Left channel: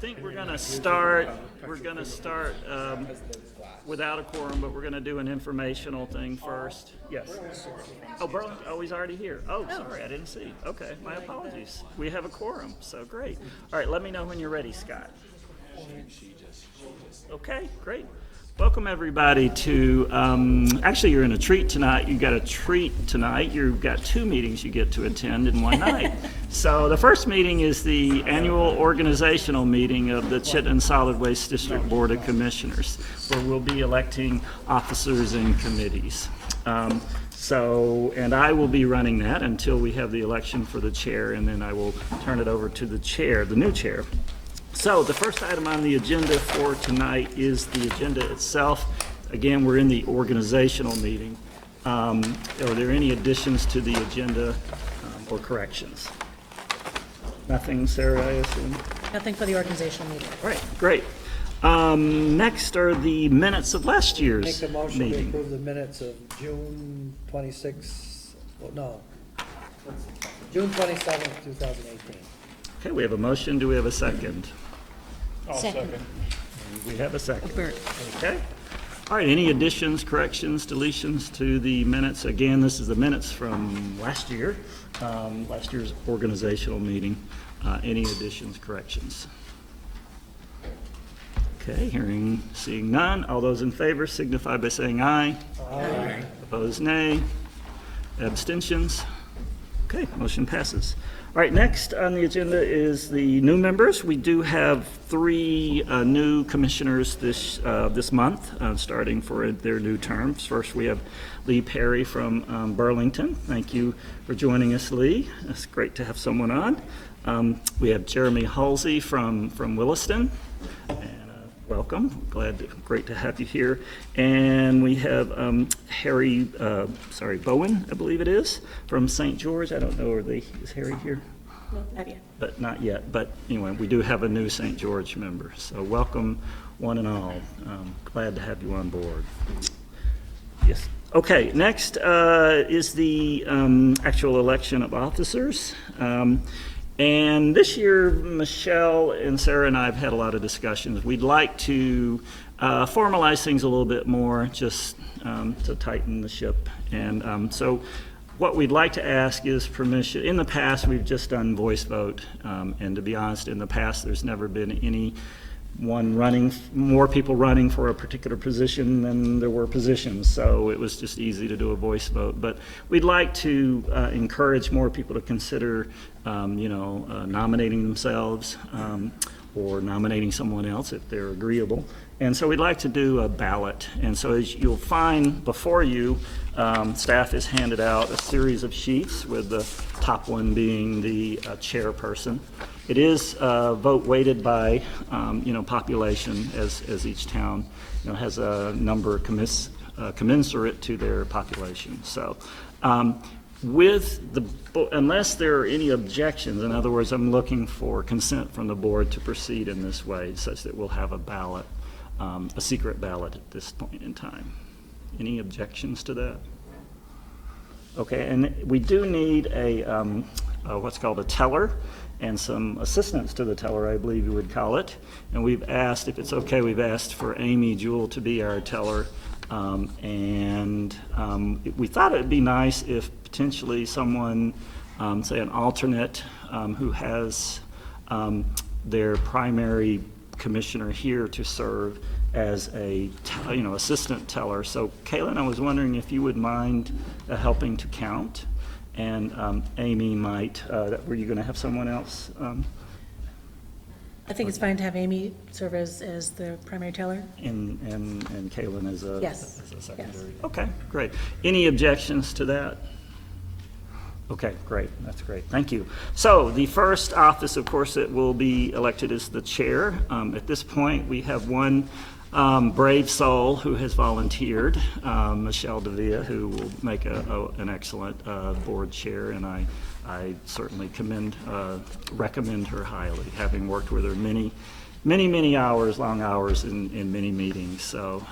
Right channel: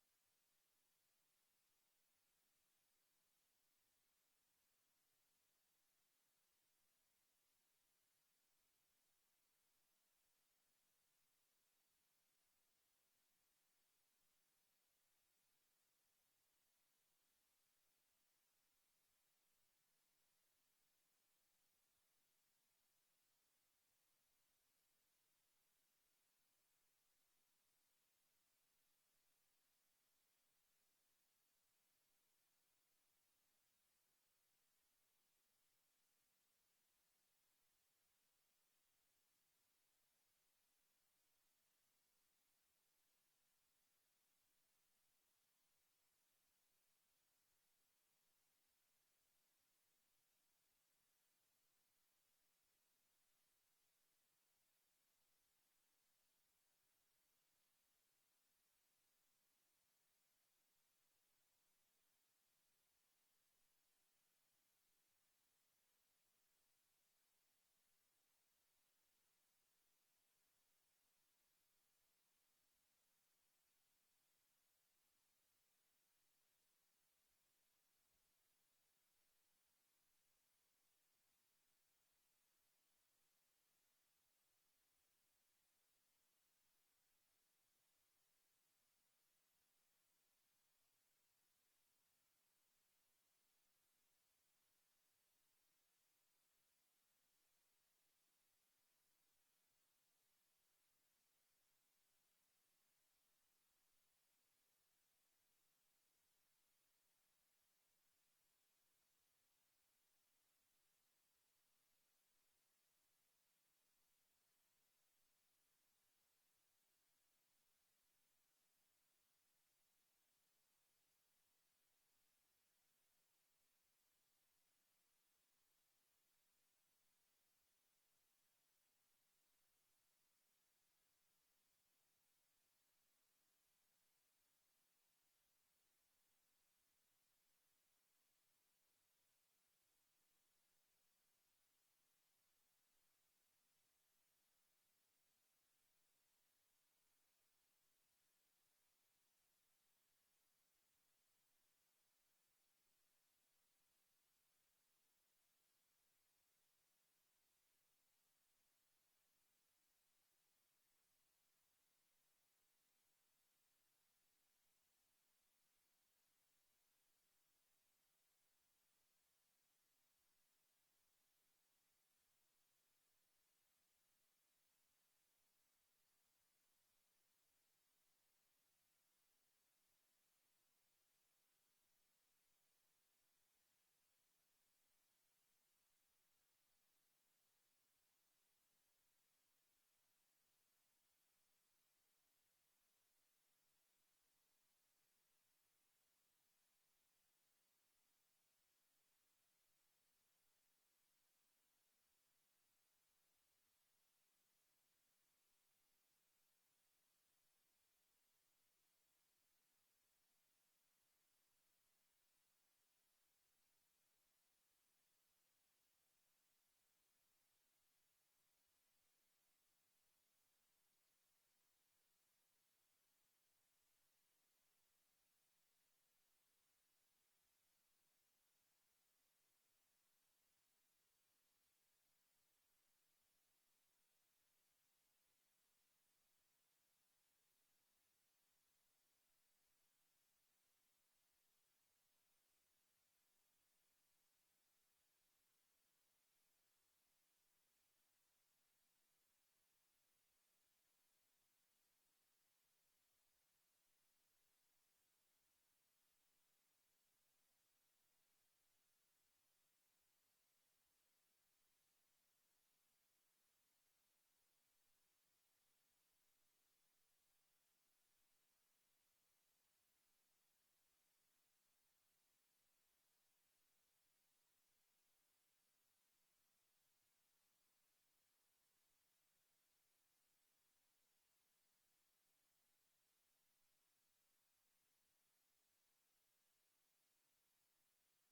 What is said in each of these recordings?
think we're going to start. We're going to start without a quorum, but we're going to do an informational thing first. Yes. Oh, Burlington. Oh, he's already here. Oh, sorry, I didn't see. Okay, my apologies. We have a quorum, so great. All right, let me know when you're ready, Scott. Okay, great. Welcome everybody to, actually you're in a treat tonight. You got a treat tonight. You've got two meetings you get to attend in one night. So the first meeting is the annual organizational meeting of the Chittenden Solid Waste District Board of Commissioners, where we'll be electing officers and committees. And I will be running that until we have the election for the chair, and then I will turn it over to the chair, the new chair. So the first item on the agenda for tonight is the agenda itself. Again, we're in the organizational meeting. Are there any additions to the agenda or corrections? Nothing, Sarah, I assume? Nothing for the organizational meeting. All right, great. Next are the minutes of last year's Make the motion to meeting. approve the minutes of June 26, well, no, June 27th, 2018. Okay, we have a motion. Do we have a second? Second. We have a second. Bert. Okay. All right, any additions, corrections, deletions to the minutes? Again, this is the minutes from last year, last year's organizational meeting. Any additions, corrections? Okay, seeing none. All those in favor signify by saying aye. Aye. Opposed, nay. Abstentions? Okay, motion passes. All right, next on the agenda is the new members. We do have three new commissioners this month, starting for their new terms. First, we have Lee Perry from Burlington. Thank you for joining us, Lee. It's great to have someone on. We have Jeremy Halsey from Williston. Welcome. Great to have you here. And we have Bowen, I believe it is, from St. George. I don't know, is Harry here? No, not yet. But not yet. But anyway, we do have a new St. George member. So welcome, one and all. Glad to have you on board. Yes. Okay, next is the actual election of officers. And this year, Michelle and Sarah and I have had a lot of discussions. We'd like to formalize things a little bit more, just to tighten the ship. And so what we'd like to ask is permission. In the past, we've just done voice vote. And to be honest, in the past, there's never been more people running for a particular position than there were positions. So it was just easy to do a voice vote. But we'd like to encourage more people to consider nominating themselves or nominating someone else if they're agreeable. And so we'd like to do a ballot. And so as you'll find before you, staff has handed out a series of sheets with the top one being the chairperson. It is vote weighted by population as each town has a number commensurate to their population. So unless there are any objections, in other words, I'm looking for consent from the board to proceed in this way such that we'll have a ballot, a secret ballot at this point in time. Any objections to that? Okay, and we do need a what's called a teller and some assistants to the teller, I believe you would call it. And we've asked, if it's okay, we've asked for Amy Jewell to be our teller. We thought it'd be nice if potentially someone, say an alternate, who has their primary commissioner here to serve as a assistant teller. So Kaylin, I was wondering if you would mind helping to count, and Amy might. Were you going to have someone else? I think it's fine to have Amy serve as the primary teller. And Kaylin as a, Yes. as a secondary. Yes. Okay, great. Any objections to that? Okay, great. That's great. Thank you. So the first office, of course, that will be elected is the chair. At this point, we have one brave soul who has volunteered, Michelle Davia, who will make an excellent board chair, and I certainly recommend her highly, having worked with her many hours, long hours in many meetings. So.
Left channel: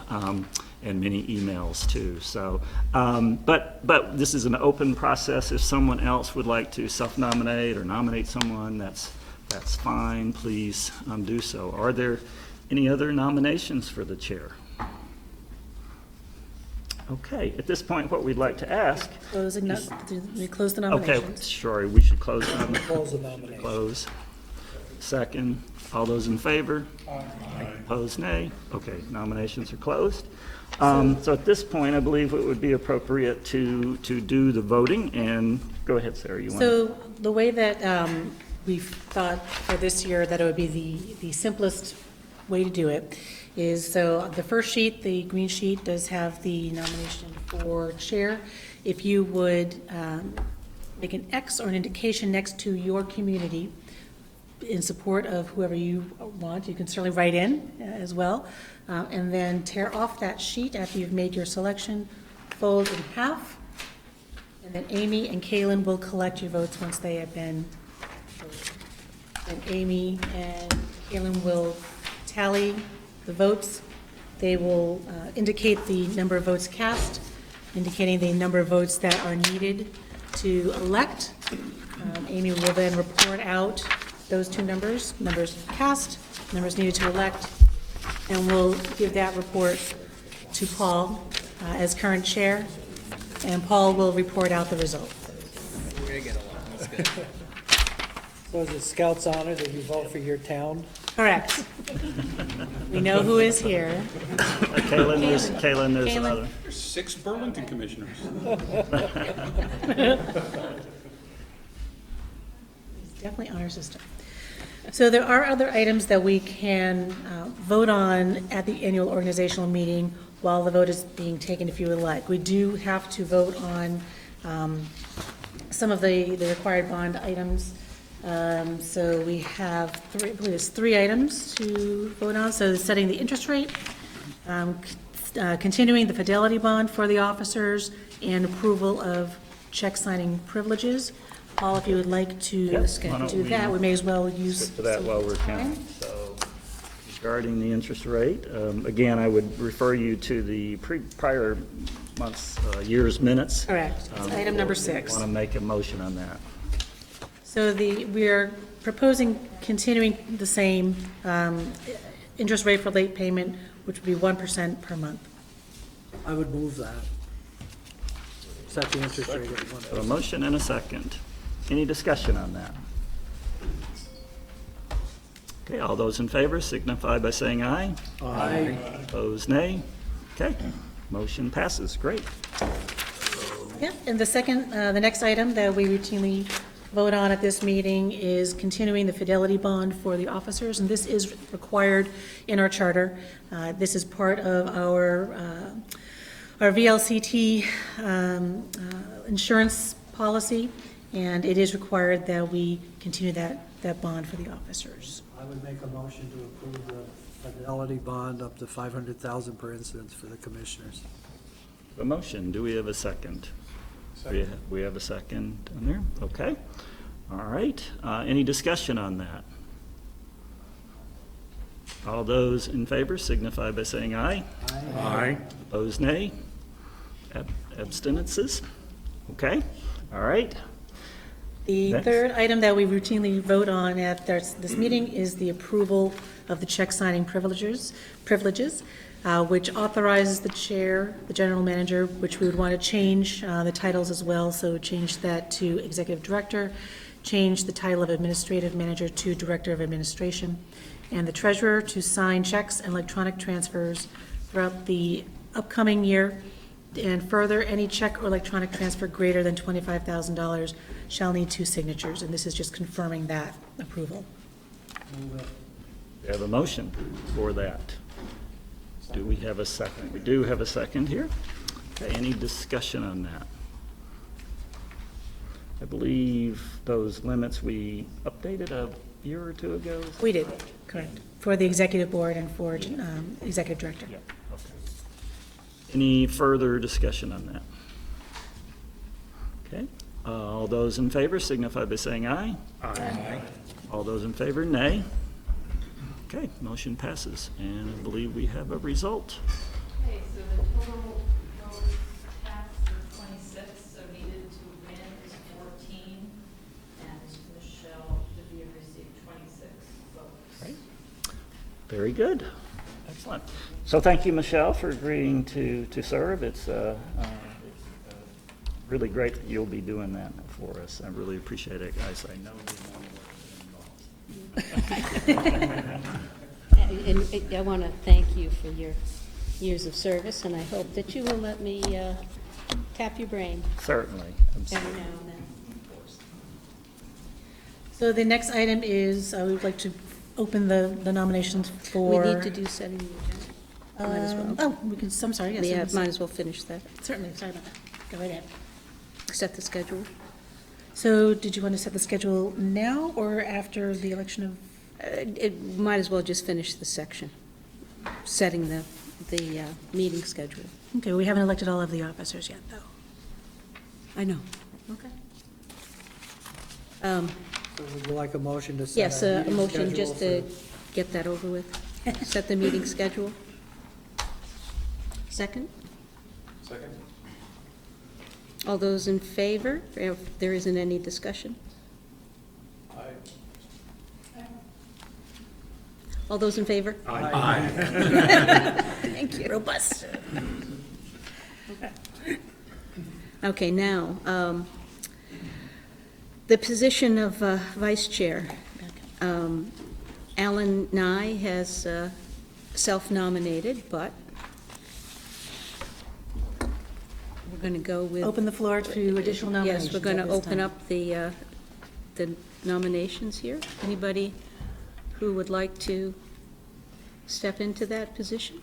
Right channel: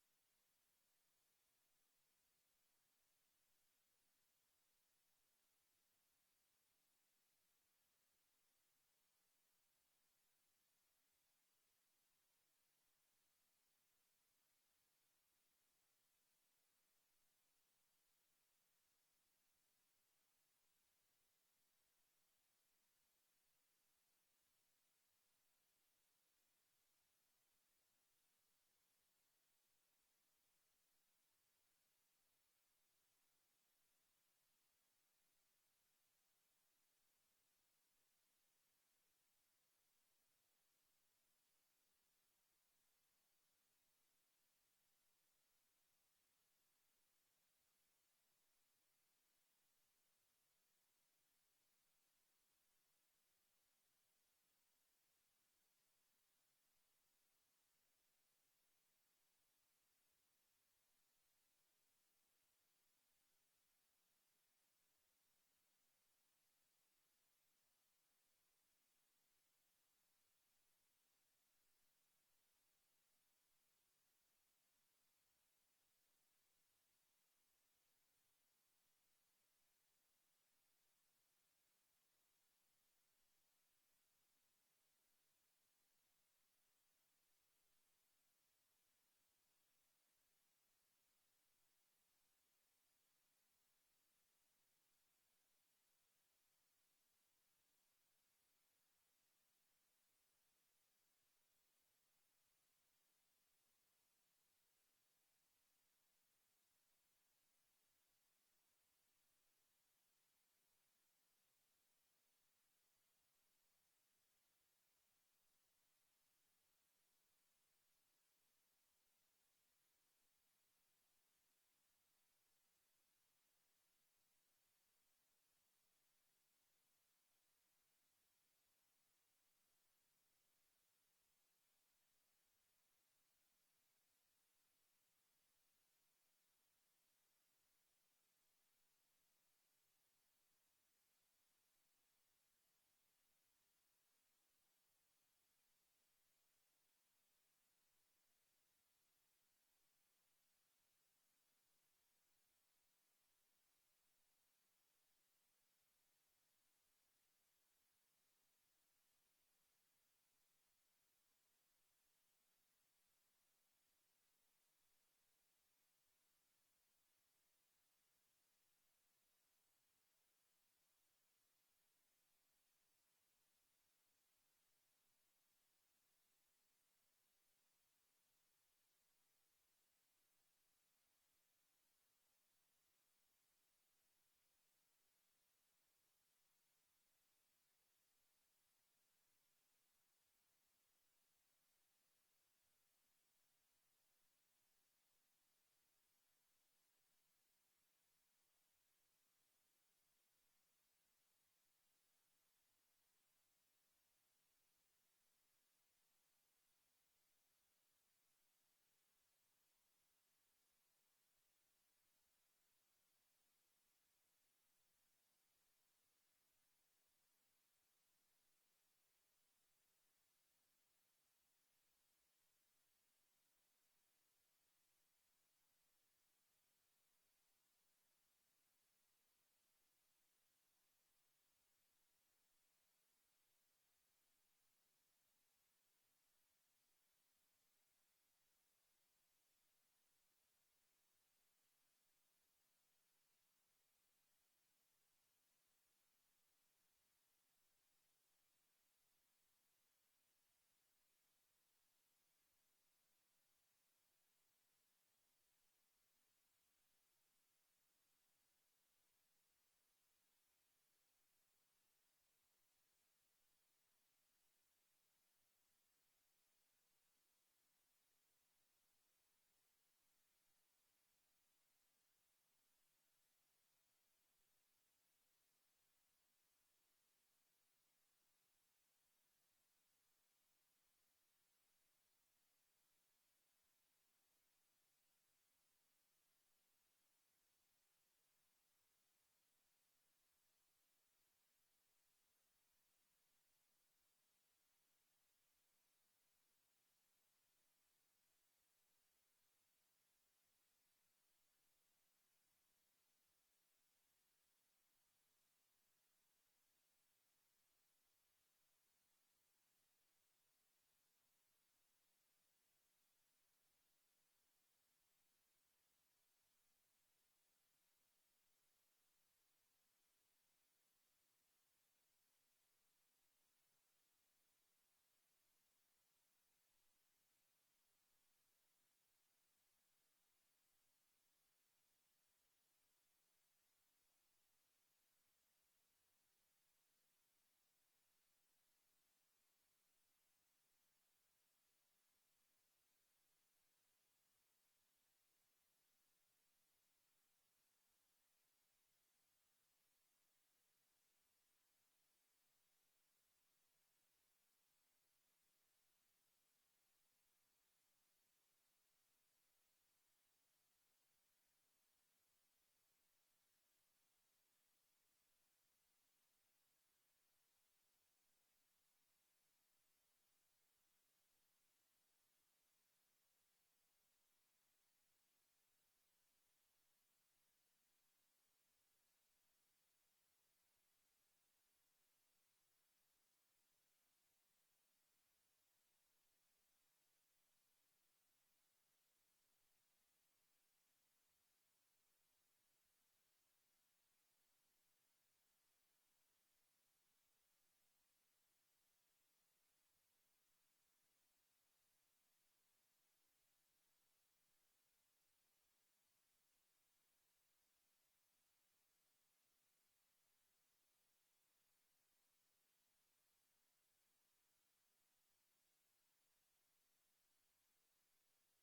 And many emails too. So, but this is an open process. If someone else would like to self-nominate or nominate someone, that's that's fine. Please do so. Are there any other nominations for the chair? Okay, at this point, what we'd like to ask. We close the Okay, nominations. sorry, we should close them. Close the nomination. Close. Second. All those in favor? Aye. Opposed, nay. Okay, nominations are closed. So at this point, I believe it would be appropriate to do the voting, and go ahead, Sarah, you want to? So the way that we've thought for this year that it would be the simplest way to do it is, so the first sheet, the green sheet, does have the nomination for chair. If you would make an X or an indication next to your community in support of whoever you want, you can certainly write in as well. And then tear off that sheet after you've made your selection, fold in half, and then Amy and Kaylin will collect your votes once they have been voted. And Amy and Kaylin will tally the votes. They will indicate the number of votes cast, indicating the number of votes that are needed to elect. Amy will then report out those two numbers cast, numbers needed to elect, and we'll give that report to Paul as current chair, and Paul will report out the result. We're gonna get along, that's good. So is it Scout's honor that you vote for your town? Correct. We know who is here. Kaylin, there's another. There's 6 Burlington commissioners. Definitely honor system. So there are other items that we can vote on at the annual organizational meeting while the vote is being taken, if you would like. We do have to vote on some of the required bond items. So we have I believe it's 3 items to vote on. So setting the interest rate, continuing the fidelity bond for the officers, and approval of check signing privileges. Paul, if you would like to Yes, why don't do that, we may as well use. Skip to that some while we're time. counting. So regarding the interest rate, again, I would refer you to the prior month's, year's minutes. Correct. It's item number 6. Want to make a motion on that. So we are proposing continuing the same interest rate for late payment, which would be 1% per month. I would move that. Set the interest rate at So a 1%. motion and a second. Any discussion on that? Okay, all those in favor signify by saying aye. Aye. Opposed, nay. Okay, motion passes. Great. Yeah, and the next item that we routinely vote on at this meeting is continuing the fidelity bond for the officers, and this is required in our charter. This is part of our VLCT insurance policy, and it is required that we continue that bond for the officers. I would make a motion to approve the fidelity bond up to 500,000 per incident for the commissioners. A motion. Do we have a second? We have a second on there? Okay. All right. Any discussion on that? All those in favor signify by saying aye. Aye. Opposed, nay. Abstinences? Okay. All right. The Next. third item that we routinely vote on at this meeting is the approval of the check signing privileges, which authorizes the chair, the general manager, which we would want to change the titles as well, so change that to executive director, change the title of administrative manager to director of administration, and the treasurer to sign checks and electronic transfers throughout the upcoming year. And further, any check or electronic transfer greater than $25,000 shall need 2 signatures, and this is just confirming that approval. Move it. We have a motion for that. Do we have a second? We do have a second here. Okay, any discussion on that? I believe those limits we updated a year or 2 ago. We did, correct, for the executive board and for executive director. Yeah, okay. Any further discussion on that? Okay, all those in favor signify by saying aye. Aye. All those in favor, nay. Okay, motion passes, and I believe we have a result. Okay, so the total votes cast for 26, so needed to win is 14, and Michelle Devere received 25 Very good. Excellent. So thank you, Michelle, for agreeing to serve. It's really great that you'll be doing that for us. I really appreciate it, guys. I know the amount of work that involves. And I want to thank you for your years of service, and I hope that you will let me tap your brain Certainly. every now and then. So the next item is, we would like to open the nominations We for. need to do setting the agenda. Might as well. Oh, we can, I'm sorry, yes. Yeah, yes. might as well finish that. Certainly, sorry about that. Go right ahead. Set the schedule. So did you want to set the schedule now or after the election of? It might as well just finish the section, setting the meeting schedule. Okay, we haven't elected all of the officers yet, though. I know. Okay. So would you like a motion to set Yes, a meeting motion schedule just to for- get that over with. Set the meeting schedule. Second? Second. All those in favor, if there isn't any discussion? All those in favor? Aye. Thank you. Robust. Okay, now, the position of vice chair. Alan Nye has self-nominated, but we're going to go with. Open the floor to additional nominations. Yes, we're going to at this open time. up the nominations here. Anybody who would like to step into that position?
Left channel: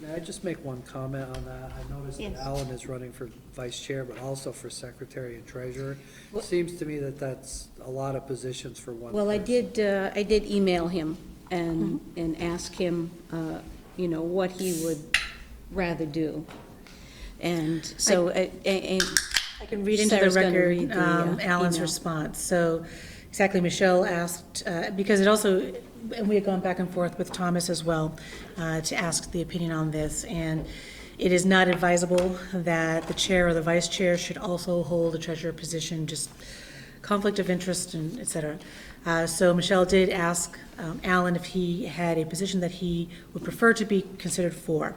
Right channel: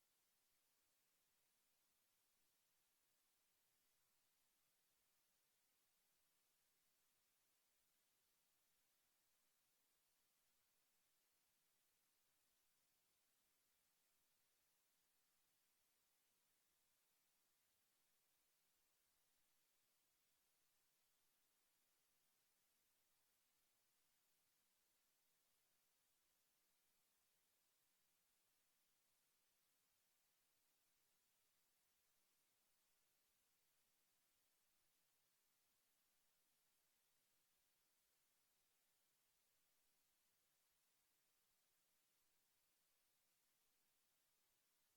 May I just make one comment on that? I noticed that Yes. Alan is running for vice chair, but also for secretary and treasurer. Well- Seems to me that that's a lot of positions for one Well, I person. did email him and ask him, you know, what he would rather do. And so, I can read into the Sarah's gonna record read the, Alan's email. response. So exactly, Michelle asked, because it also, and we had gone back and forth with Thomas as well, to ask the opinion on this. And it is not advisable that the chair or the vice chair should also hold a treasurer position, just conflict of interest and et cetera. So Michelle did ask Alan if he had a position that he would prefer to be considered for.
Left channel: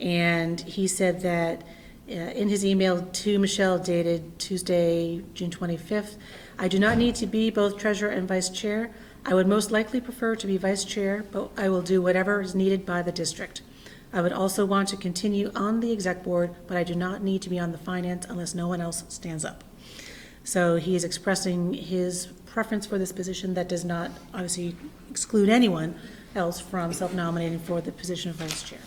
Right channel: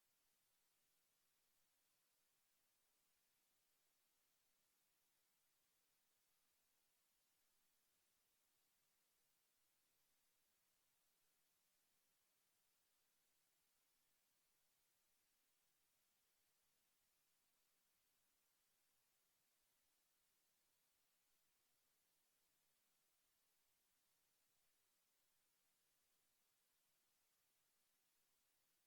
And he said that in his email to Michelle dated Tuesday, June 25th, I do not need to be both treasurer and vice chair. I would most likely prefer to be vice chair, but I will do whatever is needed by the district. I would also want to continue on the exec board, but I do not need to be on the finance unless no one else stands up. So he is expressing his preference for this position that does not obviously exclude anyone else from self-nominating for the position of vice chair.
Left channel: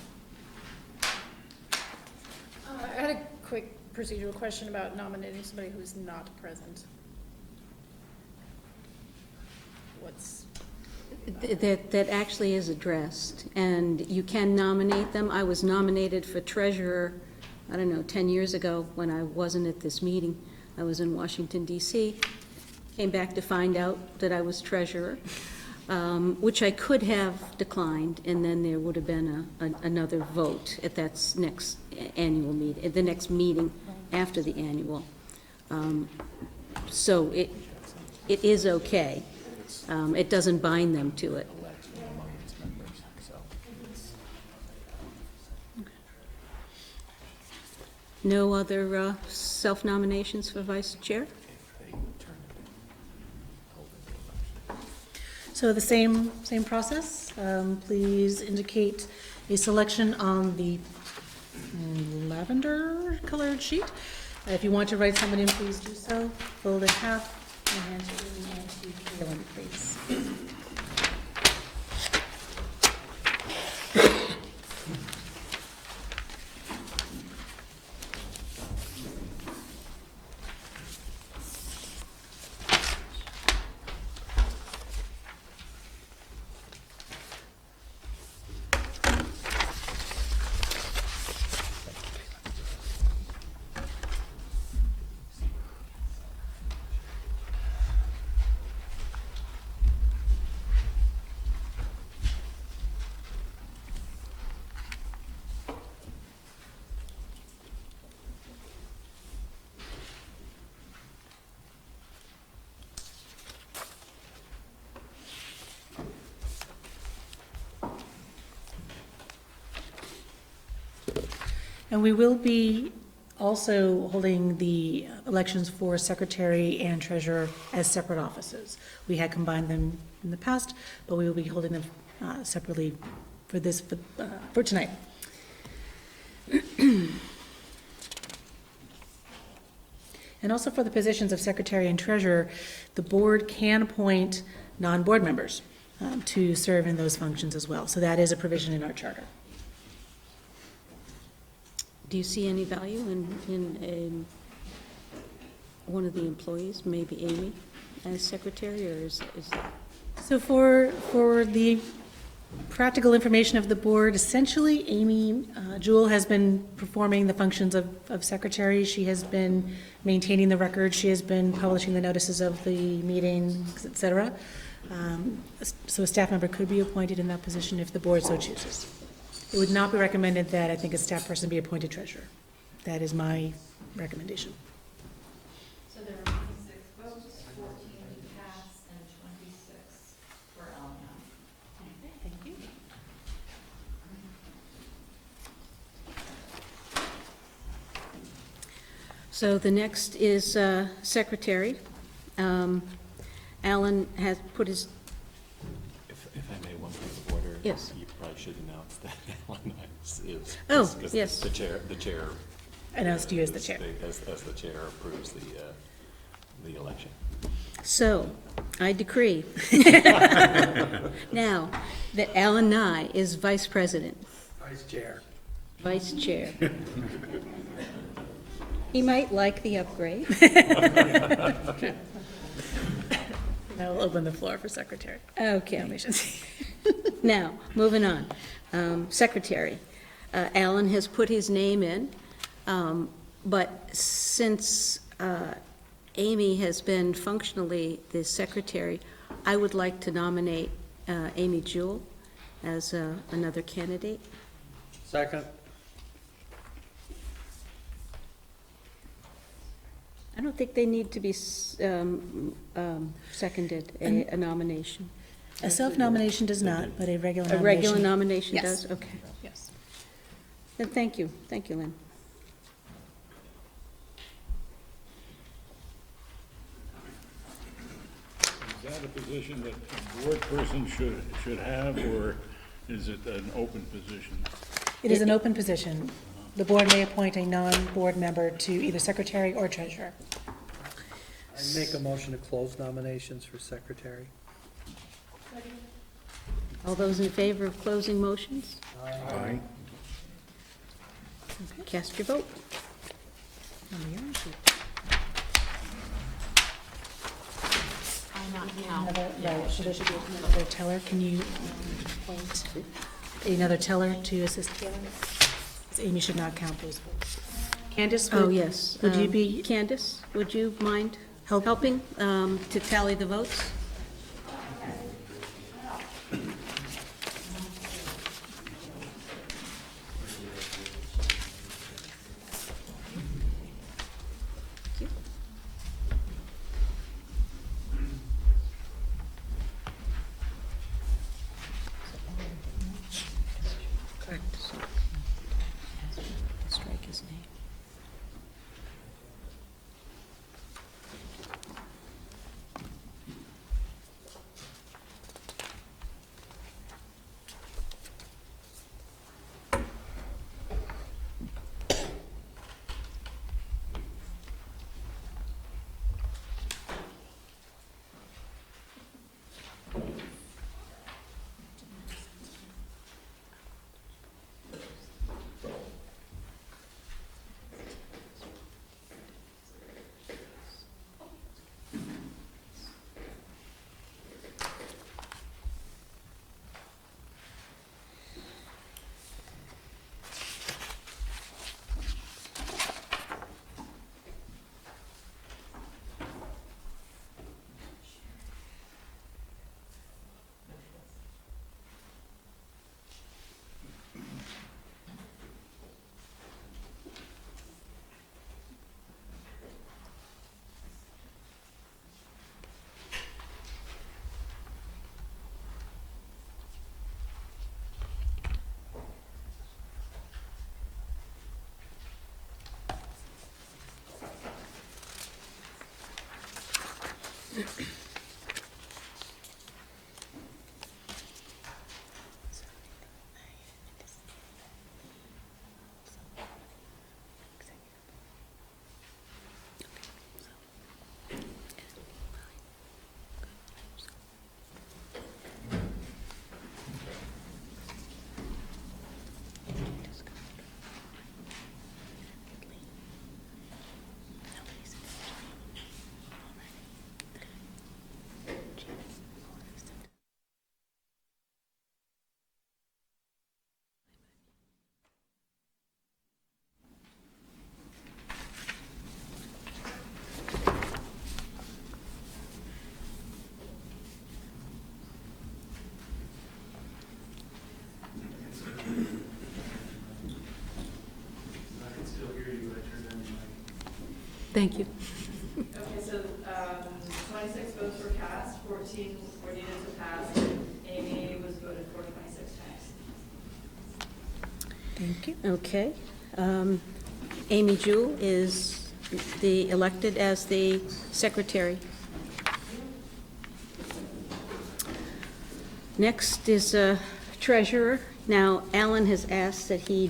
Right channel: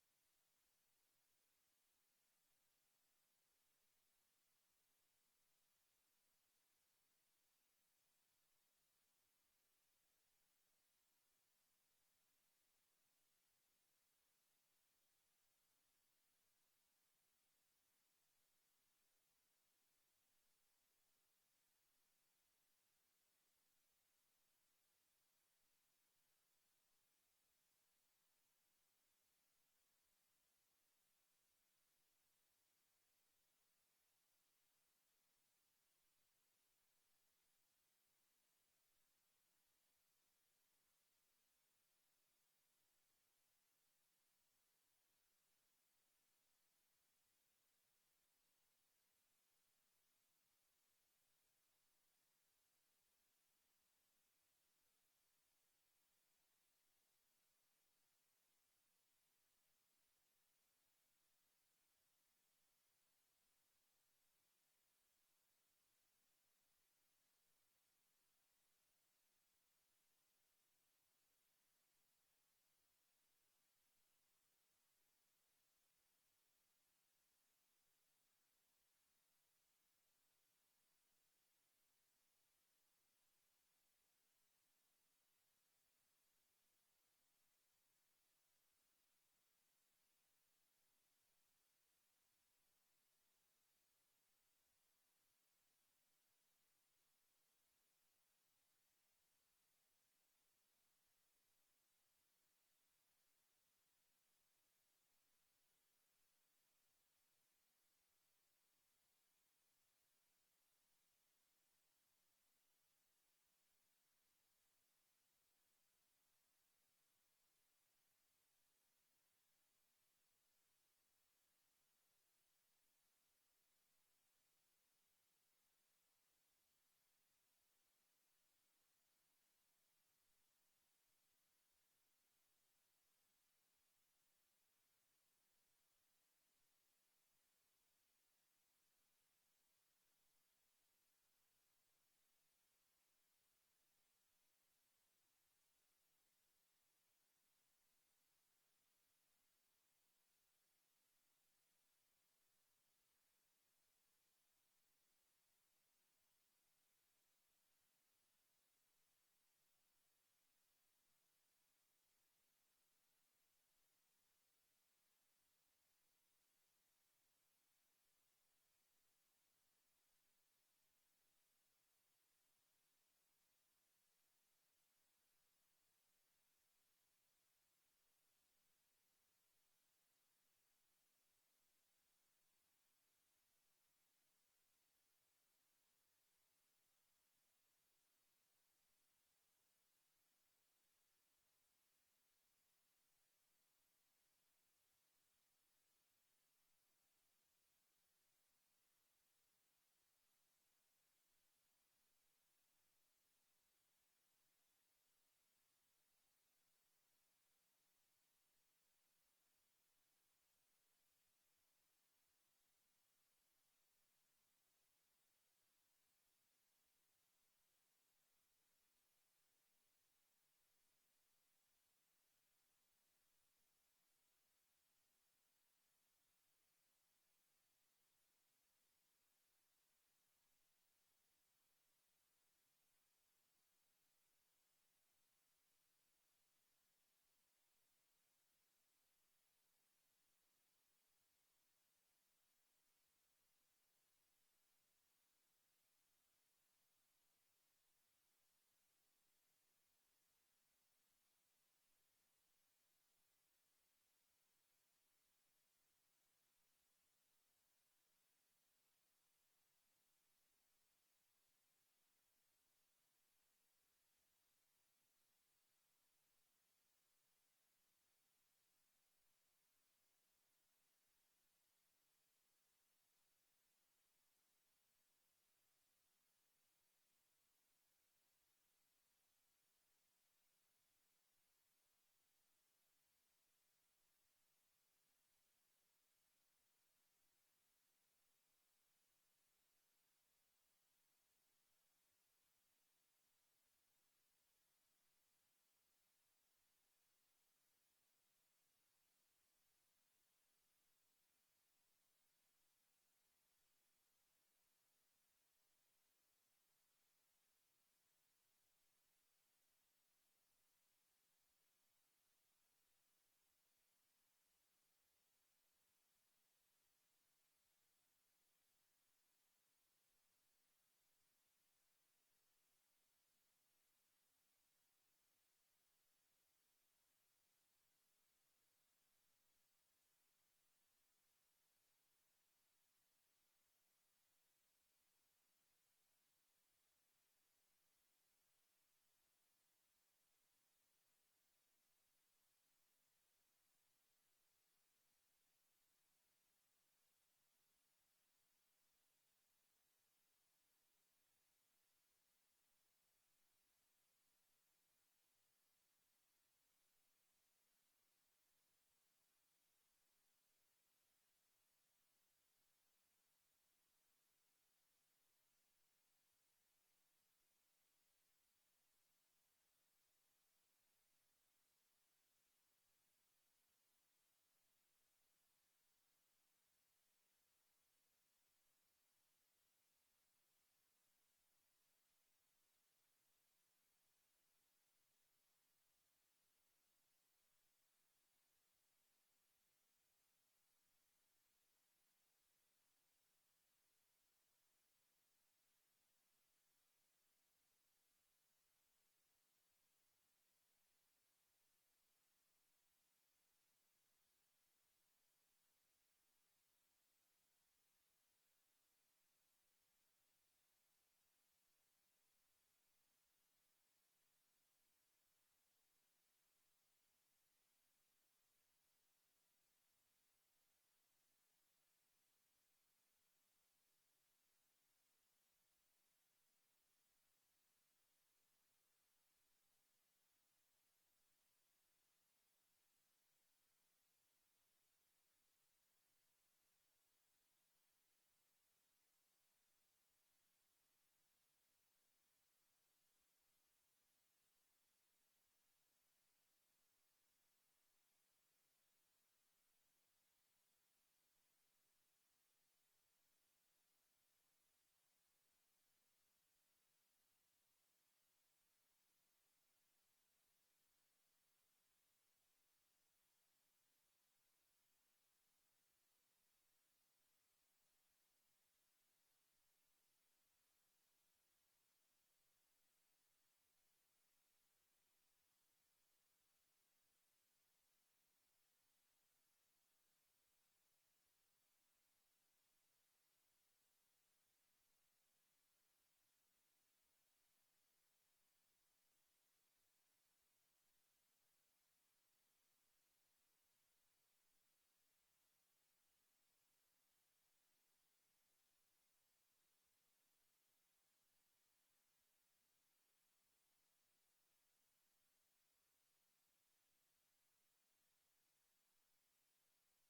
I had a quick procedural question about nominating somebody who's not present. What's, that actually is addressed, and you can nominate them. I was nominated for treasurer, I don't know, 10 years ago when I wasn't at this meeting. I was in Washington DC, came back to find out that I was treasurer, which I could have declined, and then there would have been another vote at that next annual meeting, at the next meeting after the annual. So it is okay. It doesn't bind them to it. No other self-nominations for vice chair? So the same process. Please indicate a selection on the lavender colored sheet. If you want to write someone in, please do so. Fold in half and hand to Amy and to Kaylin, please. And we will be also holding the elections for secretary and treasurer as separate offices. We had combined them in the past, but we will be holding them separately for this, for tonight. And also for the positions of secretary and treasurer, the board can appoint non-board members to serve in those functions as well. So that is a provision in our charter. Do you see any value in one of the employees, maybe Amy, as secretary, or is that? So for the practical information of the board, essentially, Amy Jewell has been performing the functions of secretary. She has been maintaining the record. She has been publishing the notices of the meetings, et cetera. So a staff member could be appointed in that position if the board so chooses. It would not be recommended that I think a staff person be appointed treasurer. That is my recommendation. So there were 26 votes, 14 to pass, and 26 for Elena. Thank you. So the next is secretary. Alan has put his, If I may, one point of order. Yes. You probably should announce that Alan is. Oh, is yes. The chair. Announced you as the chair. As the chair approves the election. so I decree now that Alan Nye is vice president, Vice chair. vice chair. He might like the upgrade. Now we'll open the floor for secretary Okay. nominations. Now, moving on. Secretary. Alan has put his name in, but since Amy has been functionally the secretary, I would like to nominate Amy Jewell as another candidate. Second. I don't think they need to be seconded, a nomination. A self-nomination does not, but a regular A nomination. regular nomination Yes. does? Okay. Yes. Then thank you. Thank you, Lynn. Is that a position that a board person should have, or is it an open position? It is an open position. The board may appoint a non-board member to either secretary or treasurer. I make a motion to close nominations for secretary. All those in favor of closing motions? Aye. Cast your vote. On the yarn sheet. Another, right, so there should be another teller. Can you appoint another teller to assist Taylor? 'Cause Amy should not count those votes. Candace, Oh, would, yes. would you be, Candace, would you mind Help. helping to tally the votes? Thank you. Correct. So, strike his name. Thank you. Okay, so, 26 votes were cast, 14 were needed to pass. Amy was voted for 26 times. Thank you. Okay. Amy Jewell is elected as the secretary. Next is treasurer. Now, Alan has asked that he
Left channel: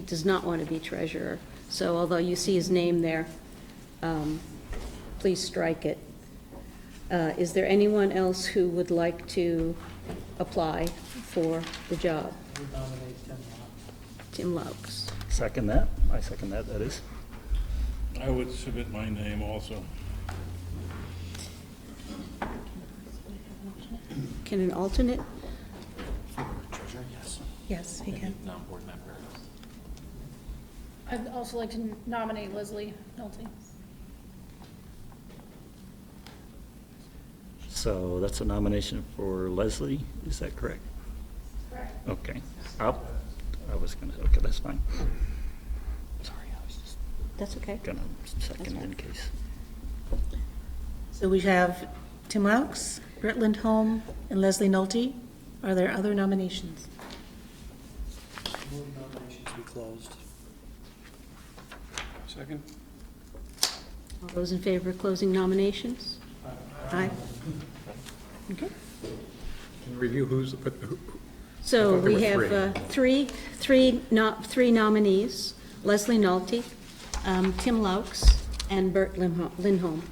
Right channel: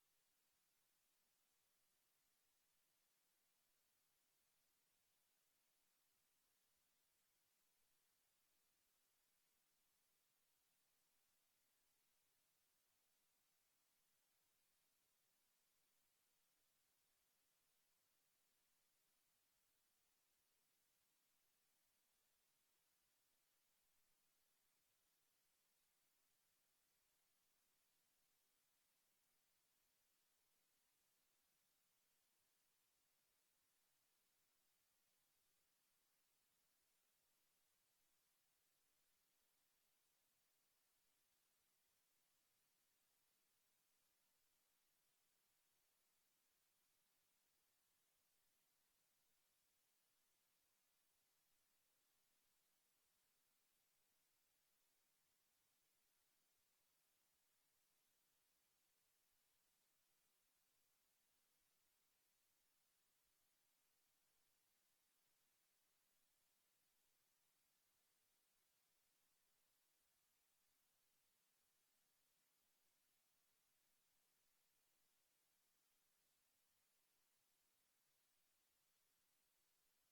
does not want to be treasurer. So although you see his name there, please strike it. Is there anyone else who would like to apply for the job? We nominate Tim Locke. Tim Laux. Second that. I second that, that is. I would submit my name also. Can an alternate? Treasurer, yes. Yes, he can. Non-board member. I'd also like to nominate Leslie Nolte. So that's a nomination for Leslie, is that correct? Correct. Okay. Okay, that's fine. Sorry, I was just That's okay. gonna second in case. So we have Tim Laux, Britt Lindholm, and Leslie Nolte. Are there other nominations? Move nominations be closed. Second? All those in favor of closing nominations? Aye. Okay. Can you review who's, So I thought there we were have three nominees, Leslie Nolte, Tim Laux, and Bert Lindholm.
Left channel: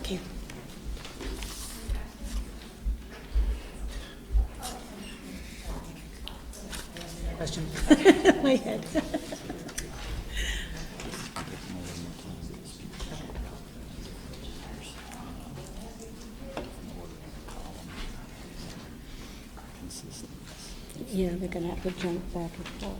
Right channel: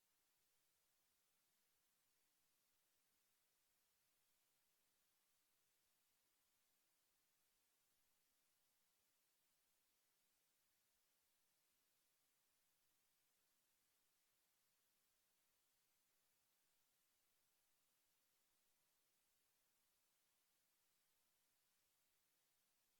Okay. Question. My head. Yeah, they're gonna have to jump back and forth.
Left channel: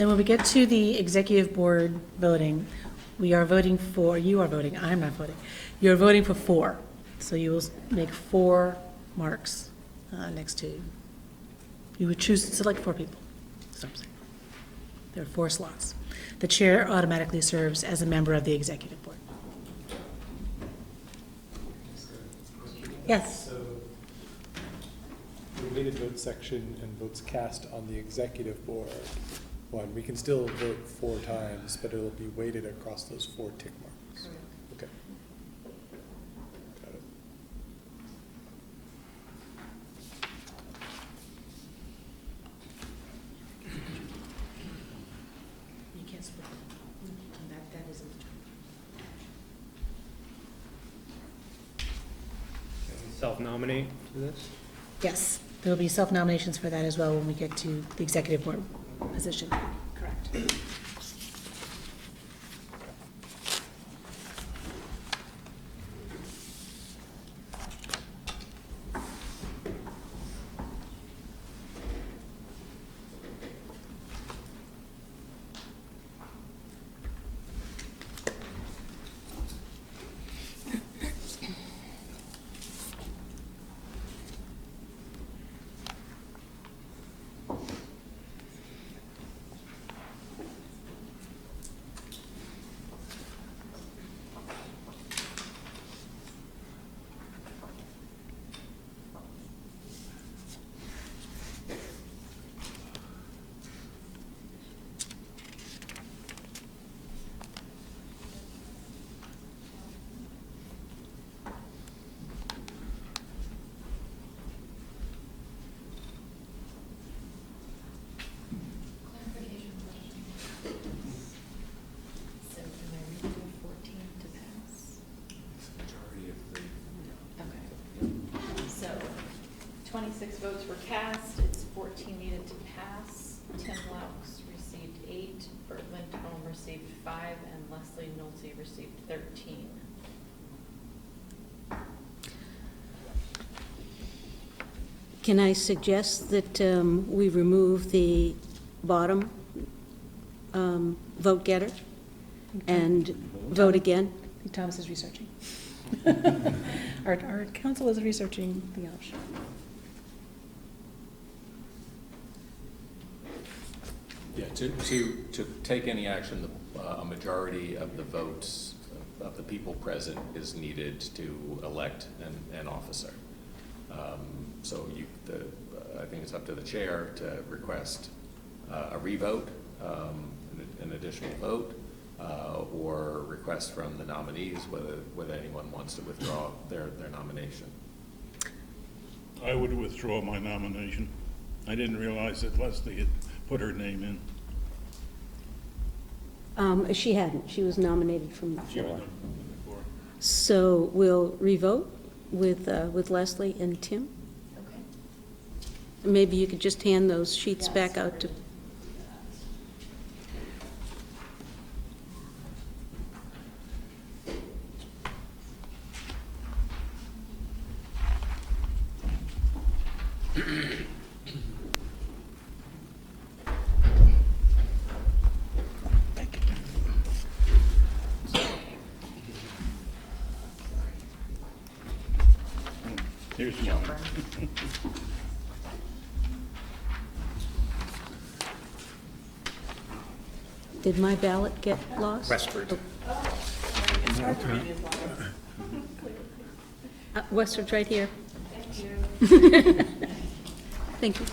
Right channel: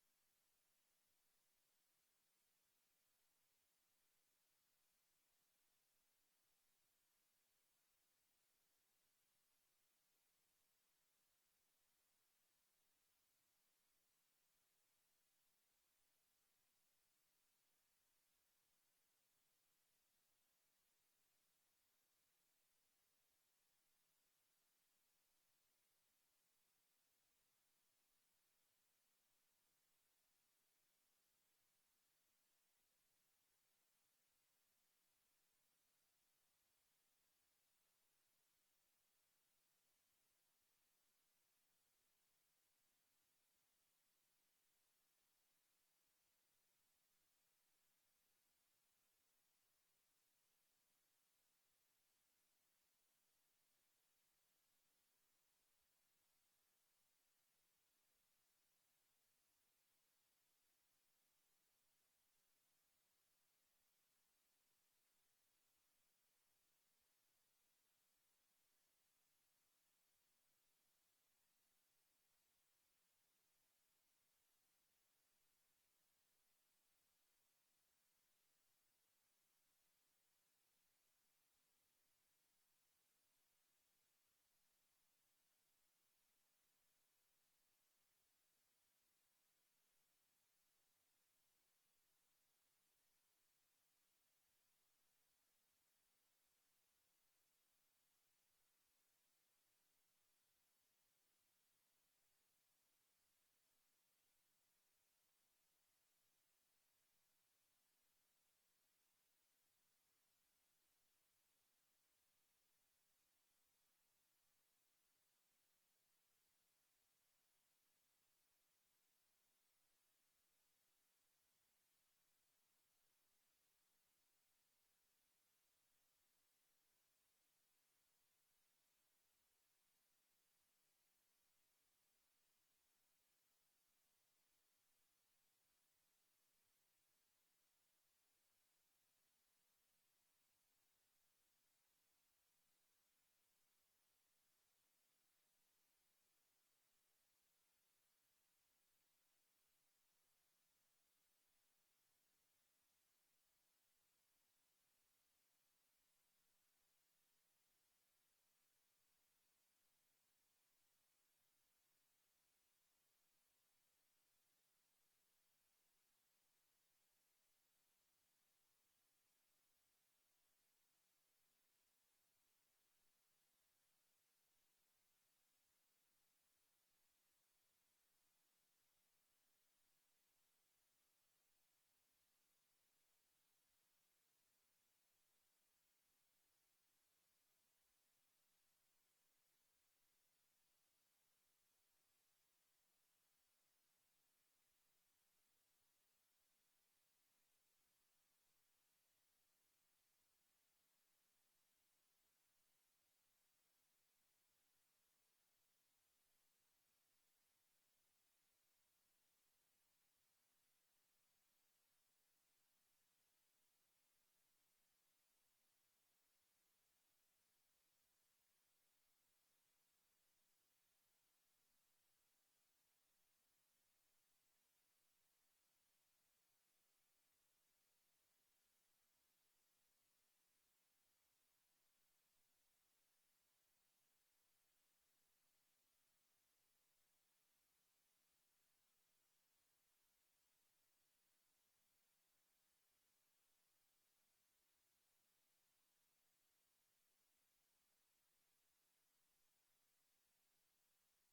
And when we get to the executive board voting, we are voting for, you are voting, I'm not voting. You're voting for 4. So you will make 4 marks next to you. You would choose to select 4 people. That's what I'm saying. There are 4 slots. The chair automatically serves as a member of the executive board. Yes. So, the weighted vote section and votes cast on the executive board, we can still vote 4 times, but it'll be weighted across those 4 tick marks. Okay. Got it. You can't split them. That isn't the Self-nominate for this? Yes, there will be self-nominations for that as well when we get to the executive board position. Correct. received 13. Can I suggest that we remove the bottom vote getter and vote again? Thomas is researching. Our council is researching the option. Yeah, to take any action, a majority of the votes of the people present is needed to elect an officer. So I think it's up to the chair to request a revote, an additional vote, or request from the nominees whether anyone wants to withdraw their nomination. I would withdraw my nomination. I didn't realize that Leslie had put her name in. She hadn't. She was nominated from the She was floor. before. So we'll revote with Leslie and Tim. Okay. Maybe you could just hand those sheets back out to. Here's mine. Did my ballot get lost? Westford. Westford's right here. Thank you.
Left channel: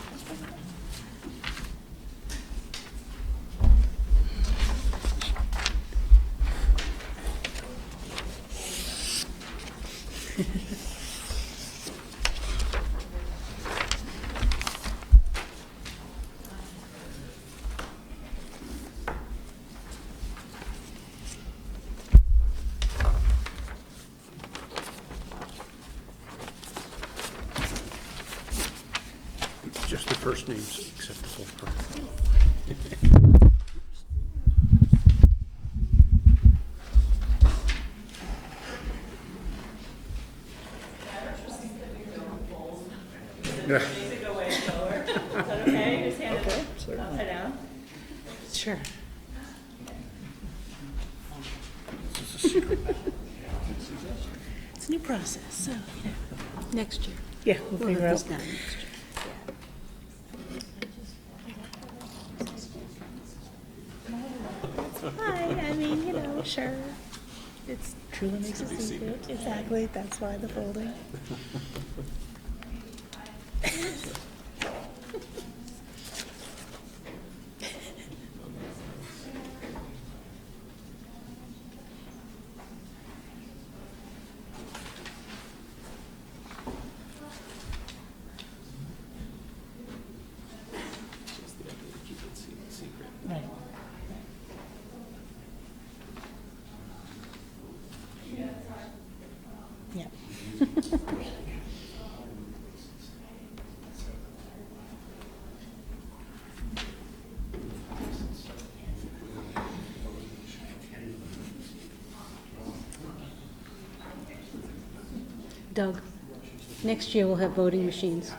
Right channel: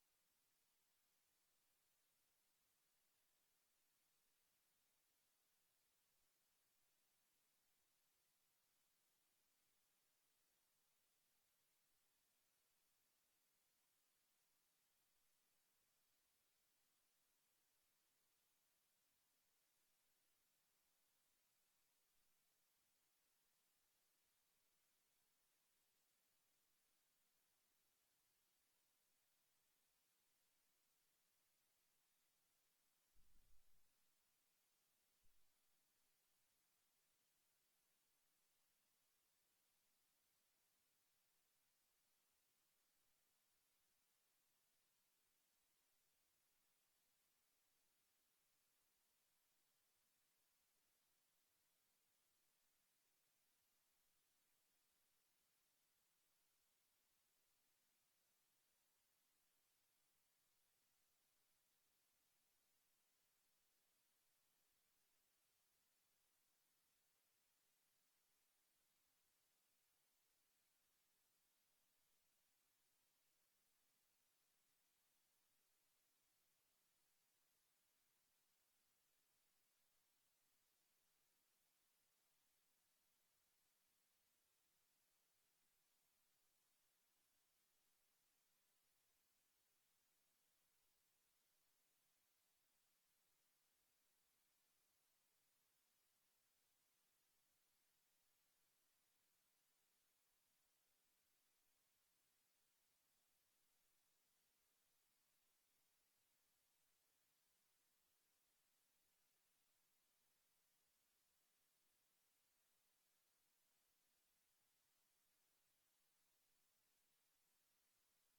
Just the first names acceptable. Yeah. Go way slower. Is that okay? Just hand it upside down. Sure. It's a new process, so, Next year. yeah, we'll We'll figure have out. this done next year. Hi, I mean, sure. It's truly makes a secret. Exactly, that's why the folding. Just the idea to keep it secret. Right. Yeah. Doug, next year we'll have voting machines.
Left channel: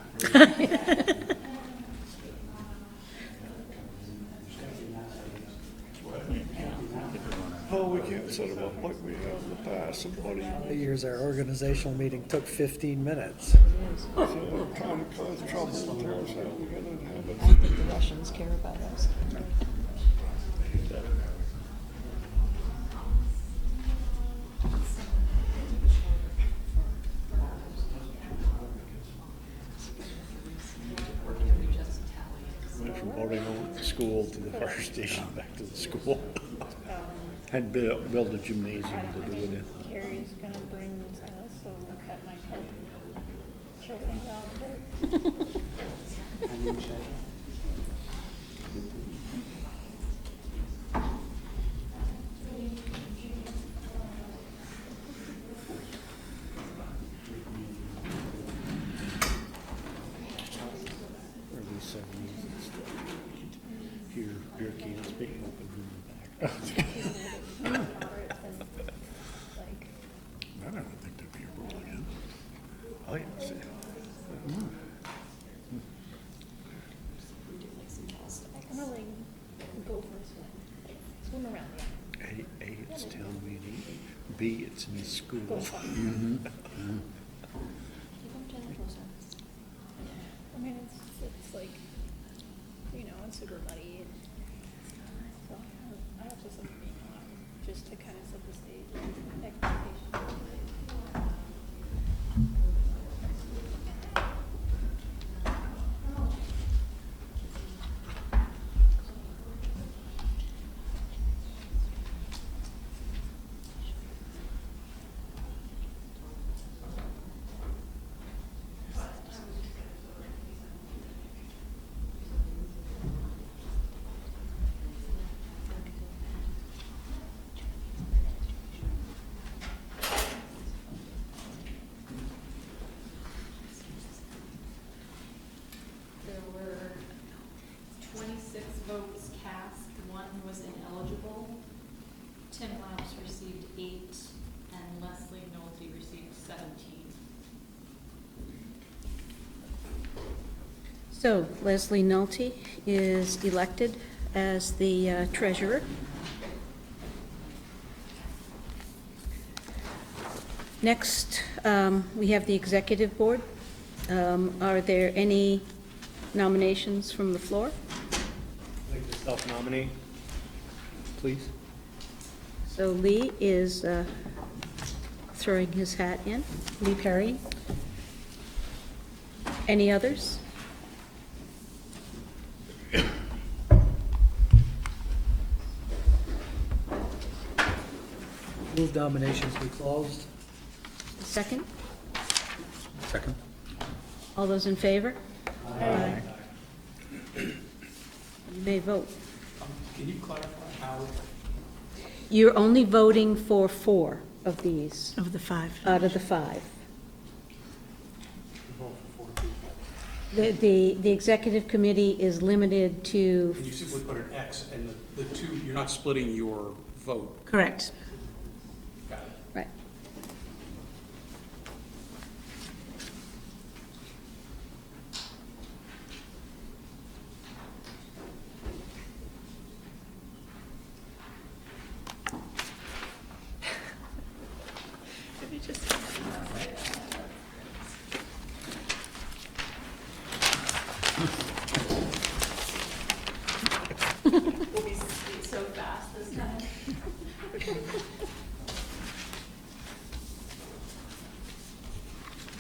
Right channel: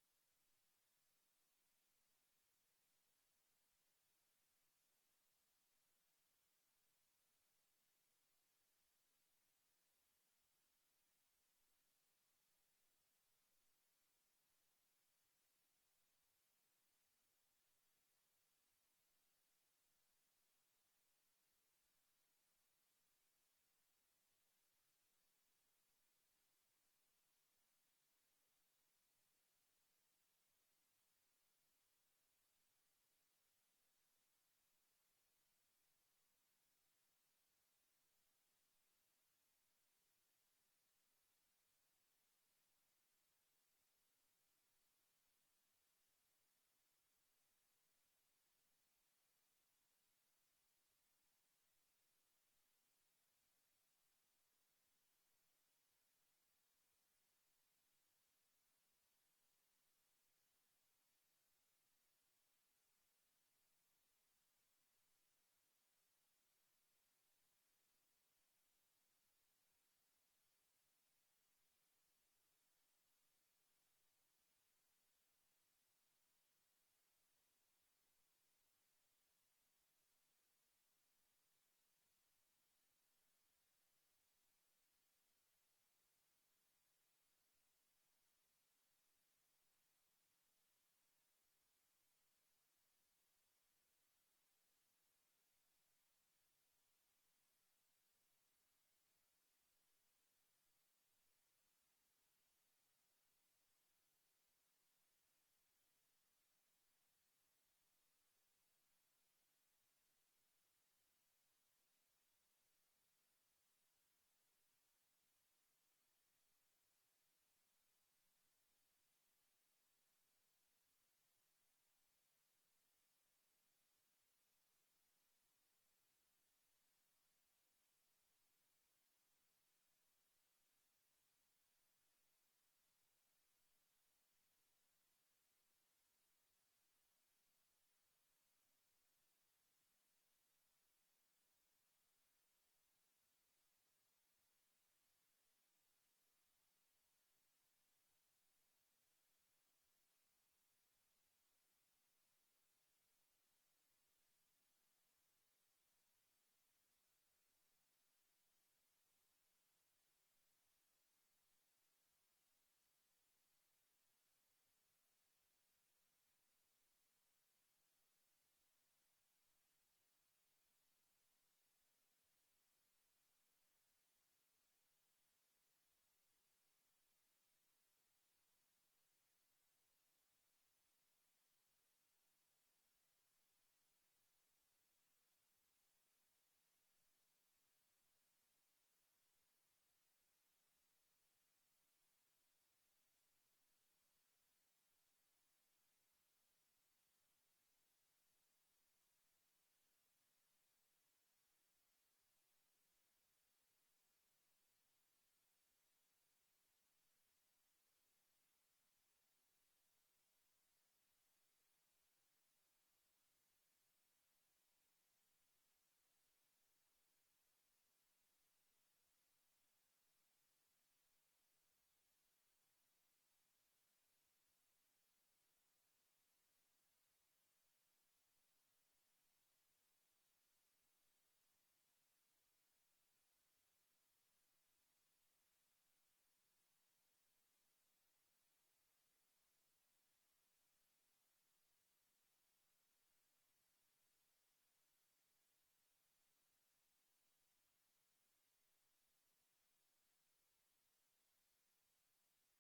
Oh, we can't set them up like we have in the past, somebody, Years our organizational meeting took 15 minutes. if they're trying to cause trouble and tear us out, we gotta have it. I think the Russians care about us. Went from voting home at the school to the fire station, back to the school. Had to build a gymnasium to do it in. Carrie's gonna bring us, so that might help show things out. Early 70s and stuff. Hear cans being opened in the back. B, it's in the school. I mean, it's like, you know, it's super muddy, and so I have to send an email out just to kind of set the stage expectations. There were 26 votes cast, one was ineligible. Tim Labs received 8, and Leslie Nolte received 17. So Leslie Nolte is elected as the treasurer. Next, we have the executive board. Are there any nominations from the floor? I'd like to self-nominate, please. So Lee is throwing his hat in. Lee Perry? Any others? Move nominations be closed. Second? Second. All those in favor? Aye. You may vote. Can you clarify how? You're only voting for 4 of these Of the 5. out of the 5. Vote for 4 people. The executive committee is limited to, And you simply put an X, and the two, you're not splitting your vote. Correct. Got it. right. We'll be so fast this time.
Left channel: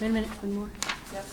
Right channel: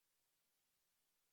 Wait a minute, one more. Yes.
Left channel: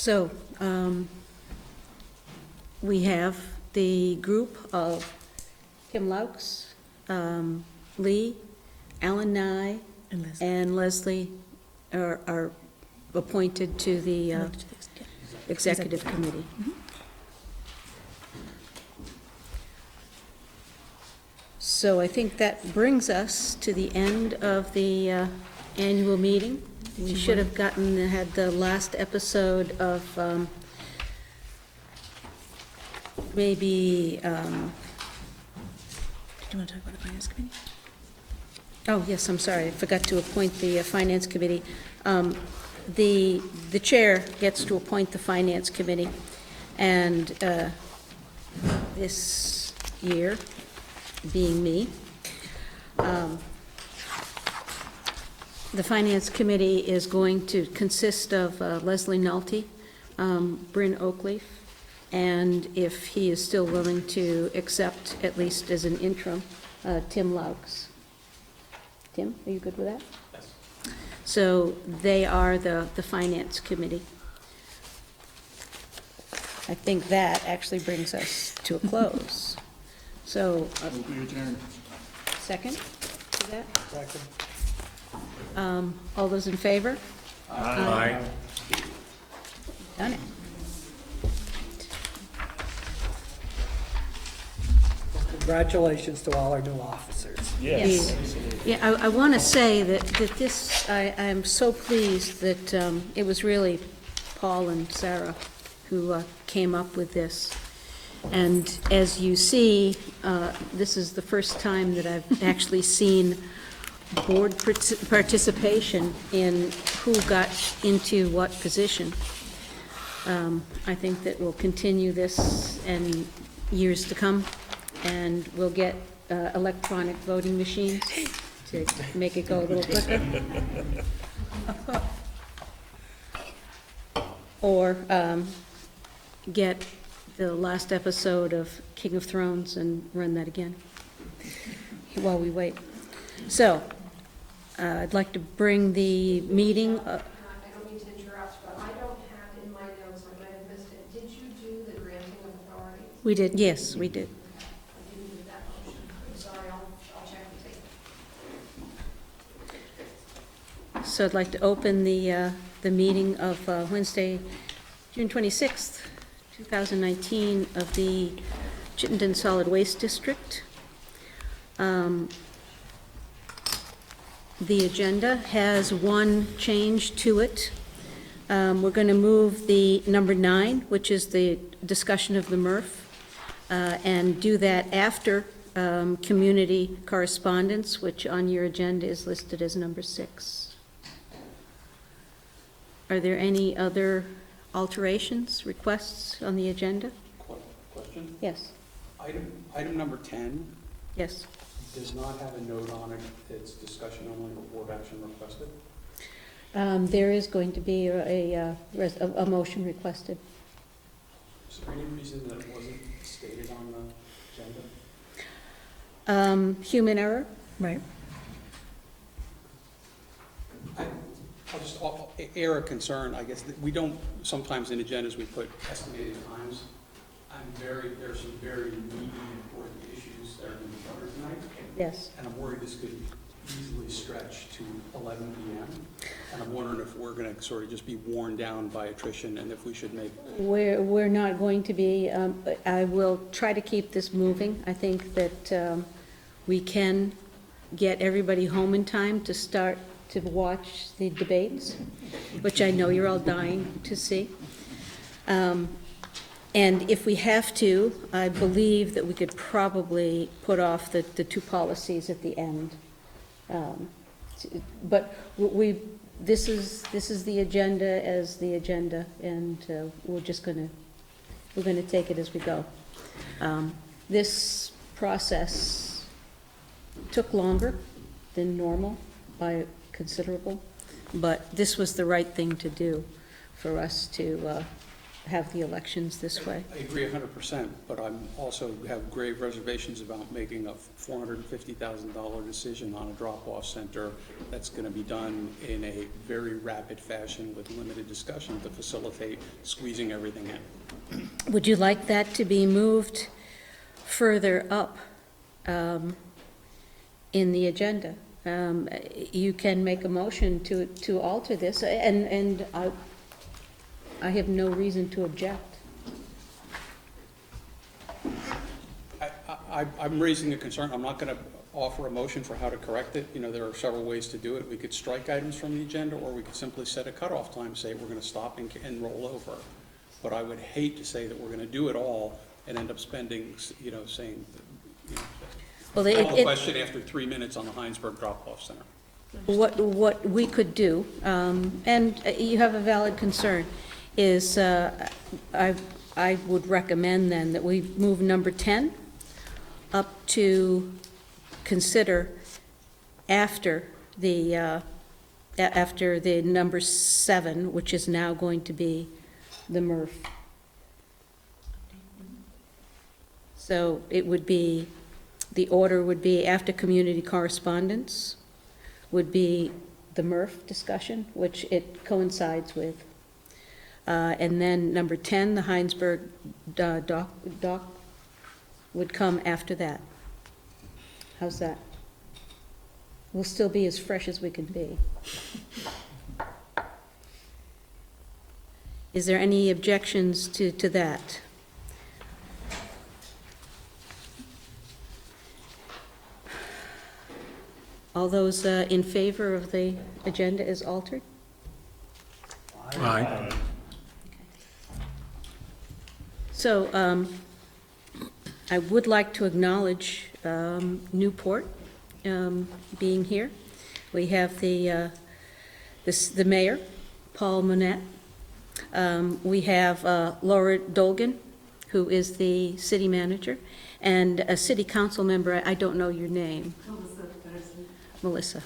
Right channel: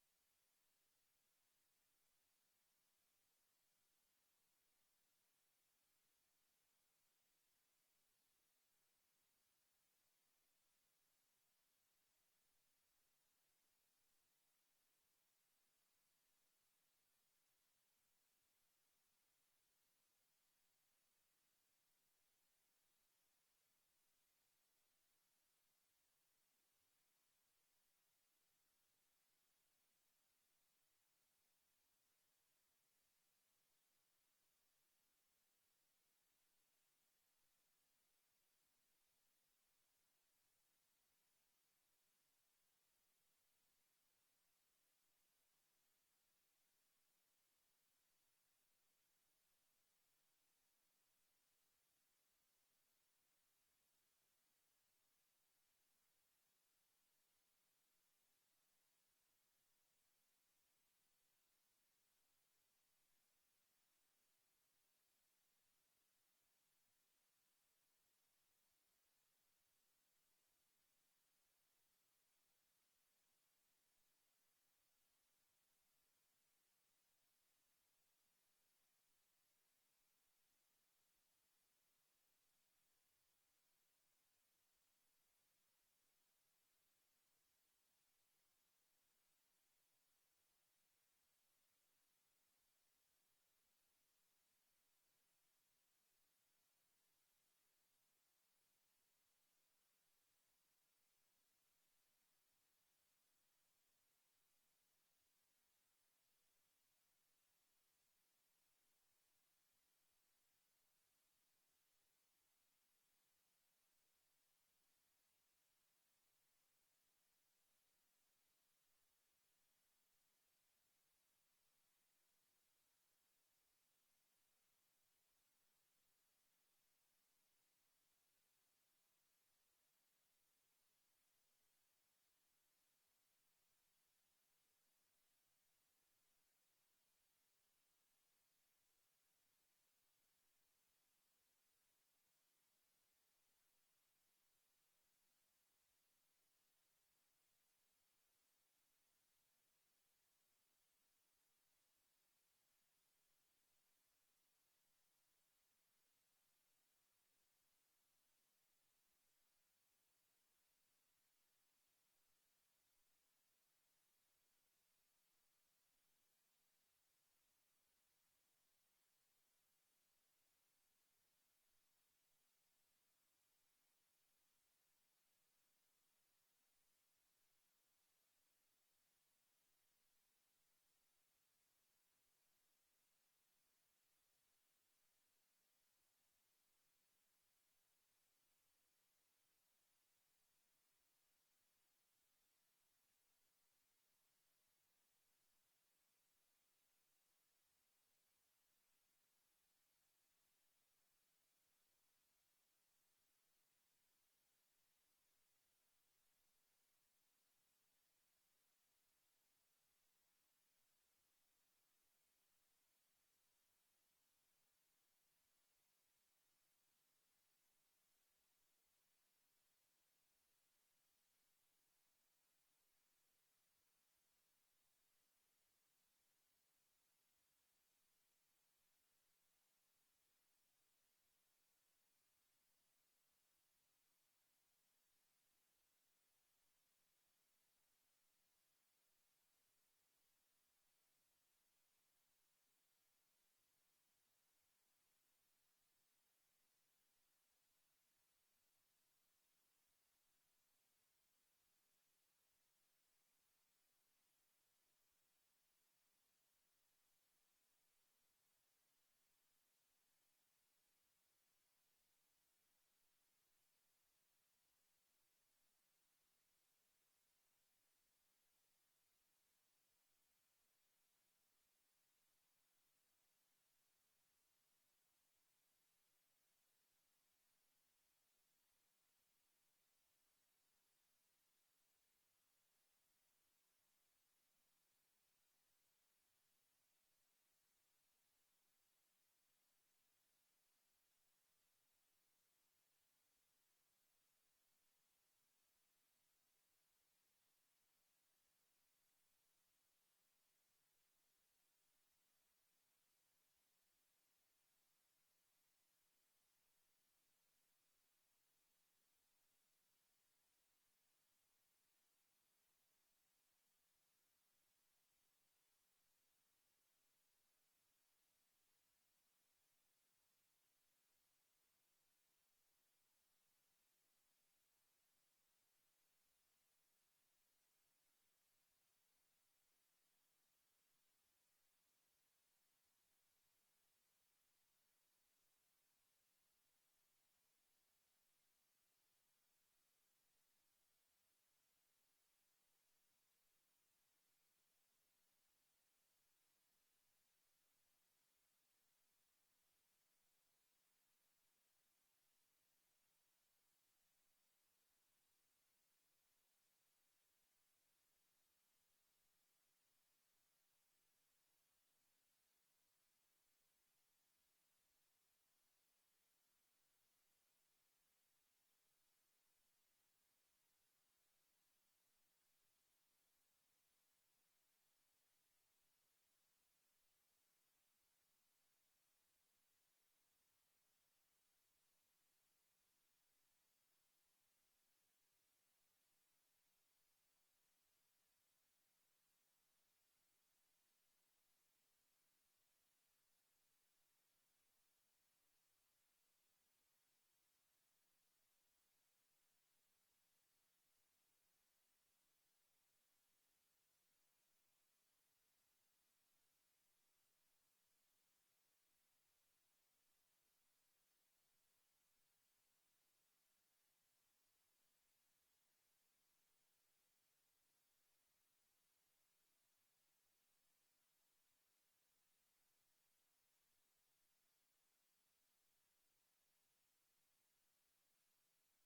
So, we have the group of Tim Laux, Lee, Alan Nye, and Leslie are appointed to the executive committee. So I think that brings us to the end of the annual meeting. We should have had the last episode of maybe, Do you want to talk about the finance committee? oh, yes, I'm sorry, I forgot to appoint the finance committee. The chair gets to appoint the finance committee, and this year, being me, the finance committee is going to consist of Leslie Nolte, Bryn Oakleaf, and if he is still willing to accept, at least as an interim, Tim Laux. Tim, are you good with that? Yes. So they are the finance committee. I think that actually brings us to a close. So, second to that? Second. All those in favor? Aye. Done it. Congratulations to all our new officers. Yes. Yeah, I want to say that this, I'm so pleased that it was really Paul and Sarah who came up with this. And as you see, this is the first time that I've actually seen board participation in who got into what position. I think that we'll continue this in years to come, and we'll get electronic voting machines to make it go a little quicker. Or get the last episode of King of Thrones and run that again while we wait. So, I'd like to bring the meeting, I don't mean to interrupt, but I don't have in my notes, I might have missed it. Did you do the granting of authority? we did, yes, we did. I didn't do that motion. I'm sorry, I'll check the tape. So I'd like to open the meeting of Wednesday, June 26th, 2019, of the Chittenden Solid Waste District. The agenda has one change to it. We're going to move the number 9, which is the discussion of the MRF, and do that after community correspondence, which on your agenda is listed as number 6. Are there any other alterations, requests on the agenda? Question? Yes, Item number 10 yes. does not have a note on it, it's discussion only or board action requested. There is going to be a motion requested. Is there any reason that it wasn't stated on the agenda? Human error? Right. I'll just air a concern, I guess, that we don't, sometimes in agendas, we put estimated times. There are some very meaty, important issues that are going to be covered tonight. Yes. And I'm worried this could easily stretch to 11 p.m. And I'm wondering if we're going to sort of just be worn down by attrition and if we should make. We're not going to be, I will try to keep this moving. I think that we can get everybody home in time to start to watch the debates, which I know you're all dying to see. And if we have to, I believe that we could probably put off the 2 policies at the end. But this is the agenda as the agenda, and we're gonna take it as we go. This process took longer than normal by considerable, but this was the right thing to do for us to have the elections this way. I agree 100%, but I'm also have grave reservations about making a $450,000 decision on a drop-off center that's going to be done in a very rapid fashion with limited discussion to facilitate squeezing everything in. Would you like that to be moved further up in the agenda? You can make a motion to alter this, and I have no reason to object. I'm raising a concern. I'm not going to offer a motion for how to correct it. You know, there are several ways to do it. We could strike items from the agenda, or we could simply set a cutoff time, say we're going to stop and roll over. But I would hate to say that we're going to do it all and end up spending, you know, saying, you know, Well, call the question after 3 minutes on the Heinsberg drop-off center. What we could do, and you have a valid concern, is I would recommend then that we move number 10 up to consider after the number 7, which is now going to be the MRF. So it would be, the order would be after community correspondence would be the MRF discussion, which it coincides with. And then number 10, the Heinsberg doc would come after that. How's that? We'll still be as fresh as we can be. Is there any objections to that? All those in favor of the agenda as altered? Aye. So I would like to acknowledge Newport being here. We have the mayor, Paul Monette. We have Laura Dolgan, who is the city manager, and a city council member, I don't know your name. Melissa.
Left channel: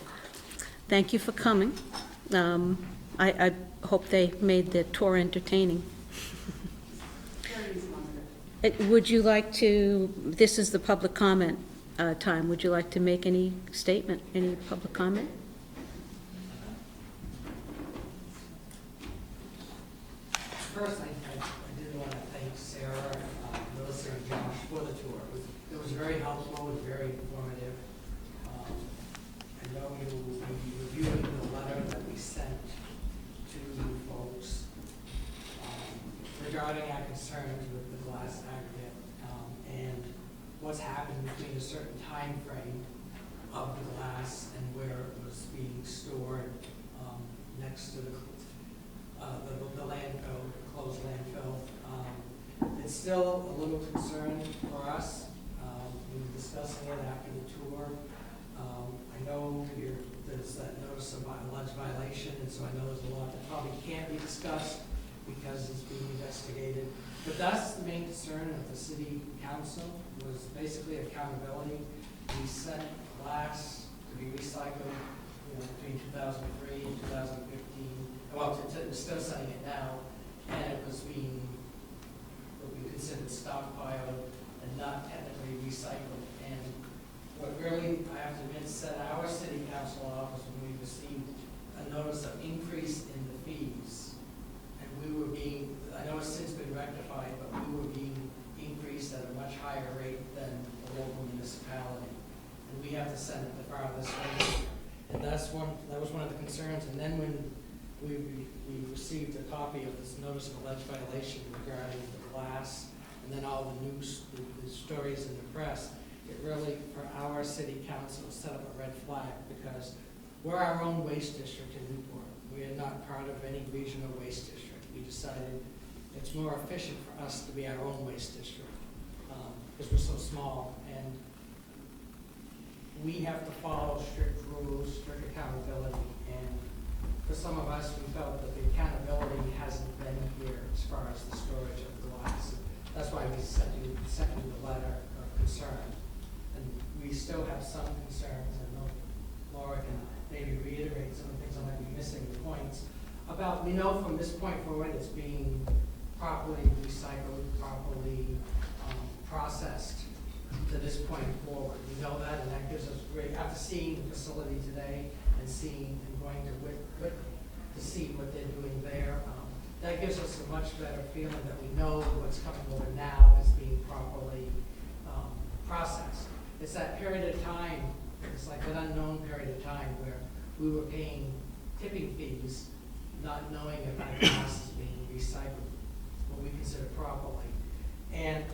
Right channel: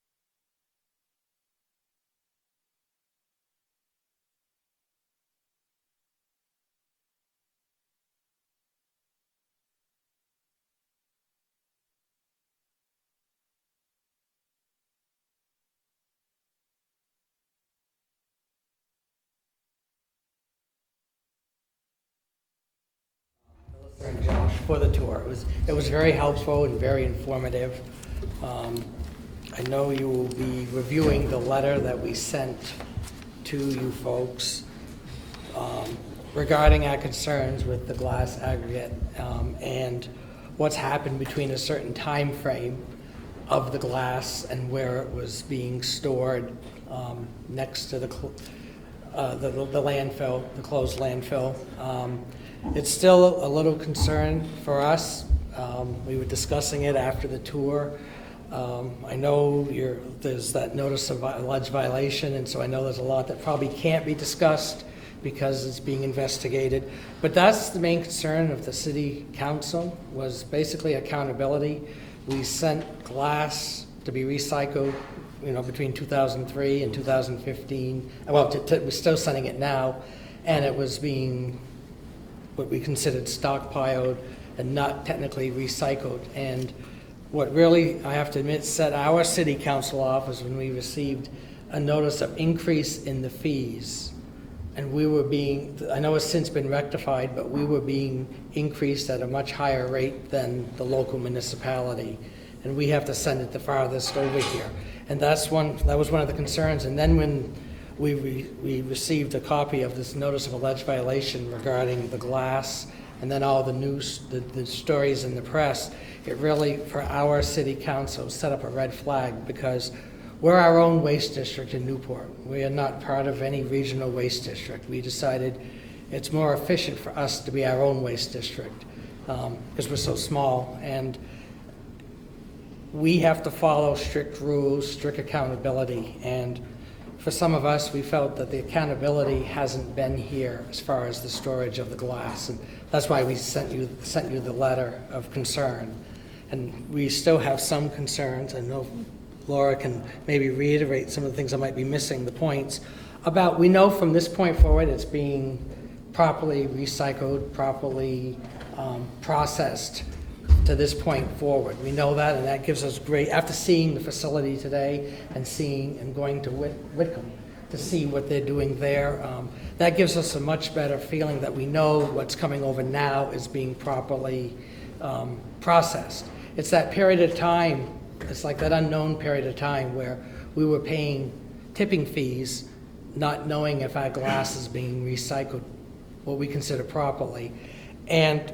Thank you for coming. I hope they made the tour entertaining. Would you like to, this is the public comment time, would you like to make any statement, any public comment? First, I did want to thank Sarah, Melissa, and Josh for the tour. It was very helpful and very informative. I know you will be reviewing the letter that we sent to you folks regarding our concerns with the glass aggregate and what's happened between a certain time frame of the glass and where it was being stored next to the landfill, the closed landfill. It's still a little concern for us. We were discussing it after the tour. I know there's that notice of alleged violation, and so I know there's a lot that probably can't be discussed because it's being investigated. But that's the main concern of the city council, was basically accountability. We sent glass to be recycled, you know, between 2003 and 2015. Well, we're still sending it now, and it was being what we considered stockpiled and not technically recycled. And what really, I have to admit, set our city council off was when we received a notice of increase in the fees. And we were being, I know it's since been rectified, but we were being increased at a much higher rate than the local municipality. And we have to send it the farthest over here. And that was one of the concerns. And then when we received a copy of this notice of alleged violation regarding the glass, and then all the news, the stories in the press, it really, for our city council, set up a red flag, because we're our own waste district in Newport. We are not part of any regional waste district. We decided it's more efficient for us to be our own waste district because we're so small. And we have to follow strict rules, strict accountability. And for some of us, we felt that the accountability hasn't been here as far as the storage of the glass. And that's why we sent you the letter of concern. And we still have some concerns. I know Laura can maybe reiterate some of the things I might be missing, the points about, we know from this point forward it's being properly recycled, properly processed to this point forward. We know that, and that gives us great, after seeing the facility today and going to Whitcomb to see what they're doing there, that gives us a much better feeling that we know what's coming over now is being properly processed. It's that period of time, it's like that unknown period of time where we were paying tipping fees, not knowing if our glass is being recycled, what we consider properly. And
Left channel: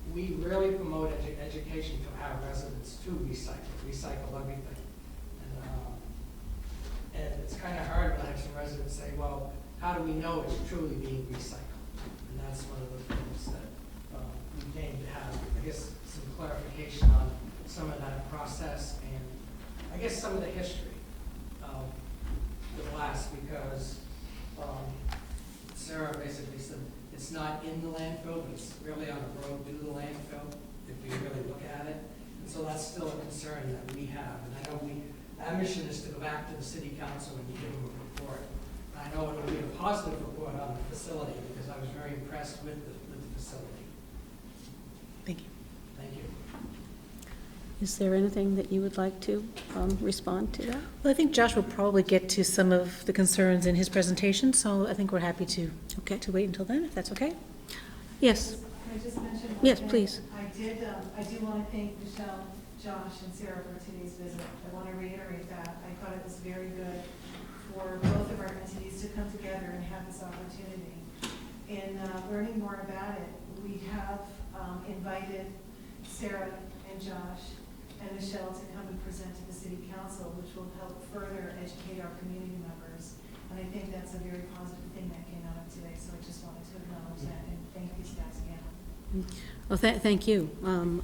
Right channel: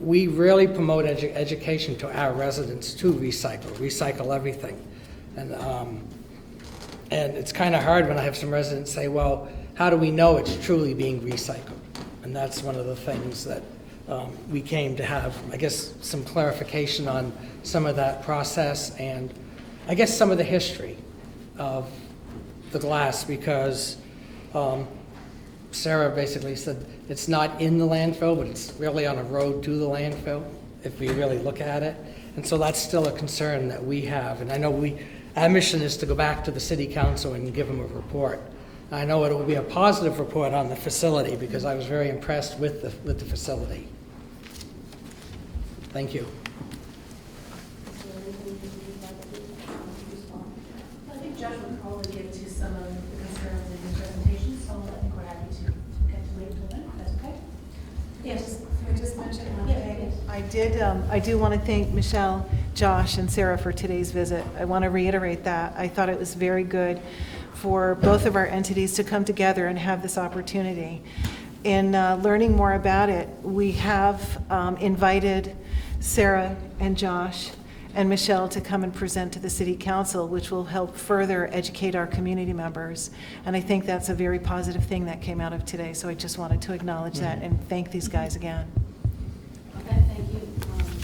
we really promote education to our residents to recycle everything. And it's kind of hard when I have some residents say, well, how do we know it's truly being recycled? And that's one of the things that we came to have, I guess, some clarification on some of that process and I guess some of the history of the glass, because Sarah basically said it's not in the landfill, but it's really on a road to the landfill, if we really look at it. And so that's still a concern that we have. And I know our mission is to go back to the city council and give them a report. I know it will be a positive report on the facility because I was very impressed with the facility. Thank you. Is there anything that you would like to respond to that? Well, I think Josh will probably get to some of the concerns in his presentation, so I think we're happy to wait until then, if that's okay. Yes. Can I just mention one Yes, thing? please. I do want to thank Michelle, Josh, and Sarah for today's visit. I want to reiterate that. I thought it was very good for both of our entities to come together and have this opportunity. In learning more about it, we have invited Sarah and Josh and Michelle to come and present to the City Council, which will help further educate our community members. And I think that's a very positive thing that came out of today. So I just wanted to acknowledge that and thank these guys again. Well, thank you.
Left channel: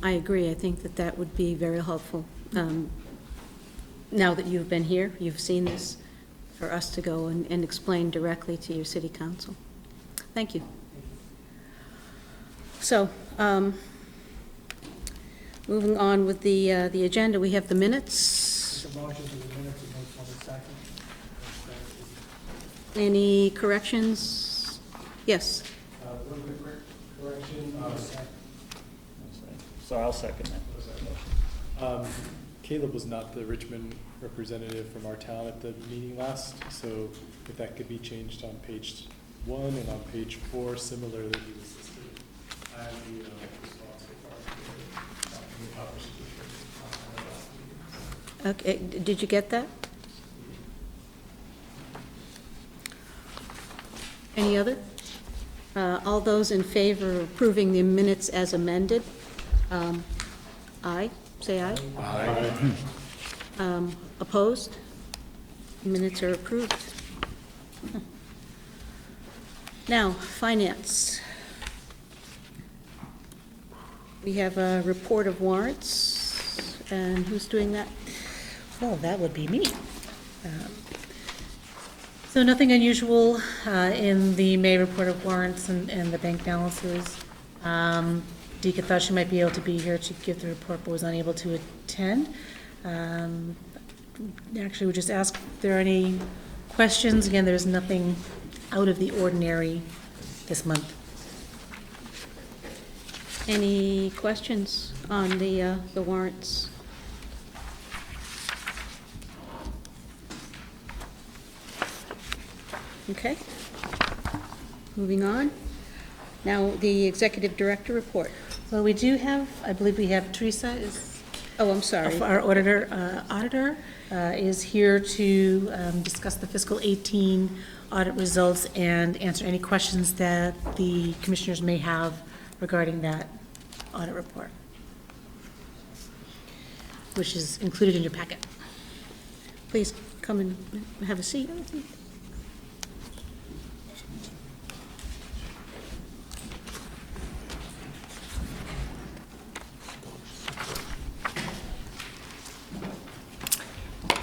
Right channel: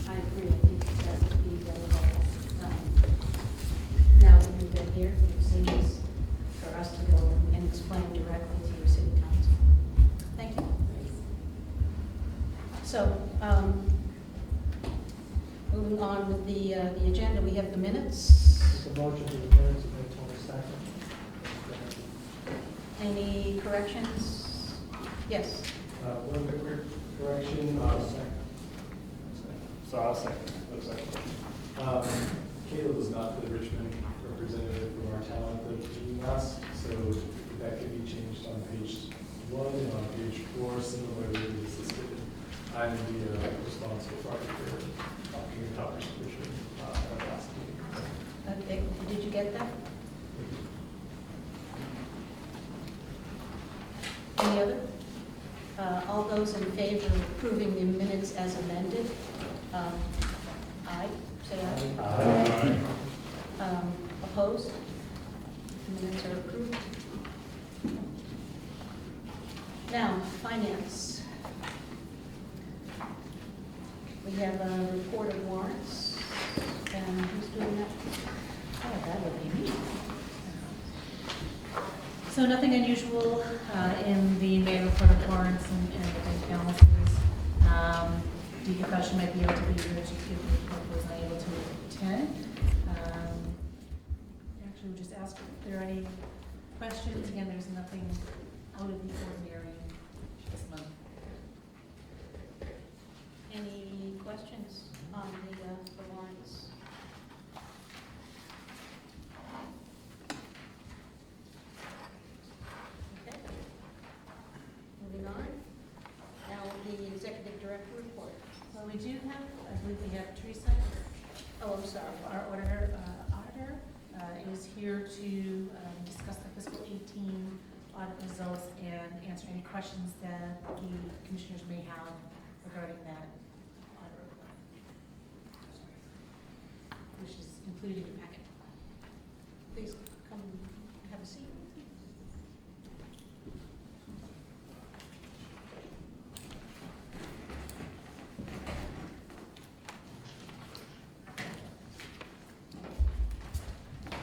I agree. I think that would be very helpful. Now that you've been here, you've seen this, for us to go and explain directly to your City Council. Thank you. So, moving on with the agenda, we have the minutes. Make a motion to the minutes of October 2nd. Any corrections? Yes. One quick correction. So I'll second that. Caleb was not the Richmond representative from our town at the meeting last, so if that could be changed on page 1 and on page 4, similarly to the system. I'm the responsible party for talking to Congress. Okay, did you get that? Any other? All those in favor of approving the minutes as amended? Aye, say aye. Aye. Opposed? Minutes are approved. Now, finance. We have a report of warrants, and who's doing that? Oh, that would be me. So nothing unusual in the May report of warrants and the bank balances. Deacon thought she might be able to be here to give the report, but was unable to attend. Actually, we just ask if there are any questions. Again, there's nothing out of the ordinary this month. Any questions on the warrants? Okay. Moving on. Now, the executive director report. Well, we do have, I believe we have Teresa is. Oh, I'm sorry. Our auditor is here to discuss the fiscal 18 audit results and answer any questions that the commissioners may have regarding that audit report, which is included in your packet. Please come and have a seat.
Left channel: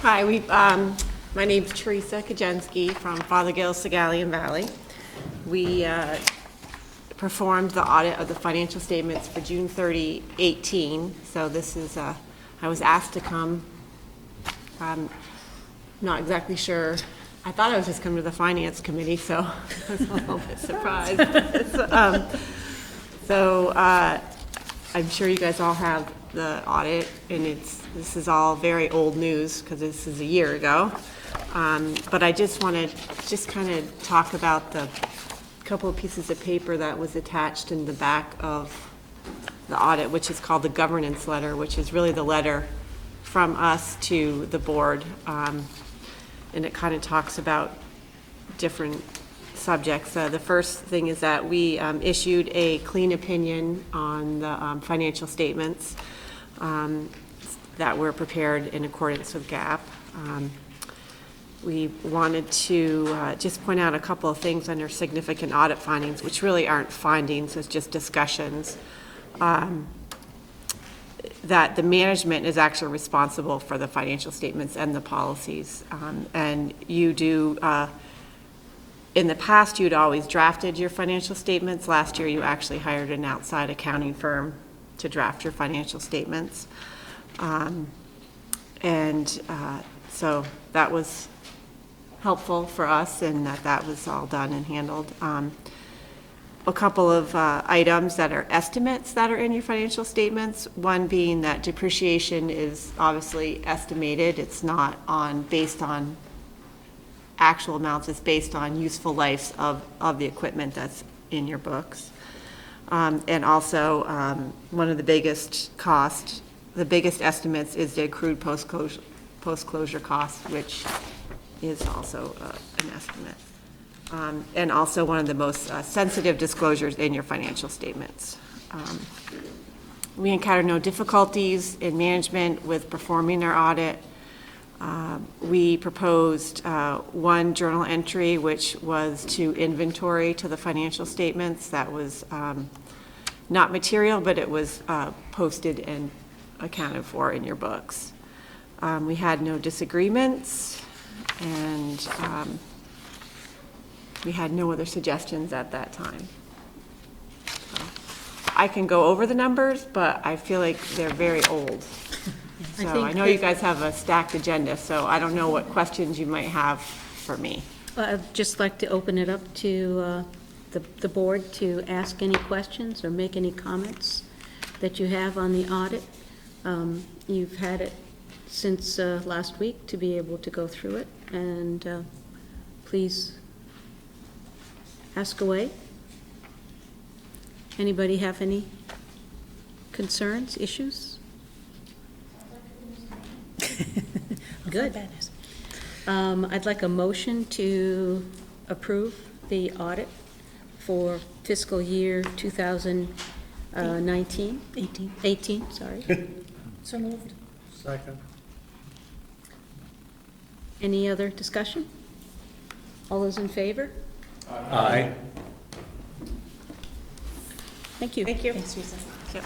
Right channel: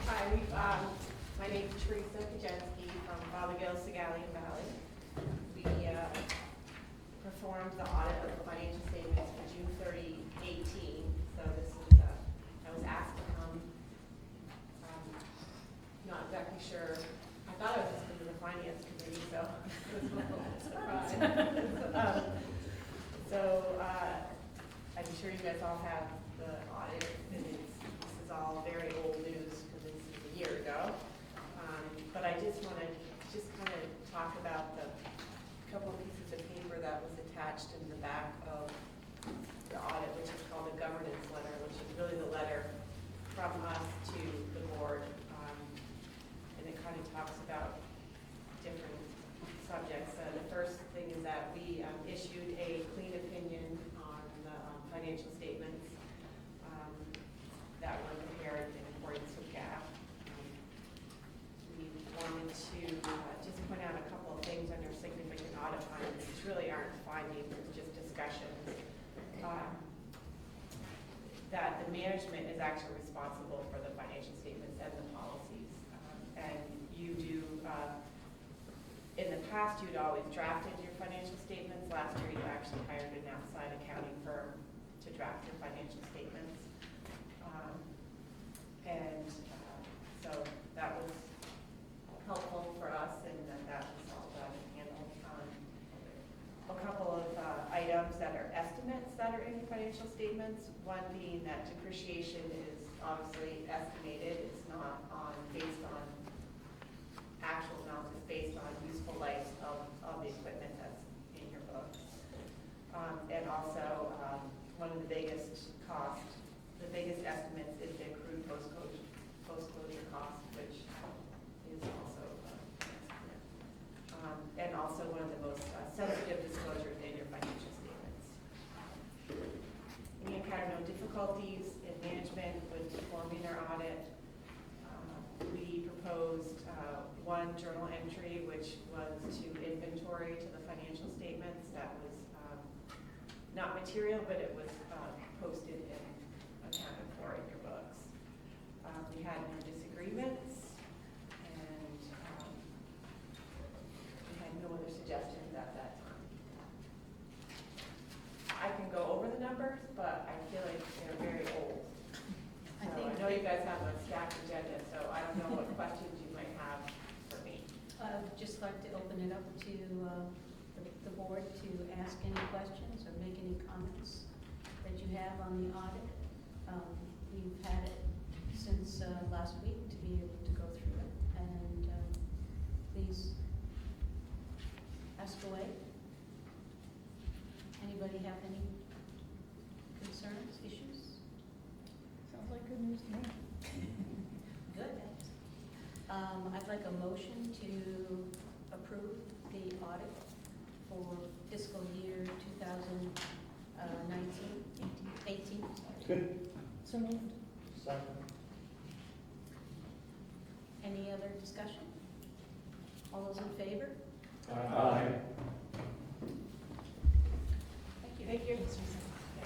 Hi, my name's Teresa Kajenski from Fothergill, Sagalian Valley. We performed the audit of the financial statements for June 30, 18. So this is, I was asked to come. I'm not exactly sure I thought I was just coming to the finance committee, so I was a little bit surprised. I'm sure you guys all have the audit, and this is all very old news because this is a year ago. But I just want to kind of talk about the couple of pieces of paper that was attached in the back of the audit, which is called the governance letter, which is really the letter from us to the board. And it kind of talks about different subjects. The first thing is that we issued a clean opinion on the financial statements that were prepared in accordance with GAAP. We wanted to just point out a couple of things under significant audit findings, which really aren't findings, it's just discussions. That the management is actually responsible for the financial statements and the policies. And you do, in the past, you'd always drafted your financial statements. Last year, you actually hired an outside accounting firm to draft your financial statements. So that was helpful for us, and that was all done and handled. A couple of items that are estimates that are in your financial statements. One being that depreciation is obviously estimated. It's not based on actual amounts. It's based on useful lives of the equipment that's in your books. And also, one of the biggest estimates is the accrued post-closure cost, which is also an estimate. And also one of the most sensitive disclosures in your financial statements. We encountered no difficulties in management with performing our audit. We proposed one journal entry, which was to inventory to the financial statements. That was not material, but it was posted and accounted for in your books. We had no disagreements, and we had no other suggestions at that time. So, I can go over the numbers, but I feel like they're very old. So I know you guys have a stacked agenda, so I don't know what questions you might have for me. I'd just like to open it up to the board to ask any questions or make any comments that you have on the audit. You've had it since last week to be able to go through it, and please ask away. Anybody have any concerns, issues? Good. I'd like a motion to approve the audit for fiscal year 2019. 18, sorry. So moved. Second. Any other discussion? All those in favor? Aye. Thank you. Thank you. Thanks, Teresa. Yep.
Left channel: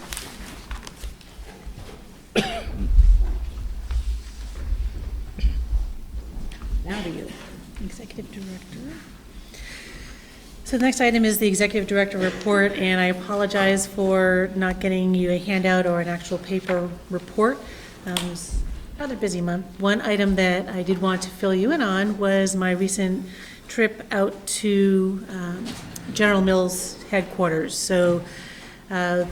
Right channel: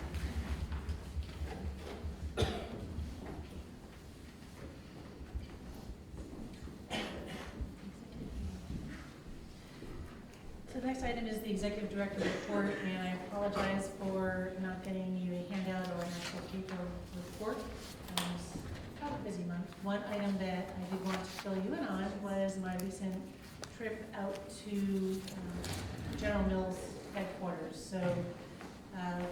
Now to you. Executive Director. So the next item is the Executive Director report, and I apologize for not getting you a handout or an actual paper report. It was a rather busy month. One item that I did want to fill you in on was my recent trip out to General Mills headquarters. So a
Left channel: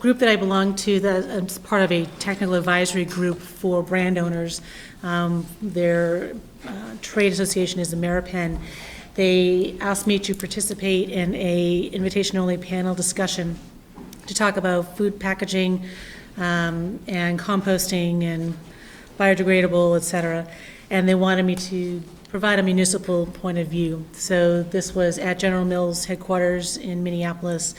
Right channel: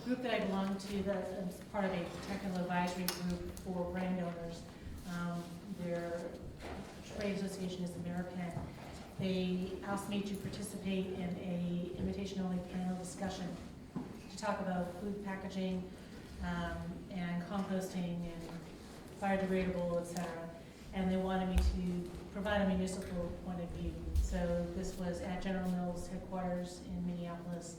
group that I belong to, that's part of a technical advisory group for brand owners. Their trade association is the Ameripen. They asked me to participate in a invitation-only panel discussion to talk about food packaging and composting and biodegradable, et cetera. And they wanted me to provide a municipal point of view. So this was at General Mills headquarters in Minneapolis.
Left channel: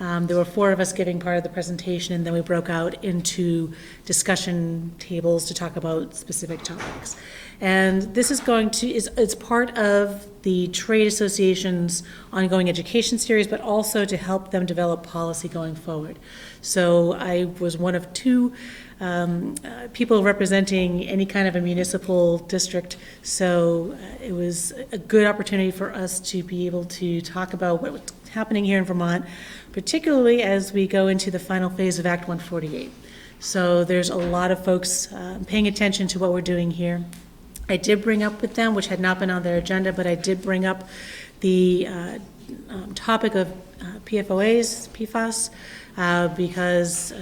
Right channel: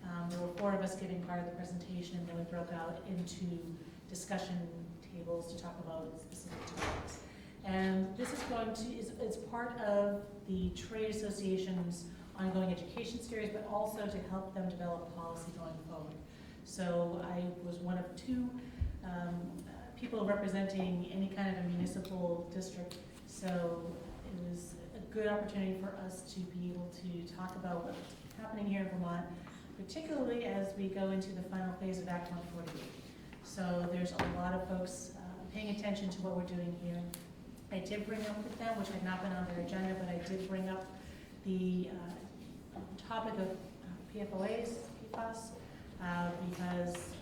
There were 4 of us giving part of the presentation, and then we broke out into discussion tables to talk about specific topics. And this is it's part of the trade association's ongoing education series, but also to help them develop policy going forward. So I was one of 2 people representing any kind of a municipal district. So it was a good opportunity for us to be able to talk about what's happening here in Vermont, particularly as we go into the final phase of Act 148. So there's a lot of folks paying attention to what we're doing here. I did bring up with them, which had not been on their agenda, but I did bring up the topic of PFOAs, PFAS, because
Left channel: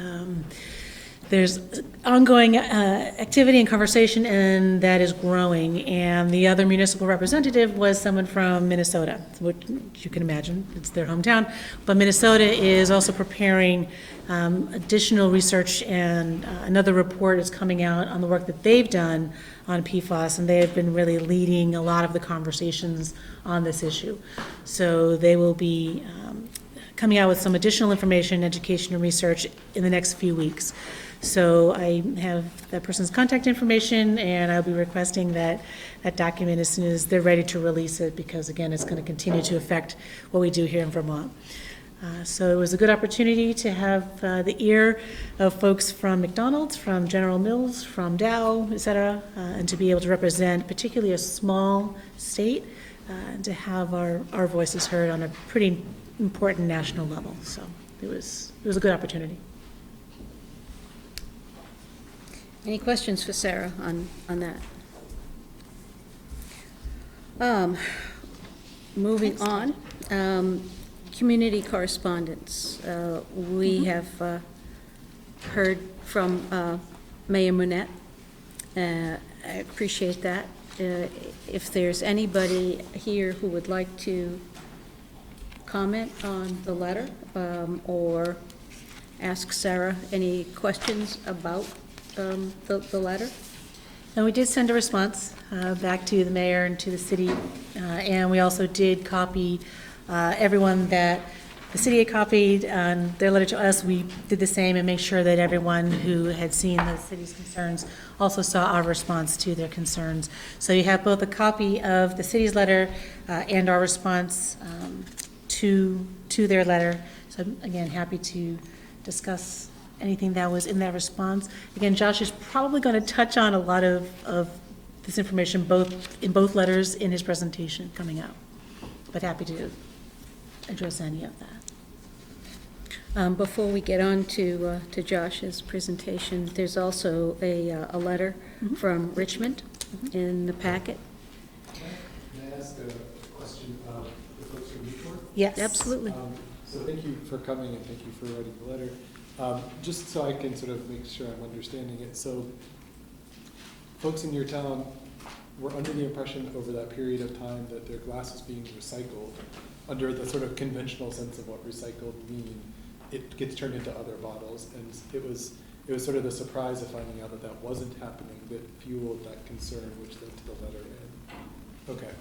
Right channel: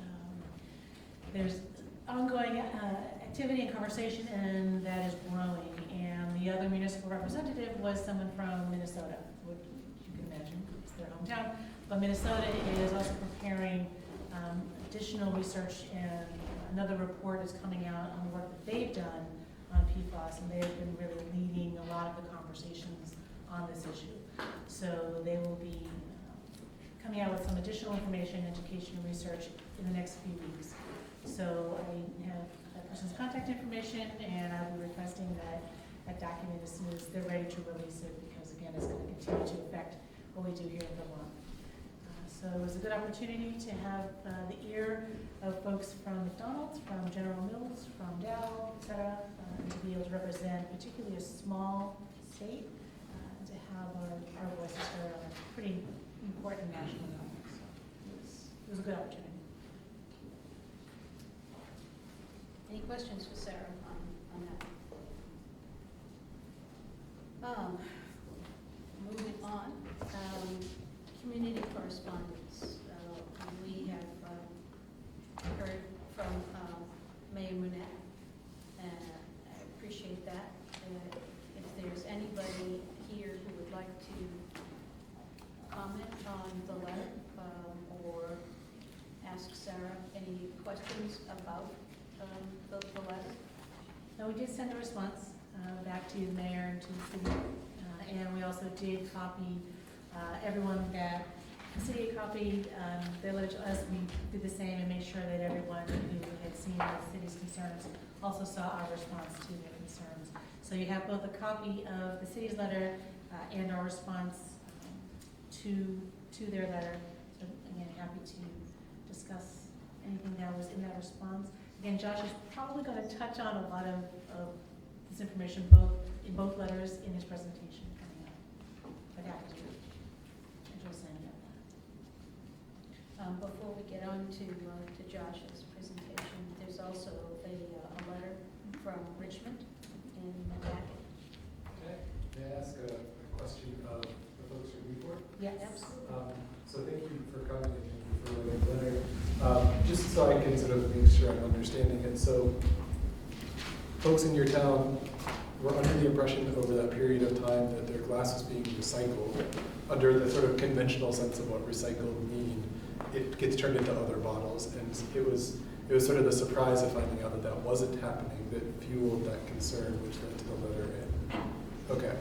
there's ongoing activity and conversation, and that is growing. And the other municipal representative was someone from Minnesota, which you can imagine, it's their hometown. But Minnesota is also preparing additional research, and another report is coming out on the work that they've done on PFAS, and they have been really leading a lot of the conversations on this issue. So they will be coming out with some additional information, education, and research in the next few weeks. So I have that person's contact information, and I'll be requesting that document as soon as they're ready to release it, because again, it's going to continue to affect what we do here in Vermont. So it was a good opportunity to have the ear of folks from McDonald's, from General Mills, from Dow, et cetera, and to be able to represent particularly a small state, and to have our voices heard on a pretty important national level. So it was a good opportunity. Any questions for Sarah on that? Moving on, community correspondence. We have heard from Mayor Monette. I appreciate that. If there's anybody here who would like to comment on the letter or ask Sarah any questions about the letter? And we did send a response back to the mayor and to the city, and we also did copy everyone that the city had copied on their letter to us. We did the same and make sure that everyone who had seen the city's concerns also saw our response to their concerns. So you have both a copy of the city's letter and our response to their letter. So again, happy to discuss anything that was in that response. Again, Josh is probably going to touch on a lot of this information in both letters in his presentation coming out, but happy to address any of that. Before we get on to Josh's presentation, there's also a letter from Richmond in the packet. Can I ask a question of the folks from Newport? Yes. Absolutely. So thank you for coming and thank you for writing the letter. Just so I can sort of make sure I'm understanding it. So folks in your town were under the impression over that period of time that their glass was being recycled under the sort of conventional sense of what recycled mean. It gets turned into other bottles, and it was sort of the surprise of finding out that that wasn't happening that fueled that concern, which led to the letter. And okay,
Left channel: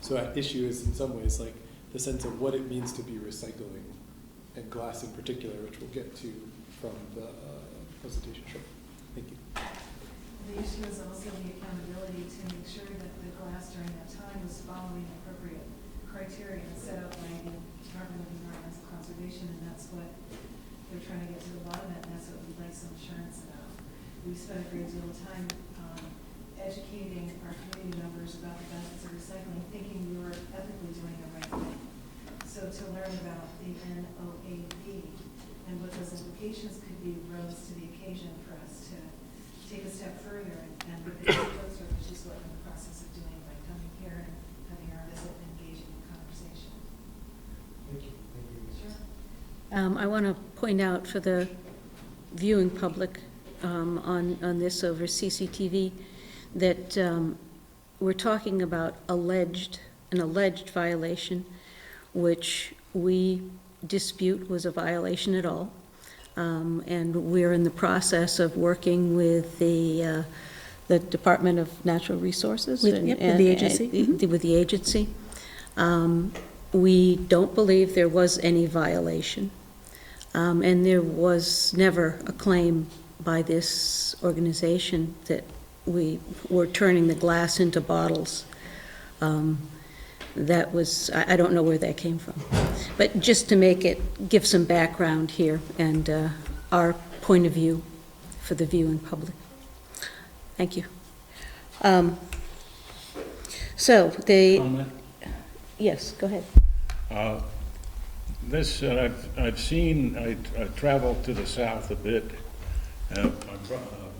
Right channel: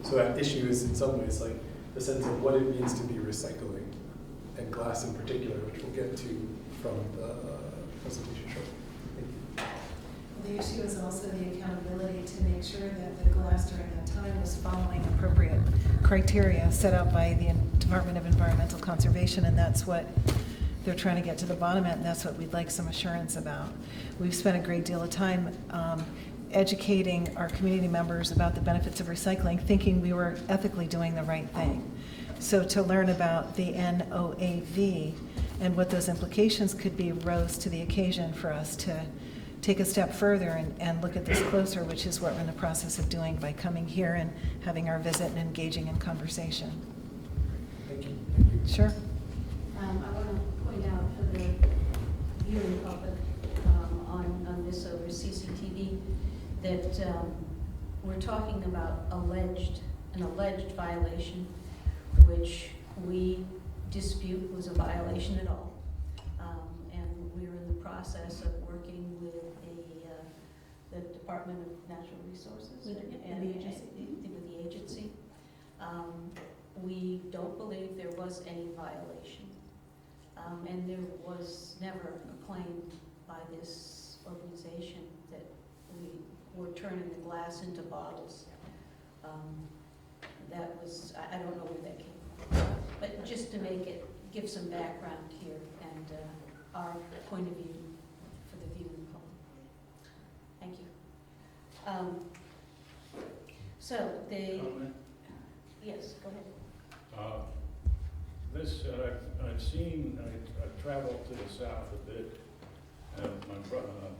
so that issue is in some ways like the sense of what it means to be recycling, and glass in particular, which we'll get to from the presentation shortly. Thank you. The issue is also the accountability to make sure that the glass during that time was following appropriate criteria set out by the Department of Environmental Conservation, and that's what they're trying to get to the bottom of, and that's what we'd like some assurance about. We've spent a great deal of time educating our community members about the benefits of recycling, thinking we were ethically doing the right thing. So to learn about the NOAV and what those implications could be rose to the occasion for us to take a step further and look at this closer, which is what we're in the process of doing by coming here and having our visit and engaging in conversation. Thank you. Sure. I want to point out for the viewing public on this over CCTV that we're talking about an alleged violation, which we dispute was a violation at all. And we're in the process of working with the Department of Natural Resources. With the agency. With the agency. We don't believe there was any violation. And there was never a claim by this organization that we were turning the glass into bottles. That was, I don't know where that came from. But just to give some background here and our point of view for the viewing public. Thank you. Comment? Yes, go ahead. This, I've seen, I traveled to the south a bit,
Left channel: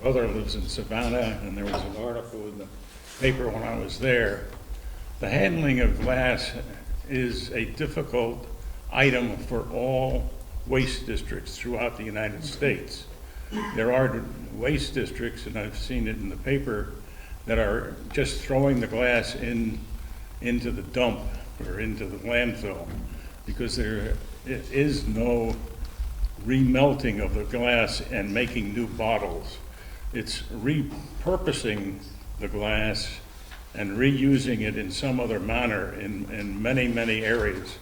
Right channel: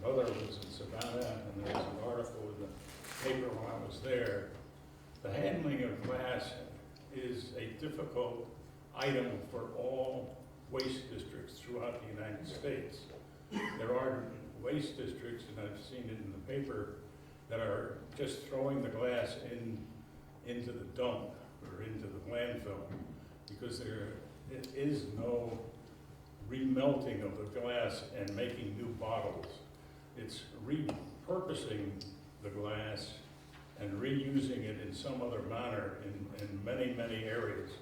Brother lives in Savannah, and there was an article in the paper when I was there. The handling of glass is a difficult item for all waste districts throughout the United States. There are waste districts, and I've seen it in the paper, that are just throwing the glass into the dump or into the landfill because there is no remelting of the glass and making new bottles. It's repurposing the glass and reusing it in some other manner in many, many areas.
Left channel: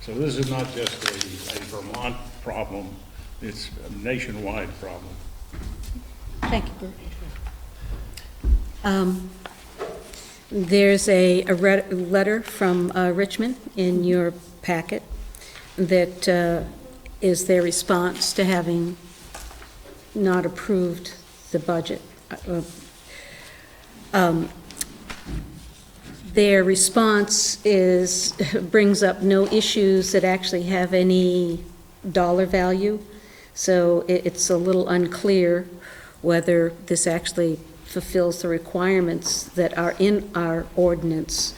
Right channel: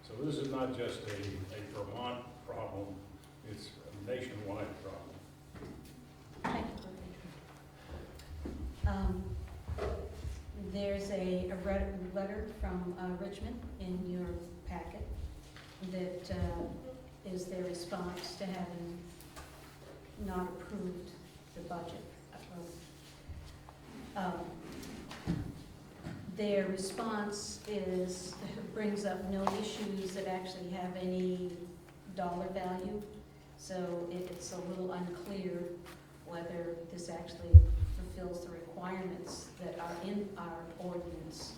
So this is not just a Vermont problem, it's a nationwide problem. Thank you. There's a letter from Richmond in your packet that is their response to having not approved the budget. Their response brings up no issues that actually have any dollar value, so it's a little unclear whether this actually fulfills the requirements that are in our ordinance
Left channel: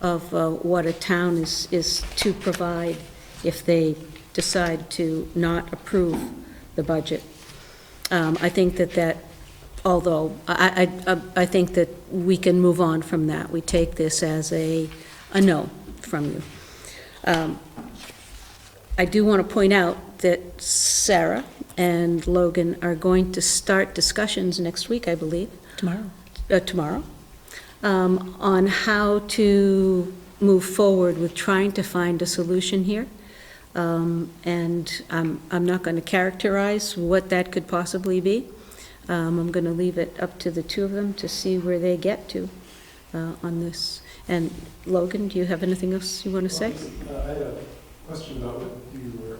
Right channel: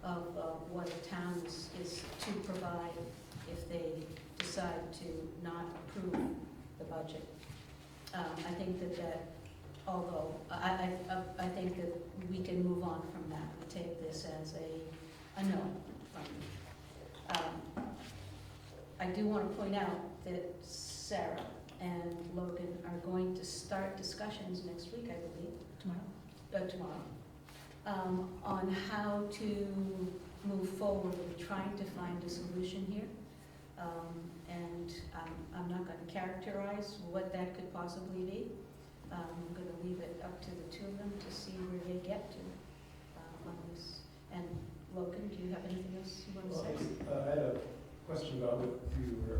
of what a town is to provide if they decide to not approve the budget. I think that although I think that we can move on from that. We take this as a no from you. I do want to point out that Sarah and Logan are going to start discussions next week, I believe. Tomorrow, on how to move forward with trying to find a solution here. And I'm not going to characterize what that could possibly be. I'm going to leave it up to the two of them to see where they get to on this. And Logan, do you have anything else you want to say? I had a question about what you were,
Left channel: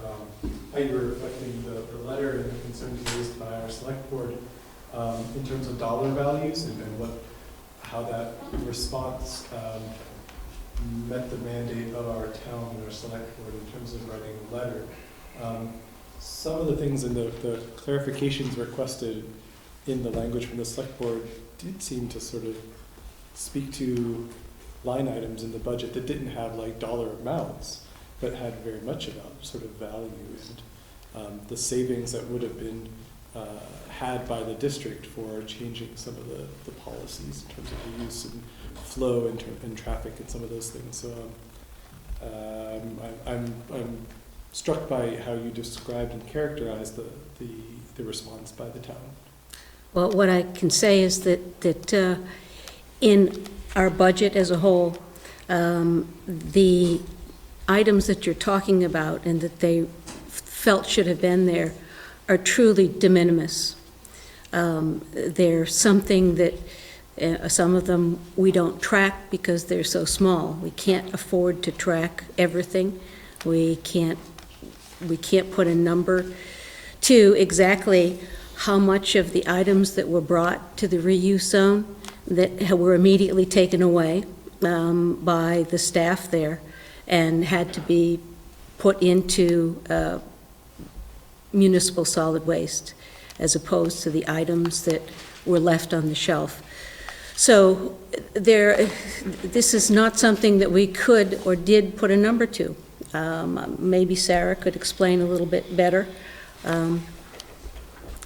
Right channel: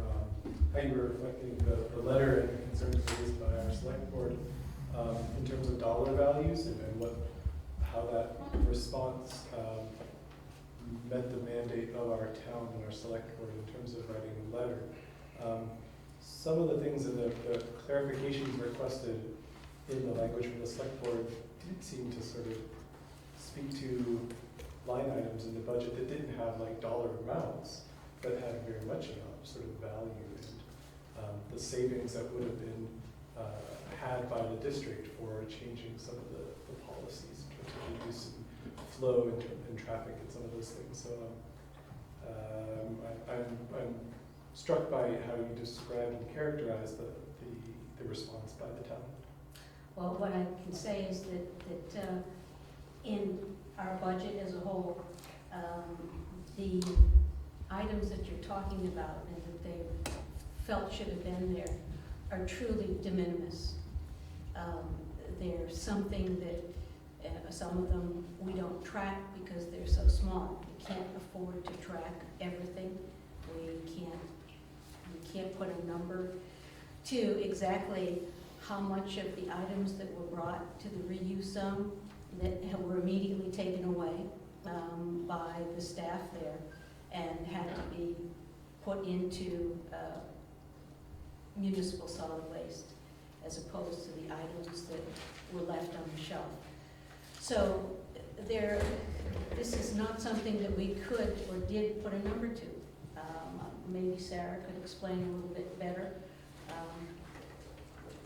how you were reflecting the letter and concerns raised by our select board in terms of dollar values and how that response met the mandate of our town and our select board in terms of writing a letter. Some of the things in the clarifications requested in the language from the select board did seem to sort of speak to line items in the budget that didn't have like dollar amounts, but had very much about sort of value and the savings that would have been had by the district for changing some of the policies in terms of the use and flow and traffic and some of those things. So I'm struck by how you described and characterized the response by the town. Well, what I can say is that in our budget as a whole, the items that you're talking about and that they felt should have been there are truly de minimis. They're something that some of them we don't track because they're so small. We can't afford to track everything. We can't put a number to exactly how much of the items that were brought to the reuse zone that were immediately taken away by the staff there and had to be put into municipal solid waste, as opposed to the items that were left on the shelf. So this is not something that we could or did put a number to. Maybe Sarah could explain a little bit better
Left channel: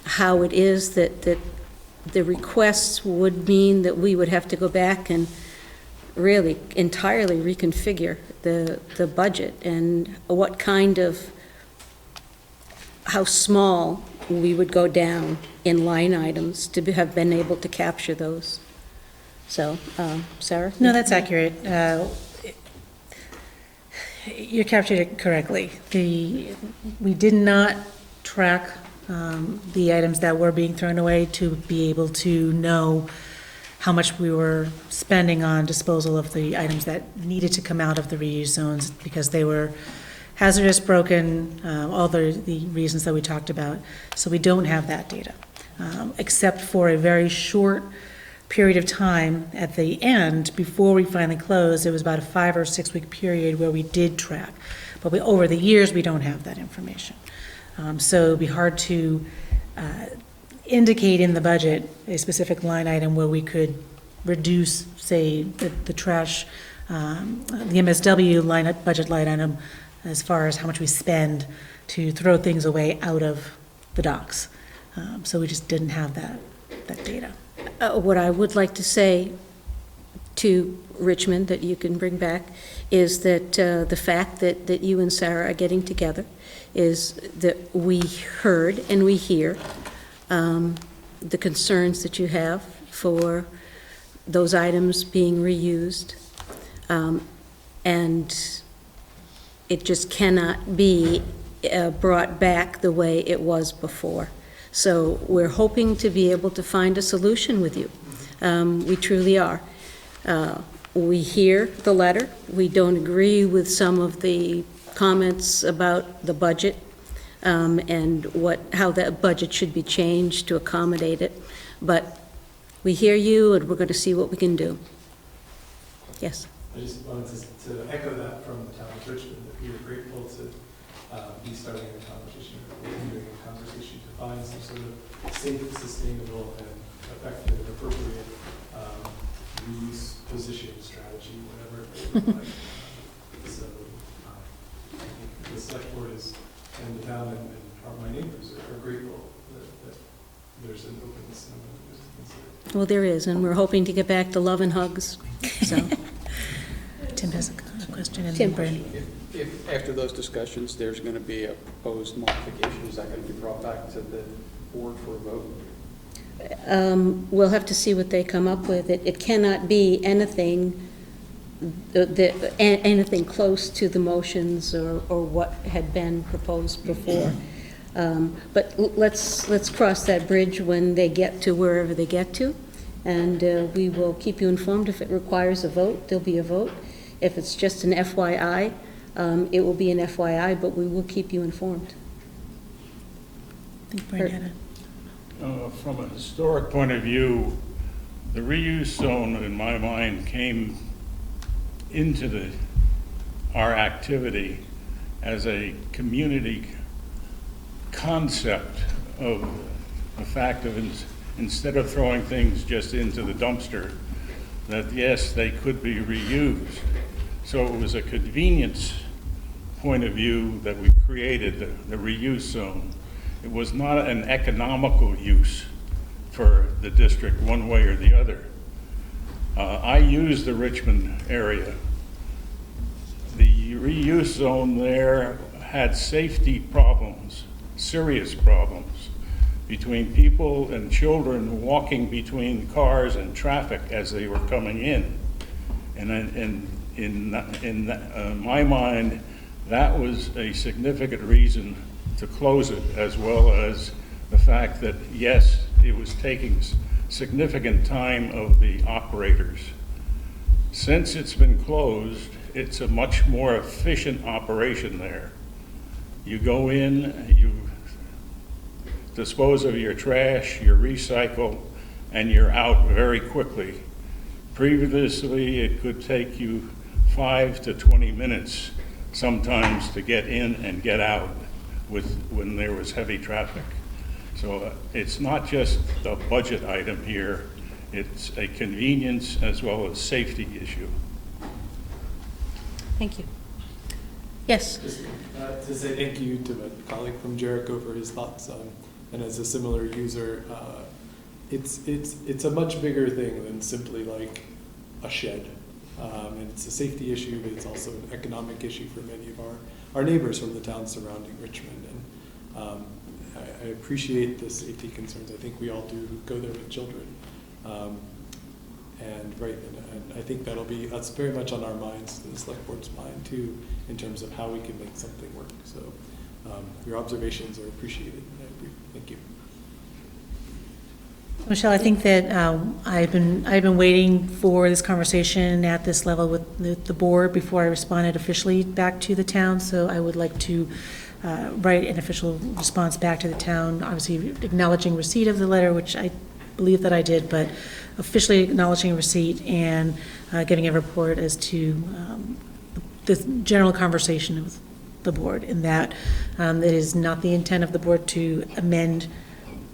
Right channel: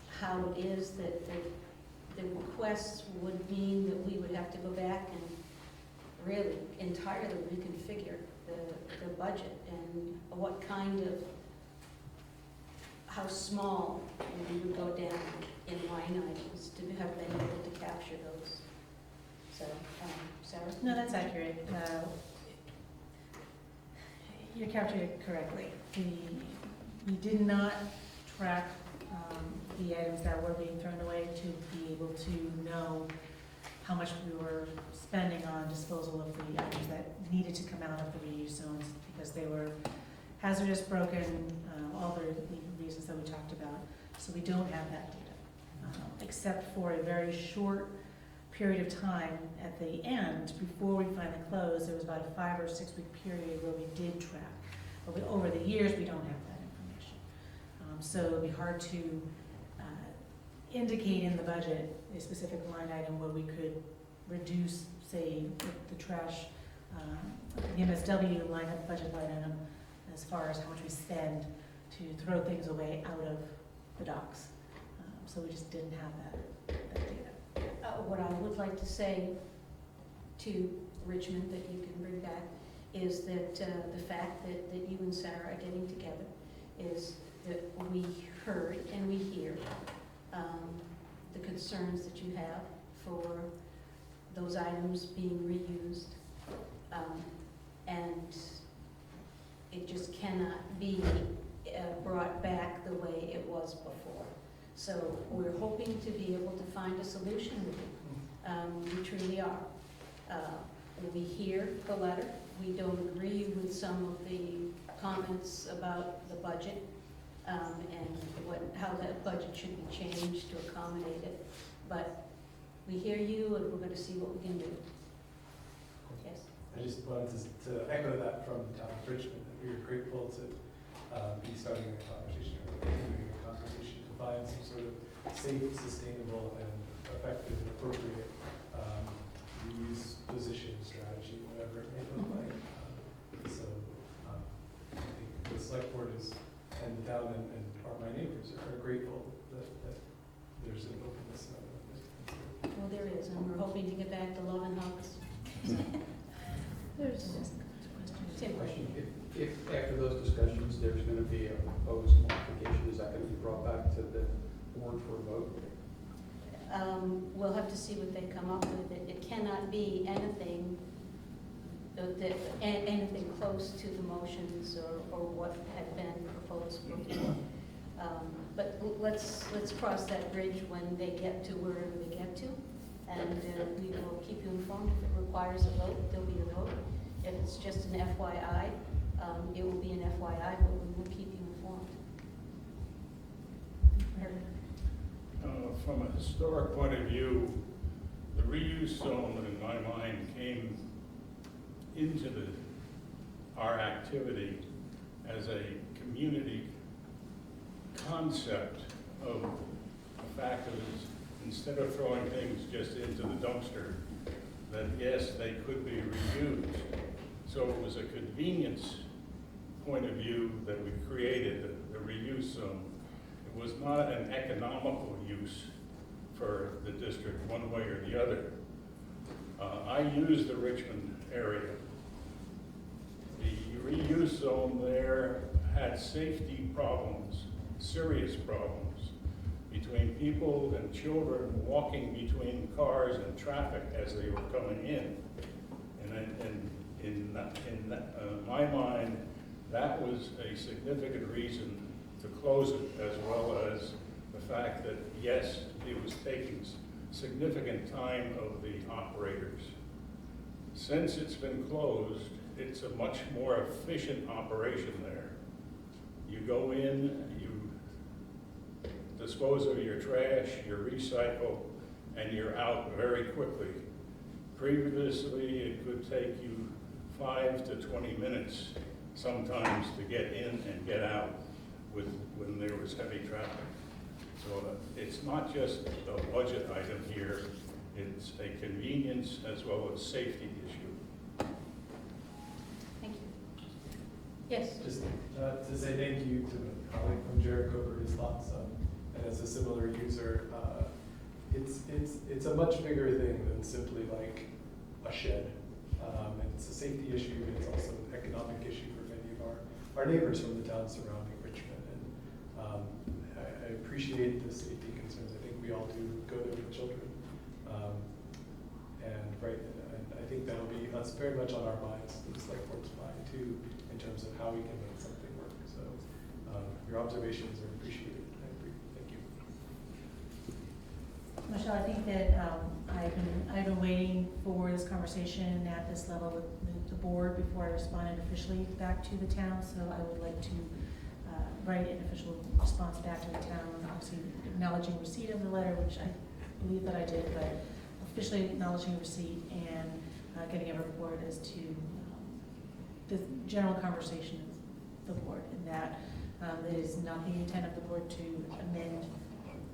how it is that the requests would mean that we would have to go back and really entirely reconfigure the budget, and what kind of, how small we would go down in line items to have been able to capture those. So, Sarah? No, that's accurate. You captured it correctly. We did not track the items that were being thrown away to be able to know how much we were spending on disposal of the items that needed to come out of the reuse zones because they were hazardous, broken, all the reasons that we talked about. So we don't have that data, except for a very short period of time at the end before we finally closed. It was about a 5 or 6 week period where we did track, but over the years we don't have that information. So it'd be hard to indicate in the budget a specific line item where we could reduce, say, the trash, the MSW budget line item as far as how much we spend to throw things away out of the docks. So we just didn't have that data. What I would like to say to Richmond that you can bring back is that the fact that you and Sarah are getting together is that we heard and we hear the concerns that you have for those items being reused. And it just cannot be brought back the way it was before. So we're hoping to be able to find a solution with you. We truly are. We hear the letter. We don't agree with some of the comments about the budget and how that budget should be changed to accommodate it. But we hear you, and we're going to see what we can do. Yes? I just wanted to echo that from the town of Richmond, that we are grateful to be starting a conversation, or continuing a conversation to find some sort of safe, sustainable, and effective, appropriate reuse positioning strategy, whatever it may look like. So I think the select board and the town and my neighbors are grateful that there's an openness and willingness to consider. Well, there is, and we're hoping to get back to love and hugs. So, Tim has a question. And Tim. then Brandon. If after those discussions, there's going to be a proposed modification, is that going to be brought back to the board for a vote? we'll have to see what they come up with. It cannot be anything anything close to the motions or what had been proposed before. But let's cross that bridge when they get to wherever they get to, and we will keep you informed. If it requires a vote, there'll be a vote. If it's just an FYI, it will be an FYI, but we will keep you informed. I think Brandon. From a historic point of view, the reuse zone, in my mind, came into our activity as a community concept of the fact of instead of throwing things just into the dumpster, that yes, they could be reused. So it was a convenience point of view that we created the reuse zone. It was not an economical use for the district one way or the other. I use the Richmond area. The reuse zone there had safety problems, serious problems, between people and children walking between cars and traffic as they were coming in. And in my mind, that was a significant reason to close it, as well as the fact that, yes, it was taking significant time of the operators. Since it's been closed, it's a much more efficient operation there. You go in, you dispose of your trash, you recycle, and you're out very quickly. Previously, it could take you 5 to 20 minutes sometimes to get in and get out when there was heavy traffic. So it's not just a budget item here, it's a convenience as well as safety issue. Thank you. Yes. Just to say thank you to my colleague from Jericho for his thoughts on, and as a similar user, it's a much bigger thing than simply like a shed. And it's a safety issue, but it's also an economic issue for many of our neighbors from the towns surrounding Richmond. And I appreciate the safety concerns. I think we all do go there with children. And I think that's very much on our minds, the select board's mind too, in terms of how we can make something work. So your observations are appreciated. I agree. Thank you. Michelle, I think that I've been waiting for this conversation at this level with the board before I responded officially back to the town. So I would like to write an official response back to the town, obviously acknowledging receipt of the letter, which I believe that I did, but officially acknowledging receipt and giving a report as to the general conversation of the board, in that it is not the intent of the board to amend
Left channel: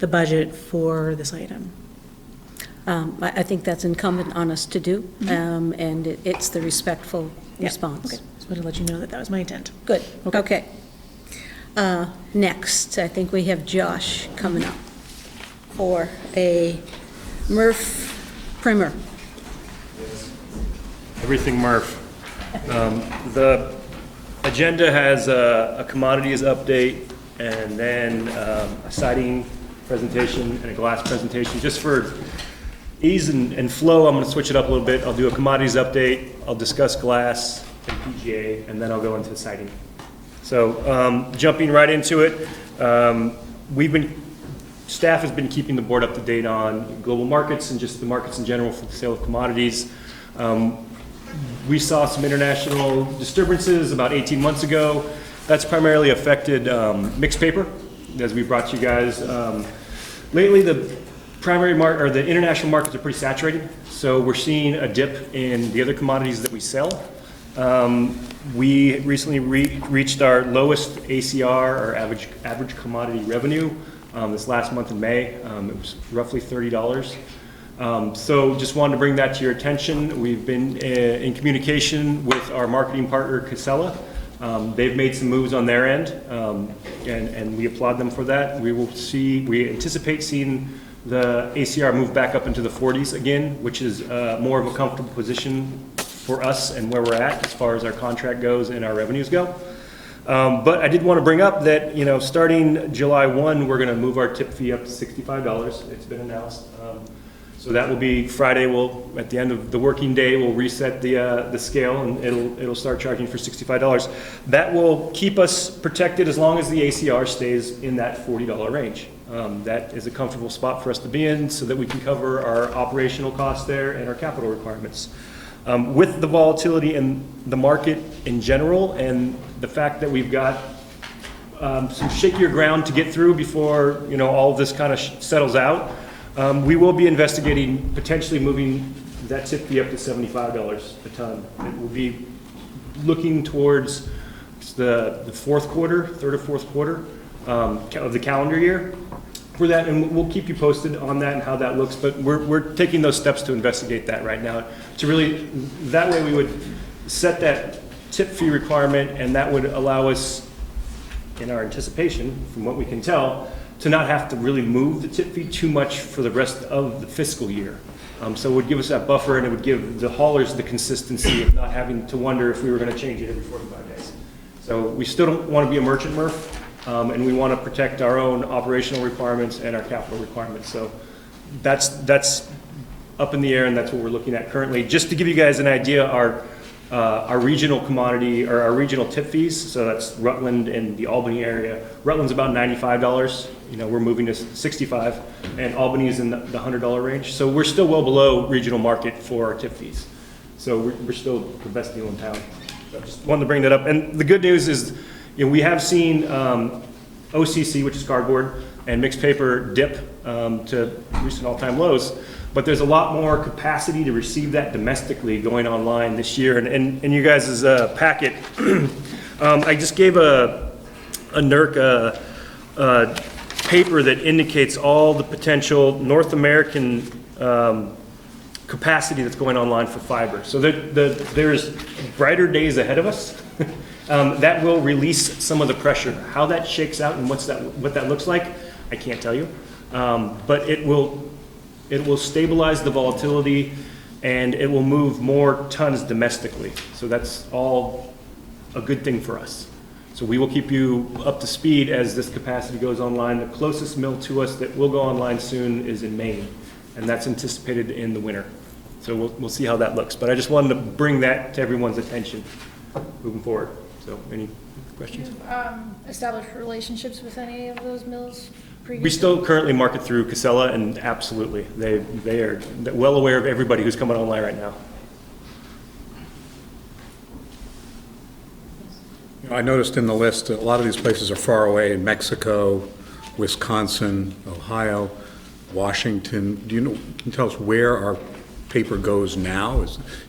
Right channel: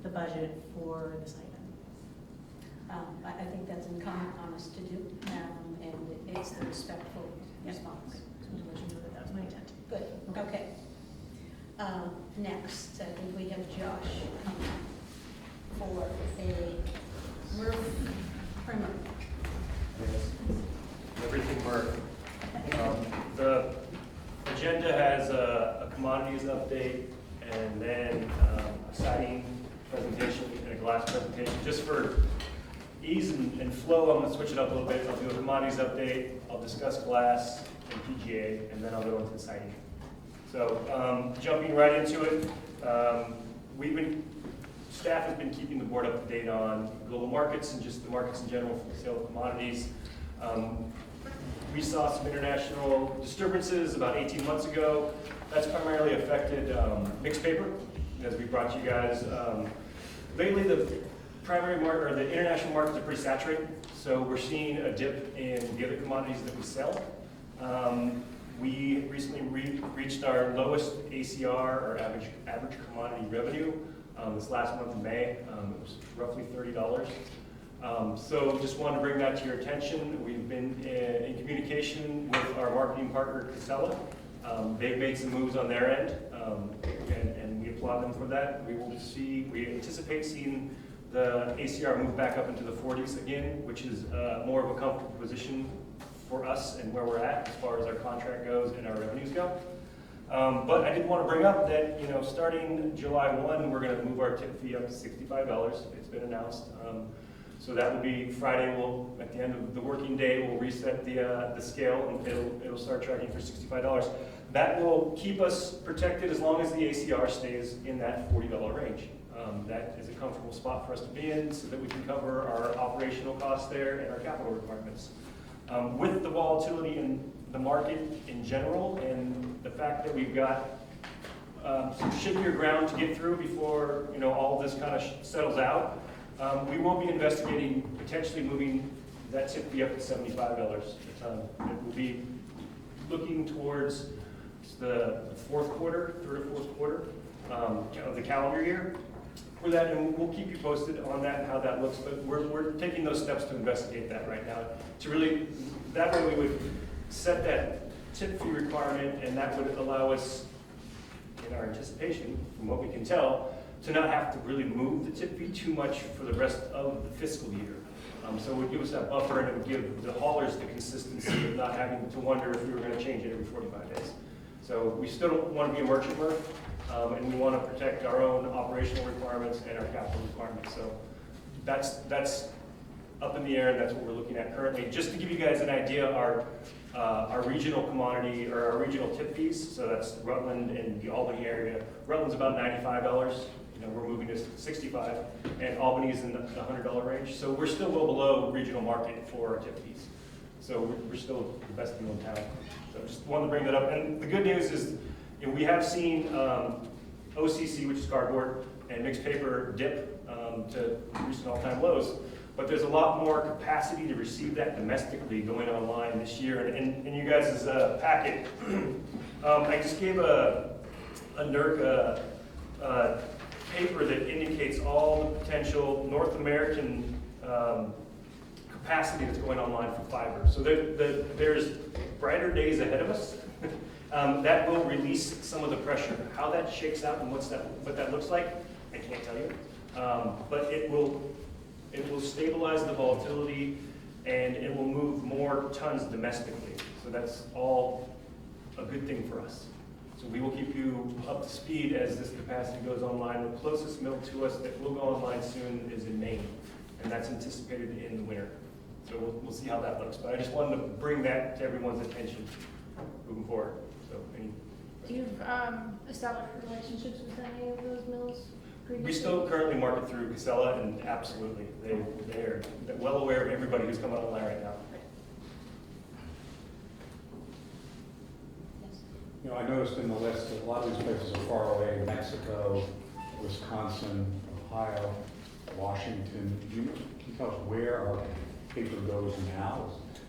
the budget for this item. I think that's incumbent on us to do, and it's the respectful Yeah, response. okay. Just wanted to let you know that that was my intent. Good, okay. Next, I think we have Josh coming up for a Murph primer. Everything Murph. The agenda has a commodities update and then a siding presentation and a glass presentation. Just for ease and flow, I'm going to switch it up a little bit. I'll do a commodities update, I'll discuss glass and PGA, and then I'll go into siding. So jumping right into it, staff has been keeping the board up to date on global markets and just the markets in general for the sale of commodities. We saw some international disturbances about 18 months ago. That's primarily affected mixed paper, as we brought you guys. Lately, the the international markets are pretty saturated, so we're seeing a dip in the other commodities that we sell. We recently reached our lowest ACR, or average commodity revenue, this last month in May. It was roughly $30. So just wanted to bring that to your attention. We've been in communication with our marketing partner, Casella. They've made some moves on their end, and we applaud them for that. We anticipate seeing the ACR move back up into the 40s again, which is more of a comfortable position for us and where we're at as far as our contract goes and our revenues go. But I did want to bring up that, starting July 1, we're going to move our tip fee up to $65. It's been announced. So that will be Friday. At the end of the working day, we'll reset the scale, and it'll start charging for $65. That will keep us protected as long as the ACR stays in that $40 range. That is a comfortable spot for us to be in, so that we can cover our operational costs there and our capital requirements. With the volatility in the market in general, and the fact that we've got some shakier ground to get through before all of this kind of settles out. We will be investigating potentially moving that tip fee up to $75 a ton. It will be looking towards the third or fourth quarter of the calendar year for that, and we'll keep you posted on that and how that looks. But we're taking those steps to investigate that right now. That way we would set that tip fee requirement, and that would allow us, in our anticipation, from what we can tell, to not have to really move the tip fee too much for the rest of the fiscal year. So it would give us that buffer, and it would give the haulers the consistency of not having to wonder if we were going to change it every 45 days. So we still don't want to be a merchant MRF, and we want to protect our own operational requirements and our capital requirements. So that's up in the air, and that's what we're looking at currently. Just to give you guys an idea, our regional commodity, or our regional tip fees, so that's Rutland and the Albany area. Rutland's about $95. We're moving to $65, and Albany is in the $100 range. So we're still well below regional market for our tip fees. So we're still the best deal in town. So I just wanted to bring that up. And the good news is, we have seen OCC, which is cardboard, and mixed paper dip to recent all-time lows. But there's a lot more capacity to receive that domestically going online this year. And you guys' packet, I just gave a NERC paper that indicates all the potential North American capacity that's going online for fiber. So there's brighter days ahead of us. That will release some of the pressure. How that shakes out and what that looks like, I can't tell you. But it will stabilize the volatility, and it will move more tons domestically. So that's all a good thing for us. So we will keep you up to speed as this capacity goes online. The closest mill to us that will go online soon is in Maine, and that's anticipated in the winter. So we'll see how that looks. But I just wanted to bring that to everyone's attention moving forward. So any questions? You've established relationships with any of those mills previously? We still currently market through Casella, and absolutely, they are well aware of everybody who's coming online right now. I noticed in the list that a lot of these places are far away in Mexico, Wisconsin, Ohio, Washington. Can you tell us where our paper goes now?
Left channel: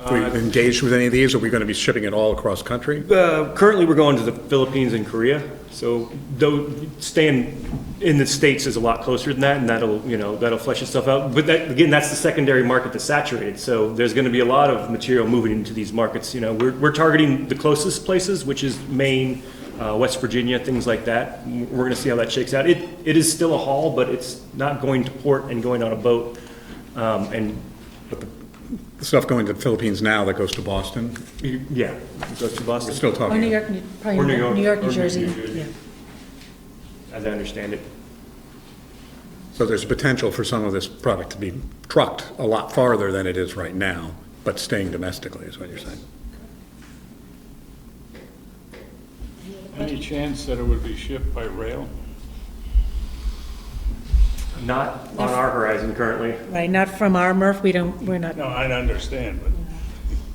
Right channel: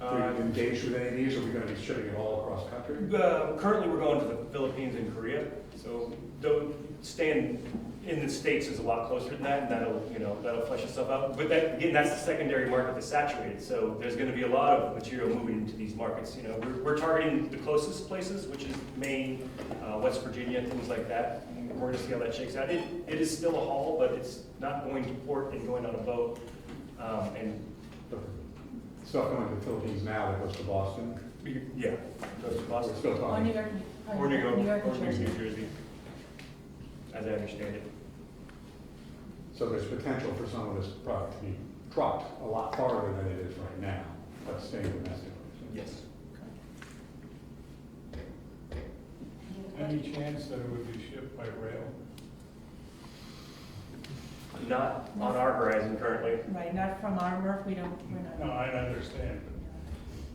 Are we engaged with any of these? Are we going to be shipping it all across country? Currently, we're going to the Philippines and Korea, so though staying in the States is a lot closer than that, and that'll flesh itself out. But that, again, that's the secondary market that's saturated, so there's going to be a lot of material moving into these markets. We're targeting the closest places, which is Maine, West Virginia, things like that. We're going to see how that shakes out. It is still a haul, but it's not going to port and going on a boat. But the stuff going to the Philippines now that goes to Boston? Yeah, it goes to Boston. We're still Or talking. New York, probably Or New York, New York, or New New Jersey, Jersey. yeah. As I understand it. So there's potential for some of this product to be trucked a lot farther than it is right now, but staying domestically is what you're saying? Any chance that it would be shipped by rail? Not on our horizon currently. Right, not from our MRF, we're not. No, I understand, but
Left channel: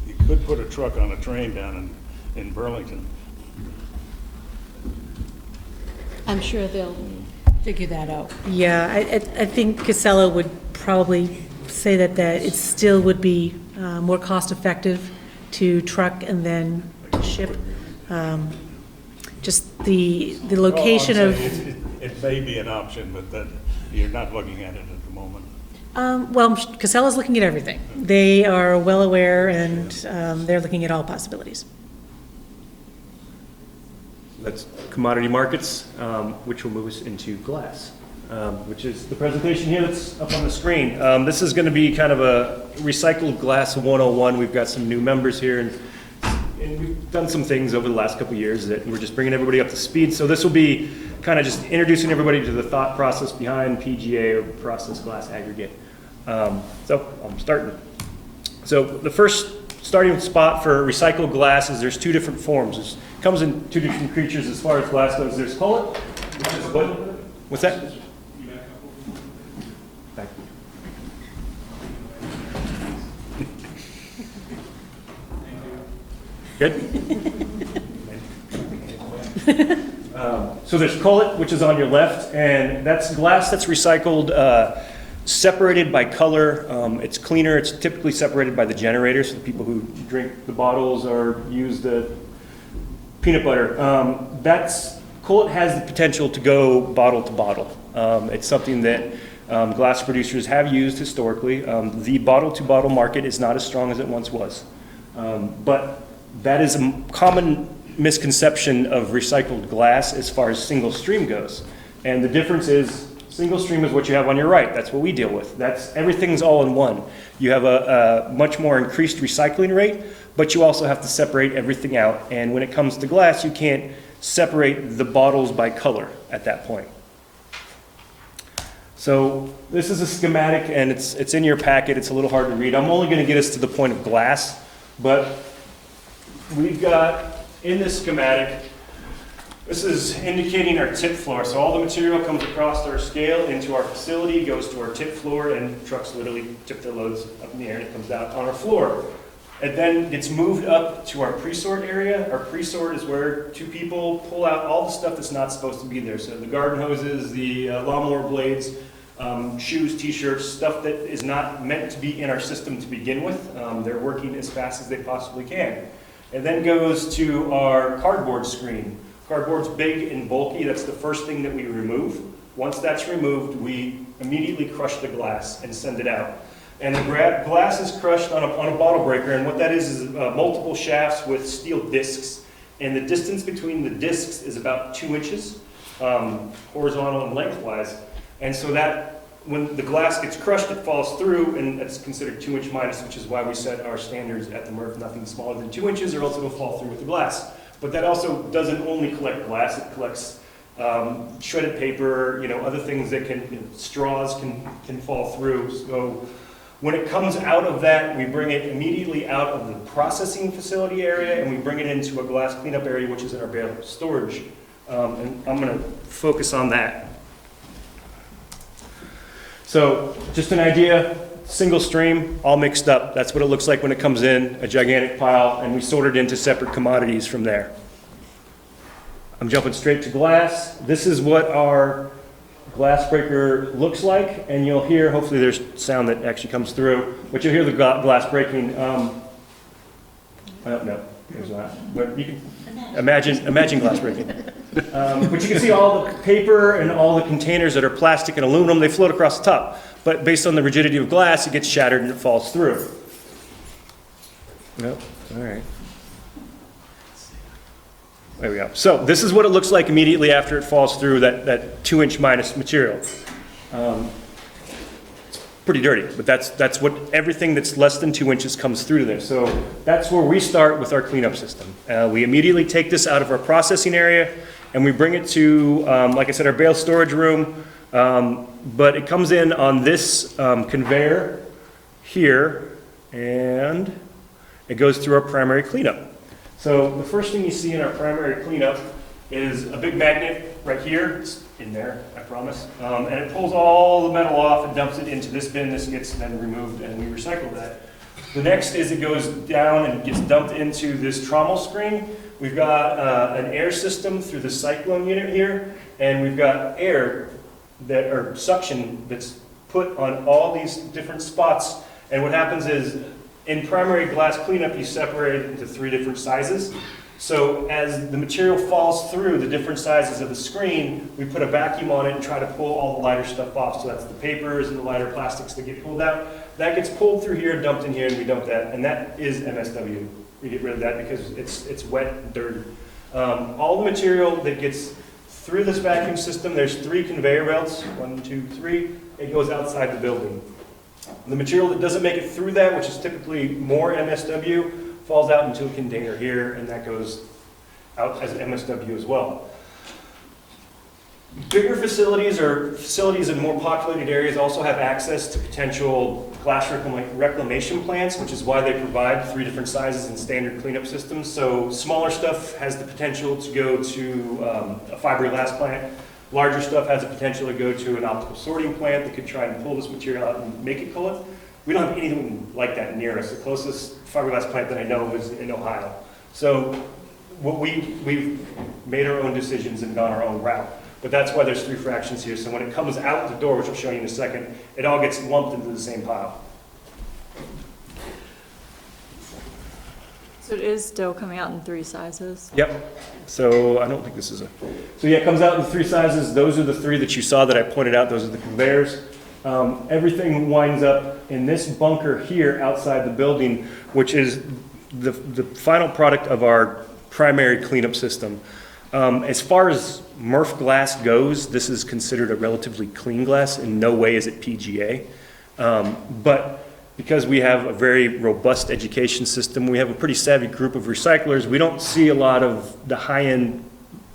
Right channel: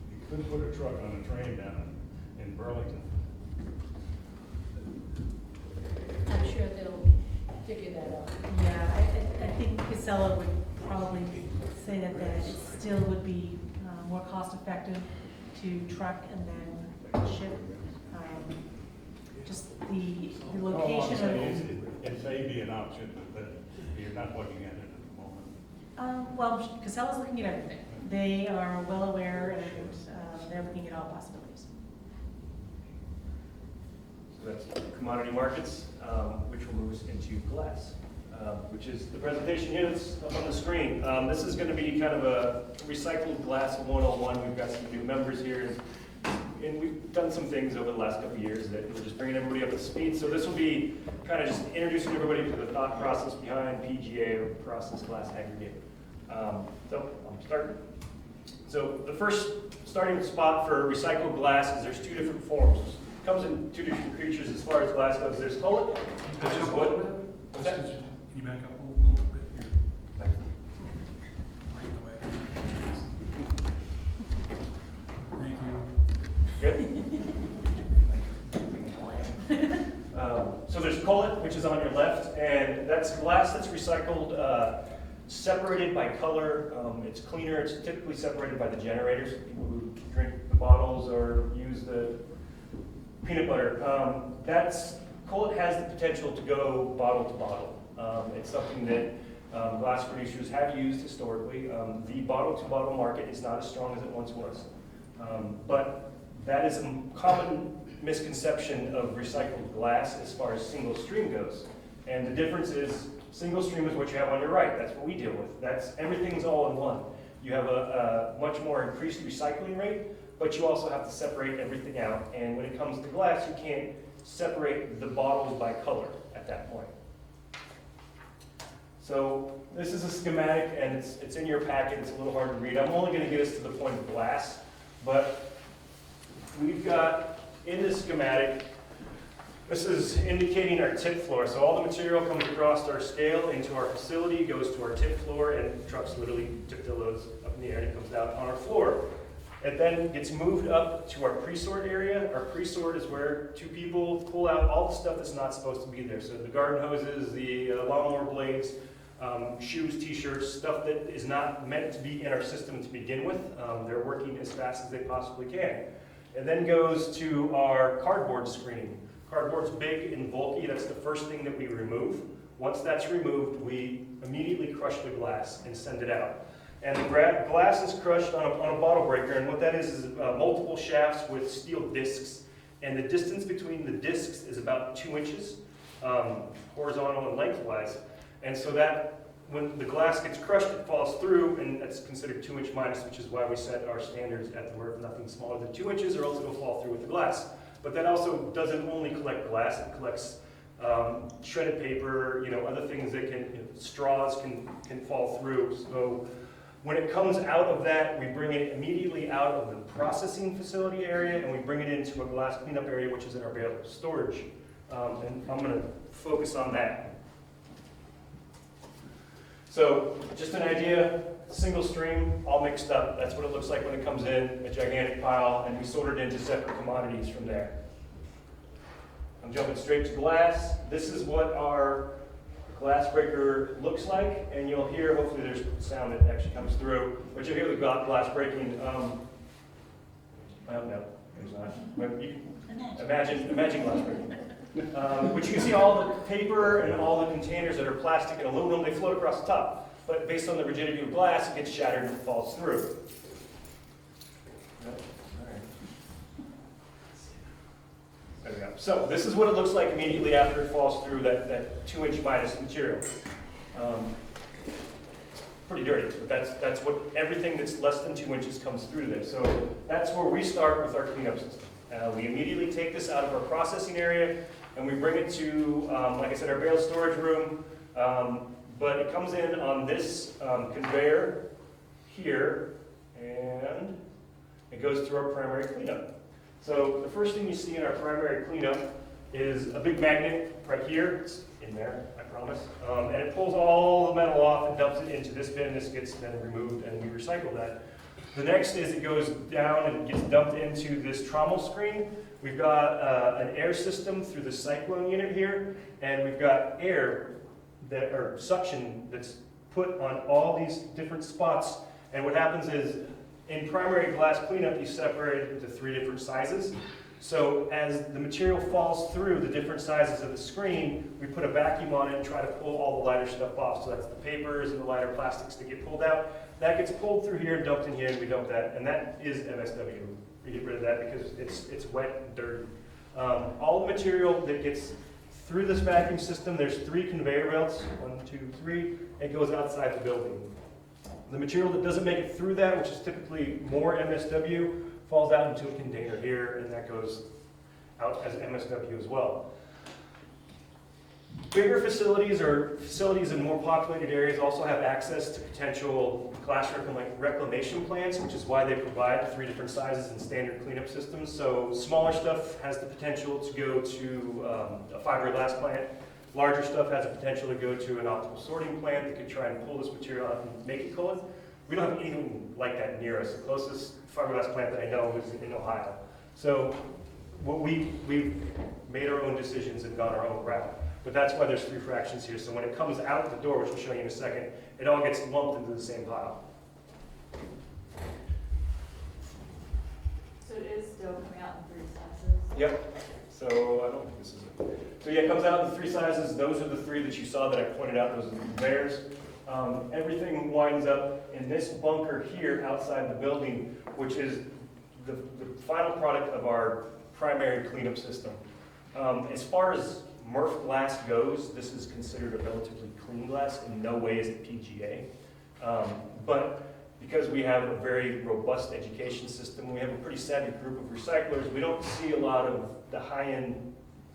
you could put a truck on a train down in Burlington. I'm sure they'll Figure that out. Yeah, I think Casella would probably say that it still would be more cost-effective to truck and then ship. Just the location All I'm of. saying is it may be an option, but that you're not looking at it at the moment. Well, Casella's looking at everything. They are well aware, and they're looking at all possibilities. That's commodity markets, which will move us into glass, which is the presentation here that's up on the screen. This is going to be kind of a recycled glass 101. We've got some new members here, and we've done some things over the last couple of years that we're just bringing everybody up to speed. So this will be kind of just introducing everybody to the thought process behind PGA, or process glass aggregate. So I'm starting. So the first starting spot for recycled glass is there's two different forms. It comes in two different creatures as far as glass goes. There's cullet, which is what? What's that? Thank you. Good? So there's cullet, which is on your left, and that's glass that's recycled, separated by color. It's cleaner. It's typically separated by the generator, so the people who drink the bottles or use the peanut butter. Cullet has the potential to go bottle to bottle. It's something that glass producers have used historically. The bottle to bottle market is not as strong as it once was. But that is a common misconception of recycled glass as far as single stream goes. And the difference is single stream is what you have on your right. That's what we deal with. Everything's all in one. You have a much more increased recycling rate, but you also have to separate everything out. And when it comes to glass, you can't separate the bottles by color at that point. So this is a schematic, and it's in your packet. It's a little hard to read. I'm only going to get us to the point of glass, but we've got in this schematic, this is indicating our tip floor. So all the material comes across our scale into our facility, goes to our tip floor, and trucks literally tip their loads up in the air, and it comes out on our floor. It then gets moved up to our pre-sort area. Our pre-sort is where two people pull out all the stuff that's not supposed to be there. So the garden hoses, the lawnmower blades, shoes, t-shirts, stuff that is not meant to be in our system to begin with. They're working as fast as they possibly can. It then goes to our cardboard screen. Cardboard's big and bulky. That's the first thing that we remove. Once that's removed, we immediately crush the glass and send it out. And the glass is crushed on a bottle breaker, and what that is multiple shafts with steel discs. And the distance between the discs is about 2 inches, horizontal and lengthwise. And so that when the glass gets crushed, it falls through, and it's considered 2-inch minus, which is why we set our standards at the MRF, nothing smaller than 2 inches, or else it'll fall through with the glass. But that also doesn't only collect glass, it collects shredded paper, other things that straws can fall through. So when it comes out of that, we bring it immediately out of the processing facility area, and we bring it into a glass cleanup area, which is in our bale storage. And I'm going to focus on that. So just an idea, single stream, all mixed up. That's what it looks like when it comes in, a gigantic pile, and we sort it into separate commodities from there. I'm jumping straight to glass. This is what our glass breaker looks like, and you'll hear, hopefully there's sound that actually comes through, but you'll hear the glass breaking. No, there's not. But you can imagine glass breaking. But you can see all the paper and all the containers that are plastic and aluminum, they float across the top. But based on the rigidity of glass, it gets shattered and it falls through. Nope, all right. There we go. So this is what it looks like immediately after it falls through that 2-inch minus material. It's pretty dirty, but that's what everything that's less than 2 inches comes through there. So that's where we start with our cleanup system. We immediately take this out of our processing area and we bring it to, like I said, our bale storage room. But it comes in on this conveyor here, and it goes through our primary cleanup. So the first thing you see in our primary cleanup is a big magnet right here. It's in there, I promise. And it pulls all the metal off and dumps it into this bin. This gets then removed and we recycle that. The next is it goes down and gets dumped into this trommel screen. We've got an air system through the cyclone unit here, and we've got air that or suction that's put on all these different spots. And what happens is in primary glass cleanup, you separate it into 3 different sizes. So as the material falls through the different sizes of the screen, we put a vacuum on it and try to pull all the lighter stuff off. So that's the papers and the lighter plastics that get pulled out. That gets pulled through here and dumped in here, and we dump that. And that is MSW. We get rid of that because it's wet and dirty. All the material that gets through this vacuum system, there's 3 conveyor belts, 1, 2, 3. It goes outside the building. The material that doesn't make it through that, which is typically more MSW, falls out into a container here, and that goes out as MSW as well. Bigger facilities or facilities in more populated areas also have access to potential glass reclamation plants, which is why they provide 3 different sizes and standard cleanup systems. So smaller stuff has the potential to go to a fiberglass plant. Larger stuff has the potential to go to an optical sorting plant that could try and pull this material out and make it cullet. We don't have anything like that near us. The closest fiberglass plant that I know of is in Ohio. So what we've made our own decisions and gone our own route. But that's why there's 3 fractions here. So when it comes out the door, which I'll show you in a second, it all gets lumped into the same pile. So it is still coming out in 3 sizes? Yep. So I don't think this is a... So yeah, it comes out in 3 sizes. Those are the 3 that you saw that I pointed out. Those are the conveyors. Everything winds up in this bunker here outside the building, which is the final product of our primary cleanup system. As far as Murph glass goes, this is considered a relatively clean glass. In no way is it PGA. But because we have a very robust education system, we have a pretty savvy group of recyclers, we don't see a lot of the high-end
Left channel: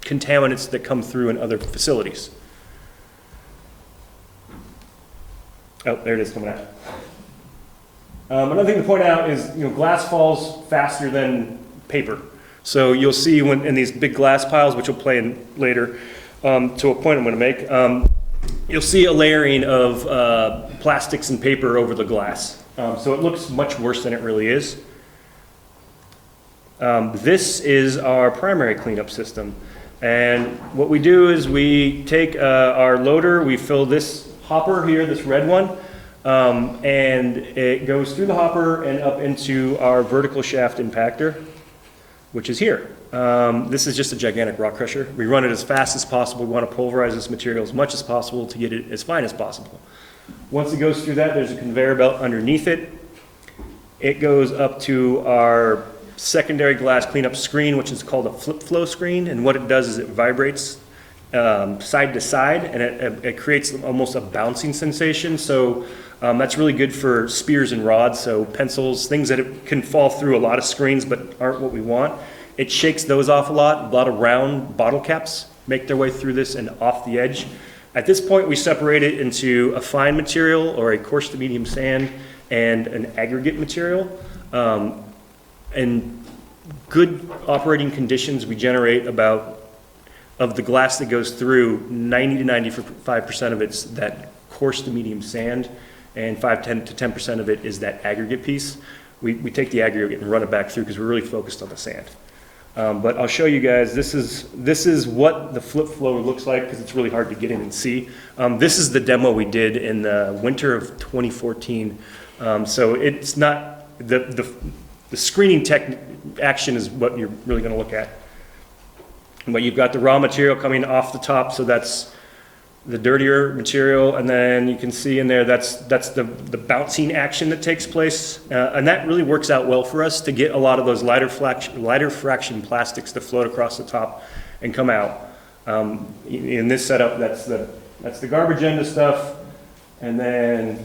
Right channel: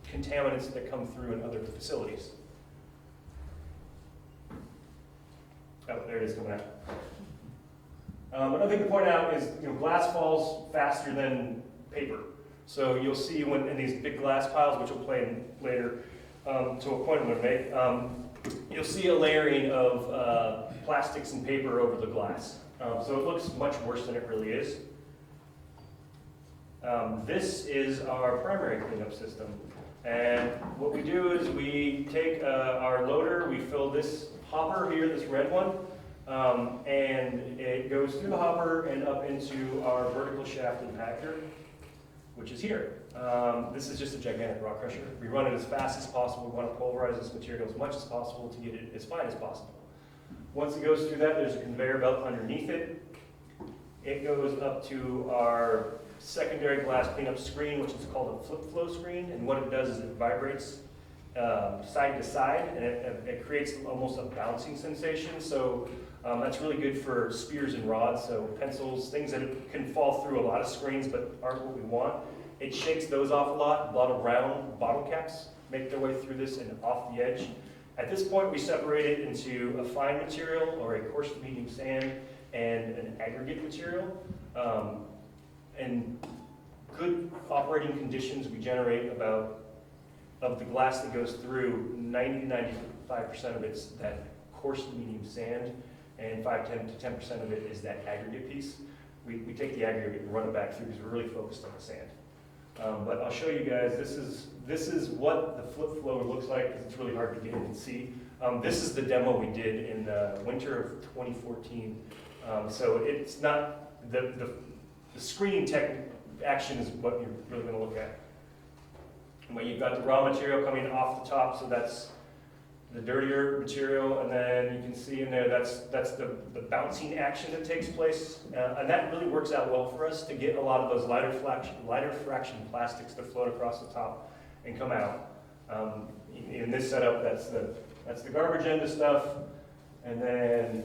contaminants that come through in other facilities. Oh, there it is coming out. Another thing to point out is, glass falls faster than paper. So you'll see when in these big glass piles, which we'll play in later, to a point I'm going to make, you'll see a layering of plastics and paper over the glass. So it looks much worse than it really is. This is our primary cleanup system. And what we do is we take our loader, we fill this hopper here, this red one, and it goes through the hopper and up into our vertical shaft impactor, which is here. This is just a gigantic rock crusher. We run it as fast as possible. We want to pulverize this material as much as possible to get it as fine as possible. Once it goes through that, there's a conveyor belt underneath it. It goes up to our secondary glass cleanup screen, which is called a flip flow screen. And what it does is it vibrates side to side, and it creates almost a bouncing sensation. So that's really good for spears and rods, so pencils, things that can fall through a lot of screens but aren't what we want. It shakes those off a lot. A lot of round bottle caps make their way through this and off the edge. At this point, we separate it into a fine material or a coarse to medium sand and an aggregate material. In good operating conditions, we generate about, of the glass that goes through, 90 to 95% of it's that coarse to medium sand, and 5 to 10% of it is that aggregate piece. We take the aggregate and run it back through because we're really focused on the sand. But I'll show you guys, this is what the flip flow looks like, because it's really hard to get in and see. This is the demo we did in the winter of 2014. So it's not, the screening tech action is what you're really gonna look at. But you've got the raw material coming off the top, so that's the dirtier material, and then you can see in there, that's the bouncing action that takes place. And that really works out well for us to get a lot of those lighter fraction plastics to float across the top and come out. In this setup, that's the garbage end of stuff, and then,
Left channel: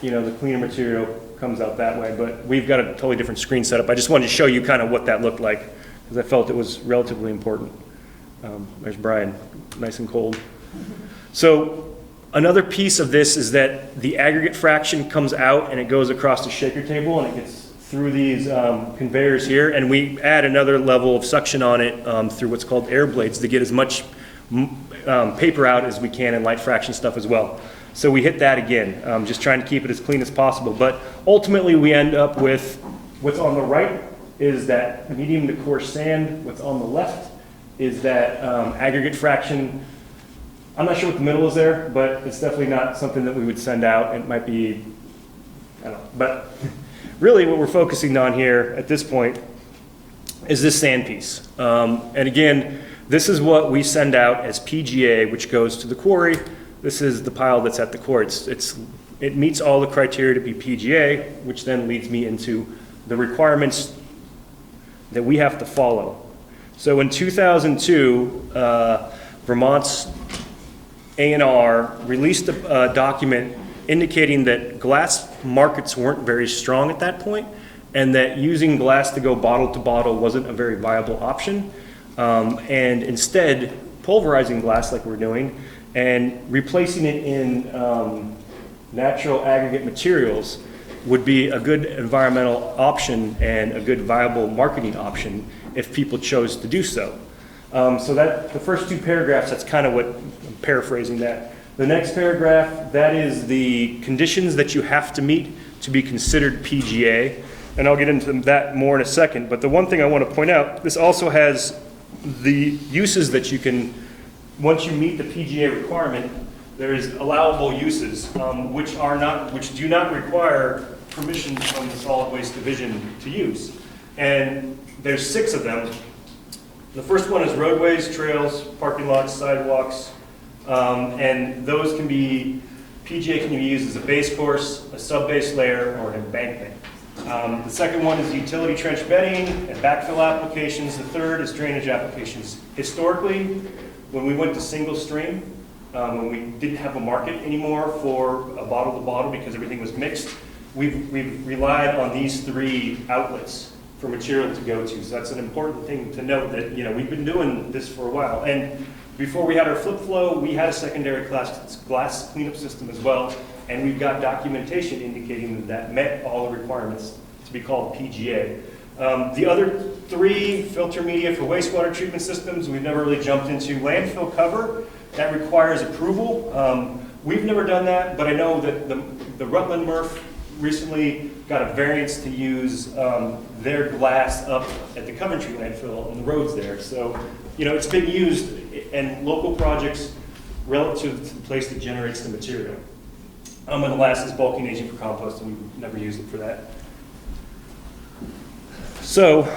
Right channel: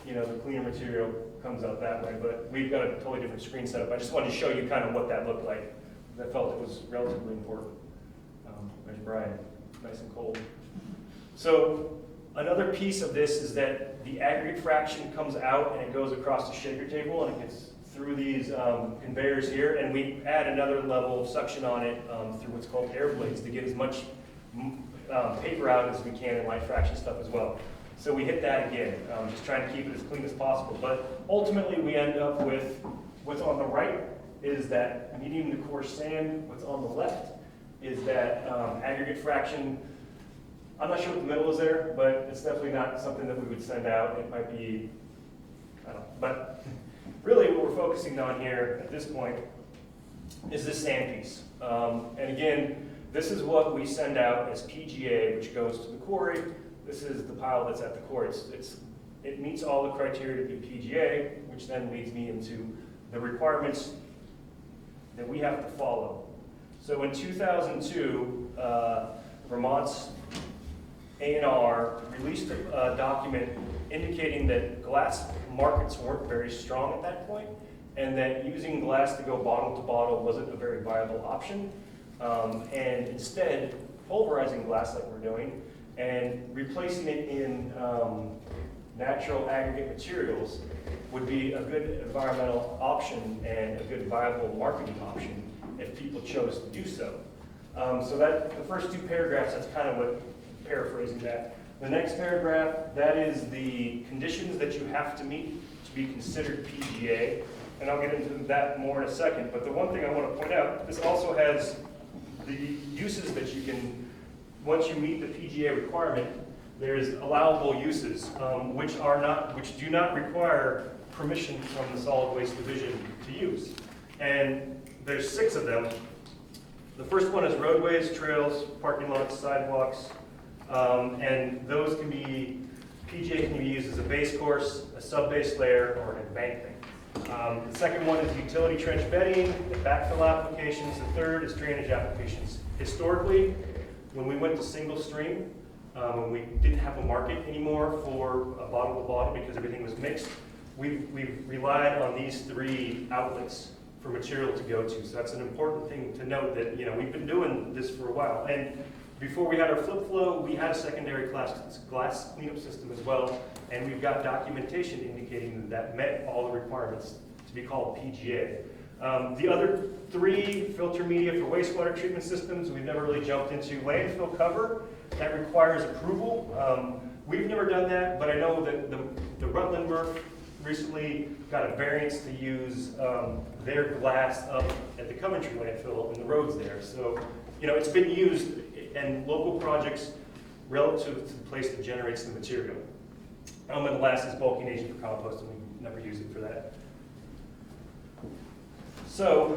you know, the cleaner material comes out that way. But we've got a totally different screen setup. I just wanted to show you kind of what that looked like, because I felt it was relatively important. There's Brian, nice and cold. So another piece of this is that the aggregate fraction comes out and it goes across the shaker table and it gets through these conveyors here, and we add another level of suction on it through what's called air blades to get as much paper out as we can in light fraction stuff as well. So we hit that again, just trying to keep it as clean as possible. But ultimately we end up with what's on the right is that medium to coarse sand. What's on the left is that aggregate fraction. I'm not sure what the middle is there, but it's definitely not something that we would send out. It might be, I don't know. But really what we're focusing on here at this point is this sand piece. And again, this is what we send out as PGA, which goes to the quarry. This is the pile that's at the quarry. It meets all the criteria to be PGA, which then leads me into the requirements that we have to follow. So in 2002, Vermont's A&R released a document indicating that glass markets weren't very strong at that point, and that using glass to go bottle to bottle wasn't a very viable option. And instead, pulverizing glass like we're doing and replacing it in natural aggregate materials would be a good environmental option and a good viable marketing option if people chose to do so. So that the first two paragraphs, that's kind of what, I'm paraphrasing that. The next paragraph, that is the conditions that you have to meet to be considered PGA. And I'll get into that more in a second. But the one thing I want to point out, this also has the uses that you can, once you meet the PGA requirement, there's allowable uses, which do not require permission from the Solid Waste Division to use. And there's 6 of them. The first one is roadways, trails, parking lots, sidewalks, and those can be, PGA can be used as a base course, a sub-base layer, or an embankment. The second one is utility trench bedding and backfill applications. The third is drainage applications. Historically, when we went to single stream, when we didn't have a market anymore for a bottle to bottle because everything was mixed, we've relied on these 3 outlets for material to go to. So that's an important thing to note, that, you know, we've been doing this for a while. And before we had our flip flow, we had a secondary glass cleanup system as well. And we've got documentation indicating that met all the requirements to be called PGA. The other 3, filter media for wastewater treatment systems, we've never really jumped into. Landfill cover, that requires approval. We've never done that, but I know that the Rutland MRF recently got a variance to use their glass up at the Coventry landfill and the roads there. So, you know, it's been used in local projects relative to the place that generates the material. And the last is bulking agent for compost, and we've never used it for that. So,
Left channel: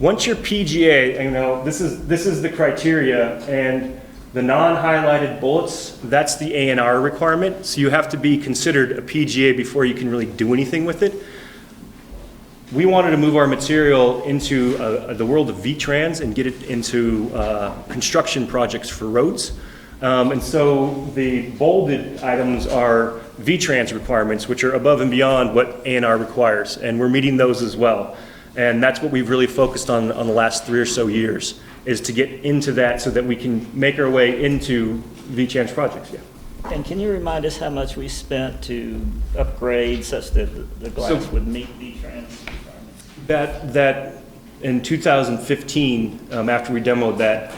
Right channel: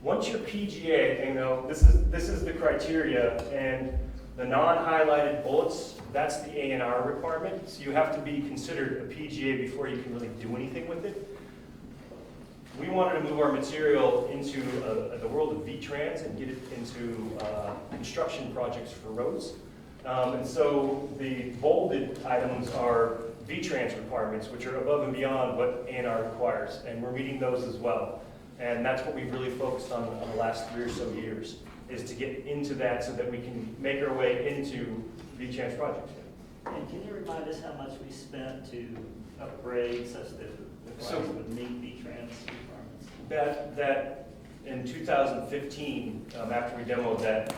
once you're PGA, you know, this is the criteria, and the non-highlighted bullets, that's the A&R requirement. So you have to be considered a PGA before you can really do anything with it. We wanted to move our material into the world of V-Trans and get it into construction projects for roads. And so the bolded items are V-Trans requirements, which are above and beyond what A&R requires, and we're meeting those as well. And that's what we've really focused on the last 3 or so years, is to get into that so that we can make our way into V-Trans projects. Yeah. And can you remind us how much we spent to upgrade such that the glass would meet V-Trans requirements? That in 2015, after we demoed that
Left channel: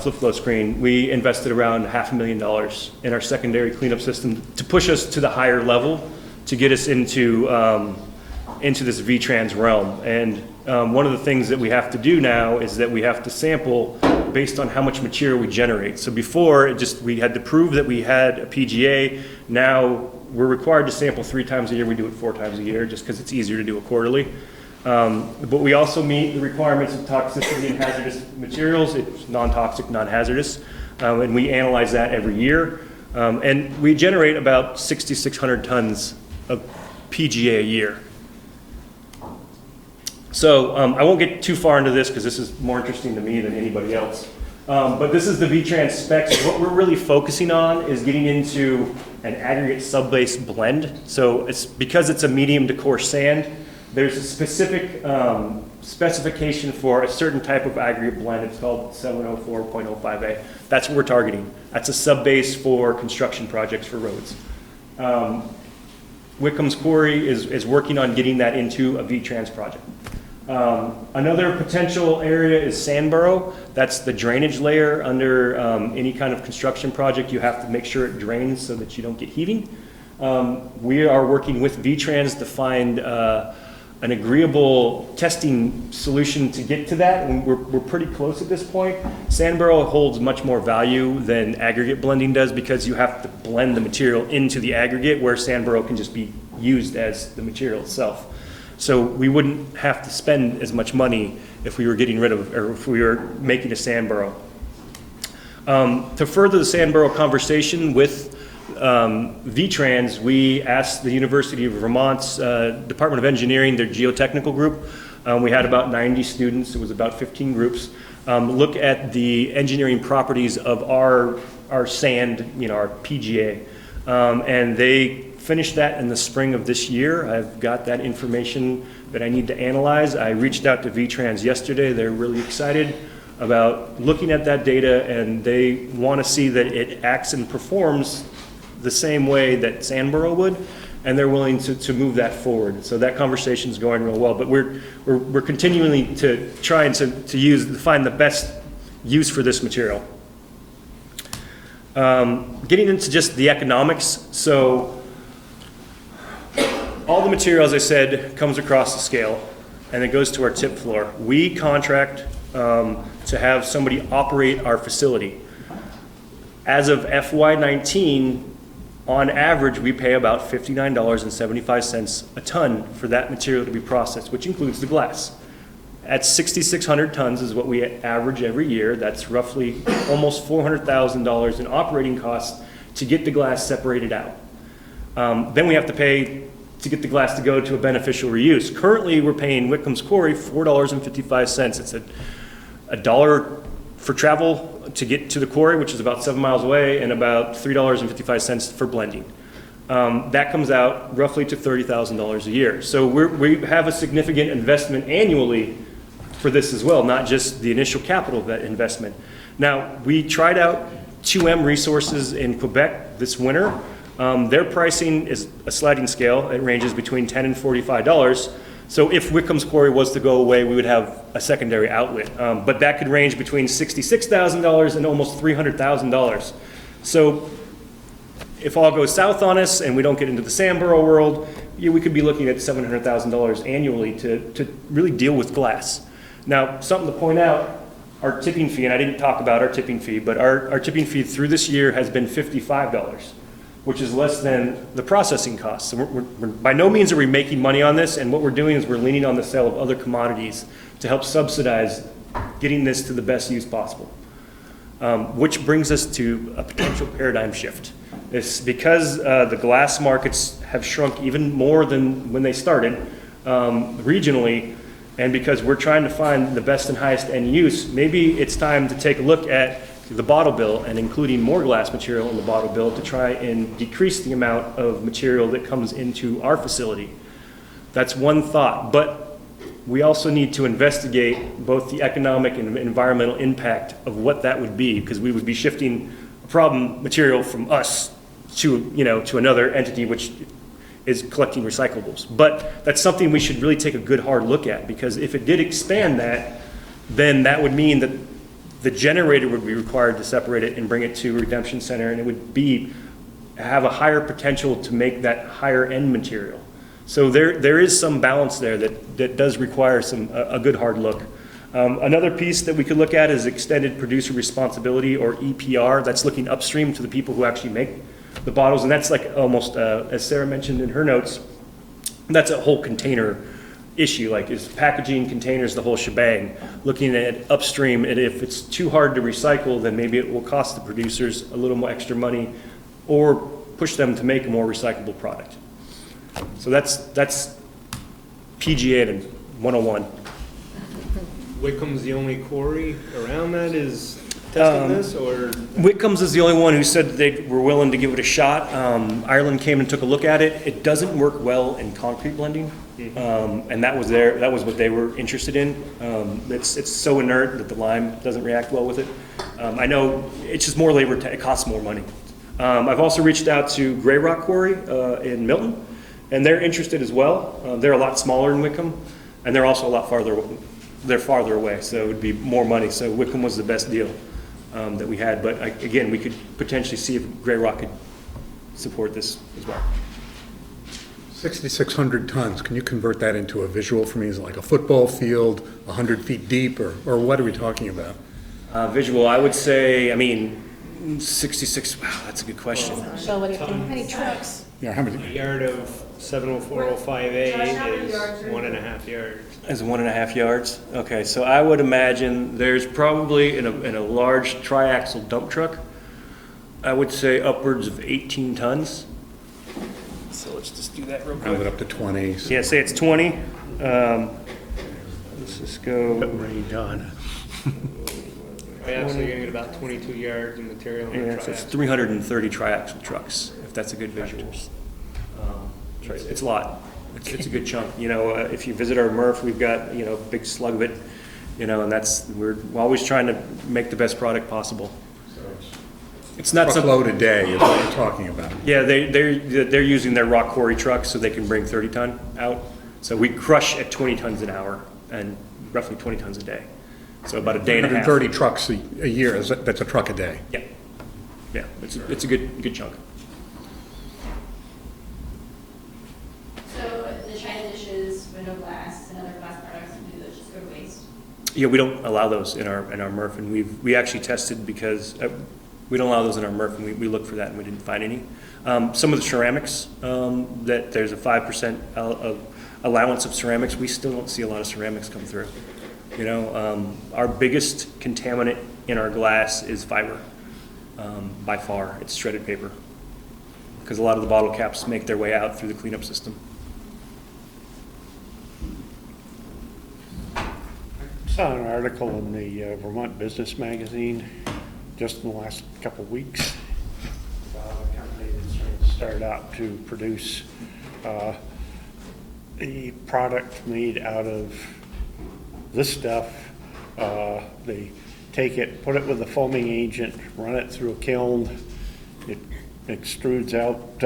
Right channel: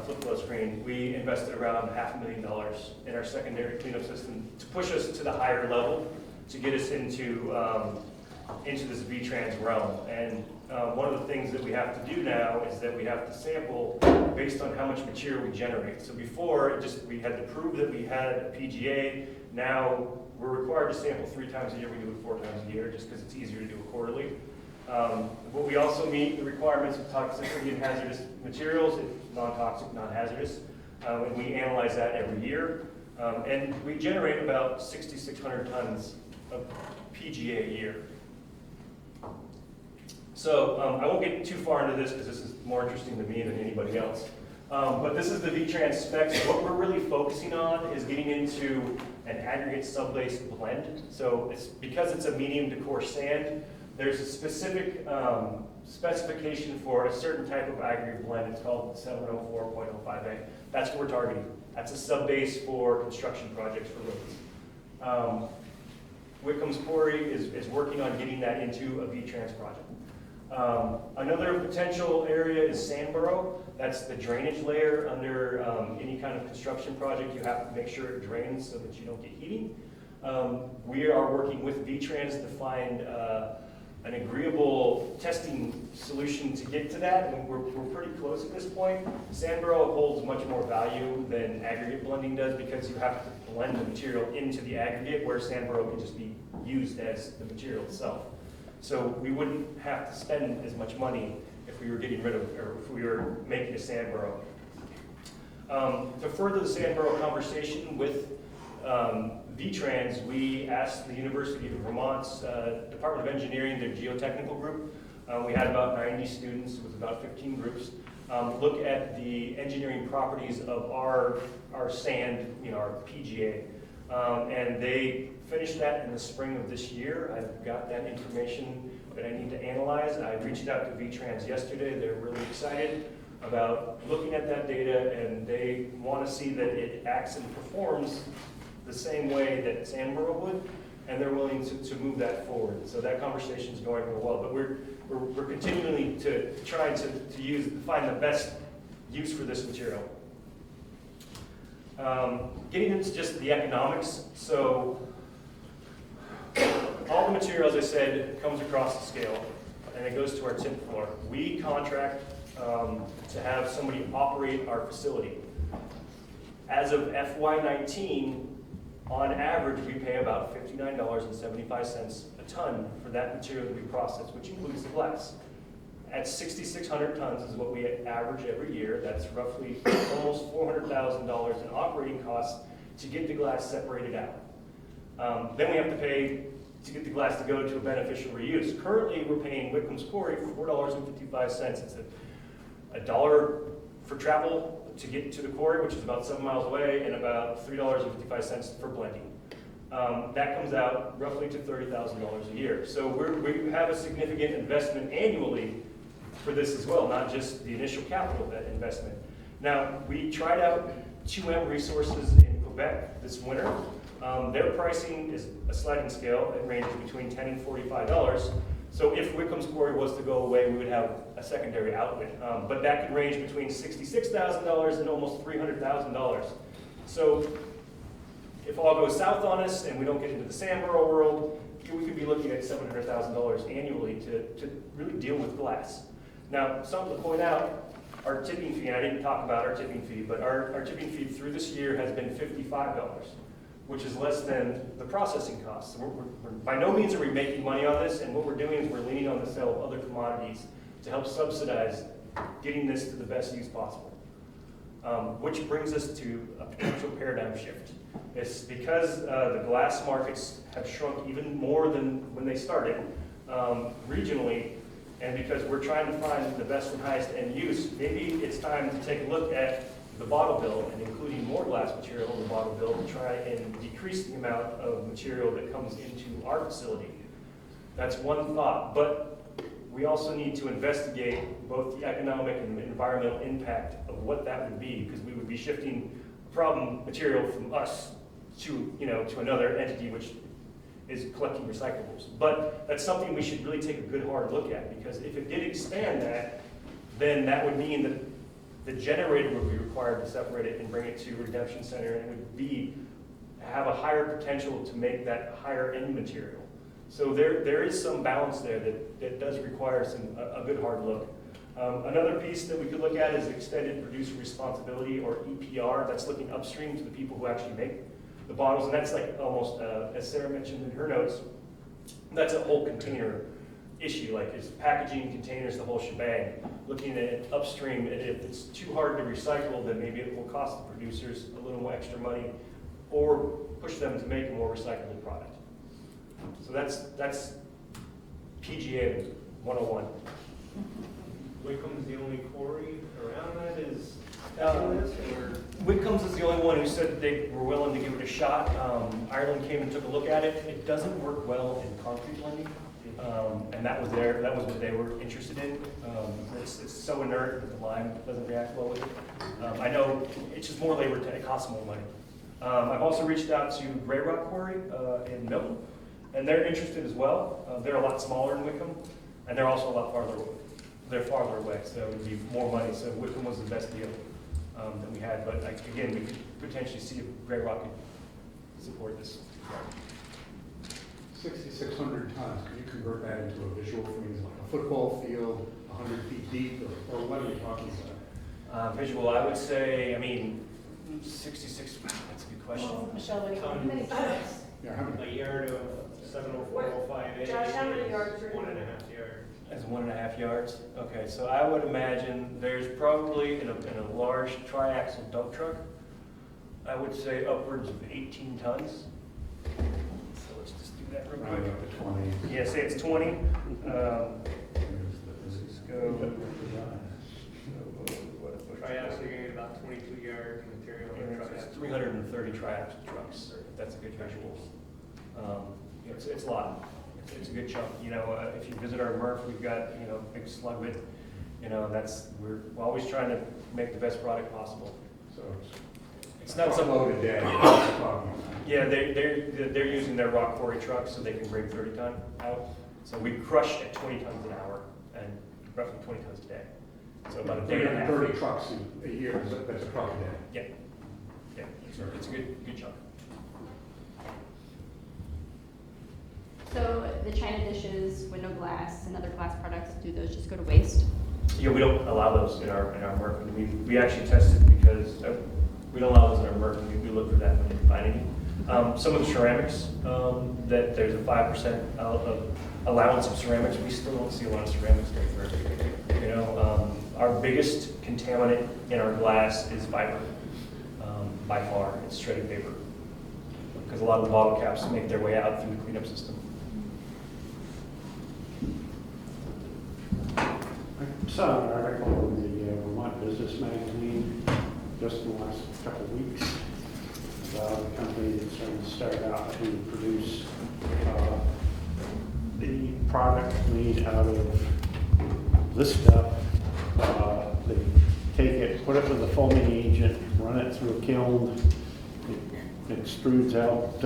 flip flow screen, we invested around $500,000 in our secondary cleanup system to push us to the higher level, to get us into into this V-Trans realm. And one of the things that we have to do now is that we have to sample based on how much material we generate. So before, we had to prove that we had a PGA. Now we're required to sample 3 times a year. We do it 4 times a year just because it's easier to do it quarterly. But we also meet the requirements of toxicity and hazardous materials. It's non-toxic, non-hazardous, and we analyze that every year. And we generate about 6,600 tons of PGA a year. So I won't get too far into this because this is more interesting to me than anybody else. But this is the V-Trans specs. What we're really focusing on is getting into an aggregate subbase blend. So because it's a medium to coarse sand, there's a specific specification for a certain type of aggregate blend. It's called 704.05A. That's what we're targeting. That's a subbase for construction projects for roads. Wickham's Quarry is working on getting that into a V-Trans project. Another potential area is Sandboro. That's the drainage layer under any kind of construction project. You have to make sure it drains so that you don't get heaving. We are working with V-Trans to find an agreeable testing solution to get to that, and we're pretty close at this point. Sandboro holds much more value than aggregate blending does because you have to blend the material into the aggregate, where Sandboro can just be used as the material itself. So we wouldn't have to spend as much money if we were getting rid of, or if we were making a Sandboro. To further the Sandboro conversation with V-Trans, we asked the University of Vermont's Department of Engineering, their geotechnical group. We had about 90 students, it was about 15 groups, look at the engineering properties of our sand, our PGA. And they finished that in the spring of this year. I've got that information that I need to analyze. I reached out to V-Trans yesterday. They're really excited about looking at that data, and they want to see that it acts and performs the same way that Sandboro would, and they're willing to move that forward. So that conversation is going real well, but we're continually to try and to find the best use for this material. Getting into just the economics, so all the material, as I said, comes across the scale and it goes to our tip floor. We contract to have somebody operate our facility. As of FY19, on average, we pay about $59.75 a ton for that material to be processed, which includes the glass. At 6,600 tons is what we average every year. That's roughly almost $400,000 in operating costs to get the glass separated out. Then we have to pay to get the glass to go to a beneficial reuse. Currently, we're paying Wickham's Quarry $4.55. It's a dollar for travel to get to the quarry, which is about 7 miles away, and about $3.55 for blending. That comes out roughly to $30,000 a year. So we have a significant investment annually for this as well, not just the initial capital of that investment. Now, we tried out 2M Resources in Quebec this winter. Their pricing is a sliding scale. It ranges between $10 and $45. So if Wickham's Quarry was to go away, we would have a secondary outlet. But that could range between $66,000 and almost $300,000. So if all goes south on us and we don't get into the Sandboro world, we could be looking at $700,000 annually to really deal with glass. Now, something to point out, our tipping fee, and I didn't talk about our tipping fee, but our tipping fee through this year has been $55, which is less than the processing costs. So we're by no means are we making money on this, and what we're doing is we're leaning on the sale of other commodities to help subsidize getting this to the best use possible. Which brings us to a potential paradigm shift. It's because the glass markets have shrunk even more than when they started regionally, and because we're trying to find the best and highest end use, maybe it's time to take a look at the bottle bill and including more glass material in the bottle bill to try and decrease the amount of material that comes into our facility. That's one thought, but we also need to investigate both the economic and environmental impact of what that would be, because we would be shifting problem material from us to, to another entity which is collecting recyclables. But that's something we should really take a good hard look at, because if it did expand that, then that would mean that the generator would be required to separate it and bring it to a redemption center, and it would have a higher potential to make that higher end material. So there is some balance there that does require a good hard look. Another piece that we could look at is extended producer responsibility, or EPR. That's looking upstream to the people who actually make the bottles, and that's like almost, as Sarah mentioned in her notes, that's a whole container issue, like is packaging, containers, the whole shebang. Looking at upstream, and if it's too hard to recycle, then maybe it will cost the producers a little more extra money, or push them to make a more recyclable product. So that's PGA and 101. Wickham's the only quarry around that is testing this, or? Wickham's is the only one who said they were willing to give it a shot. Ireland came and took a look at it. It doesn't work well in concrete blending, and that was what they were interested in. It's so inert that the lime doesn't react well with it. I know it's just more labor. It costs more money. I've also reached out to Grey Rock Quarry in Milton, and they're interested as well. They're a lot smaller than Wickham, and they're also a lot farther. They're farther away, so it would be more money. So Wickham was the best deal that we had. But again, we could potentially see if Grey Rock could support this as well. 6,600 tons, can you convert that into a visual for me? Is it like a football field, 100 feet deep, or what are we talking about? Visual, I would say, 66, wow, that's a good question. Michelle, what do you think? How many trucks? Yeah, how many? A yard of 70405A is 1.5 yards. Is 1.5 yards? Okay, so I would imagine there's probably in a large triaxle dump truck, I would say upwards of 18 tons. So let's just do that real quick. Round it up to 20. Yeah, say it's 20. Let's just go. Range on. Yeah, so you're gonna get about 22 yards of material in a Yeah, so it's triaxle. 330 triaxle trucks, if that's a good visual. It's a lot. It's a good chunk. If you visit our MRF, we've got, a big slug of it, and we're always trying to make the best product possible. It's not some Truckload a day is what you're talking about. Yeah, they're using their rock quarry trucks so they can bring 30 ton out. So we crush at 20 tons an hour and roughly 20 tons a day. So about a day and a half. 130 trucks a year, that's a truck a day. Yeah, it's a good chunk. So the china dishes, window glass, and other glass products, do those just go to waste? Yeah, we don't allow those in our MRF, and we actually tested because we don't allow those in our MRF, and we looked for that and we didn't find any. Some of the ceramics, that there's a 5% of allowance of ceramics, we still don't see a lot of ceramics come through. Our biggest contaminant in our glass is fiber. By far, it's shredded paper, because a lot of the bottle caps make their way out through the cleanup system. I saw an article in the Vermont Business Magazine just in the last couple of weeks. A company that's started out to produce a product made out of this stuff. They take it, put it with a foaming agent, run it through a kiln. It extrudes out,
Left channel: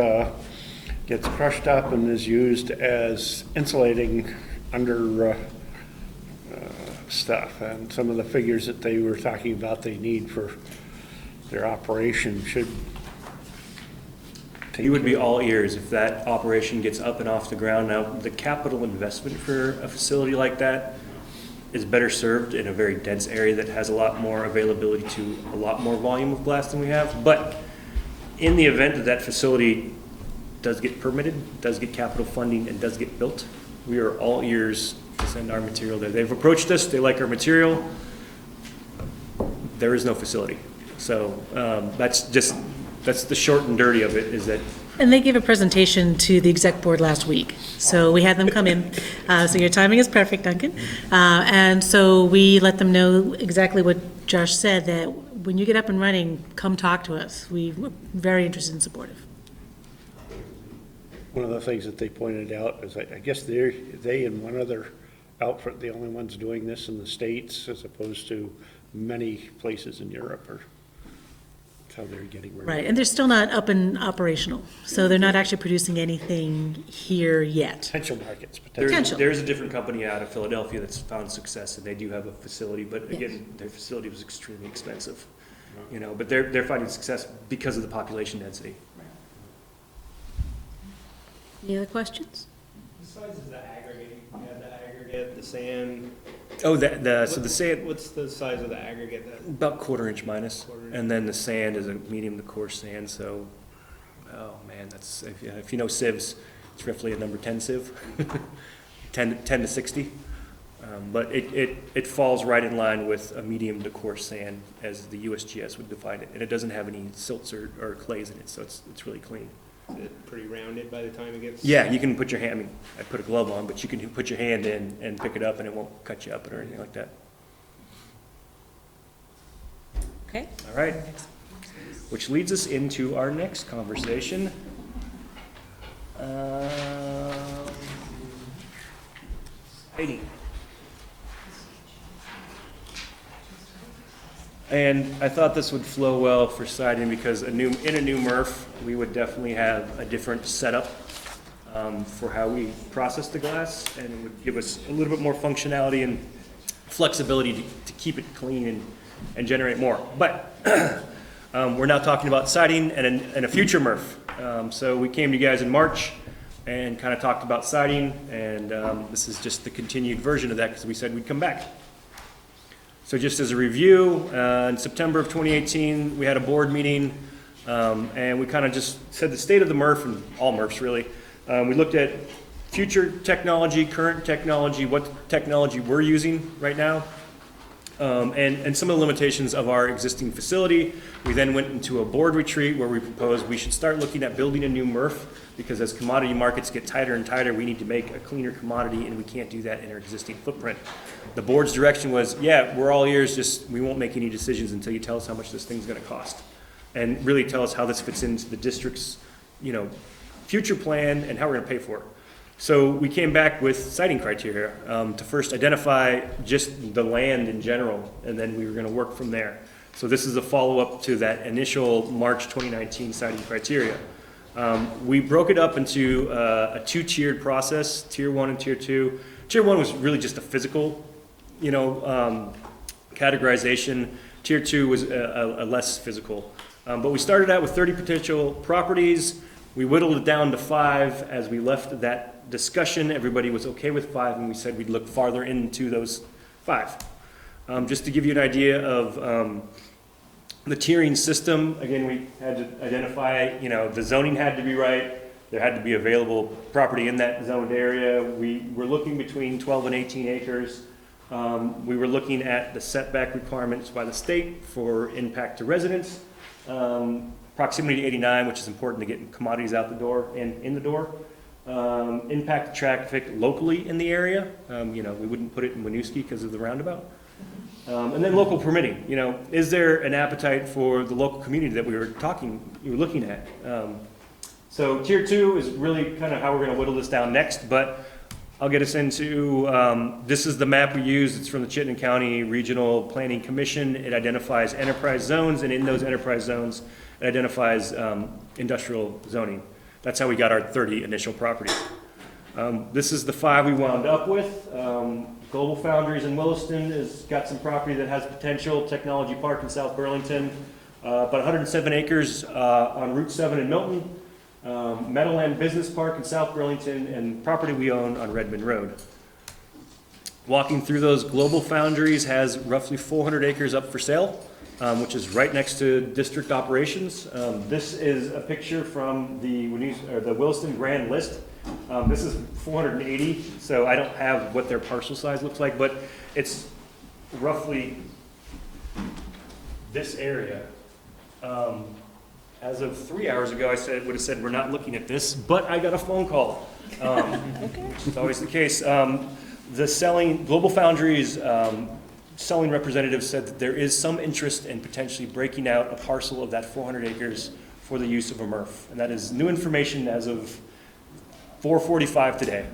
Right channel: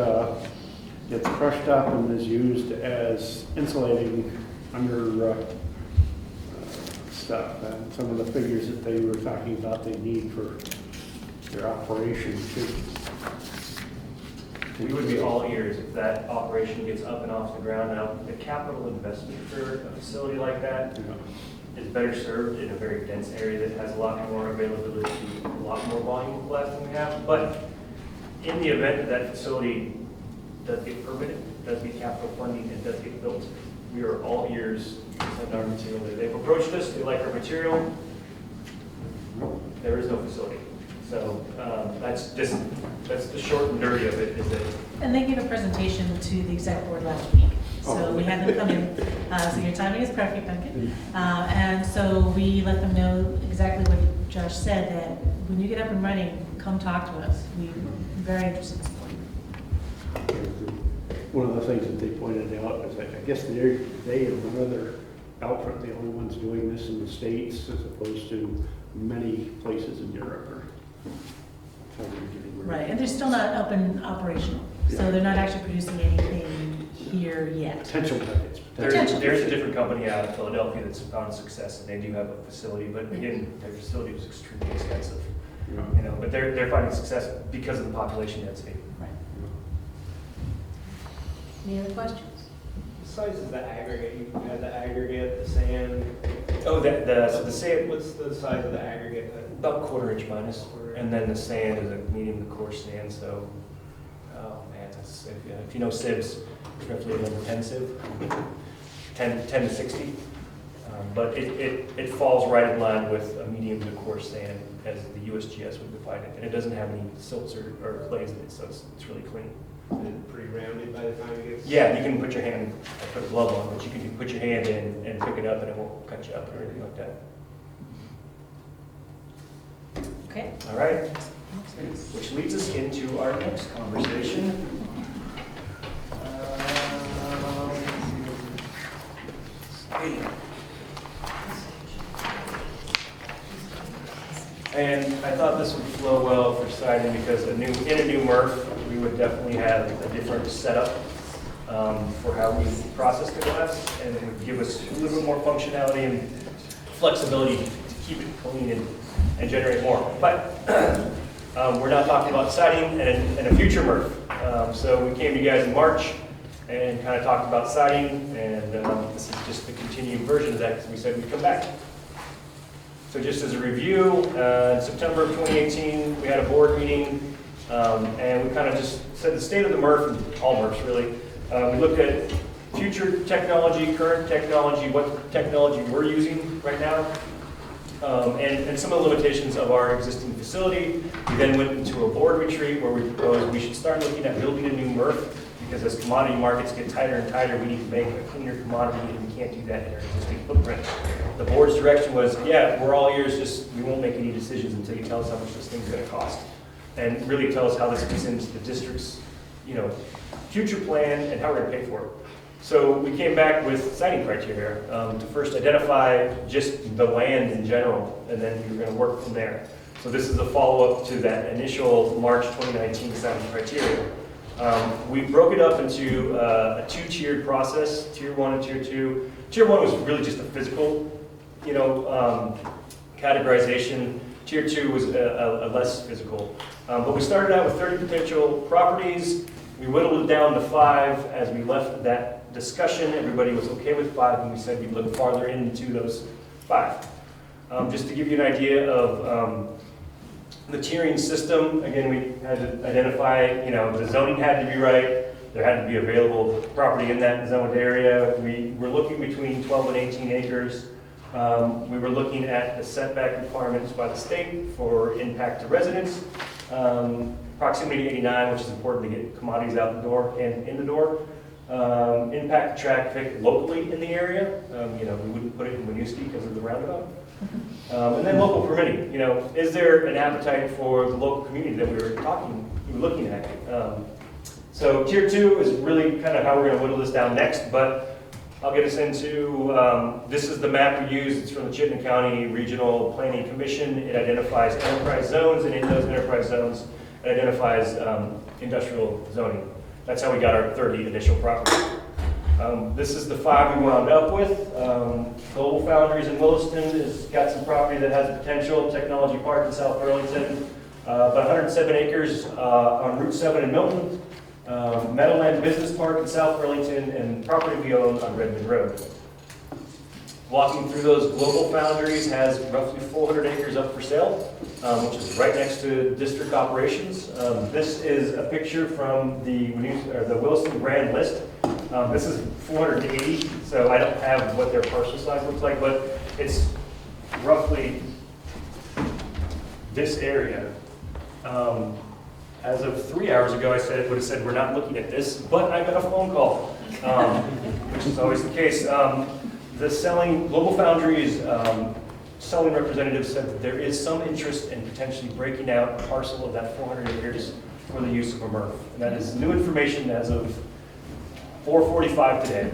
gets crushed up, and is used as insulating under stuff. And some of the figures that they were talking about they need for their operation should. You would be all ears if that operation gets up and off the ground. Now, the capital investment for a facility like that is better served in a very dense area that has a lot more availability to a lot more volume of glass than we have. But in the event that that facility does get permitted, does get capital funding, and does get built, we are all ears to send our material there. They've approached us, they like our material. There is no facility. So that's the short and dirty of it, is that. And they gave a presentation to the exec board last week. So we had them come in. So your timing is perfect, Duncan. And so we let them know exactly what Josh said, that when you get up and running, come talk to us. We're very interested in supporting. One of the things that they pointed out is, I guess they and one other outfit, the only ones doing this in the States, as opposed to many places in Europe, or how they're getting ready. Right, and they're still not up and operational. So they're not actually producing anything here yet. Potential markets. There's a different company out of Philadelphia that's found success, and they do have a facility, but again, their facility was extremely expensive. But they're finding success because of the population density. Any other questions? size is the aggregate? You have the aggregate, the sand. Oh, so the sand, What's the size of the aggregate? about 1/4 inch minus, and then the sand is a medium to coarse sand, so, oh man, that's, if you know sieves, it's roughly a number 10 sieve, 10 to 60. But it falls right in line with a medium to coarse sand as the USGS would define it, and it doesn't have any silts or clays in it, so it's really clean. Is it pretty rounded by the time it gets? Yeah, you can put your hand, I put a glove on, but you can put your hand in and pick it up and it won't cut you up or anything like that. Okay. All right, which leads us into our next conversation. Hey. And I thought this would flow well for siding because in a new MRF, we would definitely have a different setup for how we process the glass, and it would give us a little bit more functionality and flexibility to keep it clean and generate more. But we're now talking about siding and a future MRF. So we came to you guys in March and kind of talked about siding, and this is just the continued version of that because we said we'd come back. So just as a review, in September of 2018, we had a board meeting, and we kind of just said the state of the MRF, and all MRFs really. We looked at future technology, current technology, what technology we're using right now, and some of the limitations of our existing facility. We then went into a board retreat where we proposed we should start looking at building a new MRF, because as commodity markets get tighter and tighter, we need to make a cleaner commodity, and we can't do that in our existing footprint. The board's direction was, yeah, we're all ears, just we won't make any decisions until you tell us how much this thing's gonna cost. And really tell us how this fits into the district's, future plan and how we're gonna pay for it. So we came back with siting criteria to first identify just the land in general, and then we were gonna work from there. So this is a follow-up to that initial March 2019 siting criteria. We broke it up into a two-tiered process, Tier 1 and Tier 2. Tier 1 was really just a physical, categorization. Tier 2 was a less physical. But we started out with 30 potential properties. We whittled it down to 5. As we left that discussion, everybody was okay with 5, and we said we'd look farther into those 5. Just to give you an idea of the tiering system, again, we had to identify, the zoning had to be right. There had to be available property in that zoned area. We were looking between 12 and 18 acres. We were looking at the setback requirements by the state for impact to residents. Proximity to 89, which is important to get commodities out the door and in the door. Impact to traffic locally in the area. We wouldn't put it in Winooski because of the roundabout. And then local permitting. Is there an appetite for the local community that we were looking at? So Tier 2 is really kind of how we're going to whittle this down next, but I'll get us into, this is the map we use. It's from the Chittenden County Regional Planning Commission. It identifies enterprise zones, and in those enterprise zones, it identifies industrial zoning. That's how we got our 30 initial properties. This is the 5 we wound up with. Global Foundries in Williston has got some property that has potential. Technology Park in South Burlington, about 107 acres on Route 7 in Milton. Meadowland Business Park in South Burlington, and property we own on Redmond Road. Walking through those, Global Foundries has roughly 400 acres up for sale, which is right next to district operations. This is a picture from the Williston Grand List. This is 480, so I don't have what their parcel size looks like, but it's roughly this area. As of 3 hours ago, I would have said we're not looking at this, but I got a phone call, which is always the case. Global Foundries selling representative said that there is some interest in potentially breaking out a parcel of that 400 acres for the use of a MRF. And that is new information as of 4:45 today.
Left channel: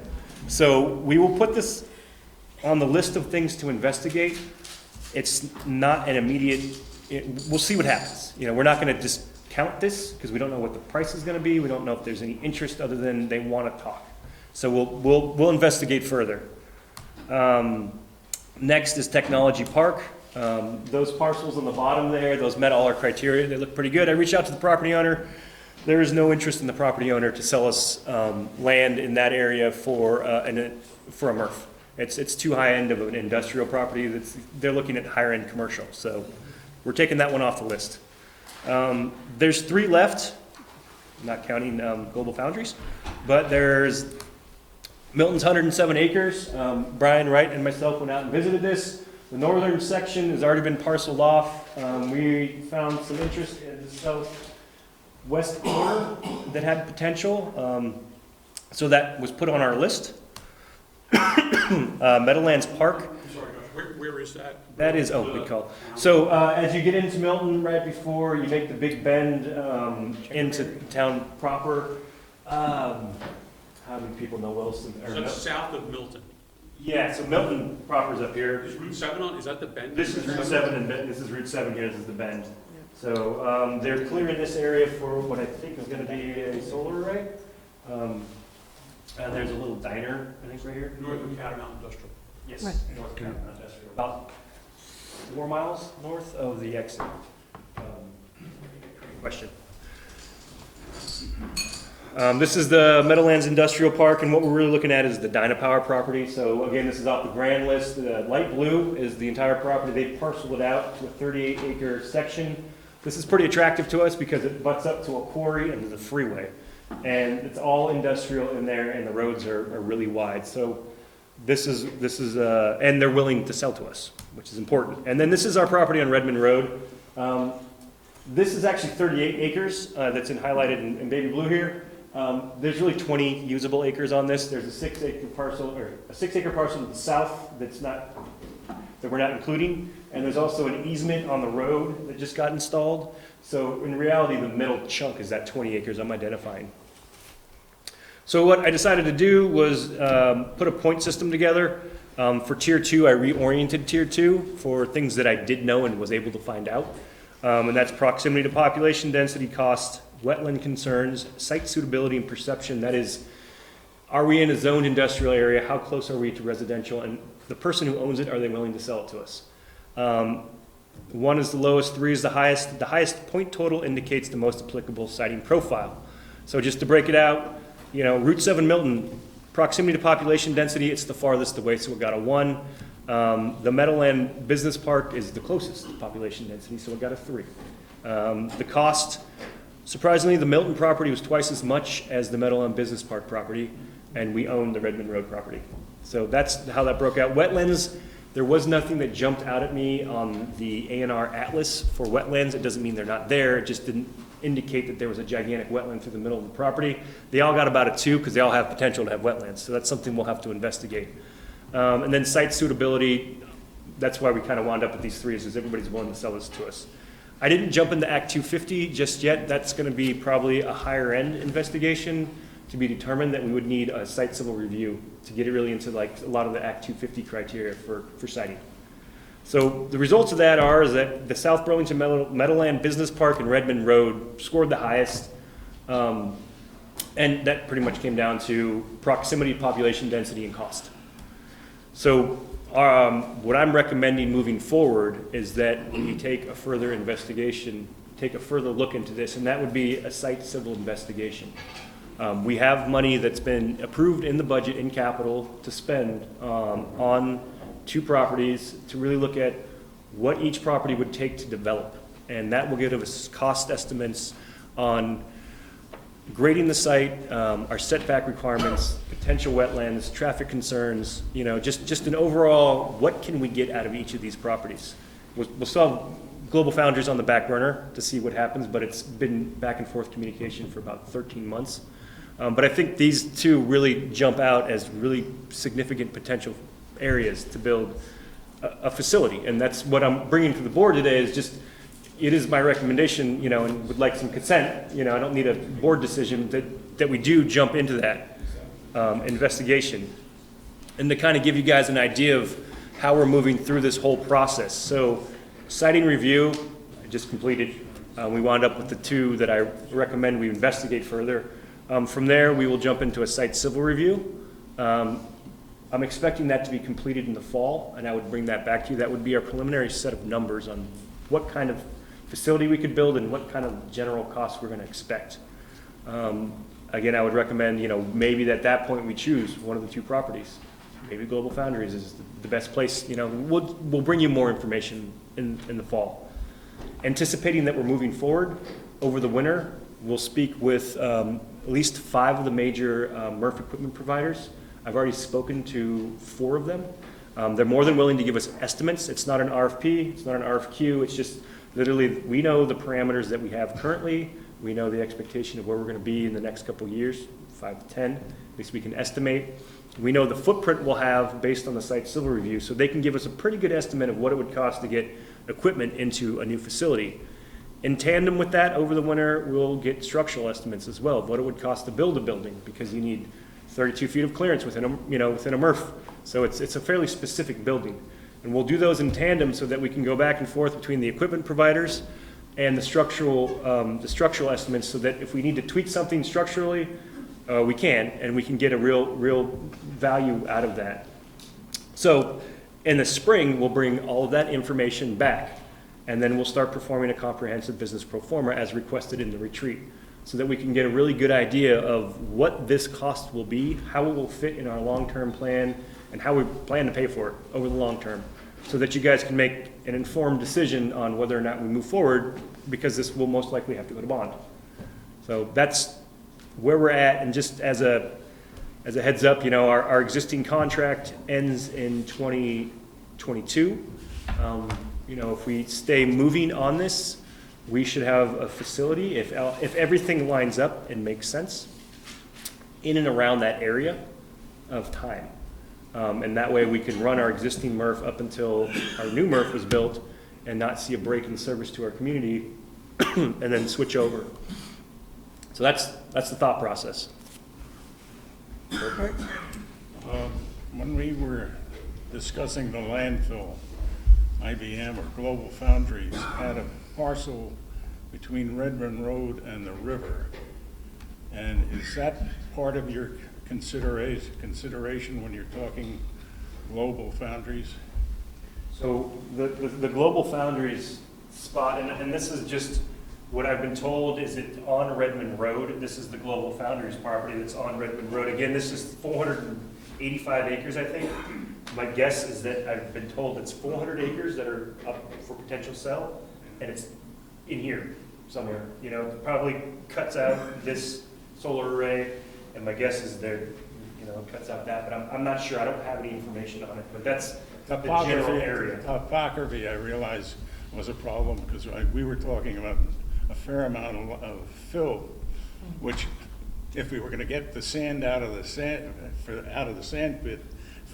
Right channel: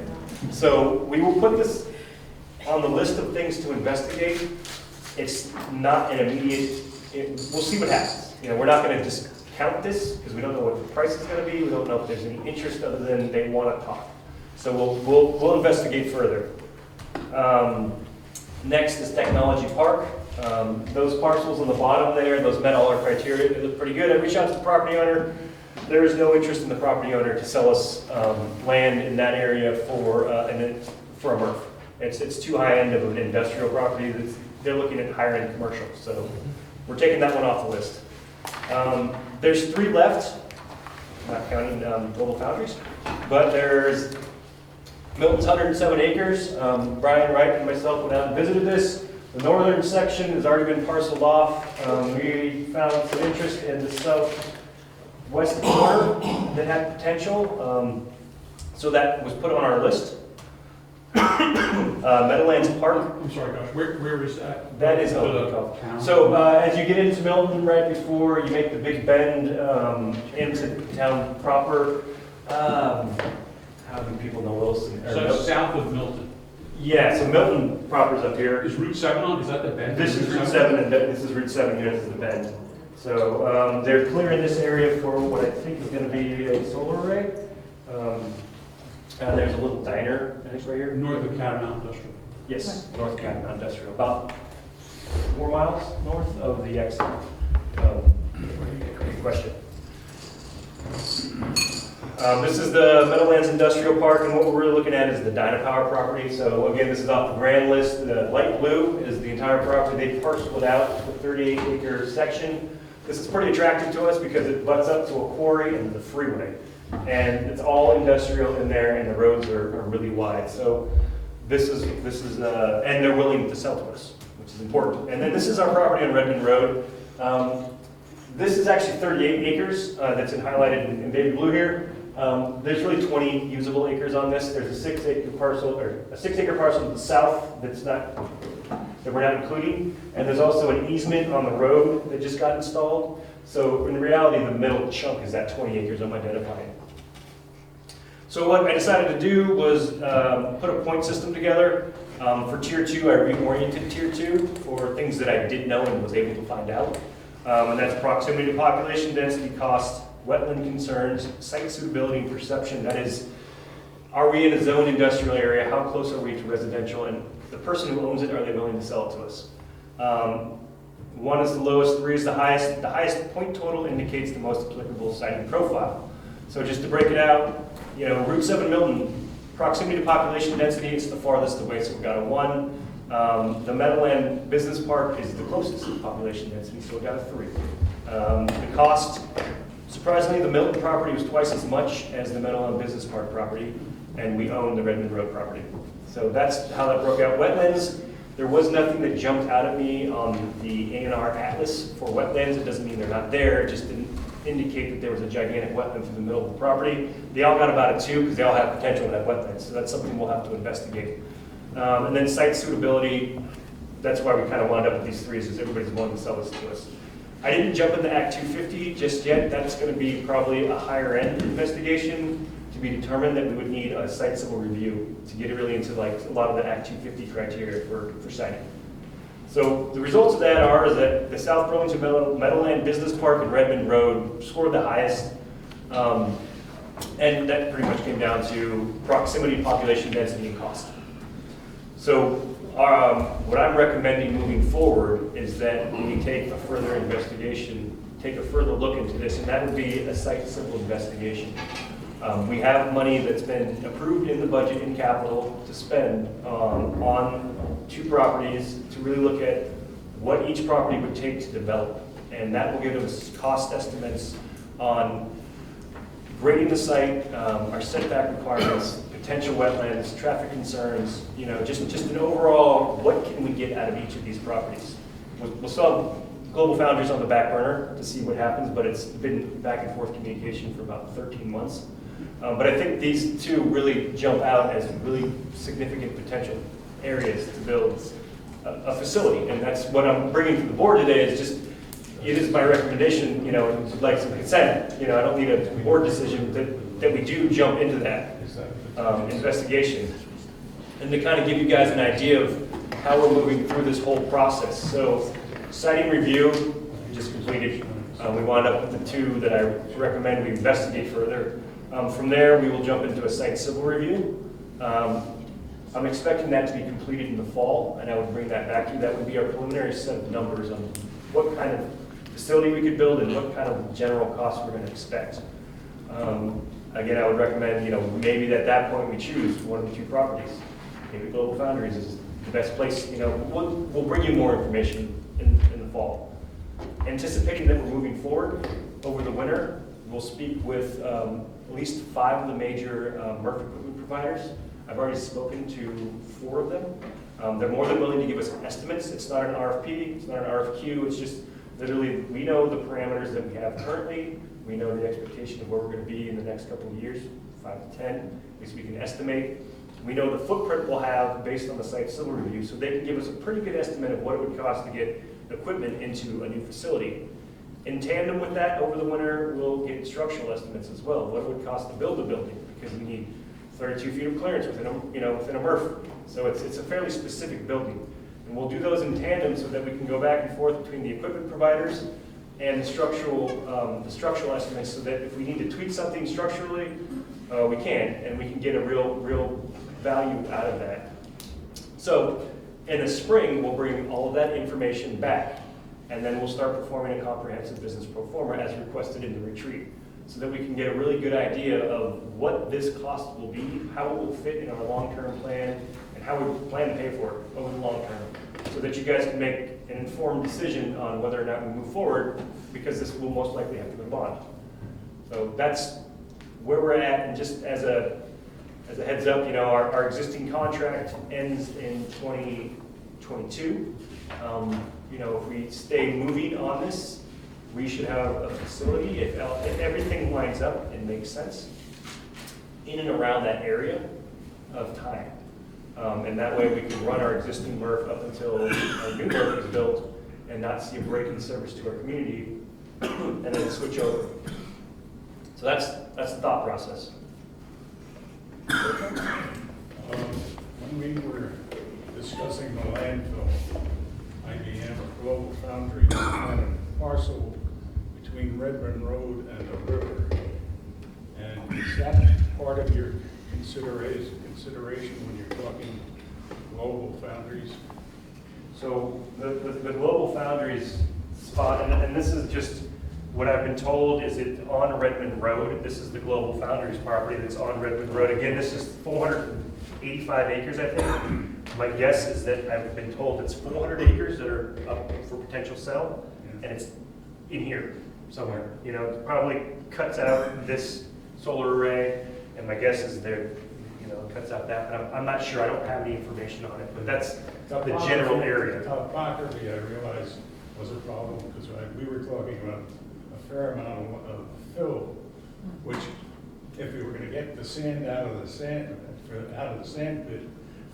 So we will put this on the list of things to investigate. It's not an immediate, we'll see what happens. We're not going to discount this because we don't know what the price is going to be. We don't know if there's any interest other than they want to talk. So we'll investigate further. Next is Technology Park. Those parcels on the bottom there, those met all our criteria. They look pretty good. I reached out to the property owner. There is no interest in the property owner to sell us land in that area for a MRF. It's too high end of an industrial property. They're looking at higher end commercial, so we're taking that one off the list. There's 3 left, not counting Global Foundries, but there's Milton's 107 acres. Brian Wright and myself went out and visited this. The northern section has already been parceled off. We found some interest in the southwest corner that had potential, so that was put on our list. Meadowlands Park. I'm sorry, Josh, where is that? That is Opico. So as you get into Milton, right before you make the big bend into town proper, how many people know Wilson? So that's south of Milton. Yeah, so Milton proper's up here. Is Route 7 on, is that the bend? This is Route 7, and this is Route 7 here, this is the bend. So they're clearing this area for what I think is going to be a solar array. There's a little diner, I think, right here. North of Catamount Industrial. Yes, North Catamount Industrial, about 4 miles north of the exit. Good question. This is the Meadowlands Industrial Park, and what we're really looking at is the Dynapower property. So again, this is off the grand list. The light blue is the entire property. They parceled it out to a 38-acre section. This is pretty attractive to us because it butts up to a quarry and the freeway. And it's all industrial in there, and the roads are really wide. So this is and they're willing to sell to us, which is important. And then this is our property on Redmond Road. This is actually 38 acres that's highlighted in baby blue here. There's really 20 usable acres on this. There's a 6-acre parcel, or a 6-acre parcel to the south that we're not including. And there's also an easement on the road that just got installed. So in reality, the middle chunk is that 20 acres I'm identifying. So what I decided to do was put a point system together. For Tier 2, I reoriented Tier 2 for things that I did know and was able to find out. And that's proximity to population, density, cost, wetland concerns, site suitability and perception. That is, are we in a zoned industrial area? How close are we to residential? And the person who owns it, are they willing to sell it to us? 1 is the lowest, 3 is the highest. The highest point total indicates the most applicable siting profile. So just to break it out, you know, Route 7 Milton, proximity to population density, it's the farthest away, so we've got a 1. The Meadowland Business Park is the closest to population density, so we've got a 3. The cost, surprisingly, the Milton property was twice as much as the Meadowland Business Park property, and we own the Redmond Road property. So that's how that broke out. Wetlands, there was nothing that jumped out at me on the A&R Atlas for wetlands. It doesn't mean they're not there, it just didn't indicate that there was a gigantic wetland through the middle of the property. They all got about a 2 because they all have potential to have wetlands, so that's something we'll have to investigate. And then site suitability, that's why we kind of wound up with these 3, is everybody's willing to sell this to us. I didn't jump into Act 250 just yet. That's going to be probably a higher end investigation to be determined that we would need a site civil review to get really into like a lot of the Act 250 criteria for siting. So the results of that is that the South Burlington Meadowland Business Park and Redmond Road scored the highest. And that pretty much came down to proximity, population density, and cost. So what I'm recommending moving forward is that we take a further investigation, take a further look into this, and that would be a site civil investigation. We have money that's been approved in the budget in capital to spend on 2 properties to really look at what each property would take to develop. And that will give us cost estimates on grading the site, our setback requirements, potential wetlands, traffic concerns, you know, just an overall, what can we get out of each of these properties? We'll still have Global Foundries on the back burner to see what happens, but it's been back and forth communication for about 13 months. But I think these 2 really jump out as really significant potential areas to build a facility. And that's what I'm bringing to the board today, is just, it is my recommendation, you know, would like some consent. You know, I don't need a board decision that we do jump into that investigation. And to kind of give you guys an idea of how we're moving through this whole process. So siting review, I just completed. We wound up with the 2 that I recommend we investigate further. From there, we will jump into a site civil review. I'm expecting that to be completed in the fall, and I would bring that back to you. That would be our preliminary set of numbers on what kind of facility we could build and what kind of general costs we're going to expect. Again, I would recommend, maybe at that point we choose one of the two properties. Maybe Global Foundries is the best place, we'll bring you more information in the fall. Anticipating that we're moving forward over the winter, we'll speak with at least 5 of the major MRF equipment providers. I've already spoken to 4 of them. They're more than willing to give us estimates. It's not an RFP, it's not an RFQ, it's just literally, we know the parameters that we have currently, we know the expectation of where we're gonna be in the next couple of years, 5 to 10, at least we can estimate. We know the footprint we'll have based on the site civil review, so they can give us a pretty good estimate of what it would cost to get equipment into a new facility. In tandem with that, over the winter, we'll get structural estimates as well, of what it would cost to build a building, because you need 32 feet of clearance within a MRF. So it's a fairly specific building. And we'll do those in tandem so that we can go back and forth between the equipment providers and the structural estimates, so that if we need to tweak something structurally, we can, and we can get a real value out of that. So in the spring, we'll bring all of that information back, and then we'll start performing a comprehensive business pro forma as requested in the retreat, so that we can get a really good idea of what this cost will be, how it will fit in our long-term plan, and how we plan to pay for it over the long term, so that you guys can make an informed decision on whether or not we move forward, because this will most likely have to go to bond. So that's where we're at, and just as a heads up, our existing contract ends in 2022. If we stay moving on this, we should have a facility, if everything lines up and makes sense, in and around that area of time. And that way we could run our existing MRF up until our new MRF is built and not see a break in service to our community and then switch over. So that's the thought process. When we were discussing the landfill, IBM or Global Foundries had a parcel between Redmond Road and the river. And is that part of your consideration when you're talking Global Foundries? So the Global Foundries spot, and this is just what I've been told, is it on Redmond Road. This is the Global Foundries property that's on Redmond Road. Again, this is 485 acres, I think. My guess is that I've been told it's 400 acres that are up for potential sale, and it's in here somewhere. Probably cuts out this solar array, and my guess is there, cuts out that, but I'm not sure. I don't have any information on it, but that's the general area. Topography, I realize, was a problem, because we were talking about a fair amount of fill, which, if we were going to get the sand out of the sand pit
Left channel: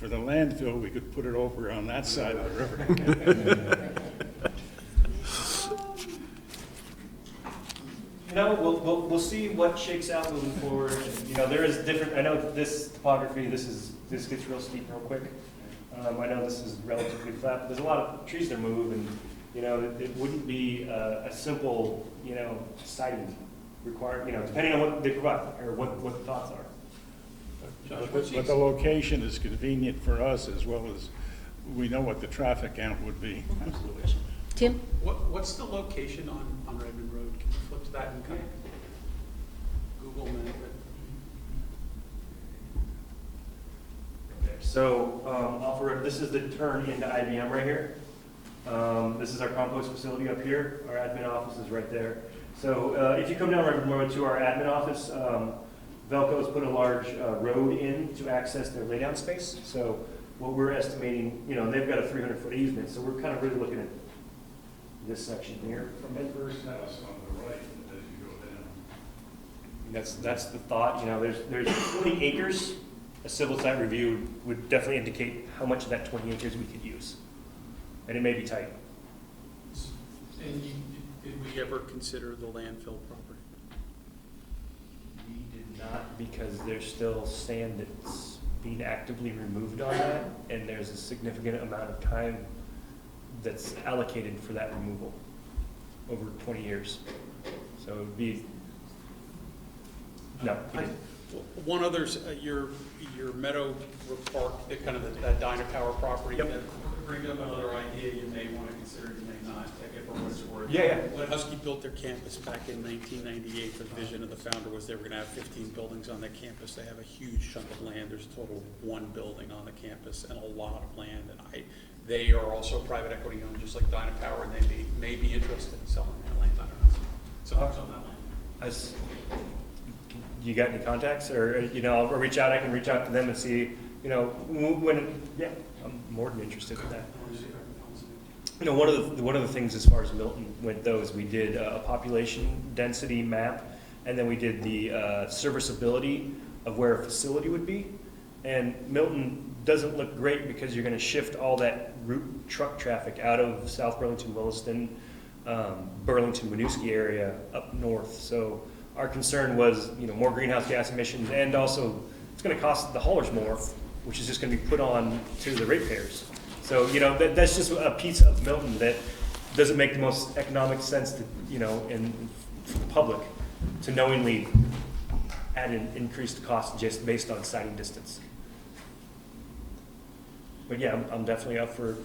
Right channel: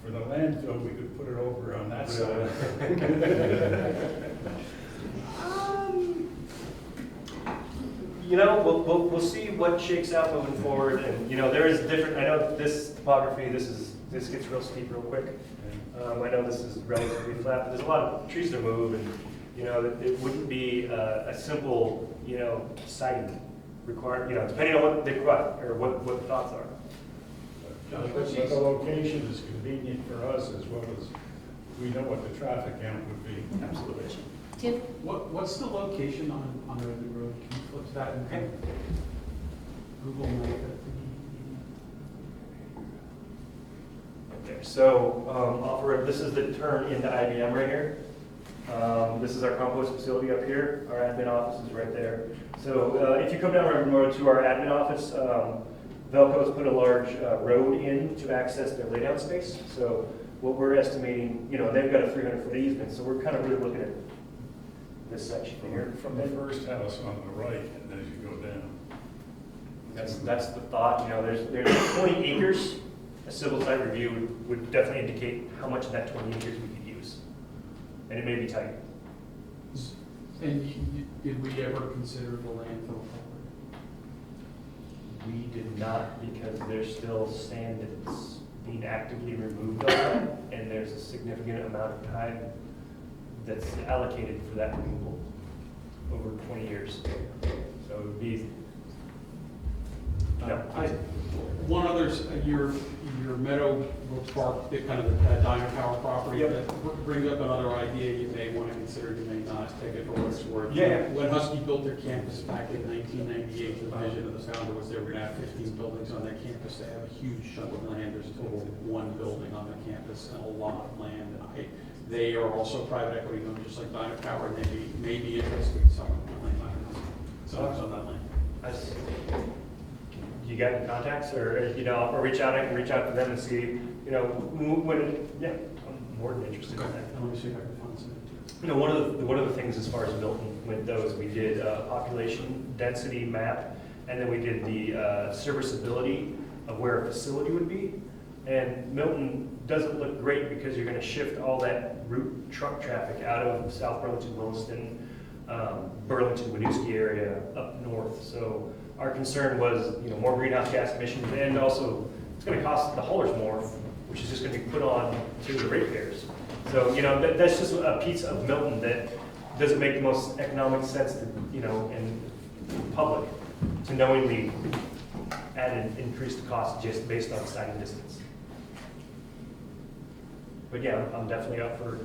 for the landfill, we could put it over on that side of the river. We'll see what shakes out moving forward, and there is different. I know this topography, this gets real steep real quick. I know this is relatively flat, but there's a lot of trees to move, and it wouldn't be a simple siting required. Depending on what they provide or what the thoughts are. But the location is convenient for us, as well as we know what the traffic count would be. Absolutely. Tim? What's the location on Redmond Road? Can you flip to that and kind of Google map it? Okay, so off the road, this is the turn into IBM right here. This is our compost facility up here. Our admin office is right there. So if you come down Redmond Road to our admin office, Velco's put a large road in to access their laydown space. So what we're estimating, they've got a 300-foot easement, so we're kind of really looking at this section here. From the first house on the right, and then you go down. That's the thought. There's 20 acres. A civil site review would definitely indicate how much of that 20 acres we could use, and it may be tight. And did we ever consider the landfill property? We did not, because there's still sand that's being actively removed on that, and there's a significant amount of time that's allocated for that removal over 20 years. So it would be, no. One other, your your Meadow Park, kind of that Diner Tower property, Yep. that brings up another idea you may want to consider, you may not, take it for what it's worth. Yeah. When Husky built their campus back in 1998, the vision of the founder was they were going to have 15 buildings on that campus. They have a huge chunk of land. There's a total of 1 building on the campus and a lot of land. And they are also private equity owned, just like Diner Tower, and they may be interested in selling that land. I don't know. Selling some of that land. You got any contacts, or, you know, I'll reach out, I can reach out to them and see, you know, when, yeah, I'm more than interested in that. I want to see if I can find something. You know, one of the things as far as Milton went though is we did a population density map, and then we did the serviceability of where a facility would be. And Milton doesn't look great because you're gonna shift all that route truck traffic out of South Burlington, Williston, Burlington, Winooski area up north. So our concern was, you know, more greenhouse gas emissions, and also it's gonna cost the haulers more, which is just gonna be put on to the ratepayers. So, you know, that's just a piece of Milton that doesn't make the most economic sense to, you know, in for the public to knowingly add and increase the cost just based on sight distance. But yeah, I'm definitely up for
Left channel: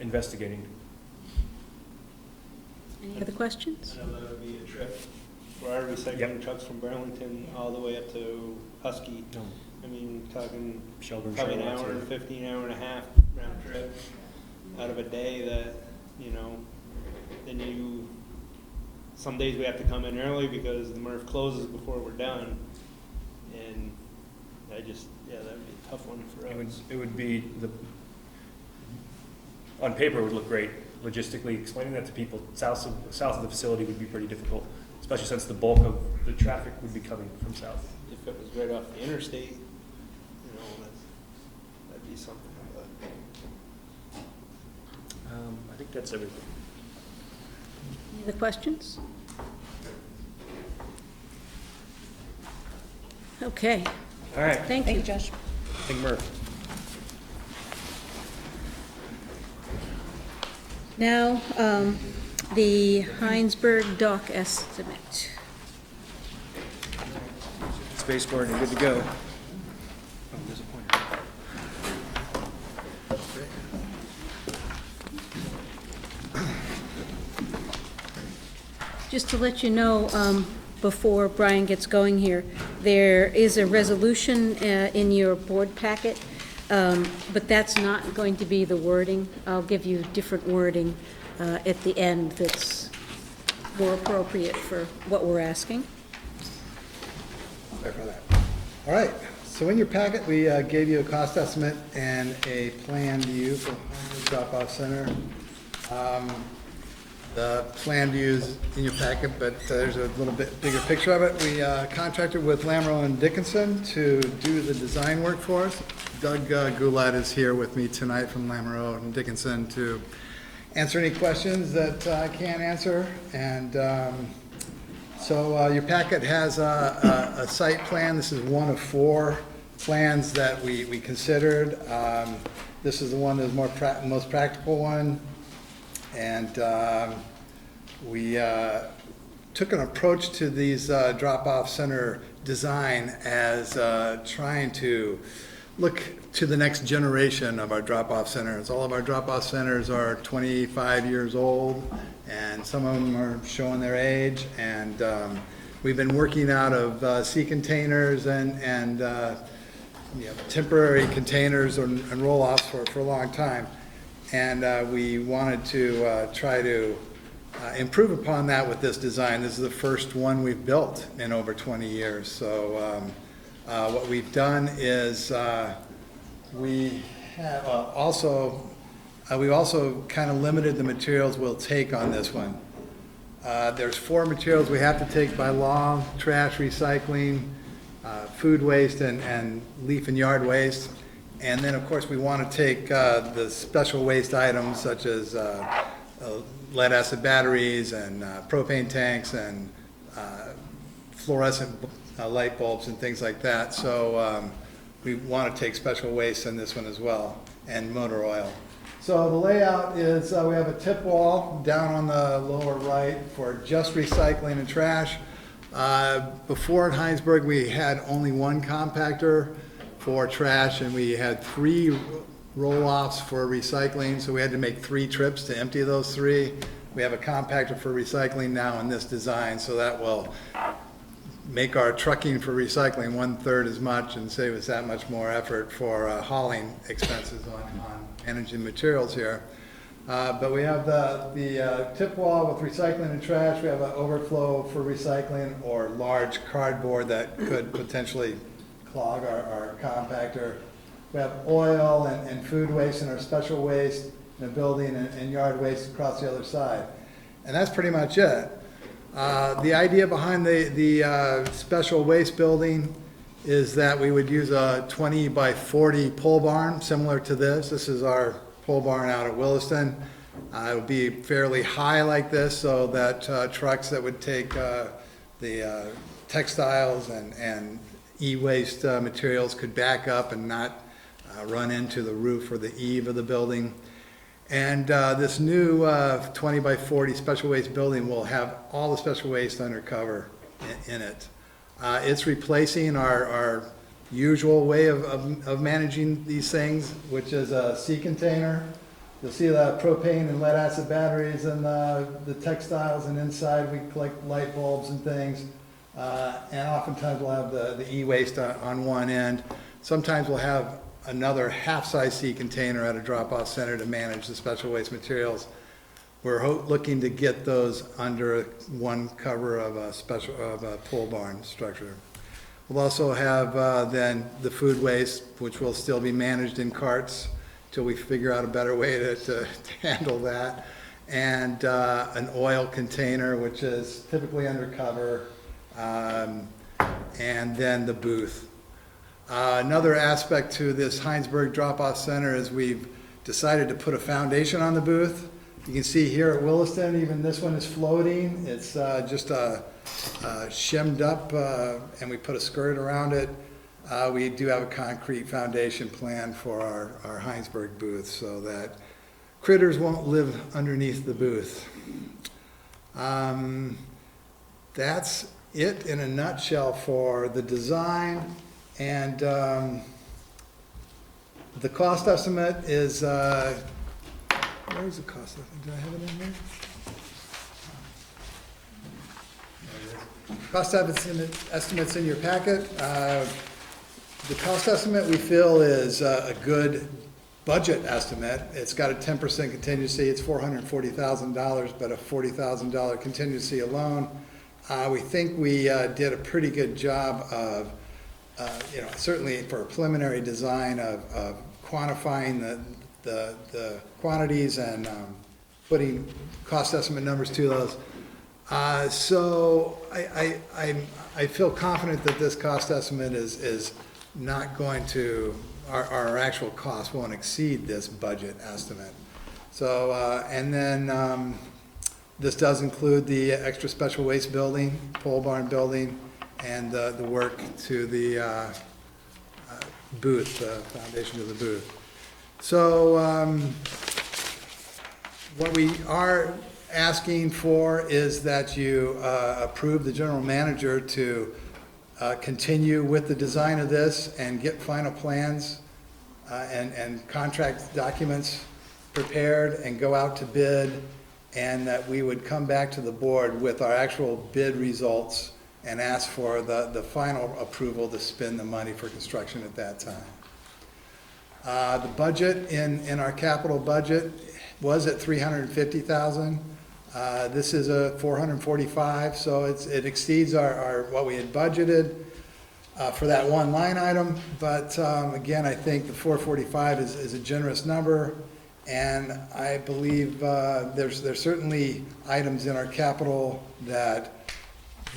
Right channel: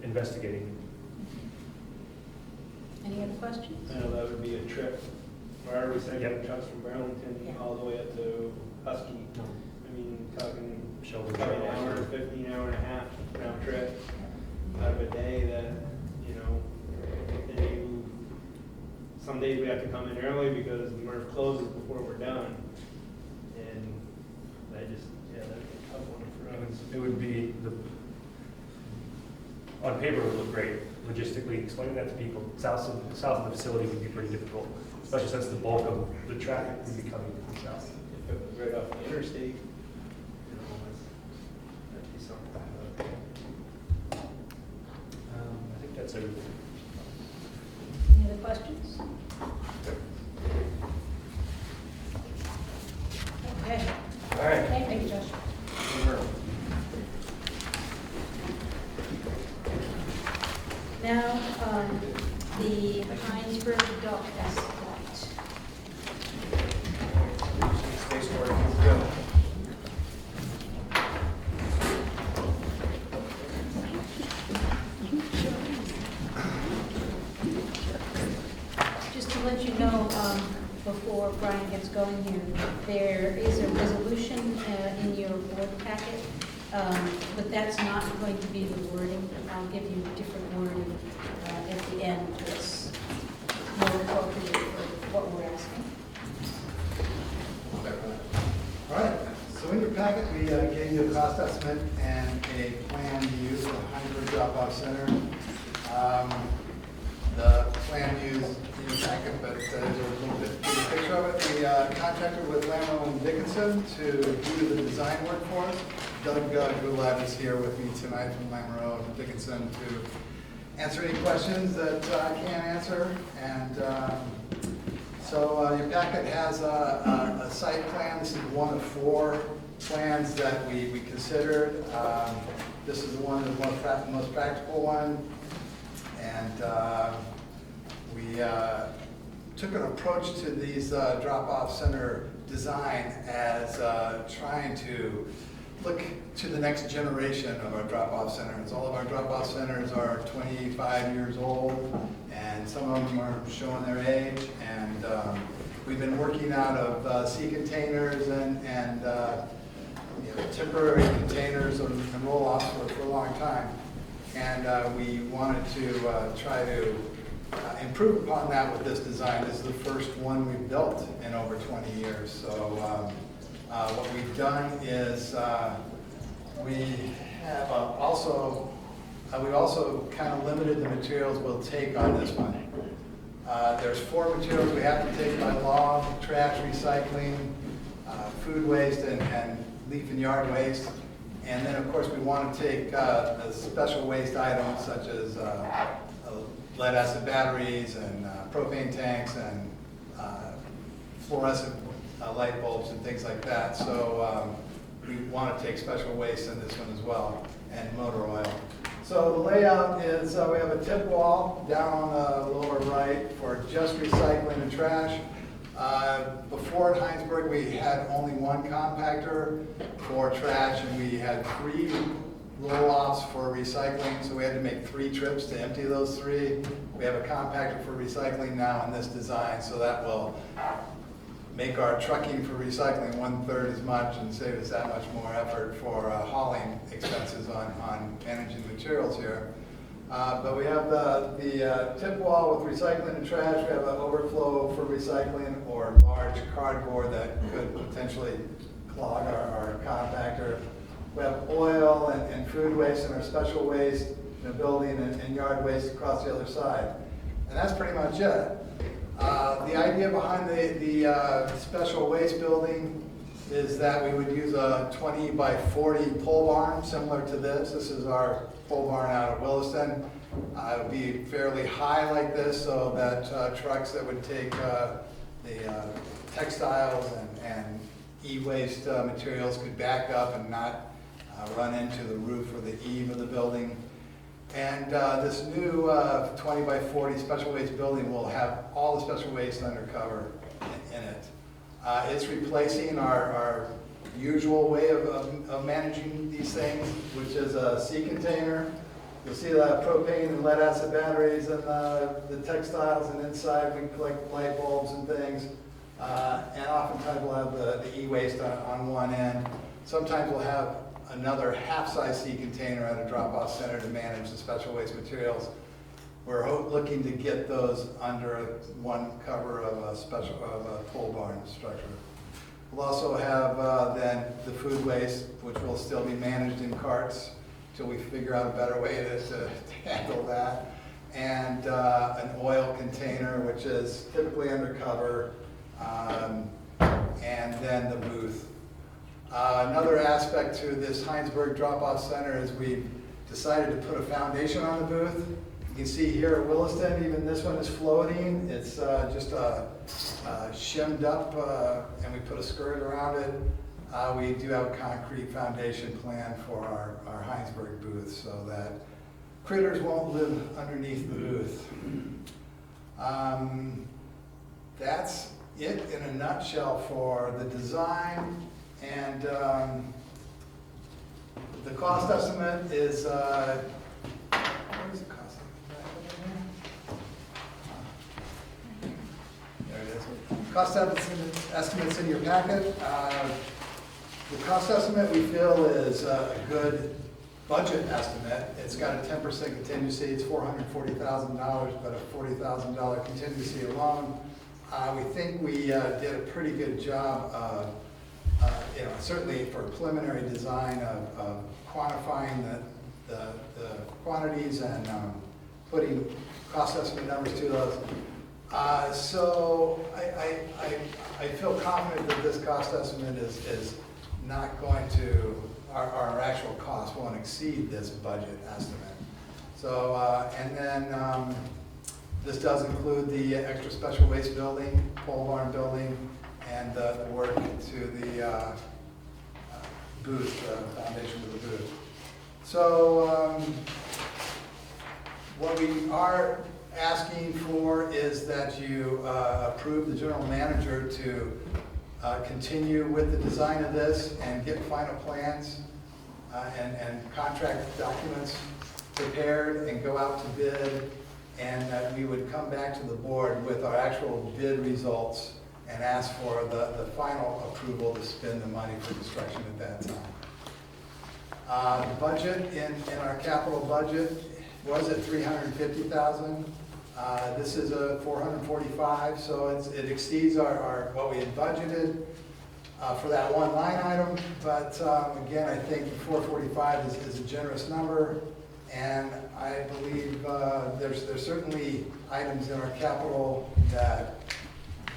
investigating. Any other questions? I know that would be a trip for our recycling trucks from Burlington all the way up to Husky. I mean, talking probably an hour, 15 hour and a half round trip out of a day that, you know, then some days we have to come in early because the MRF closes before we're done. And that'd be a tough one for us. It would be, on paper it would look great. Logistically, explaining that to people south of the facility would be pretty difficult, especially since the bulk of the traffic would be coming from south. If it was right off the interstate, you know, that'd be something. But I think that's everything. Any other questions? Okay. All right. Thank you. Josh. Thank you, Murph. Now, the Heinsberg dock estimate. Spaceport, good to go. Just to let you know, before Brian gets going here, there is a resolution in your board packet, but that's not going to be the wording. I'll give you different wording at the end that's more appropriate for what we're asking. All right, so in your packet, we gave you a cost estimate and a plan view for the Heinsberg Drop-Off Center. The plan view is in your packet, but there's a little bit bigger picture of it. We contracted with Lamro and Dickinson to do the design work for us. Doug Goulet is here with me tonight from Lamro and Dickinson to answer any questions that I can't answer. And so your packet has a site plan. This is one of 4 plans that we considered. This is the one that's the most practical one. And we took an approach to these drop-off center design as trying to look to the next generation of our drop-off centers. All of our drop-off centers are 25 years old, and some of them are showing their age. And we've been working out of sea containers and temporary containers and roll-offs for a long time. And we wanted to try to improve upon that with this design. This is the first one we've built in over 20 years. So what we've done is we have we've also kind of limited the materials we'll take on this one. There's 4 materials we have to take by law: trash, recycling, food waste, and leaf and yard waste. And then, of course, we want to take the special waste items such as lead acid batteries and propane tanks and fluorescent light bulbs and things like that. So we want to take special waste in this one as well, and motor oil. So the layout is we have a tip wall down on the lower right for just recycling and trash. Before at Heinsberg, we had only one compactor for trash, and we had 3 roll-offs for recycling, so we had to make 3 trips to empty those 3. We have a compactor for recycling now in this design, so that will make our trucking for recycling 1/3 as much and save us that much more effort for hauling expenses on energy and materials here. But we have the tip wall with recycling and trash. We have an overflow for recycling or large cardboard that could potentially clog our compactor. We have oil and food waste and our special waste in the building and yard waste across the other side. And that's pretty much it. The idea behind the special waste building is that we would use a 20 by 40 pole barn similar to this. This is our pole barn out at Williston. It would be fairly high like this so that trucks that would take the textiles and e-waste materials could back up and not run into the roof or the eave of the building. And this new 20 by 40 special waste building will have all the special waste under cover in it. It's replacing our usual way of managing these things, which is a sea container. You'll see the propane and lead acid batteries and the textiles, and inside we collect light bulbs and things. And oftentimes we'll have the e-waste on one end. Sometimes we'll have another half-size sea container at a drop-off center to manage the special waste materials. We're looking to get those under one cover of a pole barn structure. We'll also have then the food waste, which will still be managed in carts till we figure out a better way to handle that. And an oil container, which is typically undercover, and then the booth. Another aspect to this Heinsberg drop-off center is we've decided to put a foundation on the booth. You can see here at Williston, even this one is floating. It's just shimmed up, and we put a skirt around it. We do have a concrete foundation plan for our Heinsberg booth so that critters won't live underneath the booth. That's it in a nutshell for the design. And the cost estimate is, where's the cost estimate? Did I have it in there? Cost estimate's in your packet. The cost estimate we feel is a good budget estimate. It's got a 10% contingency. It's $440,000, but a $40,000 contingency alone. We think we did a pretty good job of certainly for a preliminary design of quantifying the quantities and putting cost estimate numbers to those. So I feel confident that this cost estimate is not going to, our actual cost won't exceed this budget estimate. So, and then this does include the extra special waste building, pole barn building, and the work to the booth, the foundation of the booth. So what we are asking for is that you approve the general manager to continue with the design of this and get final plans and contract documents prepared and go out to bid, and that we would come back to the board with our actual bid results and ask for the final approval to spend the money for construction at that time. The budget in our capital budget was at $350,000. This is a $445,000, so it exceeds our what we had budgeted for that one line item. But again, I think the $445,000 is a generous number, and I believe there's certainly items in our capital that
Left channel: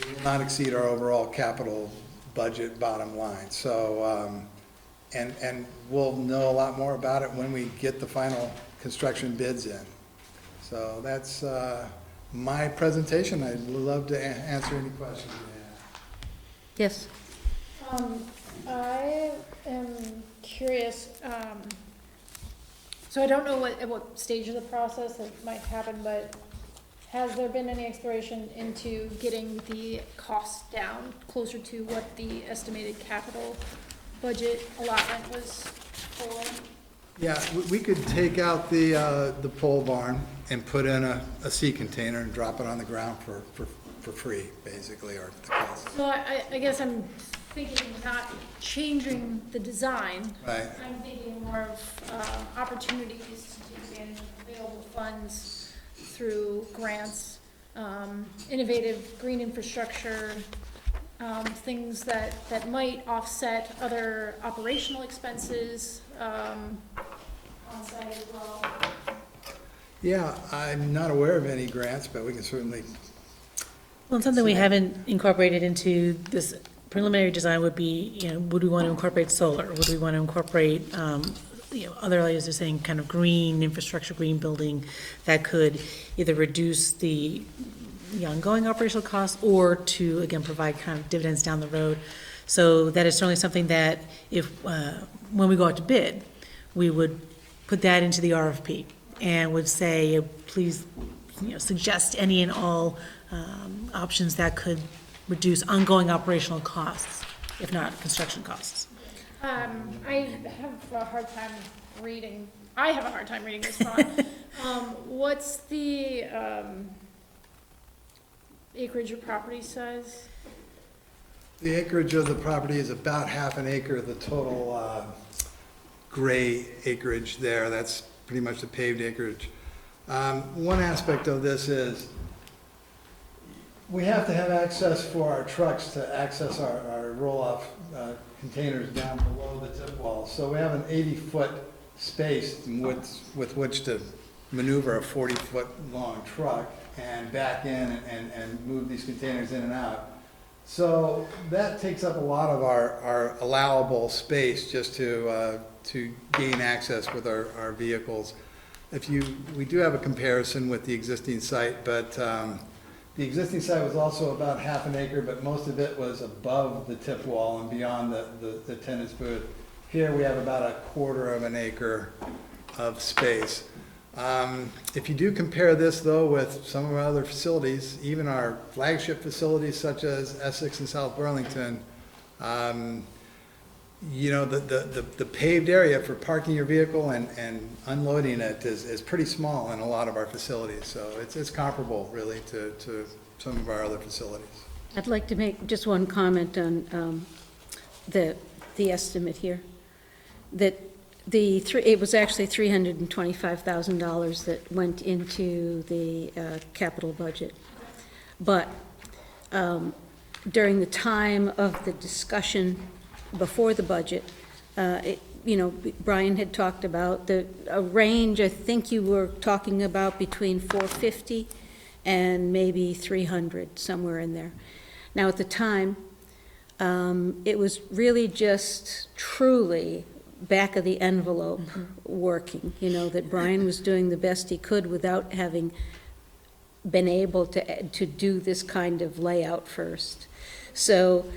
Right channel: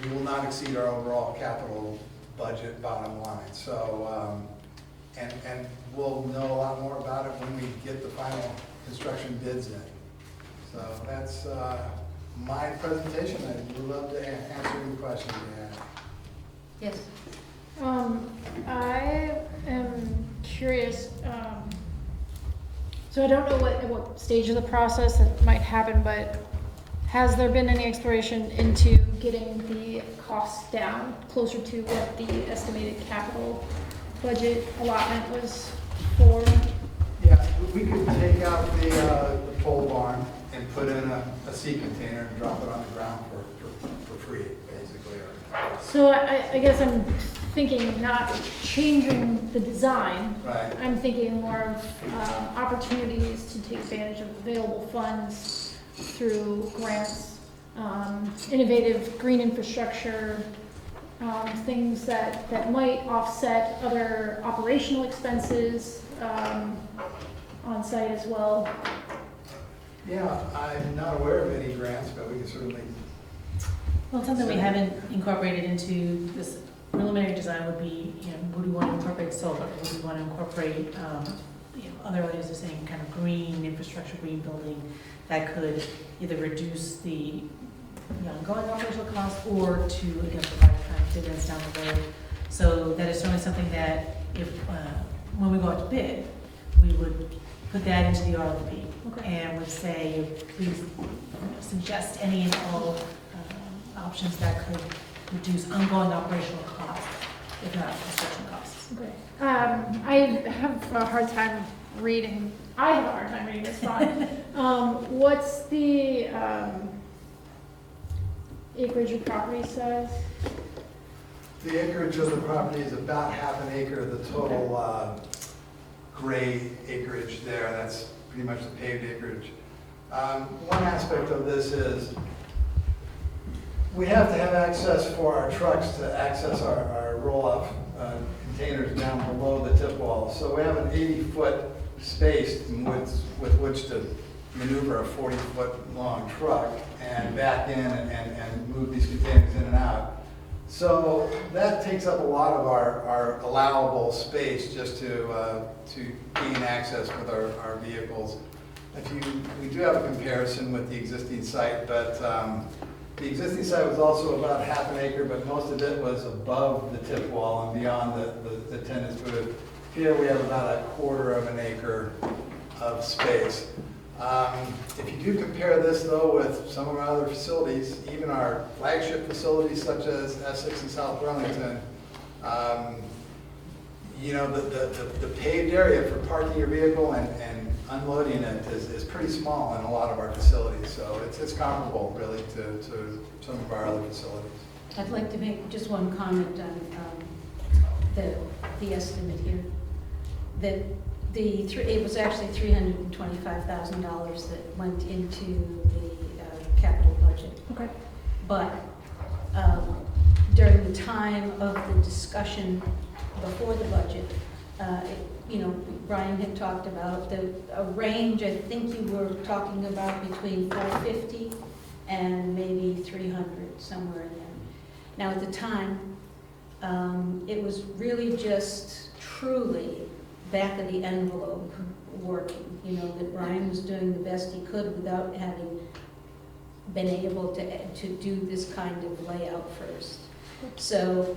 we will not exceed our overall capital budget bottom line. So, and we'll know a lot more about it when we get the final construction bids in. So that's my presentation. I would love to answer any questions you have. Yes. I am curious, so I don't know what stage of the process that might happen, but has there been any exploration into getting the costs down closer to what the estimated capital budget allotment was for? Yeah, we could take out the pole barn and put in a sea container and drop it on the ground for free, basically, or if it's close. So I guess I'm thinking of not changing the design. Right. I'm thinking more of opportunities to take advantage of available funds through grants, innovative green infrastructure, things that might offset other operational expenses on site as well. Yeah, I'm not aware of any grants, but we can certainly. Well, something we haven't incorporated into this preliminary design would be, would we want to incorporate solar? Would we want to incorporate, other layers of saying kind of green infrastructure, green building that could either reduce the ongoing operational costs or to, again, provide kind of dividends down the road. So that is certainly something that if, when we go out to bid, we would put that into the RFP and would say, please, suggest any and all options that could reduce ongoing operational costs, if not construction costs. Okay. I have a hard time reading. I have a hard time reading this font. What's the acreage or property size? The acreage of the property is about half an acre of the total gray acreage there. That's pretty much the paved acreage. One aspect of this is we have to have access for our trucks to access our roll-off containers down below the tip wall. So we have an 80-foot space with which to maneuver a 40-foot long truck and back in and move these containers in and out. So that takes up a lot of our allowable space just to gain access with our vehicles. We do have a comparison with the existing site, but the existing site was also about half an acre, but most of it was above the tip wall and beyond the tennis booth. Here we have about a quarter of an acre of space. If you do compare this though with some of our other facilities, even our flagship facilities such as Essex and South Burlington, the paved area for parking your vehicle and unloading it is pretty small in a lot of our facilities. So it's comparable really to some of our other facilities. I'd like to make just one comment on the estimate here. That it was actually $325,000 that went into the capital budget. Okay. But during the time of the discussion before the budget, Brian had talked about a range, I think you were talking about between 450 and maybe 300, somewhere in there. Now at the time, it was really just truly back of the envelope working, that Brian was doing the best he could without having been able to do this kind of layout first. So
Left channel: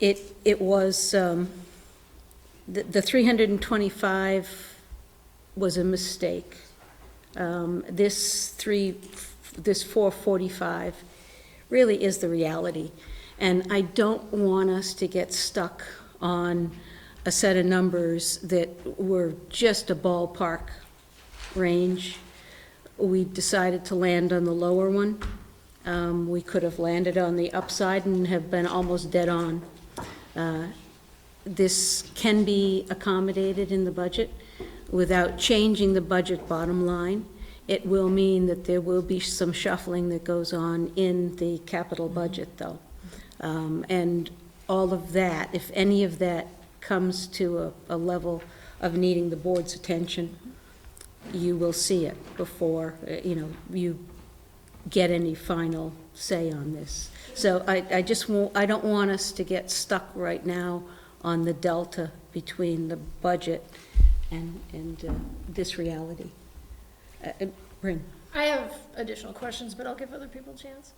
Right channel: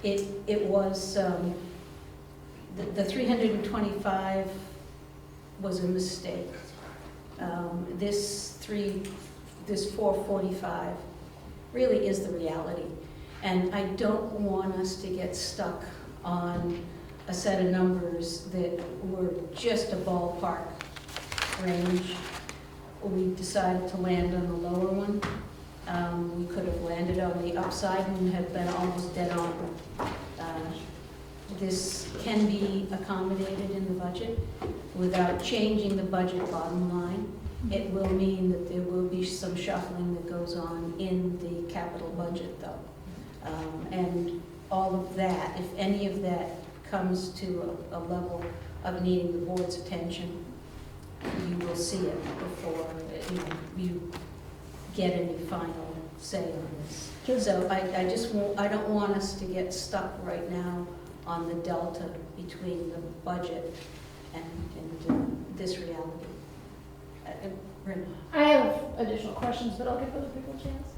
it was, the 325 was a mistake. This 445 really is the reality. And I don't want us to get stuck on a set of numbers that were just a ballpark range. We decided to land on the lower one. We could have landed on the upside and have been almost dead on. This can be accommodated in the budget without changing the budget bottom line. It will mean that there will be some shuffling that goes on in the capital budget though. And all of that, if any of that comes to a level of needing the board's attention, you will see it before you get any final say on this. So I don't want us to get stuck right now on the delta between the budget and this reality. Rim. I have additional questions, but I'll give other people a chance.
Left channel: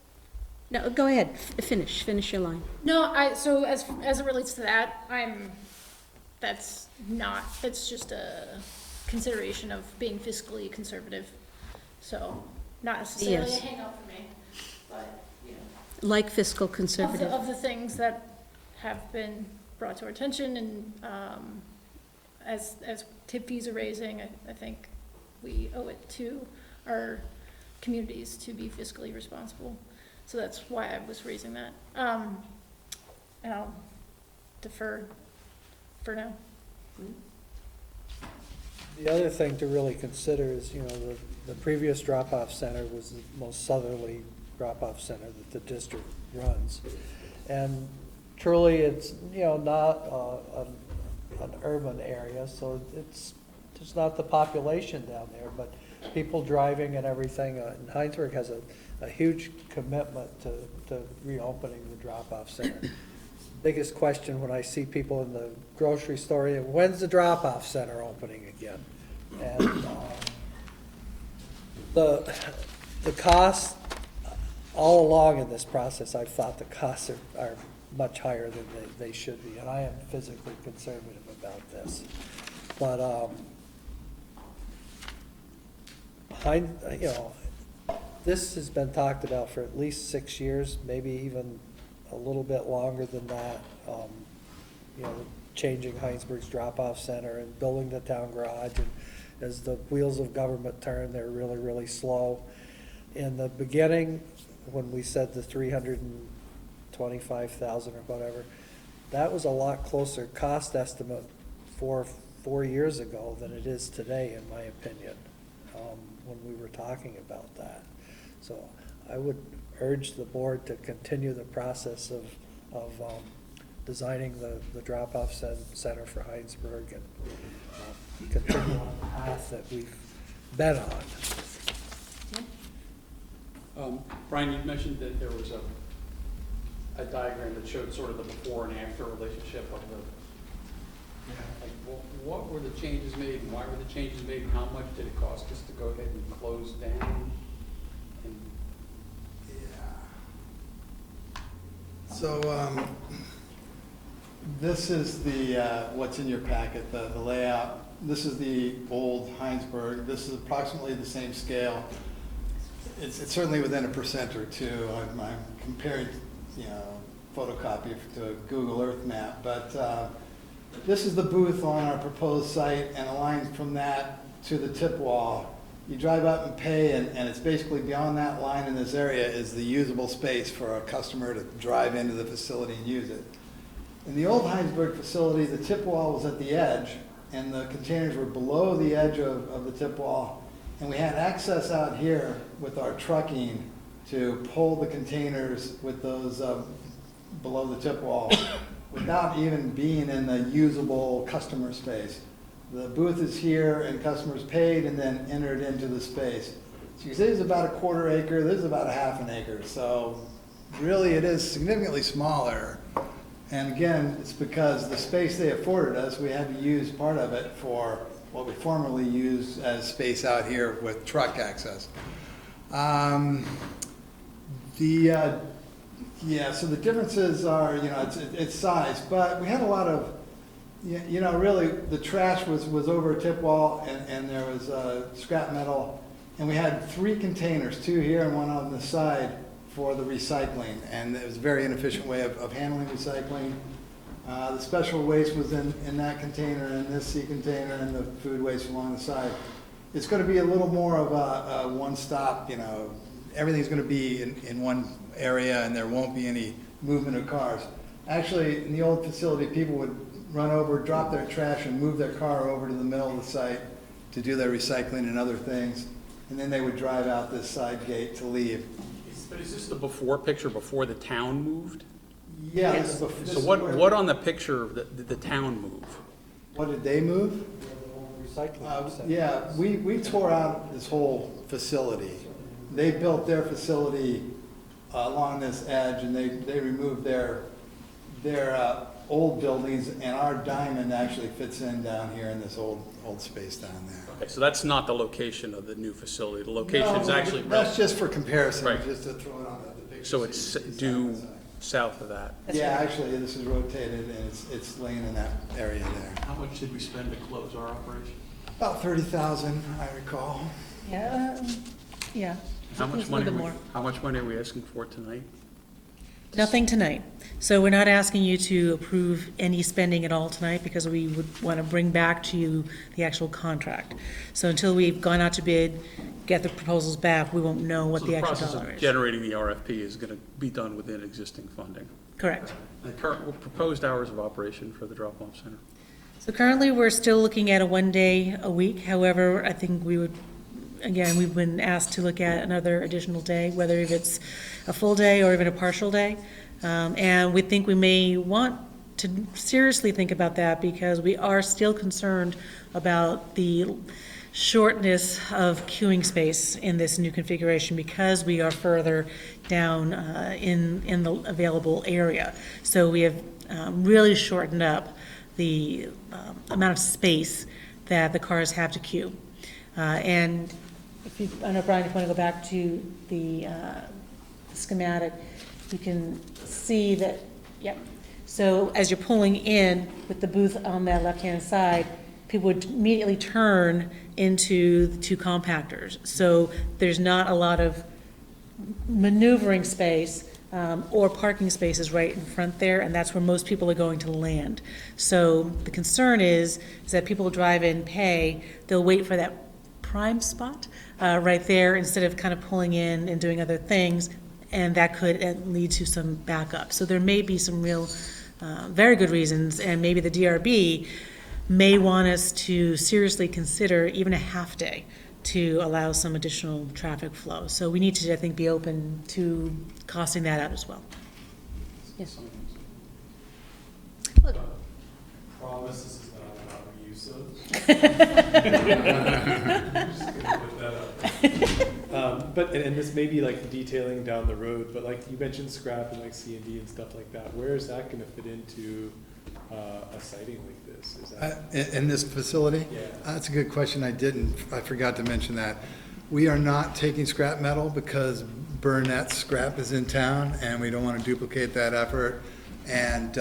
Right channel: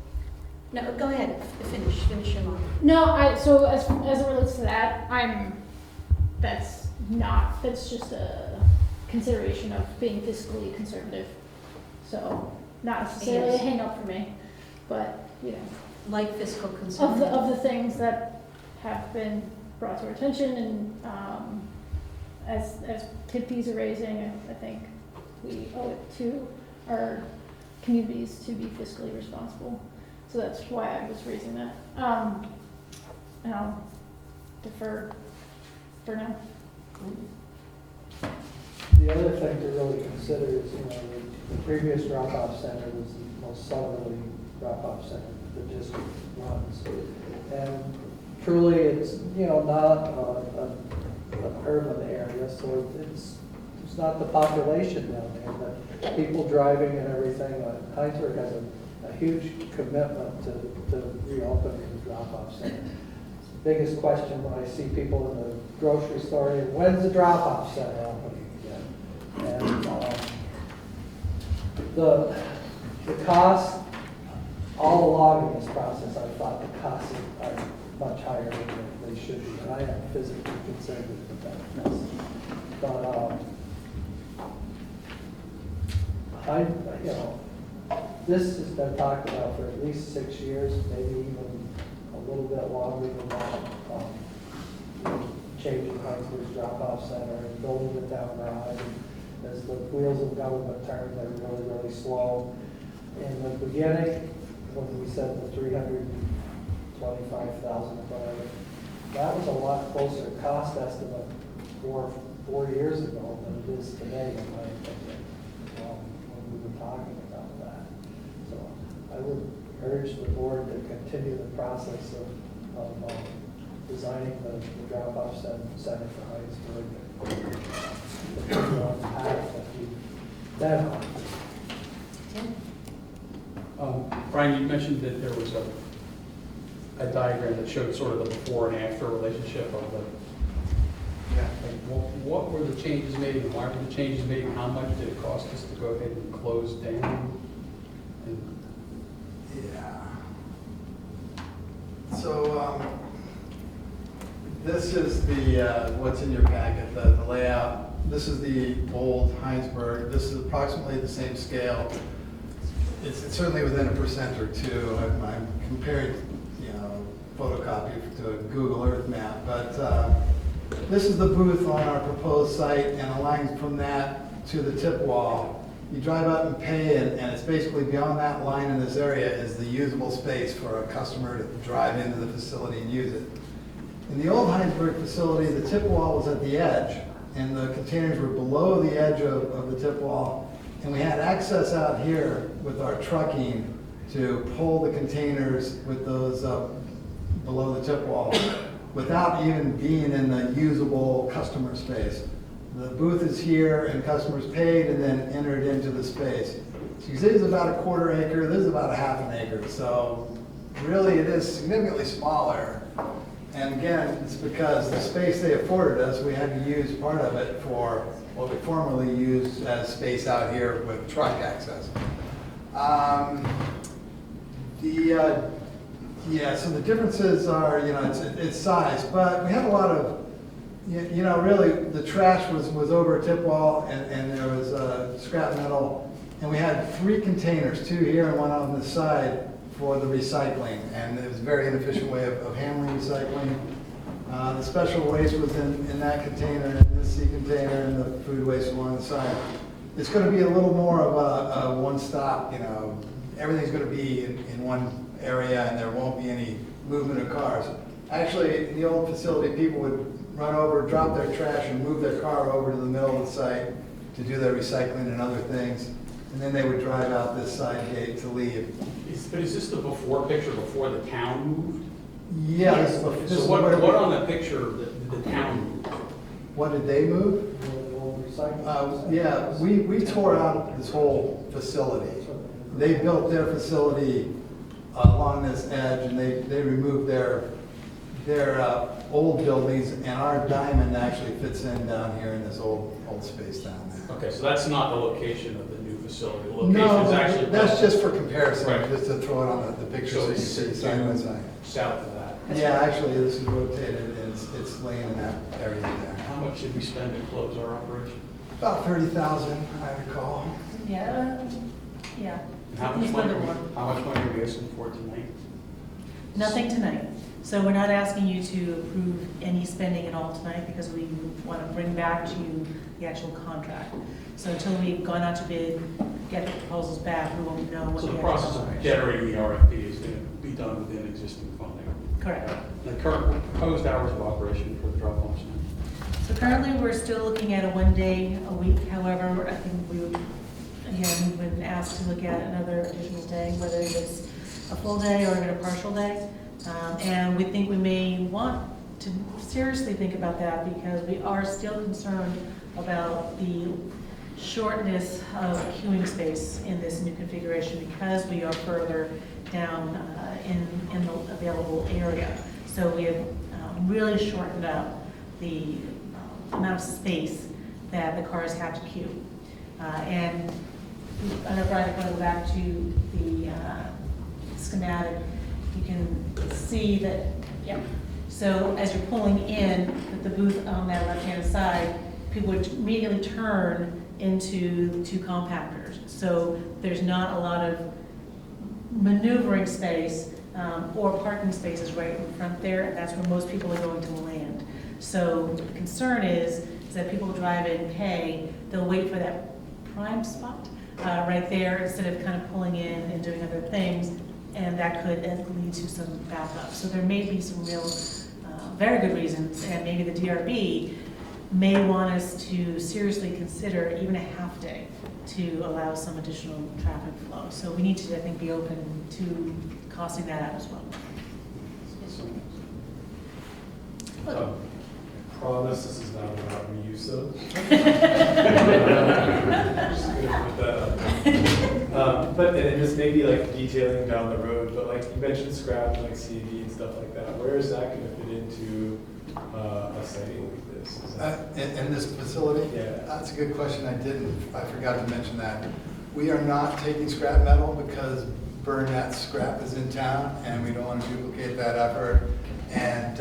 No, go ahead. Finish your line. No, so as it relates to that, that's just a consideration of being fiscally conservative. So not necessarily a Yes. hang up for me, but, you know, Like fiscal conservative. of the things that have been brought to our attention and, as tip fees are raising, I think we owe it to our communities to be fiscally responsible. So that's why I was raising that. And I'll defer for now. The other thing to really consider is, the previous drop-off center was the most southerly drop-off center that the district runs. And truly, it's, not an urban area, so there's not the population down there, but people driving and everything. Heinsberg has a huge commitment to reopening the drop-off center. Biggest question when I see people in the grocery store, when's the drop-off center opening again? And the costs, all along in this process, I've thought the costs are much higher than they should be, and I am physically concerned about this. But this has been talked about for at least 6 years, maybe even a little bit longer than that. Changing Heinsberg's drop-off center and building the town garage. And as the wheels of government turn, they're really, really slow. In the beginning, when we said the 325,000 or whatever, that was a lot closer cost estimate 4 years ago than it is today, in my opinion, when we were talking about that. So I would urge the board to continue the process of designing the drop-off center for Heinsberg and continue on the path that we've been on. Brian, you mentioned that there was a diagram that showed sort of the before and after relationship of the, what were the changes made and why were the changes made and how much did it cost us to go ahead and close down? So, this is the, what's in your packet, the layout. This is the old Heinsberg. This is approximately the same scale. It's certainly within 1% or 2. I'm comparing, photocopy to a Google Earth map. But this is the booth on our proposed site, and the line from that to the tip wall. You drive up and pay, and it's basically beyond that line in this area is the usable space for a customer to drive into the facility and use it. In the old Heinsberg facility, the tip wall was at the edge, and the containers were below the edge of the tip wall, and we had access out here with our trucking to pull the containers with those below the tip wall without even being in the usable customer space. The booth is here, and customers paid and then entered into the space. So you see it's about a 1/4 acre, this is about a 1/2 acre, so really it is significantly smaller. And again, it's because the space they afforded us, we had to use part of it for what we formerly used as space out here with truck access. So the differences are, it's size, but we had a lot of, really the trash was over a tip wall and there was scrap metal. And we had 3 containers, 2 here and 1 on the side for the recycling. And it was a very inefficient way of handling recycling. The special waste was in that container and in this C container and the food waste along the side. It's going to be a little more of a one-stop, everything's going to be in one area and there won't be any movement of cars. Actually, in the old facility, people would run over, drop their trash and move their car over to the middle of the site to do their recycling and other things. And then they would drive out this side gate to leave. But is this the before picture before the town moved? Yes. So what on the picture did the town move? What did they move? Yeah, we tore out this whole facility. They built their facility along this edge, and they removed their old buildings, and our diamond actually fits in down here in this old space down there. Okay, so that's not the location of the new facility. The location is actually... that's just for comparison, right. Just to throw it on the picture. So it's south of that. Yeah, actually, this is rotated, and it's laying in that area there. How much did we spend to close our operation? About 30,000, I recall. Yeah, yeah. How much He's a little money, more. how much money are we asking for tonight? Nothing tonight. So we're not asking you to approve any spending at all tonight because we would want to bring back to you the actual contract. So until we've gone out to bid, get the proposals back, we won't know what So the the actual process dollar of is. generating the RFP is gonna be done within existing funding. Correct. The current proposed hours of operation for the drop-off center. So currently, we're still looking at a 1 day a week. However, I think we would, again, we've been asked to look at another additional day, whether if it's a full day or even a partial day. And we think we may want to seriously think about that because we are still concerned about the shortness of queuing space in this new configuration because we are further down in the available area. So we have really shortened up the amount of space that the cars have to queue. And if you, I don't know, Brian, if you want to go back to the schematic, you can see that, yeah. So as you're pulling in with the booth on that left-hand side, people would immediately turn into the two compactors. So there's not a lot of maneuvering space or parking spaces right in front there, and that's where most people are going to land. So the concern is that people drive in, pay, they'll wait for that prime spot right there instead of kind of pulling in and doing other things, and that could lead to some backup. So there may be some real, very good reasons, and maybe the DRB may want us to seriously consider even a half day to allow some additional traffic flow. So we need to, I think, be open to costing that out as well. Yes, I promise this is not about reuse of. Just gonna put that up. But and this may be like detailing down the road, but like you mentioned scrap and like C&D and stuff like that. Where is that going to fit into a siting like this? Is that, In this facility? Yeah. That's a good question. I forgot to mention that. We are not taking scrap metal because Burnett Scrap is in town and we don't want to duplicate that effort. And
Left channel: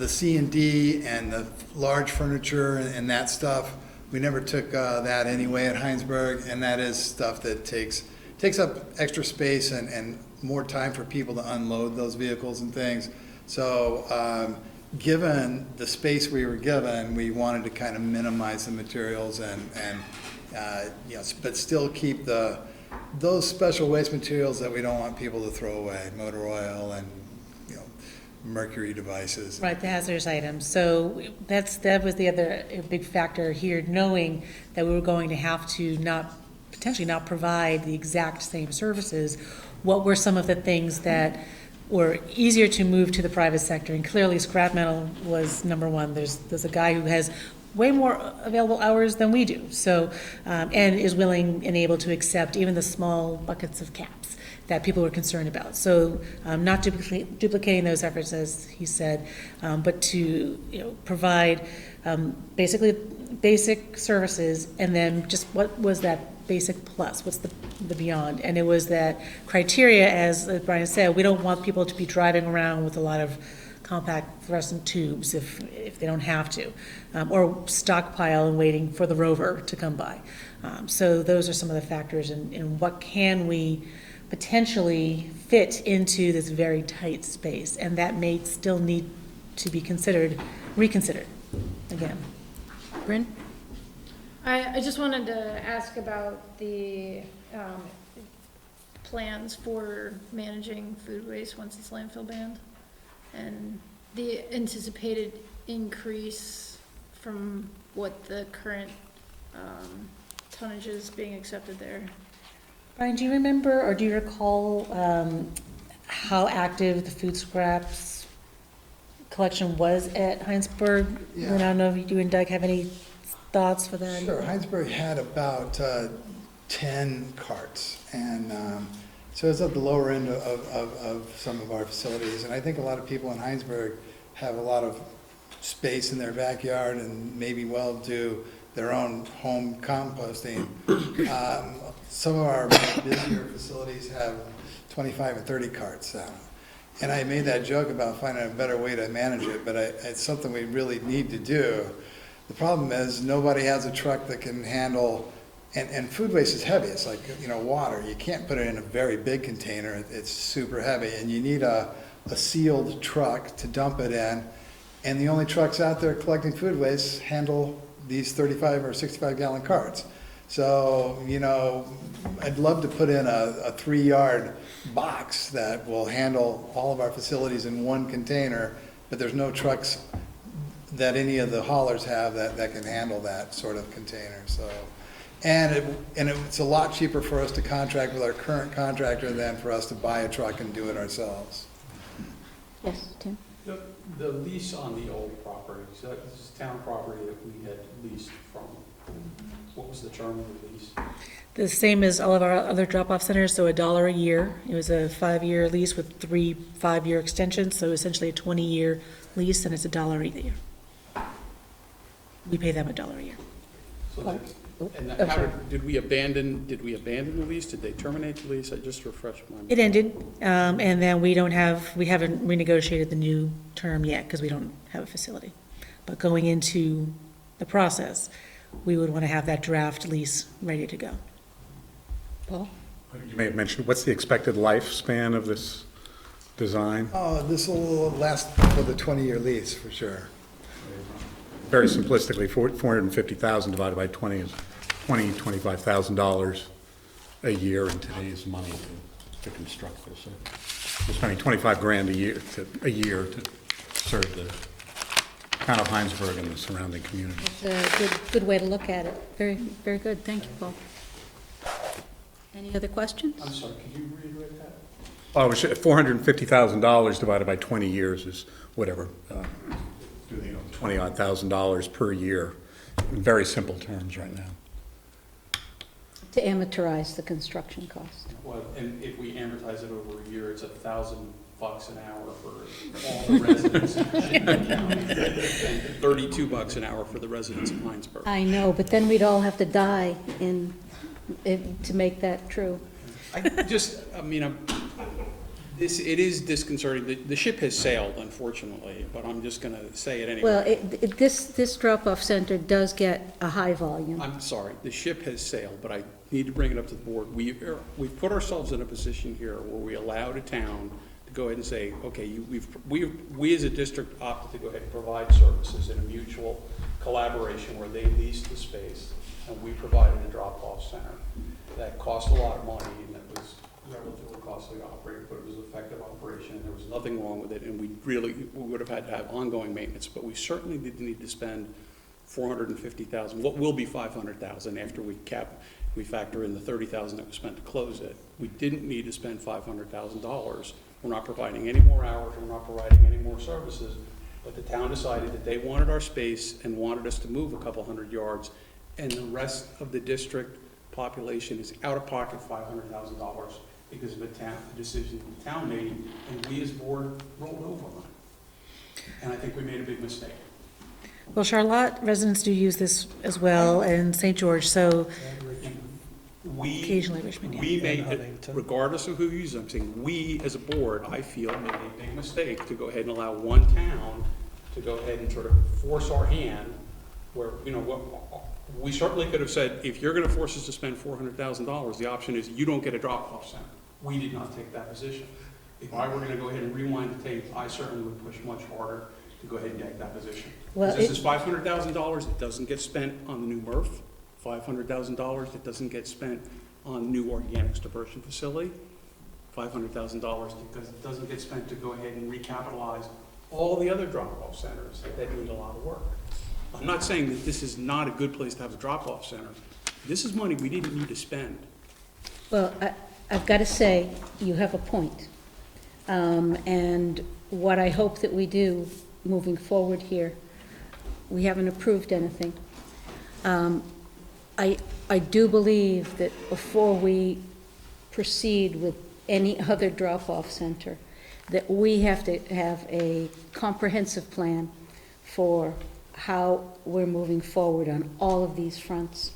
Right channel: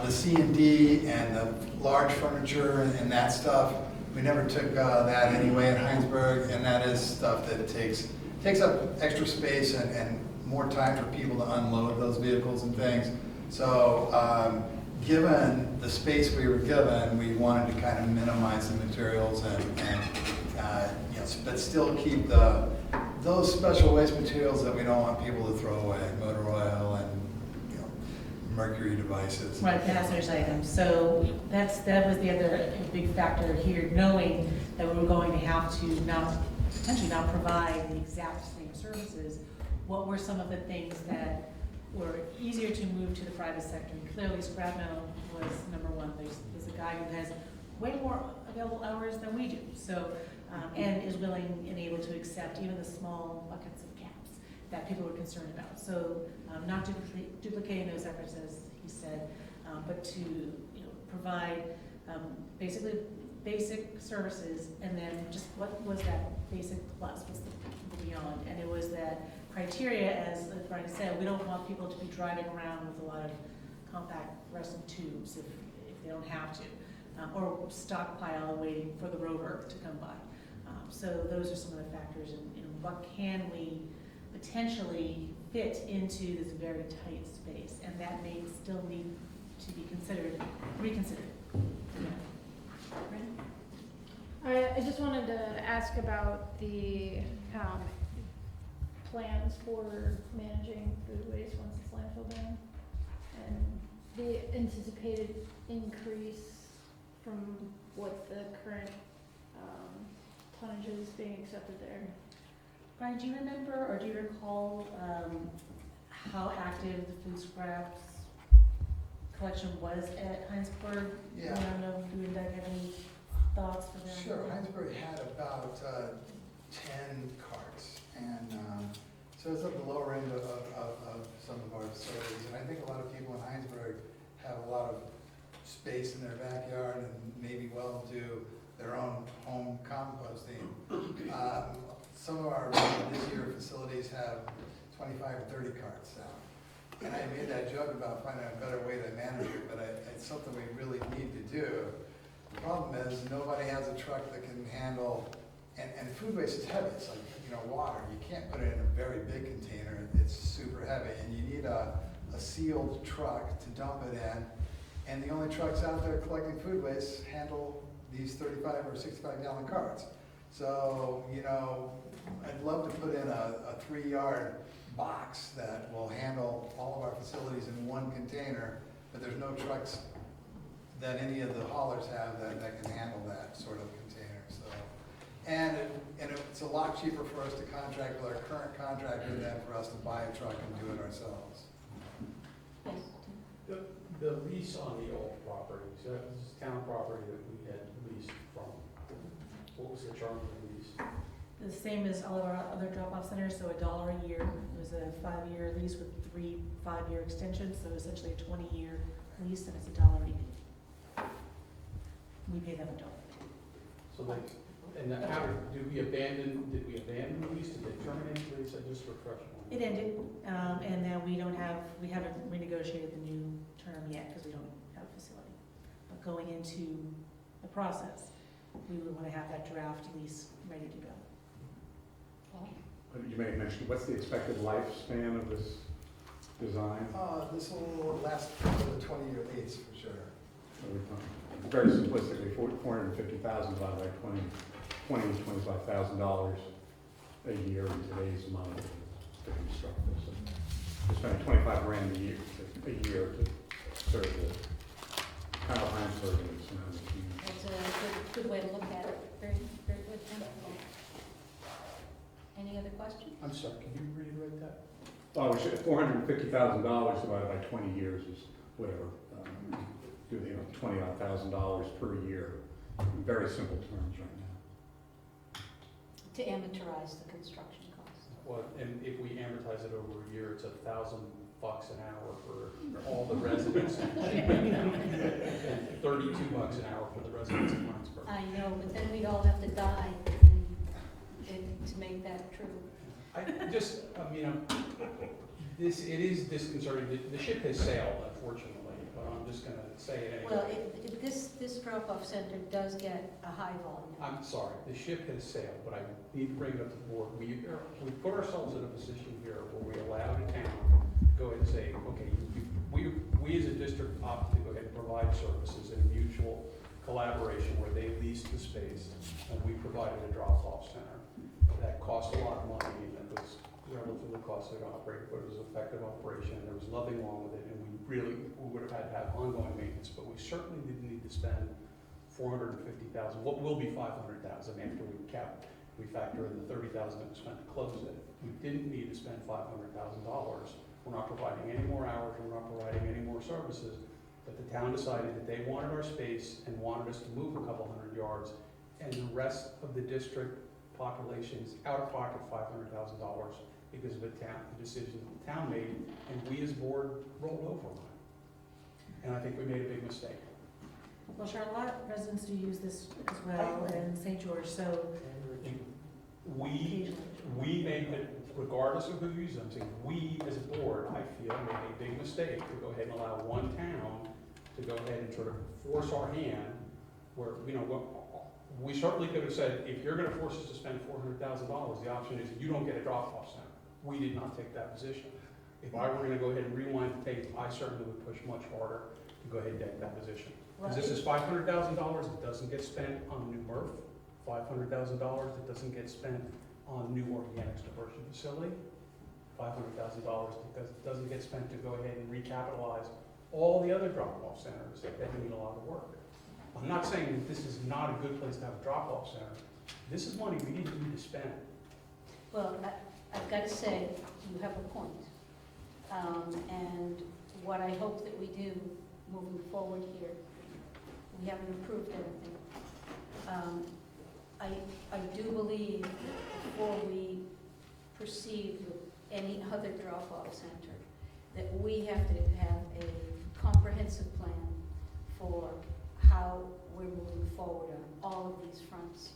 the C&D and the large furniture and that stuff, we never took that anyway at Heinsberg, and that is stuff that takes up extra space and more time for people to unload those vehicles and things. So given the space we were given, we wanted to kind of minimize the materials and yes, but still keep those special waste materials that we don't want people to throw away, motor oil and mercury devices. Right, the hazardous items. So that was the other big factor here, knowing that we were going to have to potentially not provide the exact same services. What were some of the things that were easier to move to the private sector? And clearly scrap metal was number one. There's a guy who has way more available hours than we do. So, and is willing and able to accept even the small buckets of caps that people were concerned about. So not duplicating those efforts, as he said, but to provide basically basic services, and then just what was that basic plus, what's the beyond. And it was that criteria, as Brian said, we don't want people to be driving around with a lot of compact fluorescent tubes if they don't have to, or stockpile and waiting for the rover to come by. So those are some of the factors in what can we potentially fit into this very tight space, and that may still need to be reconsidered again. Bryn? I just wanted to ask about the plans for managing food waste once it's landfill banned, and the anticipated increase from what the current tonnage is being accepted there. Brian, do you remember or do you recall how active the food scraps collection was at Heinsberg? Yeah. And I don't know if you and Doug have any thoughts for that. Sure. Heinsberg had about 10 carts, and so it's at the lower end of some of our facilities. And I think a lot of people in Heinsberg have a lot of space in their backyard and maybe well do their own home composting. Some of our busier facilities have 25 or 30 carts out. And I made that joke about finding a better way to manage it, but it's something we really need to do. The problem is nobody has a truck that can handle And food waste is heavy. It's like, water. You can't put it in a very big container. It's super heavy. And you need a sealed truck to dump it in. And the only trucks out there collecting food waste handle these 35 or 65 gallon carts. So, I'd love to put in a 3-yard box that will handle all of our facilities in one container, but there's no trucks that any of the haulers have that can handle that sort of container, so. And it's a lot cheaper for us to contract with our current contractor than for us to buy a truck and do it ourselves. Yes, Tim? The lease on the old property, so this is town property that we had leased from. What was the term of the lease? The same as all of our other drop-off centers, so $1 a year. It was a 5-year lease with 3 5-year extensions, so essentially a 20-year lease, and it's $1 a year. We pay them $1 a year. So and how did we abandon the lease? Did they terminate the lease? I just refreshed my mind. It ended, and then we haven't renegotiated the new term yet because we don't have a facility. But going into the process, we would want to have that draft lease ready to go. Paul? You may have mentioned, what's the expected lifespan of this design? Oh, this will last for the 20-year lease, for sure. Very simplistically, $450,000 divided by 20 is $25,000 a year in today's money to construct this. So we're spending $25,000 a year to serve the town of Heinsberg and the surrounding community. It's a good way to look at it. Very, very good. Thank you, Paul. Any other questions? I'm sorry, could you reiterate that? Oh, $450,000 divided by 20 years is whatever, $20-odd thousand per year, in very simple terms right now. To amortize the construction cost. Well, and if we amortize it over a year, it's $1,000 an hour for all the residents. $32 an hour for the residents of Heinsberg. I know, but then we'd all have to die to make that true. It is disconcerting. The ship has sailed, unfortunately, but I'm just going to say it anyway. Well, this drop-off center does get a high volume. I'm sorry, the ship has sailed, but I need to bring it up to the board. We've put ourselves in a position here where we allowed a town to go ahead and say, okay, we as a district opted to go ahead and provide services in a mutual collaboration where they leased the space and we provided a drop-off center. That cost a lot of money and it was relatively costly to operate, but it was an effective operation and there was nothing wrong with it, and we would have had to have ongoing maintenance, but we certainly didn't need to spend $450,000, what will be $500,000 after we factor in the $30,000 that was spent to close it. We didn't need to spend $500,000. We're not providing any more hours, we're not providing any more services, but the town decided that they wanted our space and wanted us to move a couple hundred yards, and the rest of the district population is out of pocket $500,000 because of the decision the town made, and we as a board rolled over on it. And I think we made a big mistake. Well, Charlotte residents do use this as well, and St. George, so occasionally Richmond. We made it, regardless of who uses them, I'm saying we as a board, I feel, made a big mistake to go ahead and allow one town to go ahead and sort of force our hand where, we certainly could have said, if you're going to force us to spend $400,000, the option is you don't get a drop-off center. We did not take that position. If I were going to go ahead and rewind the tape, I certainly would push much harder to go ahead and take that position. Well, this is $500,000. It doesn't get spent on the new MRF. $500,000 that doesn't get spent on the new organics diversion facility. $500,000 because it doesn't get spent to go ahead and recapitalize all the other drop-off centers that need a lot of work. I'm not saying that this is not a good place to have a drop-off center. This is money we didn't need to spend. Well, I've got to say, you have a point. And what I hope that we do moving forward here, we haven't approved anything. I do believe that before we proceed with any other drop-off center, that we have to have a comprehensive plan for how we're moving forward on all of these fronts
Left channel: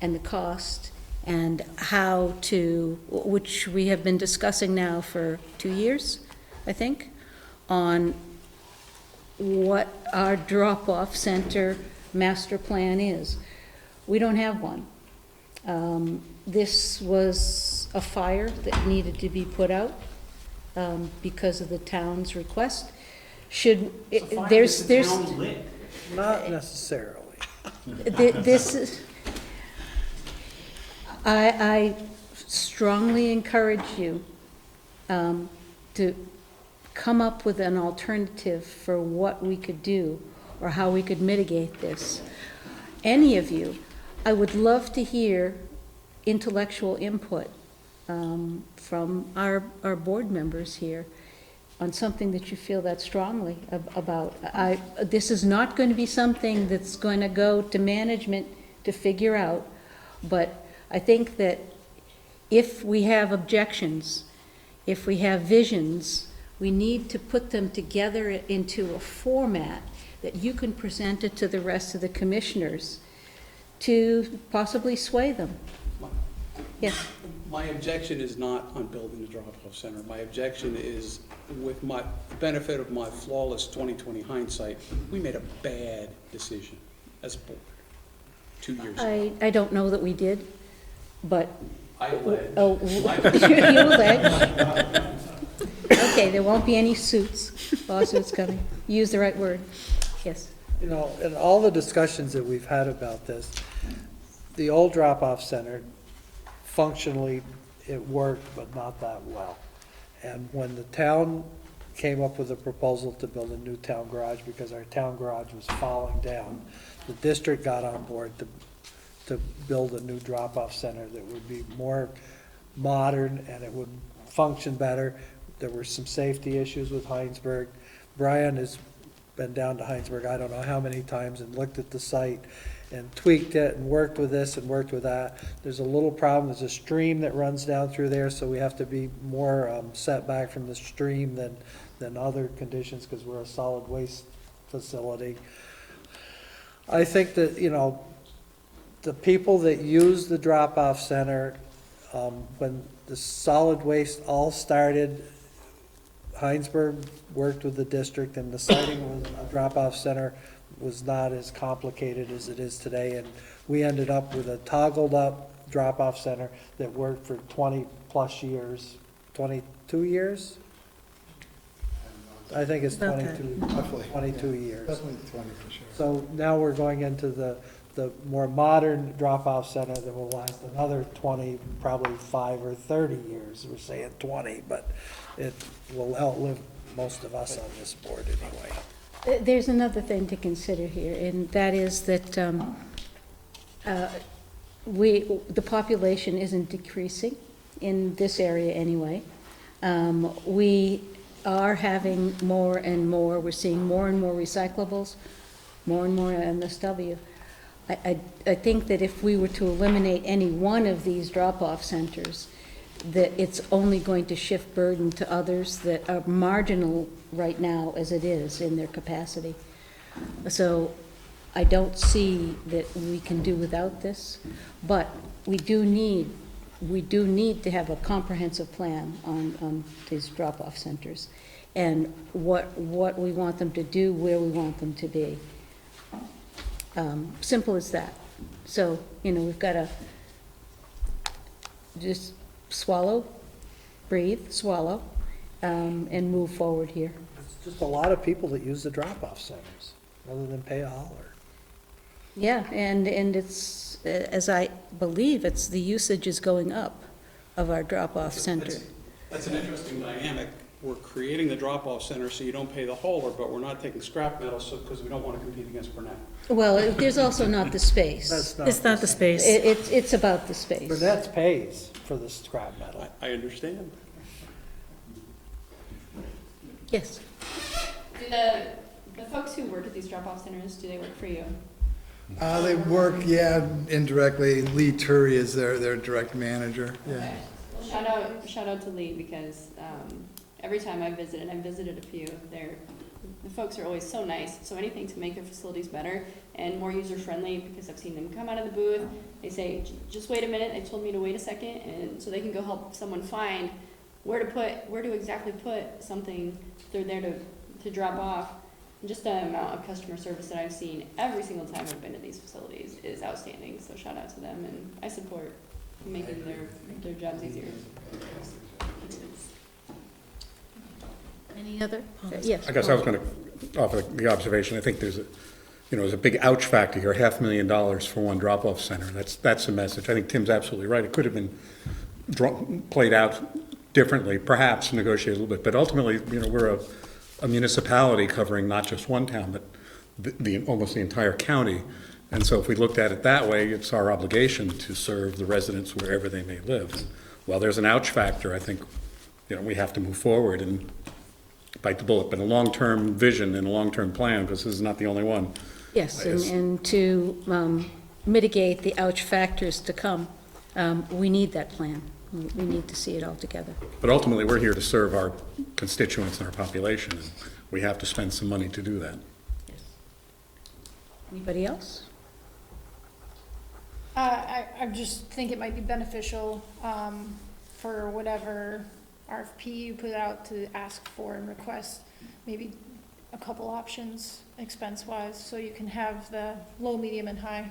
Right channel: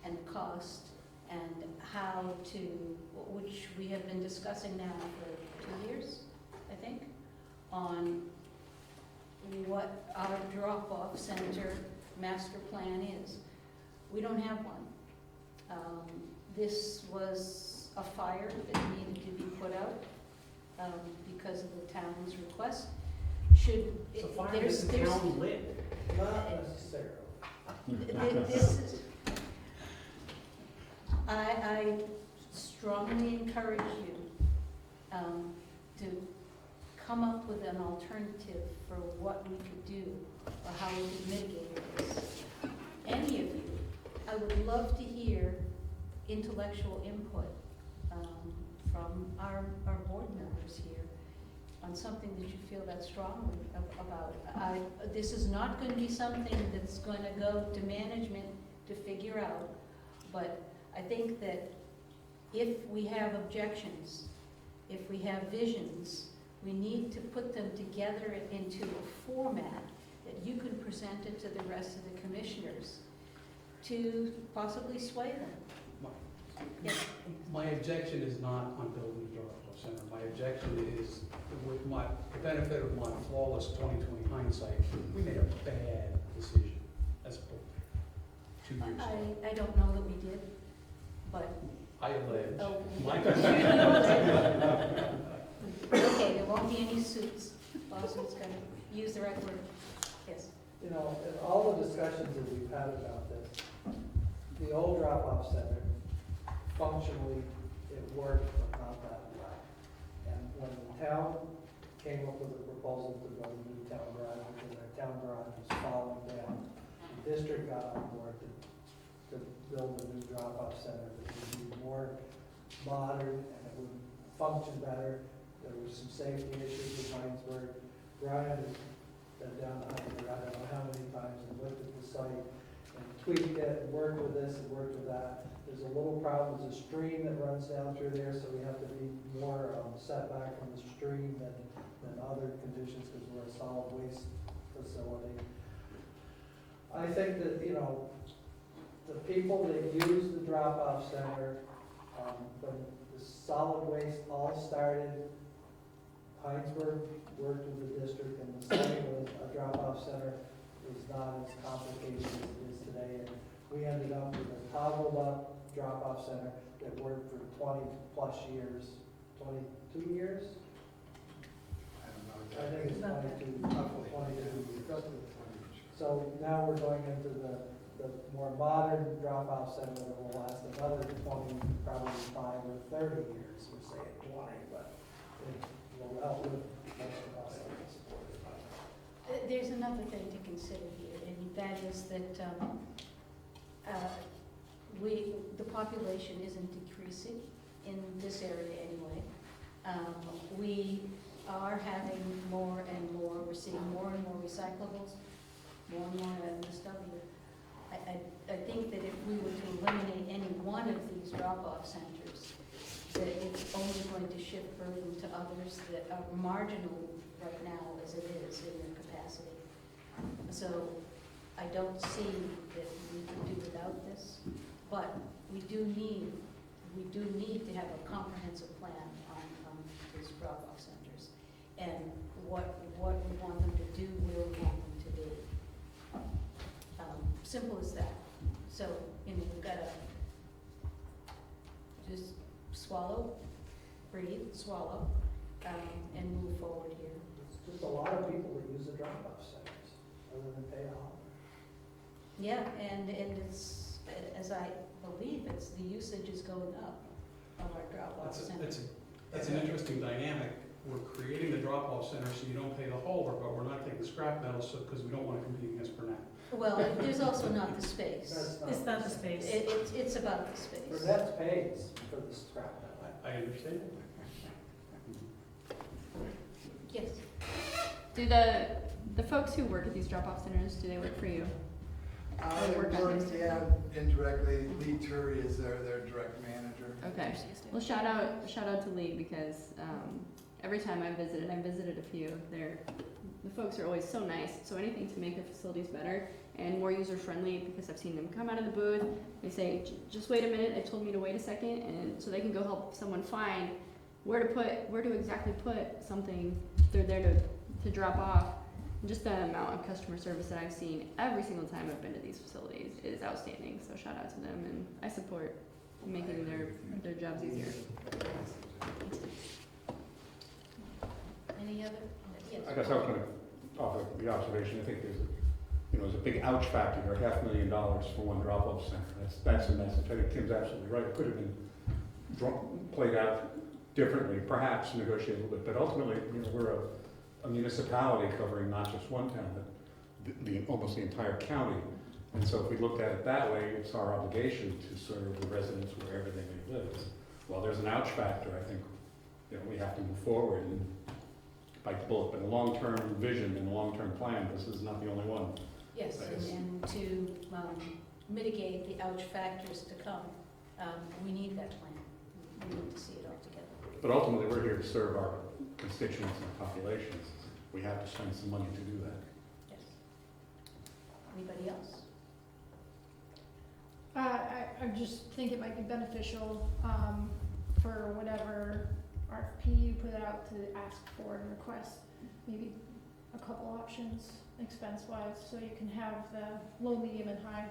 and the cost and how to, which we have been discussing now for 2 years, I think, on what our drop-off center master plan is. We don't have one. This was a fire that needed to be put out because of the town's request. There's Not necessarily. This is, I strongly encourage you to come up with an alternative for what we could do or how we could mitigate this. Any of you, I would love to hear intellectual input from our board members here on something that you feel that strongly about. This is not going to be something that's going to go to management to figure out, but I think that if we have objections, if we have visions, we need to put them together into a format that you can present it to the rest of the commissioners to possibly sway them. Yes. My objection is not on building the drop-off center. My objection is, with my benefit of my flawless 20/20 hindsight, we made a bad decision as a board 2 years ago. I don't know that we did, but. I allege. Oh, you allege. Okay, there won't be any lawsuits coming. Use the right word. Yes. You know, in all the discussions that we've had about this, the old drop-off center, functionally, it worked, but not that well. And when the town came up with a proposal to build a new town garage, because our town garage was falling down, the district got on board to build a new drop-off center that would be more modern and it would function better. There were some safety issues with Heinsberg. Brian has been down to Heinsberg, I don't know how many times, and looked at the site and tweaked it and worked with this and worked with that. There's a little problem, there's a stream that runs down through there, so we have to be more set back from the stream than other conditions because we're a solid waste facility. I think that, you know, the people that use the drop-off center, when the solid waste all started, Heinsberg worked with the district, and the siting of a drop-off center was not as complicated as it is today. And we ended up with a toggled-up drop-off center that worked for 20-plus years, 22 years? I think it's 22, Roughly. 22 years. Definitely 20 for sure. So now we're going into the more modern drop-off center that will last another 20, probably 5 or 30 years. We're saying 20, but it will outlive most of us on this board anyway. There's another thing to consider here, and that is that the population isn't decreasing in this area anyway. We are having more and more, we're seeing more and more recyclables, more and more MSW. I think that if we were to eliminate any one of these drop-off centers, that it's only going to shift burden to others that are marginal right now as it is in their capacity. So I don't see that we can do without this, but we do need to have a comprehensive plan on these drop-off centers and what we want them to do, where we want them to be. Simple as that. So, you know, we've got to just swallow, breathe, swallow, and move forward here. It's just a lot of people that use the drop-off centers rather than pay a hauler. Yeah, and it's, as I believe, it's the usage is going up of our drop-off center. That's an interesting dynamic. We're creating the drop-off center so you don't pay the hauler, but we're not taking scrap metal because we don't want to compete against Burnett. Well, there's also not the space. It's not the space. It's about the space. Burnett's pays for the scrap metal. I understand. Yes. Do the folks who work at these drop-off centers, do they work for you? They work, yeah, indirectly. Lee Turi is their direct manager. Yeah. Okay. Well, shout out to Lee, because every time I visited a few, the folks are always so nice. So anything to make their facilities better and more user-friendly, because I've seen them come out of the booth, they say, just wait a minute, they told me to wait a second, and so they can go help someone find where to exactly put something they're there to drop off. And just the amount of customer service that I've seen every single time I've been in these facilities. is outstanding, so shout out to them, and I support making their jobs easier. Any other? Yes. I guess I was going to offer the observation, I think there's a big ouch factor here, $500,000 for one drop-off center. That's the message. I think Tim's absolutely right. It could have been played out differently, perhaps negotiated a little bit, but ultimately, we're a municipality covering not just one town, but almost the entire county. And so if we looked at it that way, it's our obligation to serve the residents wherever they may live. And while there's an ouch factor, I think, we have to move forward and bite the bullet, but a long-term vision and a long-term plan, because this is not the only one. Yes, and to mitigate the ouch factors to come, we need that plan. We need to see it all together. But ultimately, we're here to serve our constituents and our population, and we have to spend some money to do that. Yes. Anybody else? I just think it might be beneficial, for whatever RFP you put out to ask for and request, maybe a couple options expense-wise, so you can have the low, medium, and high.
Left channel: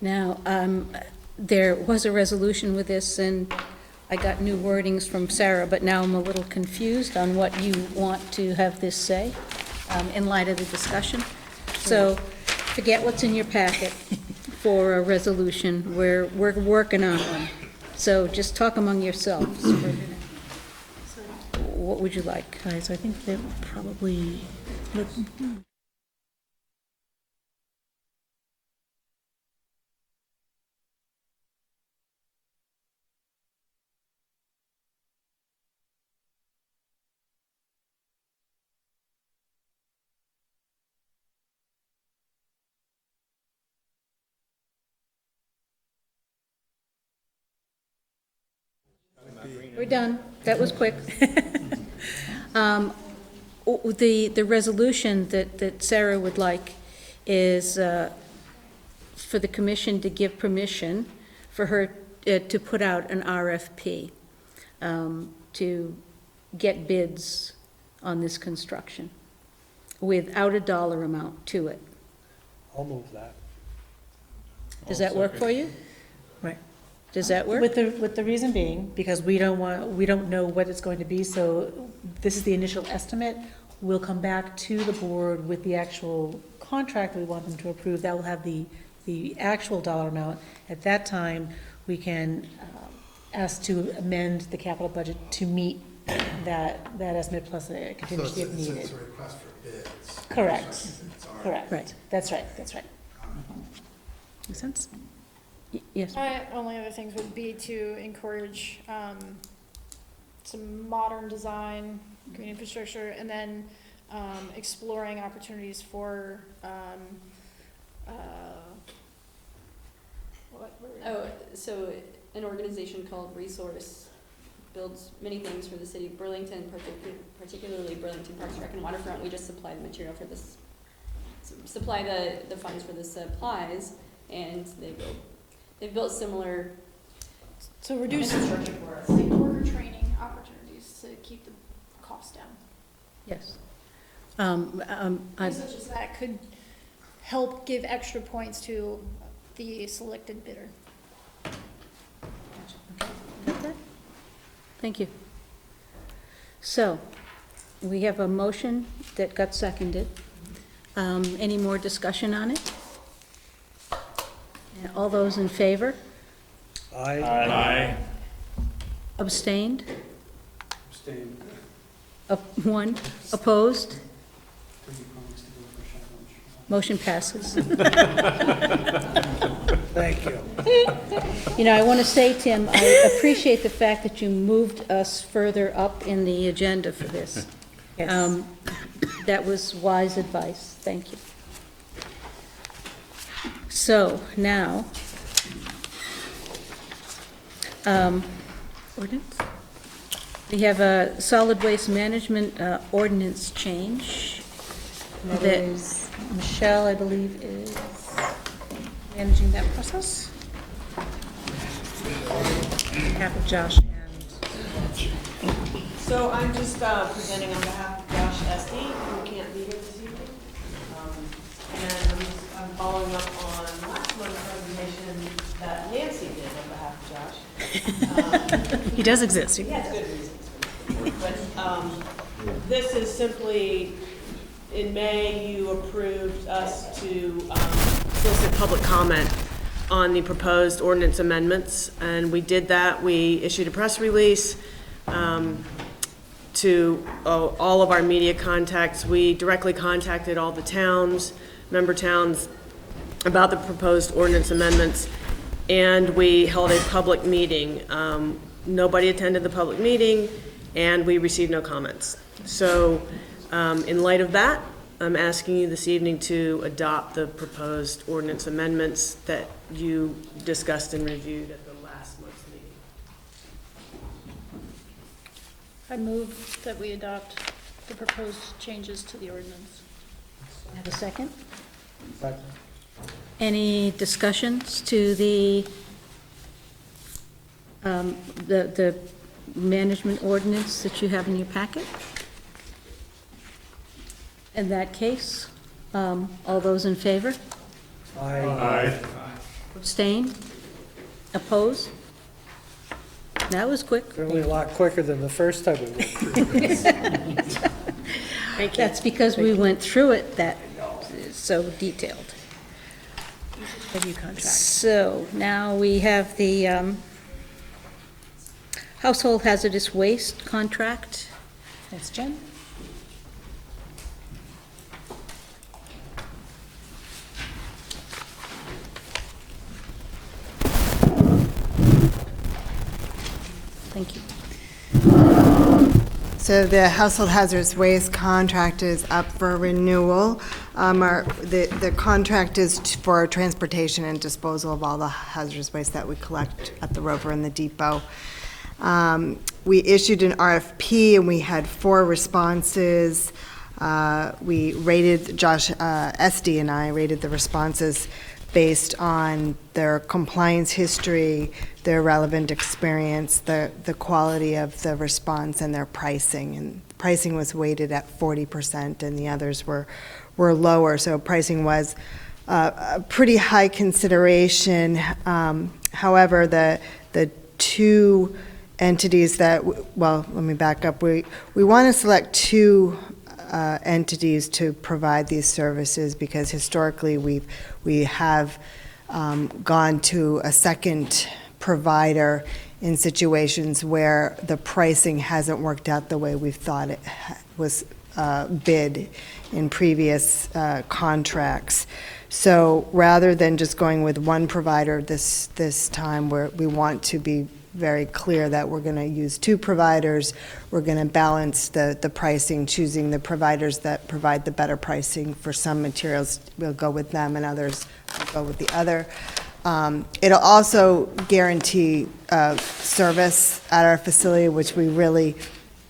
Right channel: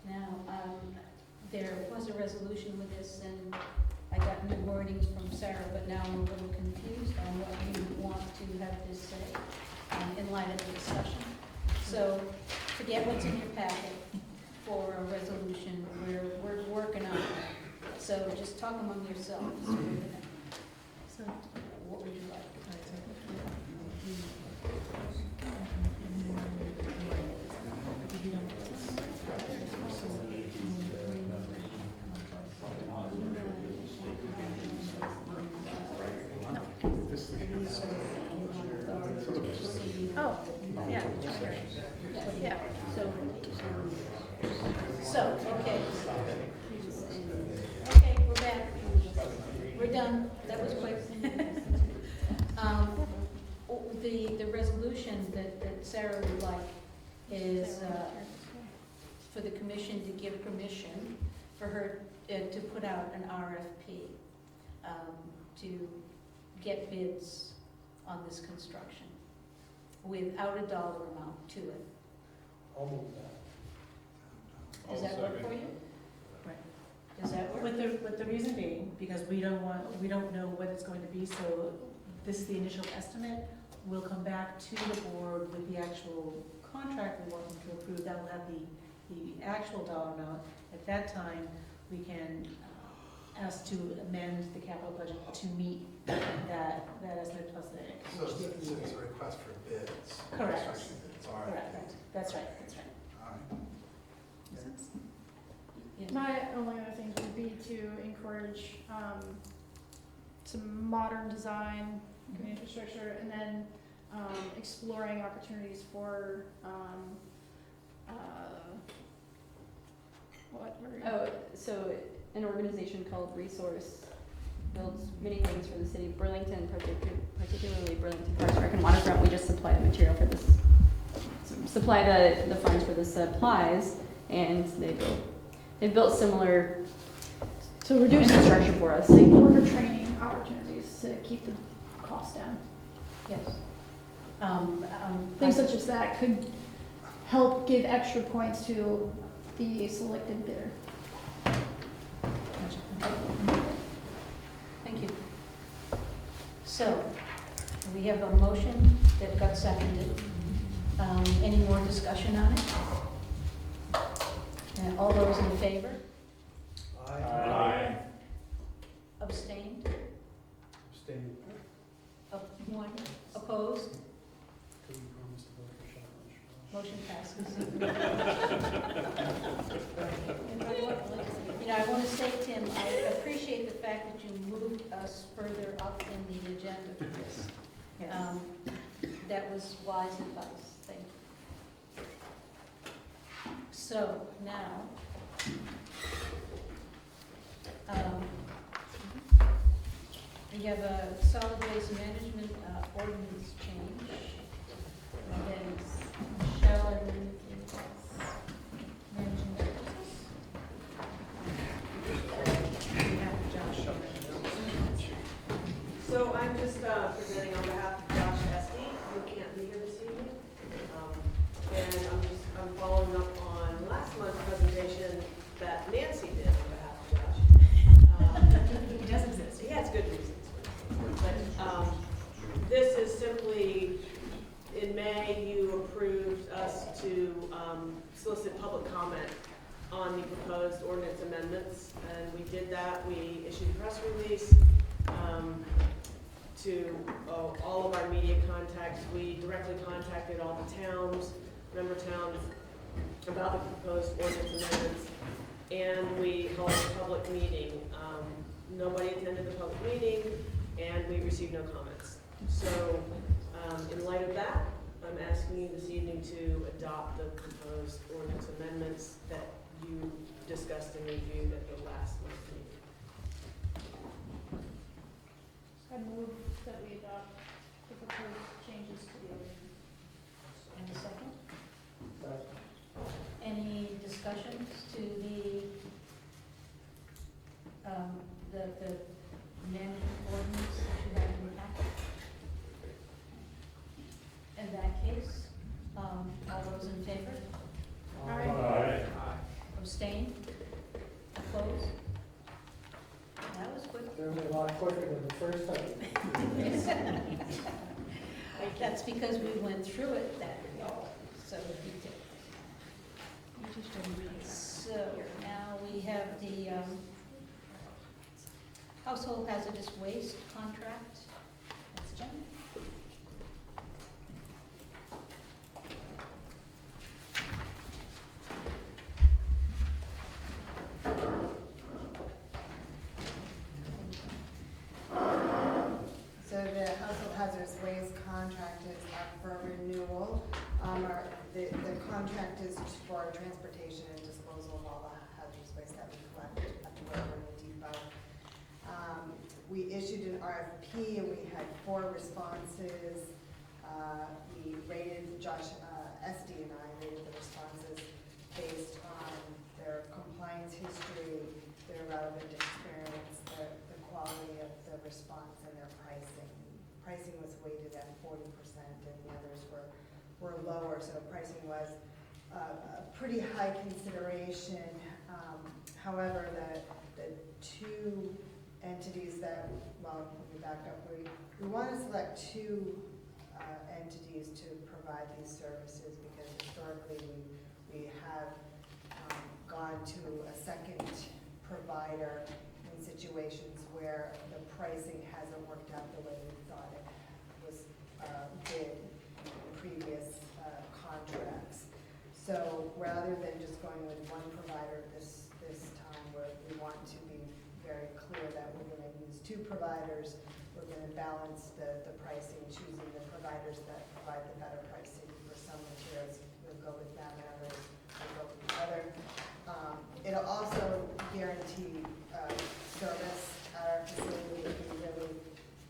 Now, there was a resolution with this, and I got new wordings from Sarah, but now I'm a little confused on what you want to have this say in light of the discussion. So forget what's in your packet for a resolution. We're working on one. So just talk among yourselves for a minute. What would you like? So I think they're probably, Oh, yeah. Yeah. So, okay. Okay, we're back. We're done. That was quick. The resolution that Sarah would like is for the commission to give permission for her to put out an RFP to get bids on this construction without a dollar amount to it. I'll move that. Does that work for you? right. Does that work? With the reason being, because we don't know what it's going to be, so this is the initial estimate. We'll come back to the board with the actual contract we want them to approve. That will have the actual dollar amount. At that time, we can ask to amend the capital budget to meet that estimate plus a contingency if needed. It's a request for bids. Correct. It's all right. Correct. Right. That's right. Make sense? Yes. My only other things would be to encourage some modern design, green infrastructure, and then exploring opportunities for So an organization called Resource builds many things for the city of Burlington, particularly Burlington Park Rec and Waterfront. We just supply the material for this, supply the funds for the supplies, and they've built similar so reduce infrastructure for us. worker training opportunities to keep the cost down. Yes. Things such as that could help give extra points to the selected bidder. Thank you. So, we have a motion that got seconded. Any more discussion on it? And all those in favor? Aye. Abstained? Abstain. One? Opposed? Motion passes. Thank you. You know, I want to say, Tim, I appreciate the fact that you moved us further up in the agenda for this. Yes. That was wise advice. Thank you. So, now, ordinance? We have a solid waste management ordinance change. That is, Michelle, I believe, is managing that process. Half of Josh. So I'm just presenting on behalf of Josh Esty, who can't be here this evening. And I'm just He does exist. He has good reasons. But this is simply, in May, you approved us to solicit public comment on the proposed ordinance amendments, and we did that. We issued a press release to all of our media contacts. We directly contacted all the towns, member towns, about the proposed ordinance amendments, and we held a public meeting. Nobody attended the public meeting, and we received no comments. So in light of that, I'm asking you this evening to adopt the proposed ordinance amendments that you discussed and reviewed at the last month's meeting. I move that we adopt the proposed changes to the ordinance. Have a second? Second. Any discussions to the management ordinance that you have in your packet? In that case, all those in favor? Aye. Abstain? Oppose? That was quick. Certainly a lot quicker than the first time we went. That's because we went through it that so detailed. Review contract. So now we have the household hazardous waste contract. That's Jen. Thank you. So the household hazardous waste contract is up for renewal. The contract is for transportation and disposal of all the hazardous waste that we collect at the Rover and the depot. We issued an RFP and we had 4 responses. We rated, Josh Esty and I rated the responses based on their compliance history, their relevant experience, the quality of the response, and their pricing. And pricing was weighted at 40%, and the others were lower. So pricing was a pretty high consideration. However, the 2 entities that, well, let me back up. We want to select 2 entities to provide these services because historically we have gone to a second provider in situations where the pricing hasn't worked out the way we've thought it was bid in previous contracts. So rather than just going with one provider this time, we want to be very clear that we're going to use 2 providers. We're going to balance the pricing, choosing the providers that provide the better pricing. For some materials, we'll go with them, and others will go with the other. It'll also guarantee service at our facility, which we really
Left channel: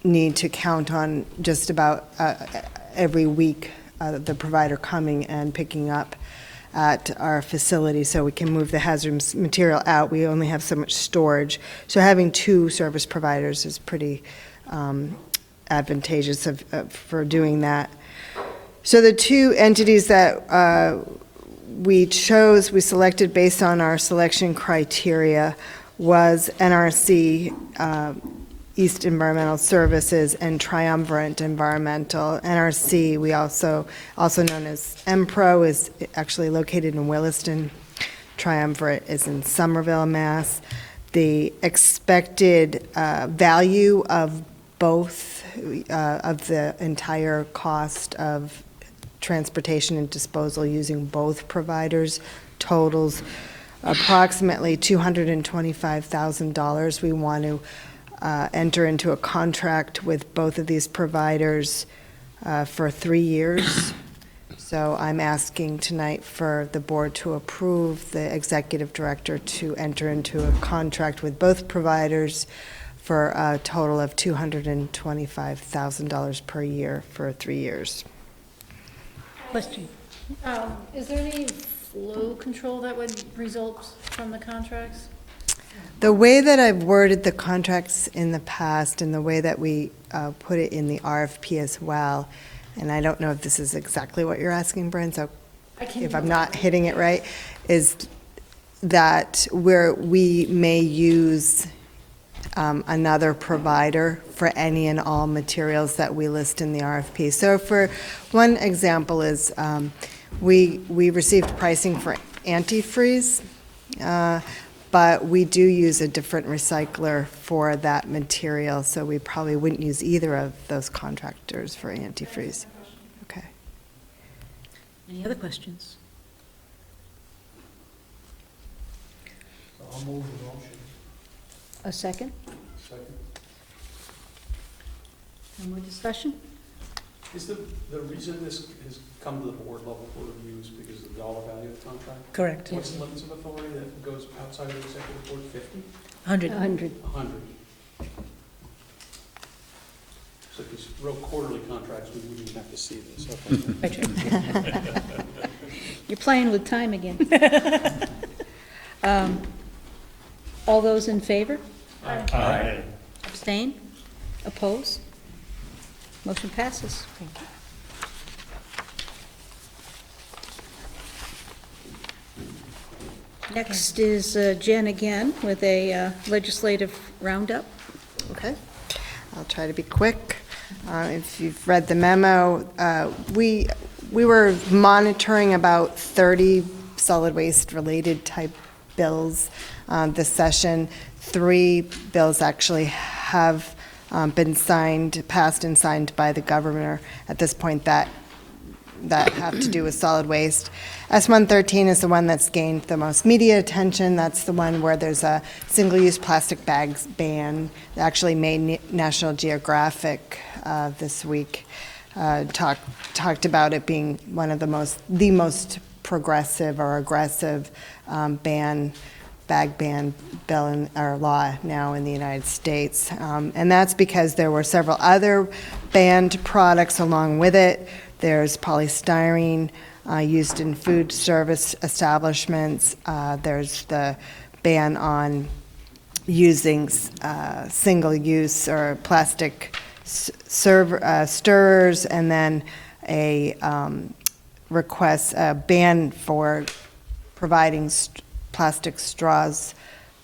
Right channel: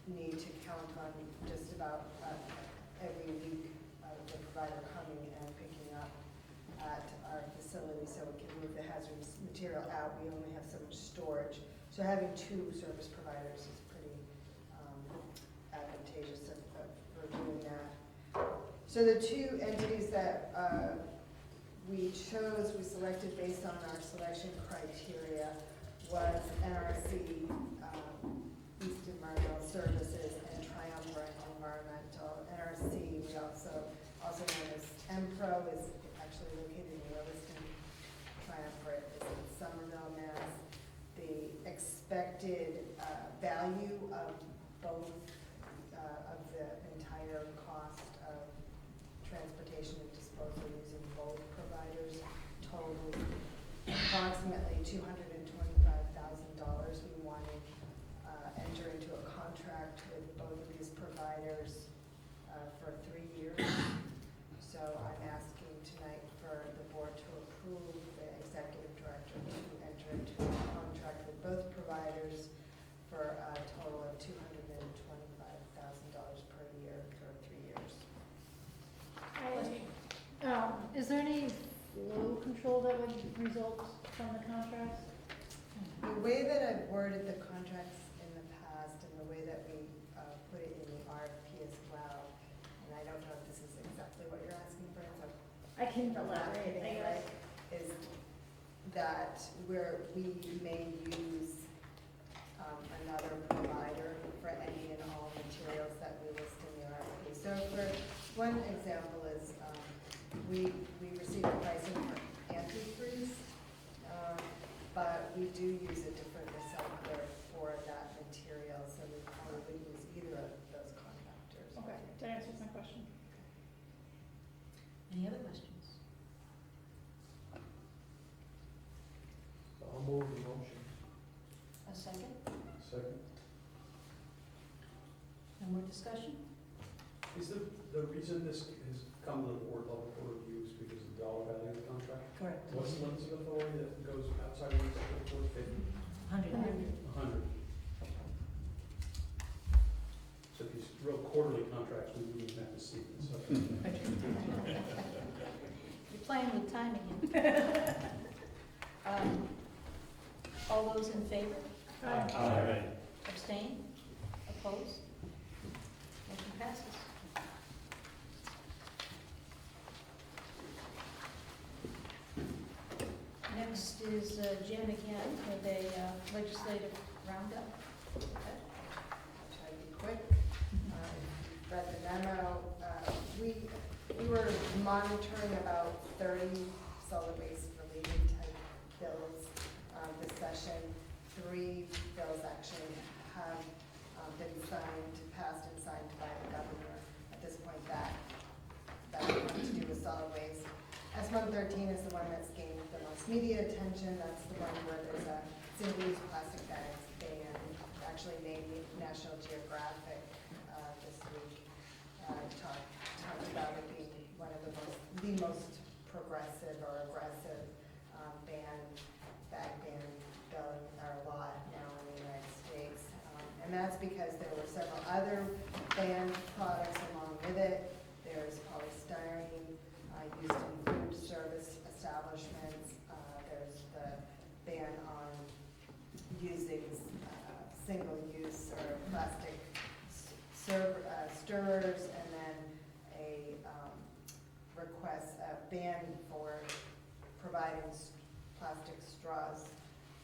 need to count on just about every week, the provider coming and picking up at our facility so we can move the hazardous material out. We only have so much storage. So having 2 service providers is pretty advantageous for doing that. So the 2 entities that we selected based on our selection criteria was NRC, East Environmental Services, and Triumvirate Environmental. NRC, we also known as MPRO, is actually located in Williston. Triumvirate is in Somerville, Mass. The expected value of both, of the entire cost of transportation and disposal using both providers totals approximately $225,000. We want to enter into a contract with both of these providers for 3 years. So I'm asking tonight for the board to approve the executive director to enter into a contract with both providers for a total of $225,000 per year for 3 years. Question. Is there any flow control that would result from the contracts? The way that I've worded the contracts in the past and the way that we put it in the RFP as well, and I don't know if this is exactly what you're asking, Brent, so if I'm not hitting it right, is that where we may use another provider for any and all materials that we list in the RFP. So for one example is, we received pricing for antifreeze, but we do use a different recycler for that material, so we probably wouldn't use either of those contractors for antifreeze. Okay. Any other questions? I'll move the motion. A second? Second. No more discussion? Is the reason this has come to the board level for review is because of the dollar value of the contract? Correct. What's the limits of authority that goes outside of the executive board, 50? 100. 100. 100. So these real quarterly contracts, we wouldn't even have to see this, okay. You're playing with time again. All those in favor? Aye. Abstain? Oppose? Motion passes. Next is Jen again with a legislative roundup. Okay, I'll try to be quick. If you've read the memo, we were monitoring about 30 solid waste-related type bills this session. 3 bills actually have been passed and signed by the governor at this point that have to do with solid waste. S113 is the one that's gained the most media attention. That's the one where there's a single-use plastic bags ban. It actually made National Geographic this week. Talked about it being one of the most progressive or aggressive bag ban bill or law now in the United States. And that's because there were several other banned products along with it. There's polystyrene used in food service establishments. There's the ban on using single-use or plastic stirrers, and then a ban for providing plastic straws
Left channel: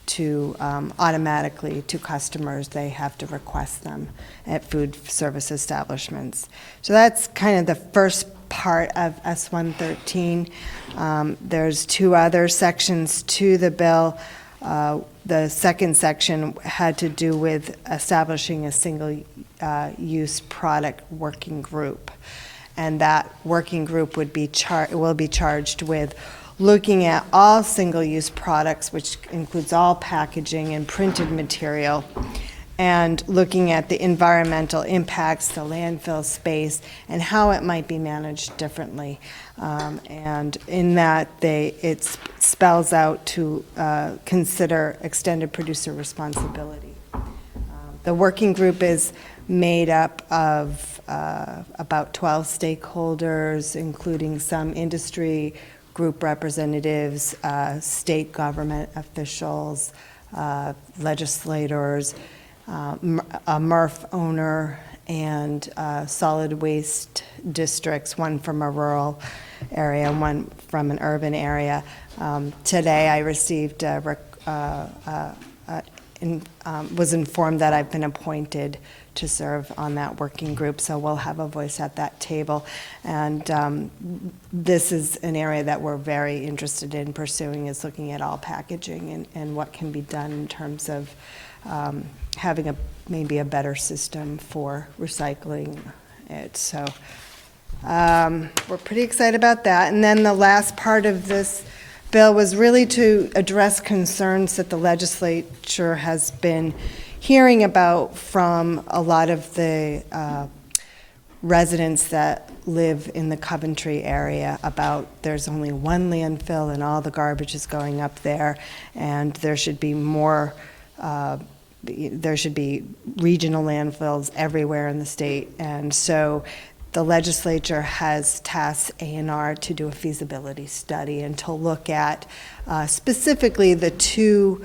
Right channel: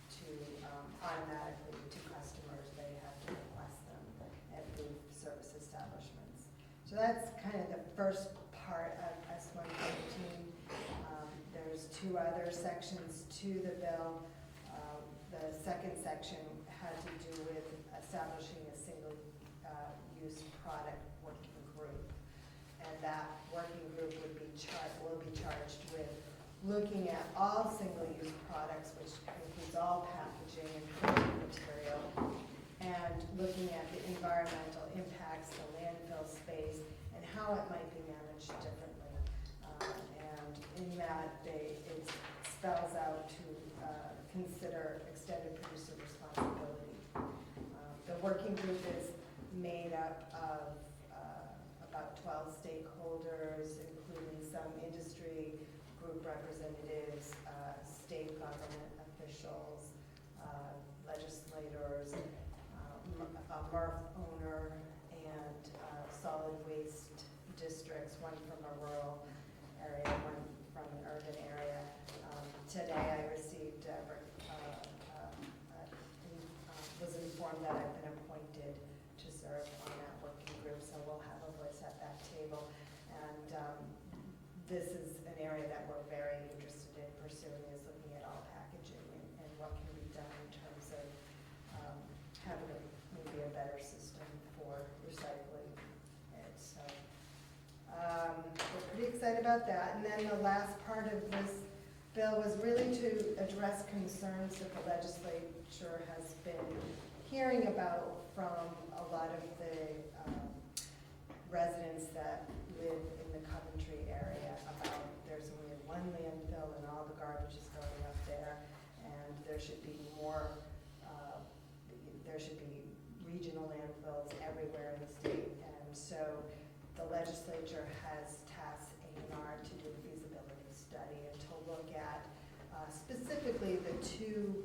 to automatically to customers. They have to request them at food service establishments. So that's kind of the first part of S113. There's 2 other sections to the bill. The second section had to do with establishing a single-use product working group. And that working group will be charged with looking at all single-use products, which includes all packaging and printed material, and looking at the environmental impacts, the landfill space, and how it might be managed differently. And in that, it spells out to consider extended producer responsibility. The working group is made up of about 12 stakeholders, including some industry group representatives, state government officials, legislators, a MRF owner, and solid waste districts, one from a rural area, one from an urban area. Today I received, was informed that I've been appointed to serve on that working group, so we'll have a voice at that table. And this is an area that we're very interested in pursuing, is looking at all packaging and what can be done in terms of having maybe a better system for recycling it. So we're pretty excited about that. And then the last part of this bill was really to address concerns that the legislature has been hearing about from a lot of the residents that live in the Coventry area about there's only one landfill and all the garbage is going up there, and there should be more, there should be regional landfills everywhere in the state. And so the legislature has tasked A&R to do a feasibility study and to look at specifically the 2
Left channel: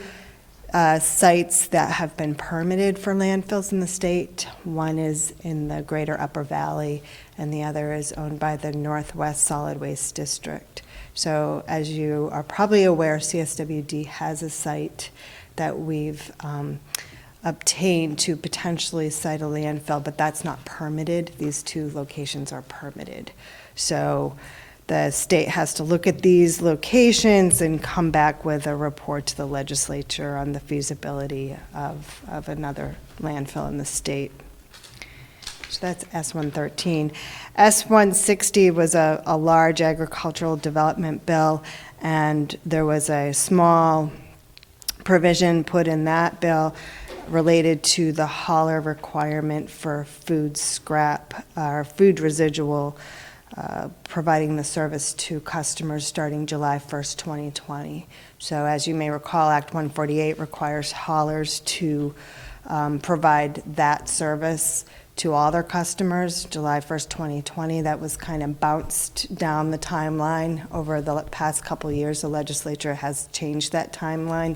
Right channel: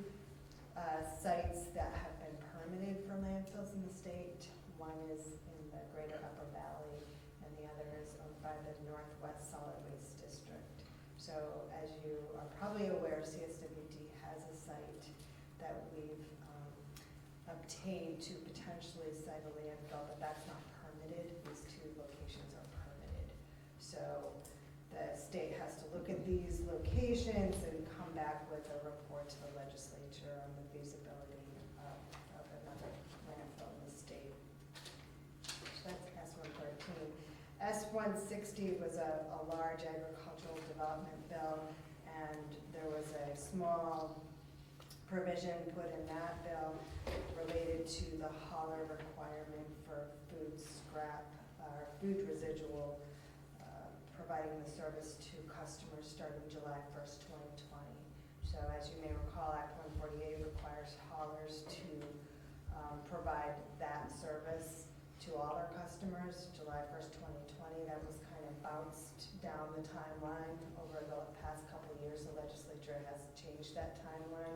sites that have been permitted for landfills in the state. One is in the greater Upper Valley, and the other is owned by the Northwest Solid Waste District. So as you are probably aware, CSWD has a site that we've obtained to potentially site a landfill, but that's not permitted. These two locations are permitted. So the state has to look at these locations and come back with a report to the legislature on the feasibility of another landfill in the state. So that's S-113. S-160 was a large agricultural development bill, and there was a small provision put in that bill related to the hauler requirement for food scrap or food residual, providing the service to customers starting July 1st, 2020. So as you may recall, Act 148 requires haulers to provide that service to all their customers, July 1st, 2020. That was kind of bounced down the timeline over the past couple of years. The legislature has changed that timeline,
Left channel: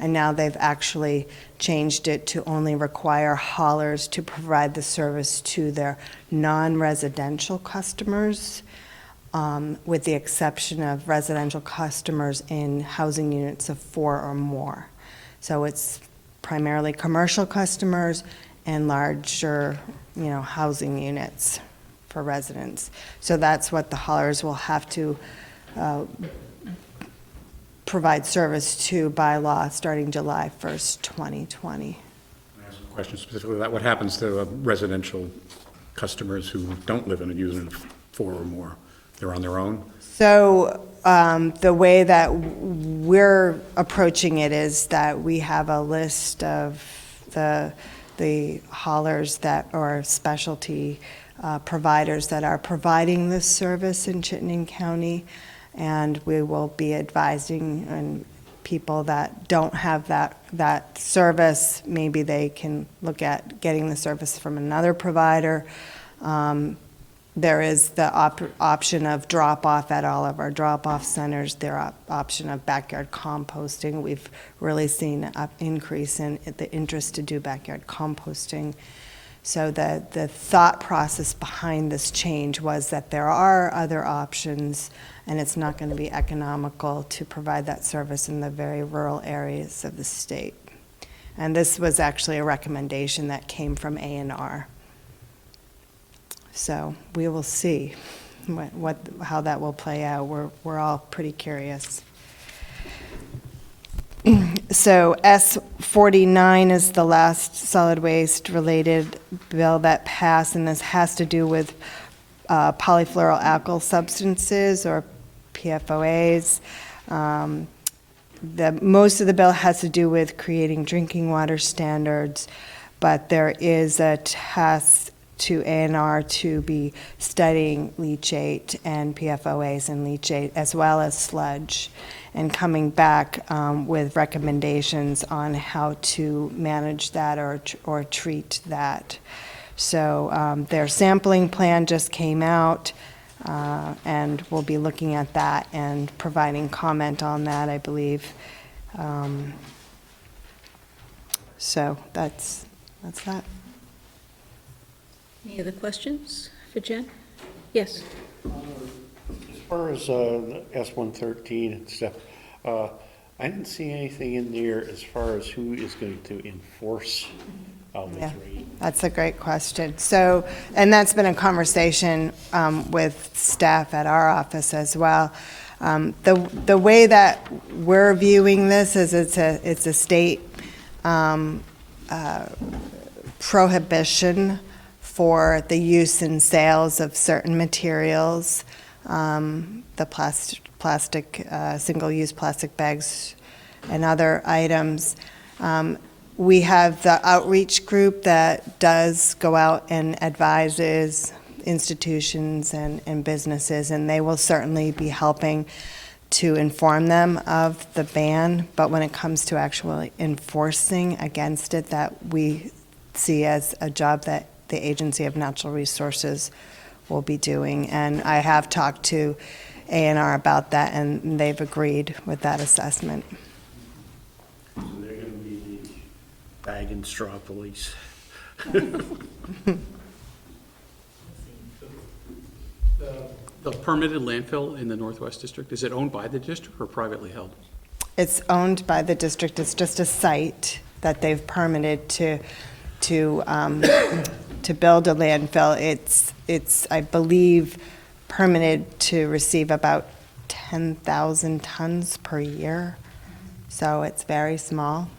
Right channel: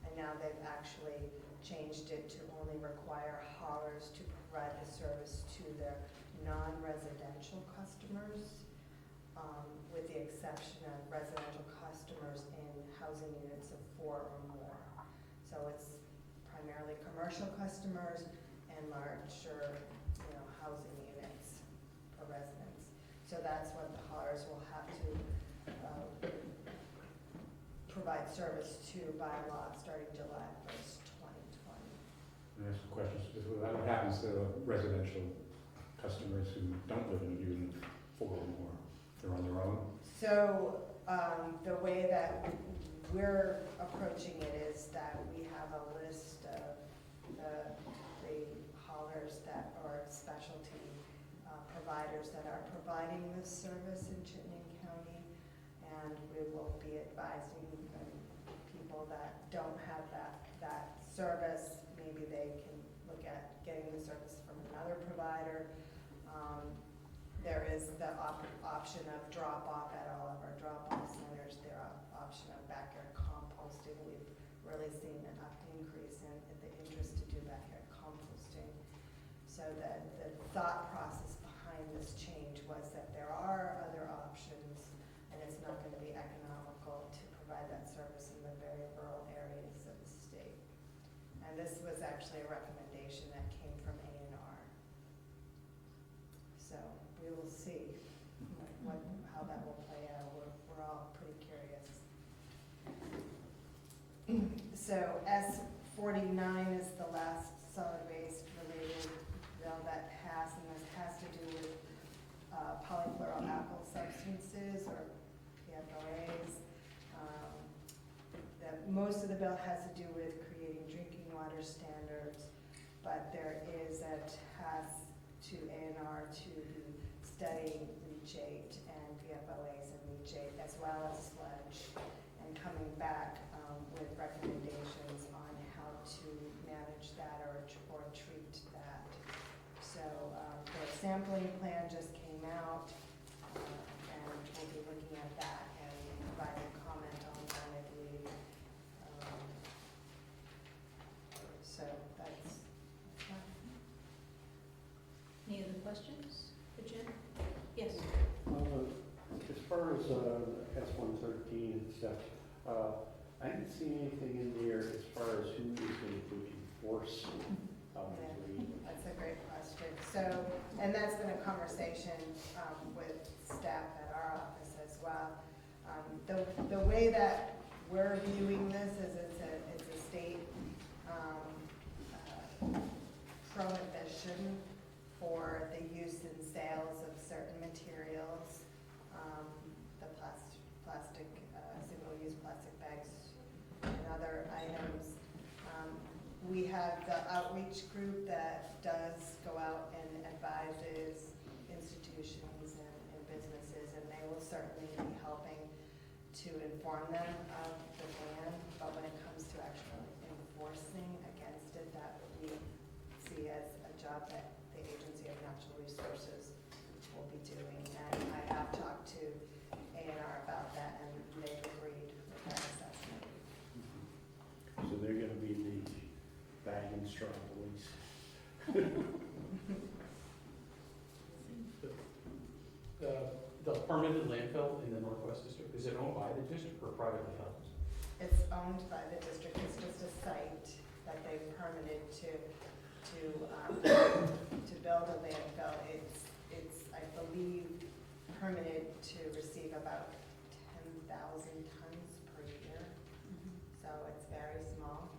and now they've actually changed it to only require haulers to provide the service to their non-residential customers, with the exception of residential customers in housing units of 4 or more. So it's primarily commercial customers and larger, housing units for residents. So that's what the haulers will have to provide service to by law starting July 1st, 2020. I ask a question specifically about what happens to residential customers who don't live in a unit of 4 or more. They're on their own? So the way that we're approaching it is that we have a list of the haulers that are specialty providers that are providing this service in Chittenden County, and we will be advising people that don't have that service. Maybe they can look at getting the service from another provider. There is the option of drop-off at all of our drop-off centers. There option of backyard composting. We've really seen an increase in the interest to do backyard composting. So the thought process behind this change was that there are other options, and it's not going to be economical to provide that service in the very rural areas of the state. And this was actually a recommendation that came from A&R. So we will see how that will play out. We're all pretty curious. So S-49 is the last solid waste related bill that passed, and this has to do with polyfluoroalkyl substances, or PFOAs. Most of the bill has to do with creating drinking water standards, but there is a task to A&R to be studying leachate and PFOAs and leachate, as well as sludge, and coming back with recommendations on how to manage that or treat that. So their sampling plan just came out, and we'll be looking at that and providing comment on that, I believe. So that's that. Any other questions for Jen? Yes. As far as S-113 and stuff, I didn't see anything in there as far as who is going to enforce this rate. That's a great question. So, and that's been a conversation with staff at our office as well. The way that we're viewing this is it's a state prohibition for the use and sales of certain materials, the plastic, single-use plastic bags and other items. We have the outreach group that does go out and advises institutions and businesses, and they will certainly be helping to inform them of the ban. But when it comes to actually enforcing against it, that we see as a job that the Agency of Natural Resources will be doing. And I have talked to A&R about that, and they've agreed with that assessment. So they're going to be the bag and straw police. The permitted landfill in the Northwest District, is it owned by the district or privately held? It's owned by the district. It's just a site. that they've permitted to build a landfill. It's, I believe, permitted to receive about 10,000 tons per year, so it's very small.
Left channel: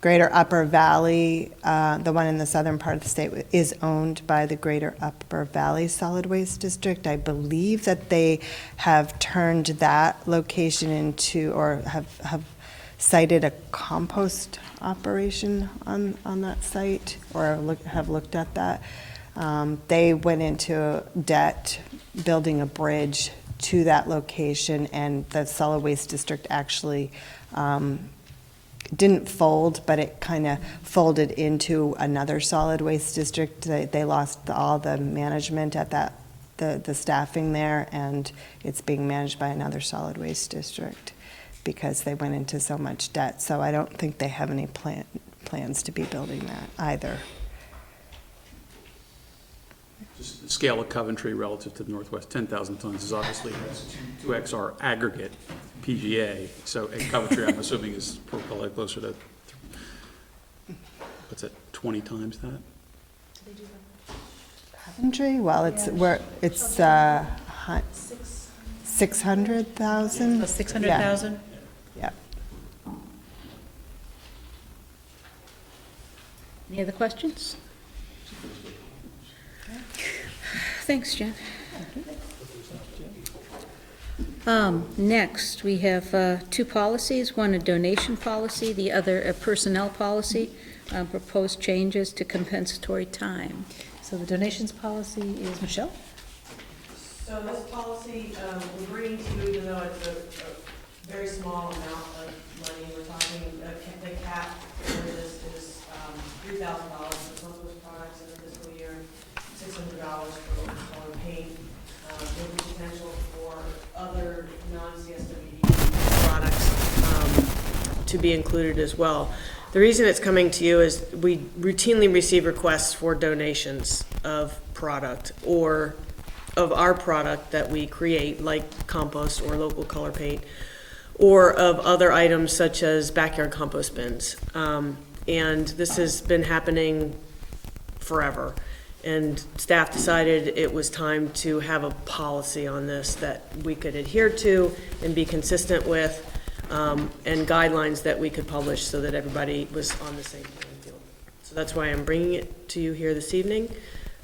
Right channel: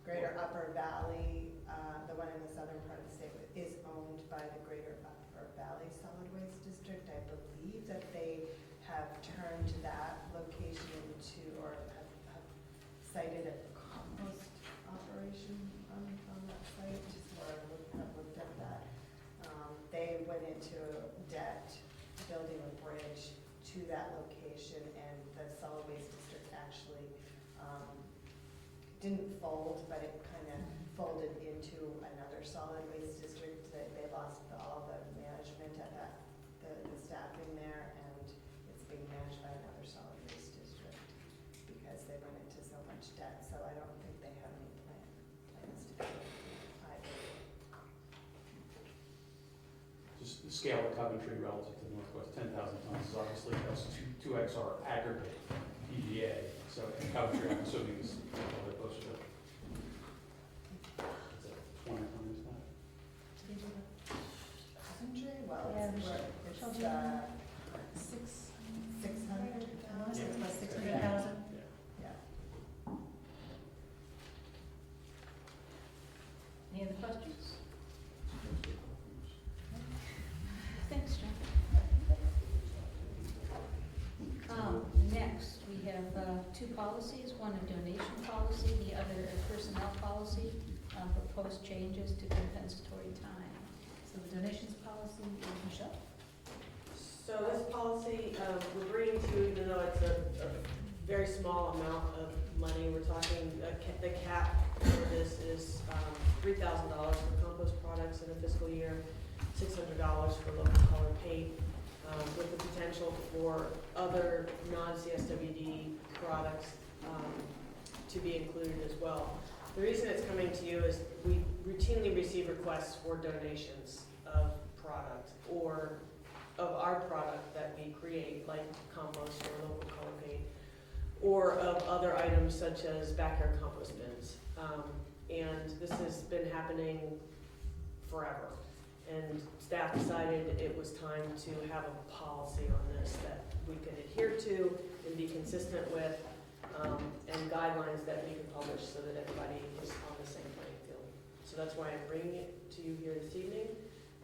Greater Upper Valley, the one in the southern part of the state, is owned by the Greater Upper Valley Solid Waste District. I believe that they have turned that location into, or have cited a compost operation on that site, or have looked at that. They went into debt building a bridge to that location, and the Solid Waste District actually didn't fold, but it kind of folded into another solid waste district. They lost all the management at that, the staffing there, and it's being managed by another solid waste district because they went into so much debt. So I don't think they have any plans to be building that either. Just the scale of Coventry relative to the Northwest, 10,000 tons is obviously 2x our aggregate PGA. So in Coventry, I'm assuming is probably closer to, what's it, 20 times that? Coventry? Well, it's, it's 600,000. 600,000? Yeah. Any other questions? Thanks, Jen. Next, we have two policies, one a donation policy, the other a personnel policy, proposed changes to compensatory time. So the donations policy is Michelle? So this policy, we're bringing to you, even though it's a very small amount of money, we're talking, the cap for this is $3,000 for compost products in the fiscal year, $600 for local color paint, with the potential for other non-CSWD products to be included as well. The reason it's coming to you is we routinely receive requests for donations of product or of our product that we create, like compost or local color paint, or of other items such as backyard compost bins. And this has been happening forever. And staff decided it was time to have a policy on this that we could adhere to and be consistent with, and guidelines that we could publish so that everybody was on the same playing field. So that's why I'm bringing it to you here this evening.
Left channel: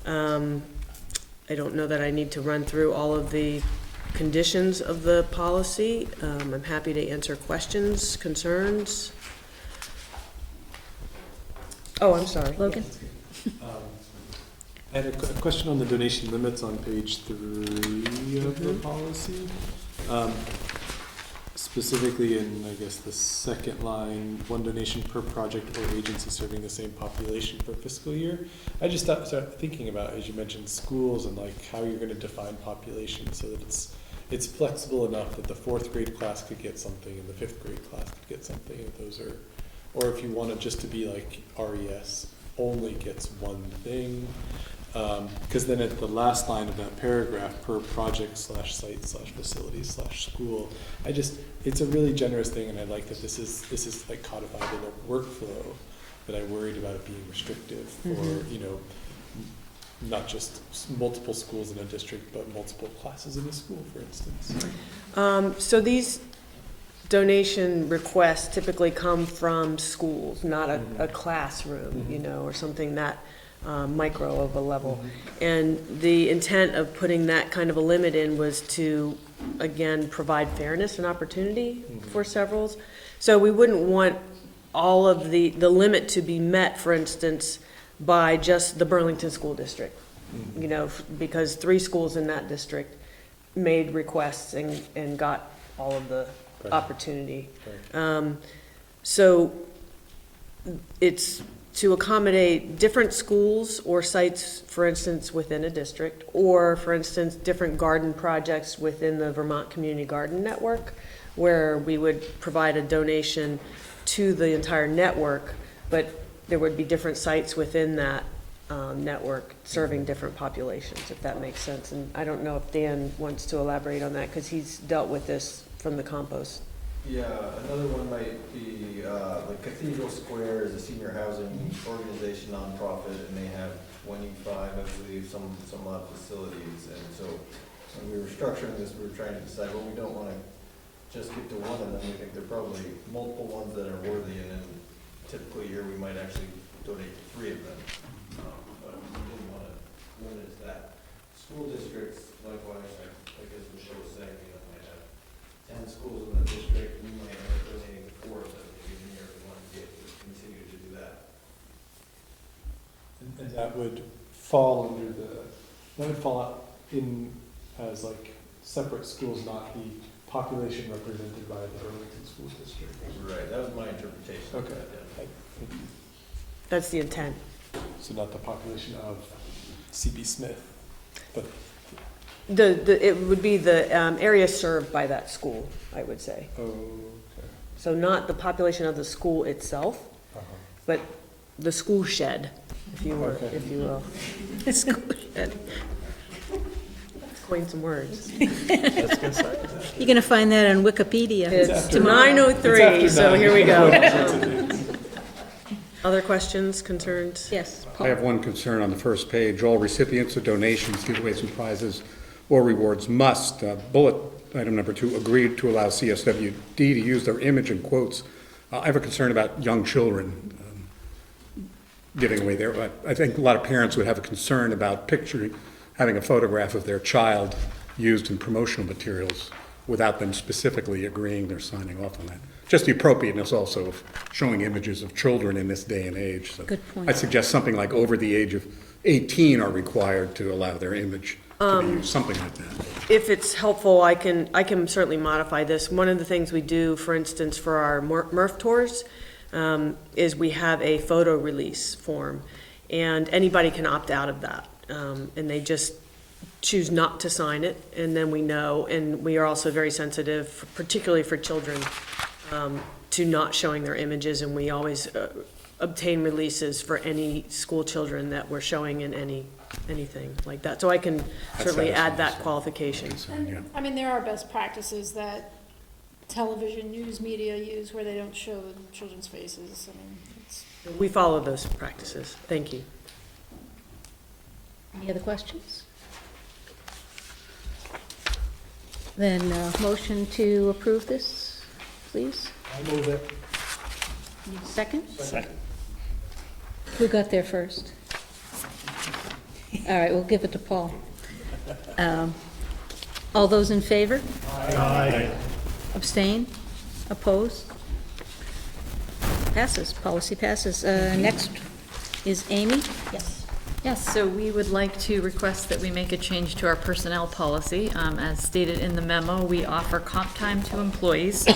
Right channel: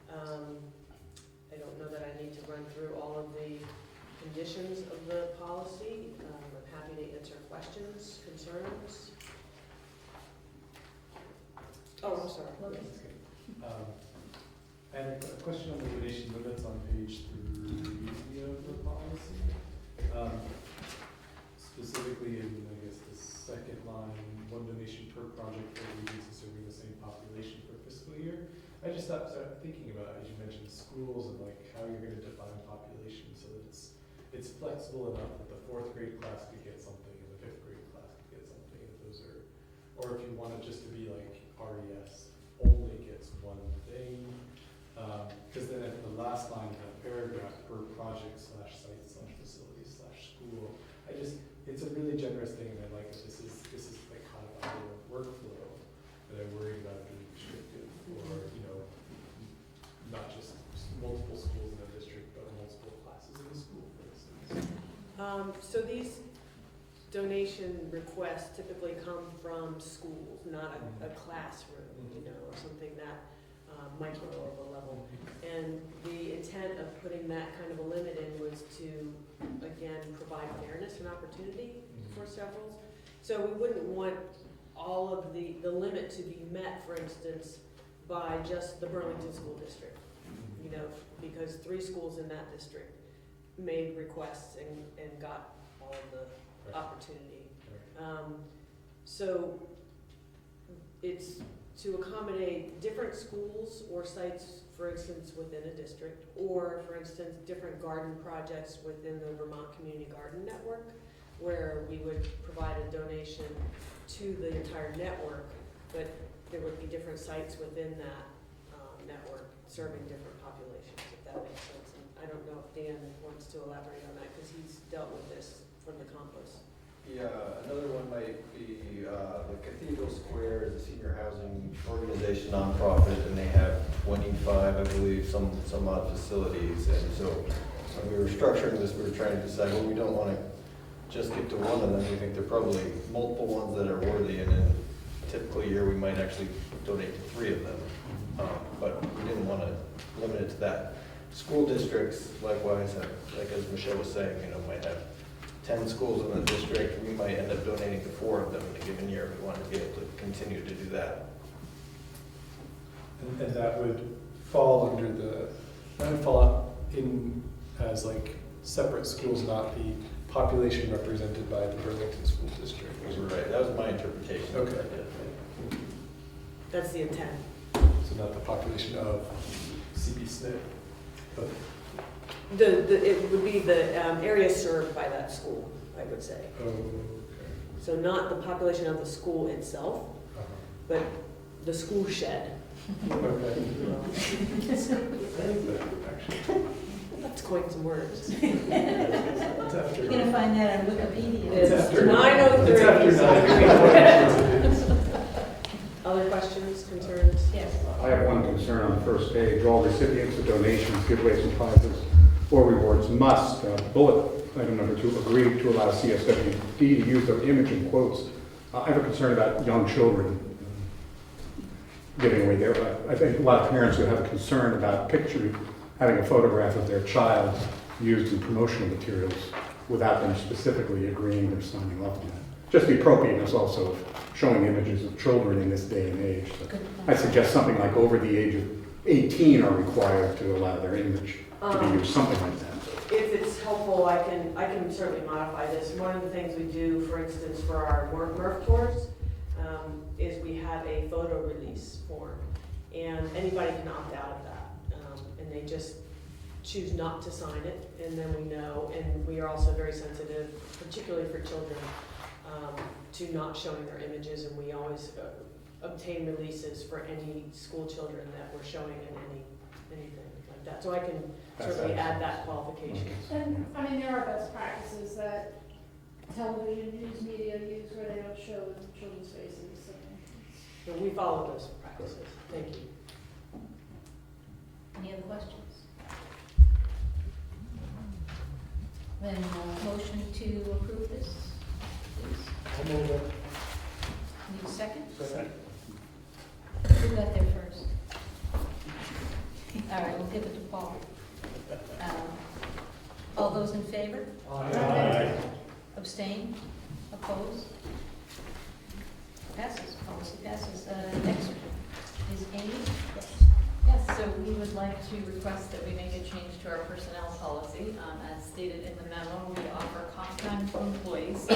I don't know that I need to run through all of the conditions of the policy. I'm happy to answer questions, concerns. Oh, I'm sorry. Logan? I had a question on the donation limits on page 3 of the policy. Specifically in, I guess, the second line, one donation per project or agency serving the same population per fiscal year. I just started thinking about, as you mentioned, schools and like how you're going to define population so that it's flexible enough that the 4th grade class could get something and the 5th grade class could get something. If those are, or if you want it just to be like RES only gets one thing. Because then at the last line of that paragraph, per project / site / facility / school, it's a really generous thing, and I like that this is like codified in a workflow that I worried about it being restrictive for, not just multiple schools in a district, but multiple classes in a school, for instance. So these donation requests typically come from schools, not a classroom, or something that micro of a level. And the intent of putting that kind of a limit in was to, again, provide fairness and opportunity for severals. So we wouldn't want all of the limit to be met, for instance, by just the Burlington School District, because 3 schools in that district made requests and got all of the opportunity. So it's to accommodate different schools or sites, for instance, within a district, or, for instance, different garden projects within the Vermont Community Garden Network, where we would provide a donation to the entire network, but there would be different sites within that network serving different populations, if that makes sense. And I don't know if Dan wants to elaborate on that, because he's dealt with this from the compost Yeah, another one might be, the Cathedral Square is a senior housing organization, nonprofit, and they have 25, I believe, some odd facilities. And so when we were structuring this, we were trying to decide, well, we don't want to just get to one of them. We think there are probably multiple ones that are worthy, and in a typical year, we might actually donate to 3 of them. But we didn't want to limit it to that. School districts, likewise, like as Michelle was saying, might have 10 schools in the district. We might end up donating to 4 of them in a given year. We want to be able to continue to do that. And that would fall under that would fall in as like separate schools, not the population represented by the Burlington School District. Right, that was my interpretation. Okay. That's the intent. So not the population of CB Smith, but It would be the area served by that school, I would say. okay. So not the population of the school itself, but the school shed, if you will. If you will. The school shed. Let's coin some words. You're gonna find that on Wikipedia. It's 9:03, so here we go. Other questions, concerns? Yes. I have one concern on the first page. All recipients of donations, giveaways, and prizes or rewards must, bullet item number 2, agree to allow CSWD to use their image in quotes. I have a concern about young children giving away there, but I think a lot of parents would have a concern about having a photograph of their child used in promotional materials without them specifically agreeing they're signing off on that. Just the appropriateness also of showing images of children in this day and age. So Good point. I suggest something like over the age of 18 are required to allow their image to be used, something like that. If it's helpful, I can certainly modify this. One of the things we do, for instance, for our MRF tours, is we have a photo release form, and anybody can opt out of that. And they just choose not to sign it, and then we know, and we are also very sensitive, particularly for children, to not showing their images, and we always obtain releases for any school children that we're showing in anything like that. So I can certainly add that qualification. And, I mean, there are best practices that television news media use where they don't show the children's faces. We follow those practices. Thank you. Any other questions? Then, motion to approve this, please? I move it. Second? Second. Who got there first? All right, we'll give it to Paul. All those in favor? Aye. Abstain? Oppose? Passes, policy passes. Next is Amy? Yes. Yes, so we would like to request that we make a change to our personnel policy. As stated in the memo, we offer comp time to employees.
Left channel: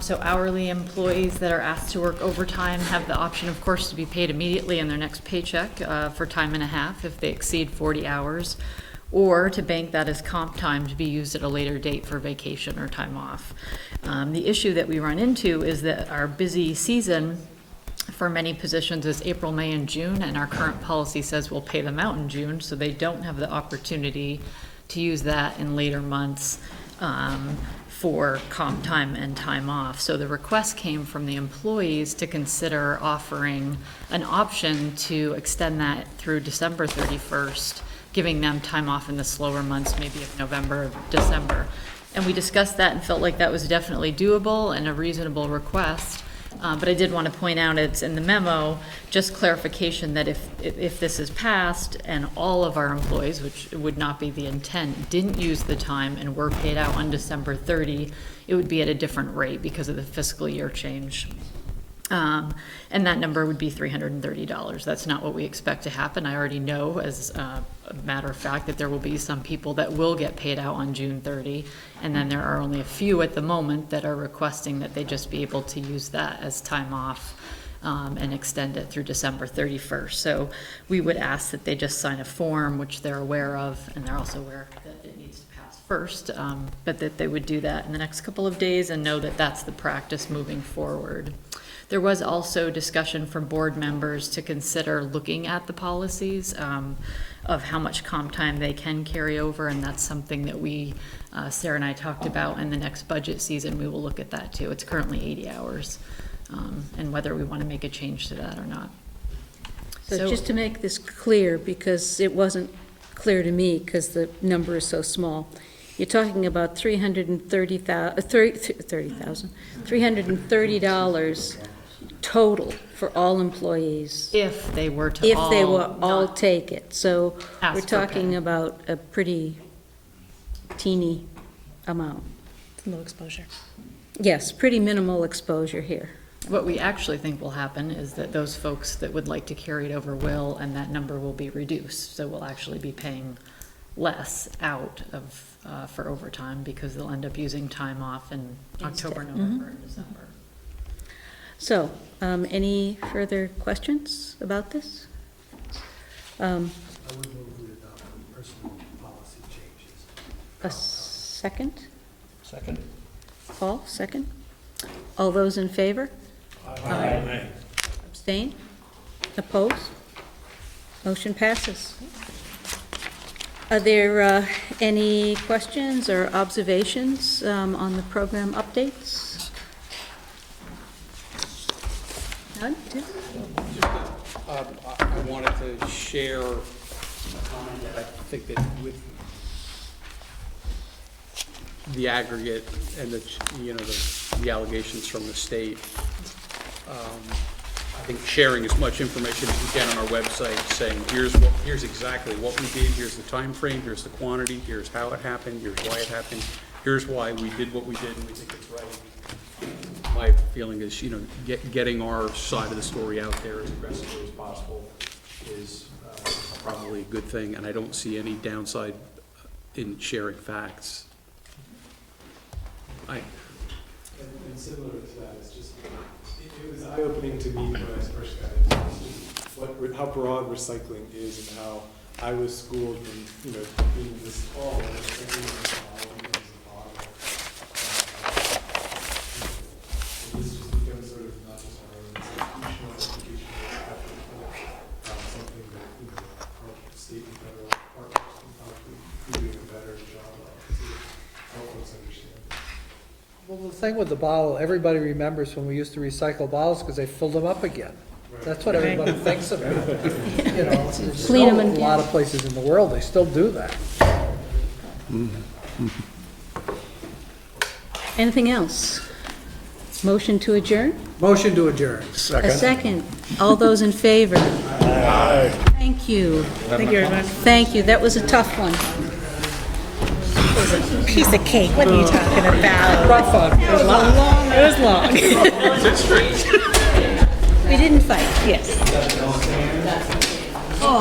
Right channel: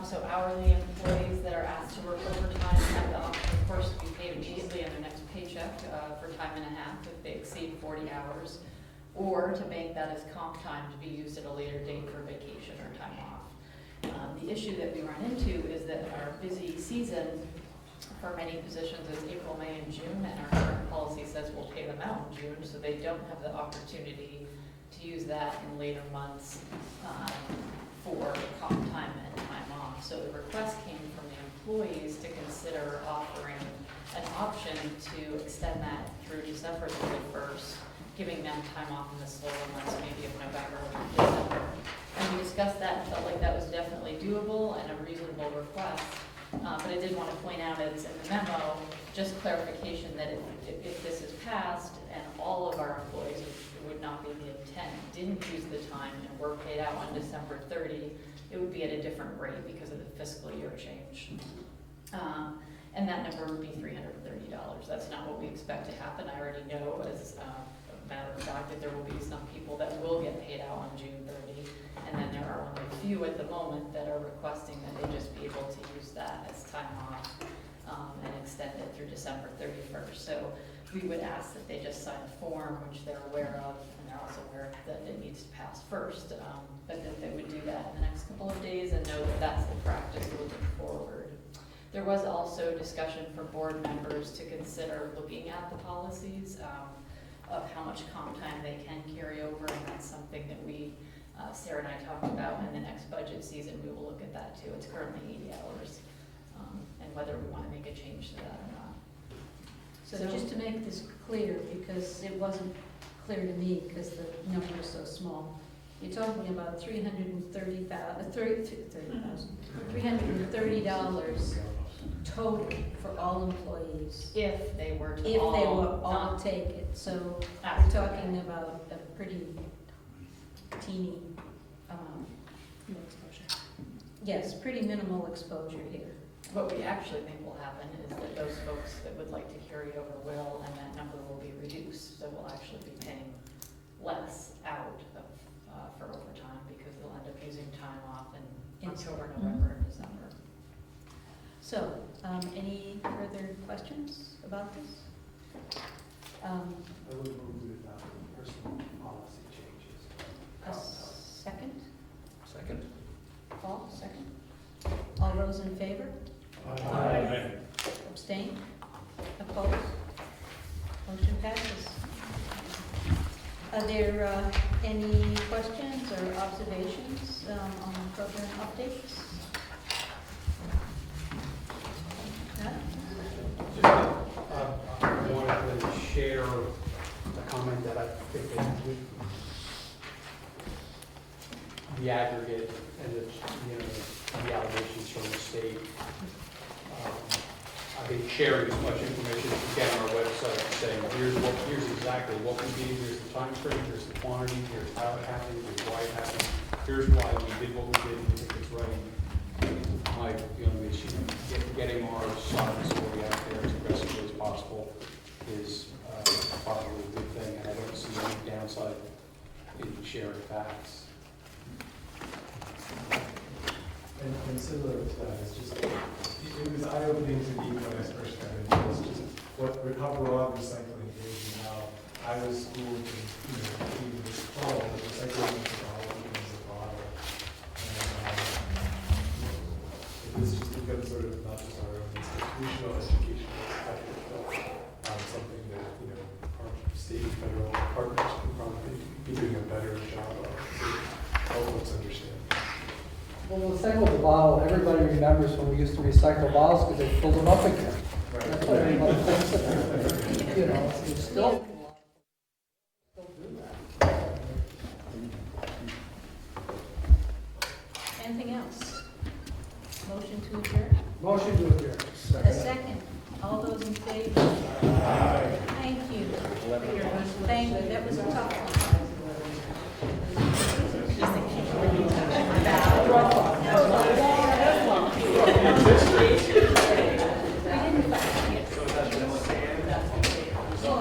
So hourly employees that are asked to work overtime have the option, of course, to be paid immediately in their next paycheck for time and a half if they exceed 40 hours, or to bank that as comp time to be used at a later date for vacation or time off. The issue that we run into is that our busy season for many positions is April, May, and June, and our current policy says we'll pay them out in June, so they don't have the opportunity to use that in later months for comp time and time off. So the request came from the employees to consider offering an option to extend that through December 31st, giving them time off in the slower months, maybe of November, December. And we discussed that and felt like that was definitely doable and a reasonable request. But I did want to point out, it's in the memo, just clarification that if this is passed and all of our employees, which would not be the intent, didn't use the time and were paid out on December 30, it would be at a different rate because of the fiscal year change. And that number would be $330. That's not what we expect to happen. I already know, as a matter of fact, that there will be some people that will get paid out on June 30, and then there are only a few at the moment that are requesting that they just be able to use that as time off and extend it through December 31st. So we would ask that they just sign a form, which they're aware of, and they're also aware that it needs to pass first, but that they would do that in the next couple of days and know that that's the practice moving forward. There was also discussion from board members to consider looking at the policies of how much comp time they can carry over, and that's something that we Sarah and I talked about in the next budget season, we will look at that too. It's currently 80 hours, and whether we want to make a change to that or not. So just to make this clear, because it wasn't clear to me, because the number is so small, you're talking about $330 total for all employees. If they were to If they all will all not take it. So ask we're for talking pay. about a pretty teeny amount. No exposure. Yes, pretty minimal exposure here. What we actually think will happen is that those folks that would like to carry it over will, and that number will be reduced. So we'll actually be paying less out of, for overtime, because they'll end up using time off in October, November, and December. So, any further questions about this? I would move we adopt the personal policy changes. A second? Second. Paul, second? All those in favor? Aye. Abstain? Oppose? Motion passes. Are there any questions or observations on the program updates? None? Tim? I wanted to share a comment that I think that with the aggregate and the allegations from the state, I think sharing as much information as we can on our website, saying here's exactly what we did, here's the time frame, here's the quantity, here's how it happened, here's why it happened, here's why we did what we did, and we think it's right. My feeling is, getting our side of the story out there as aggressively as possible is probably a good thing, and I don't see any downside in sharing facts. And similar to that, it's just, it was eye-opening to me when I first got into this, just how broad recycling is and how I was schooled in, cleaning this call, and recycling this bottle becomes a bottle. And this just becomes sort of not just our own institutional education perspective, but something that, our state and federal partners can probably be doing a better job of, to help us understand. Well, the thing with the bottle, everybody remembers when we used to recycle bottles because they filled them up again. That's what everybody thinks of it. It's Clean 'em still and- a lot of places in the world, they still do that. Anything else? Motion to adjourn? Motion to adjourn. A second. All those in favor? Thank you. Thank you very much. Thank you. That was a tough one. Piece of cake, what are you talking about? Rough fun. It was long. It was long. We didn't fight. Yes. Oh.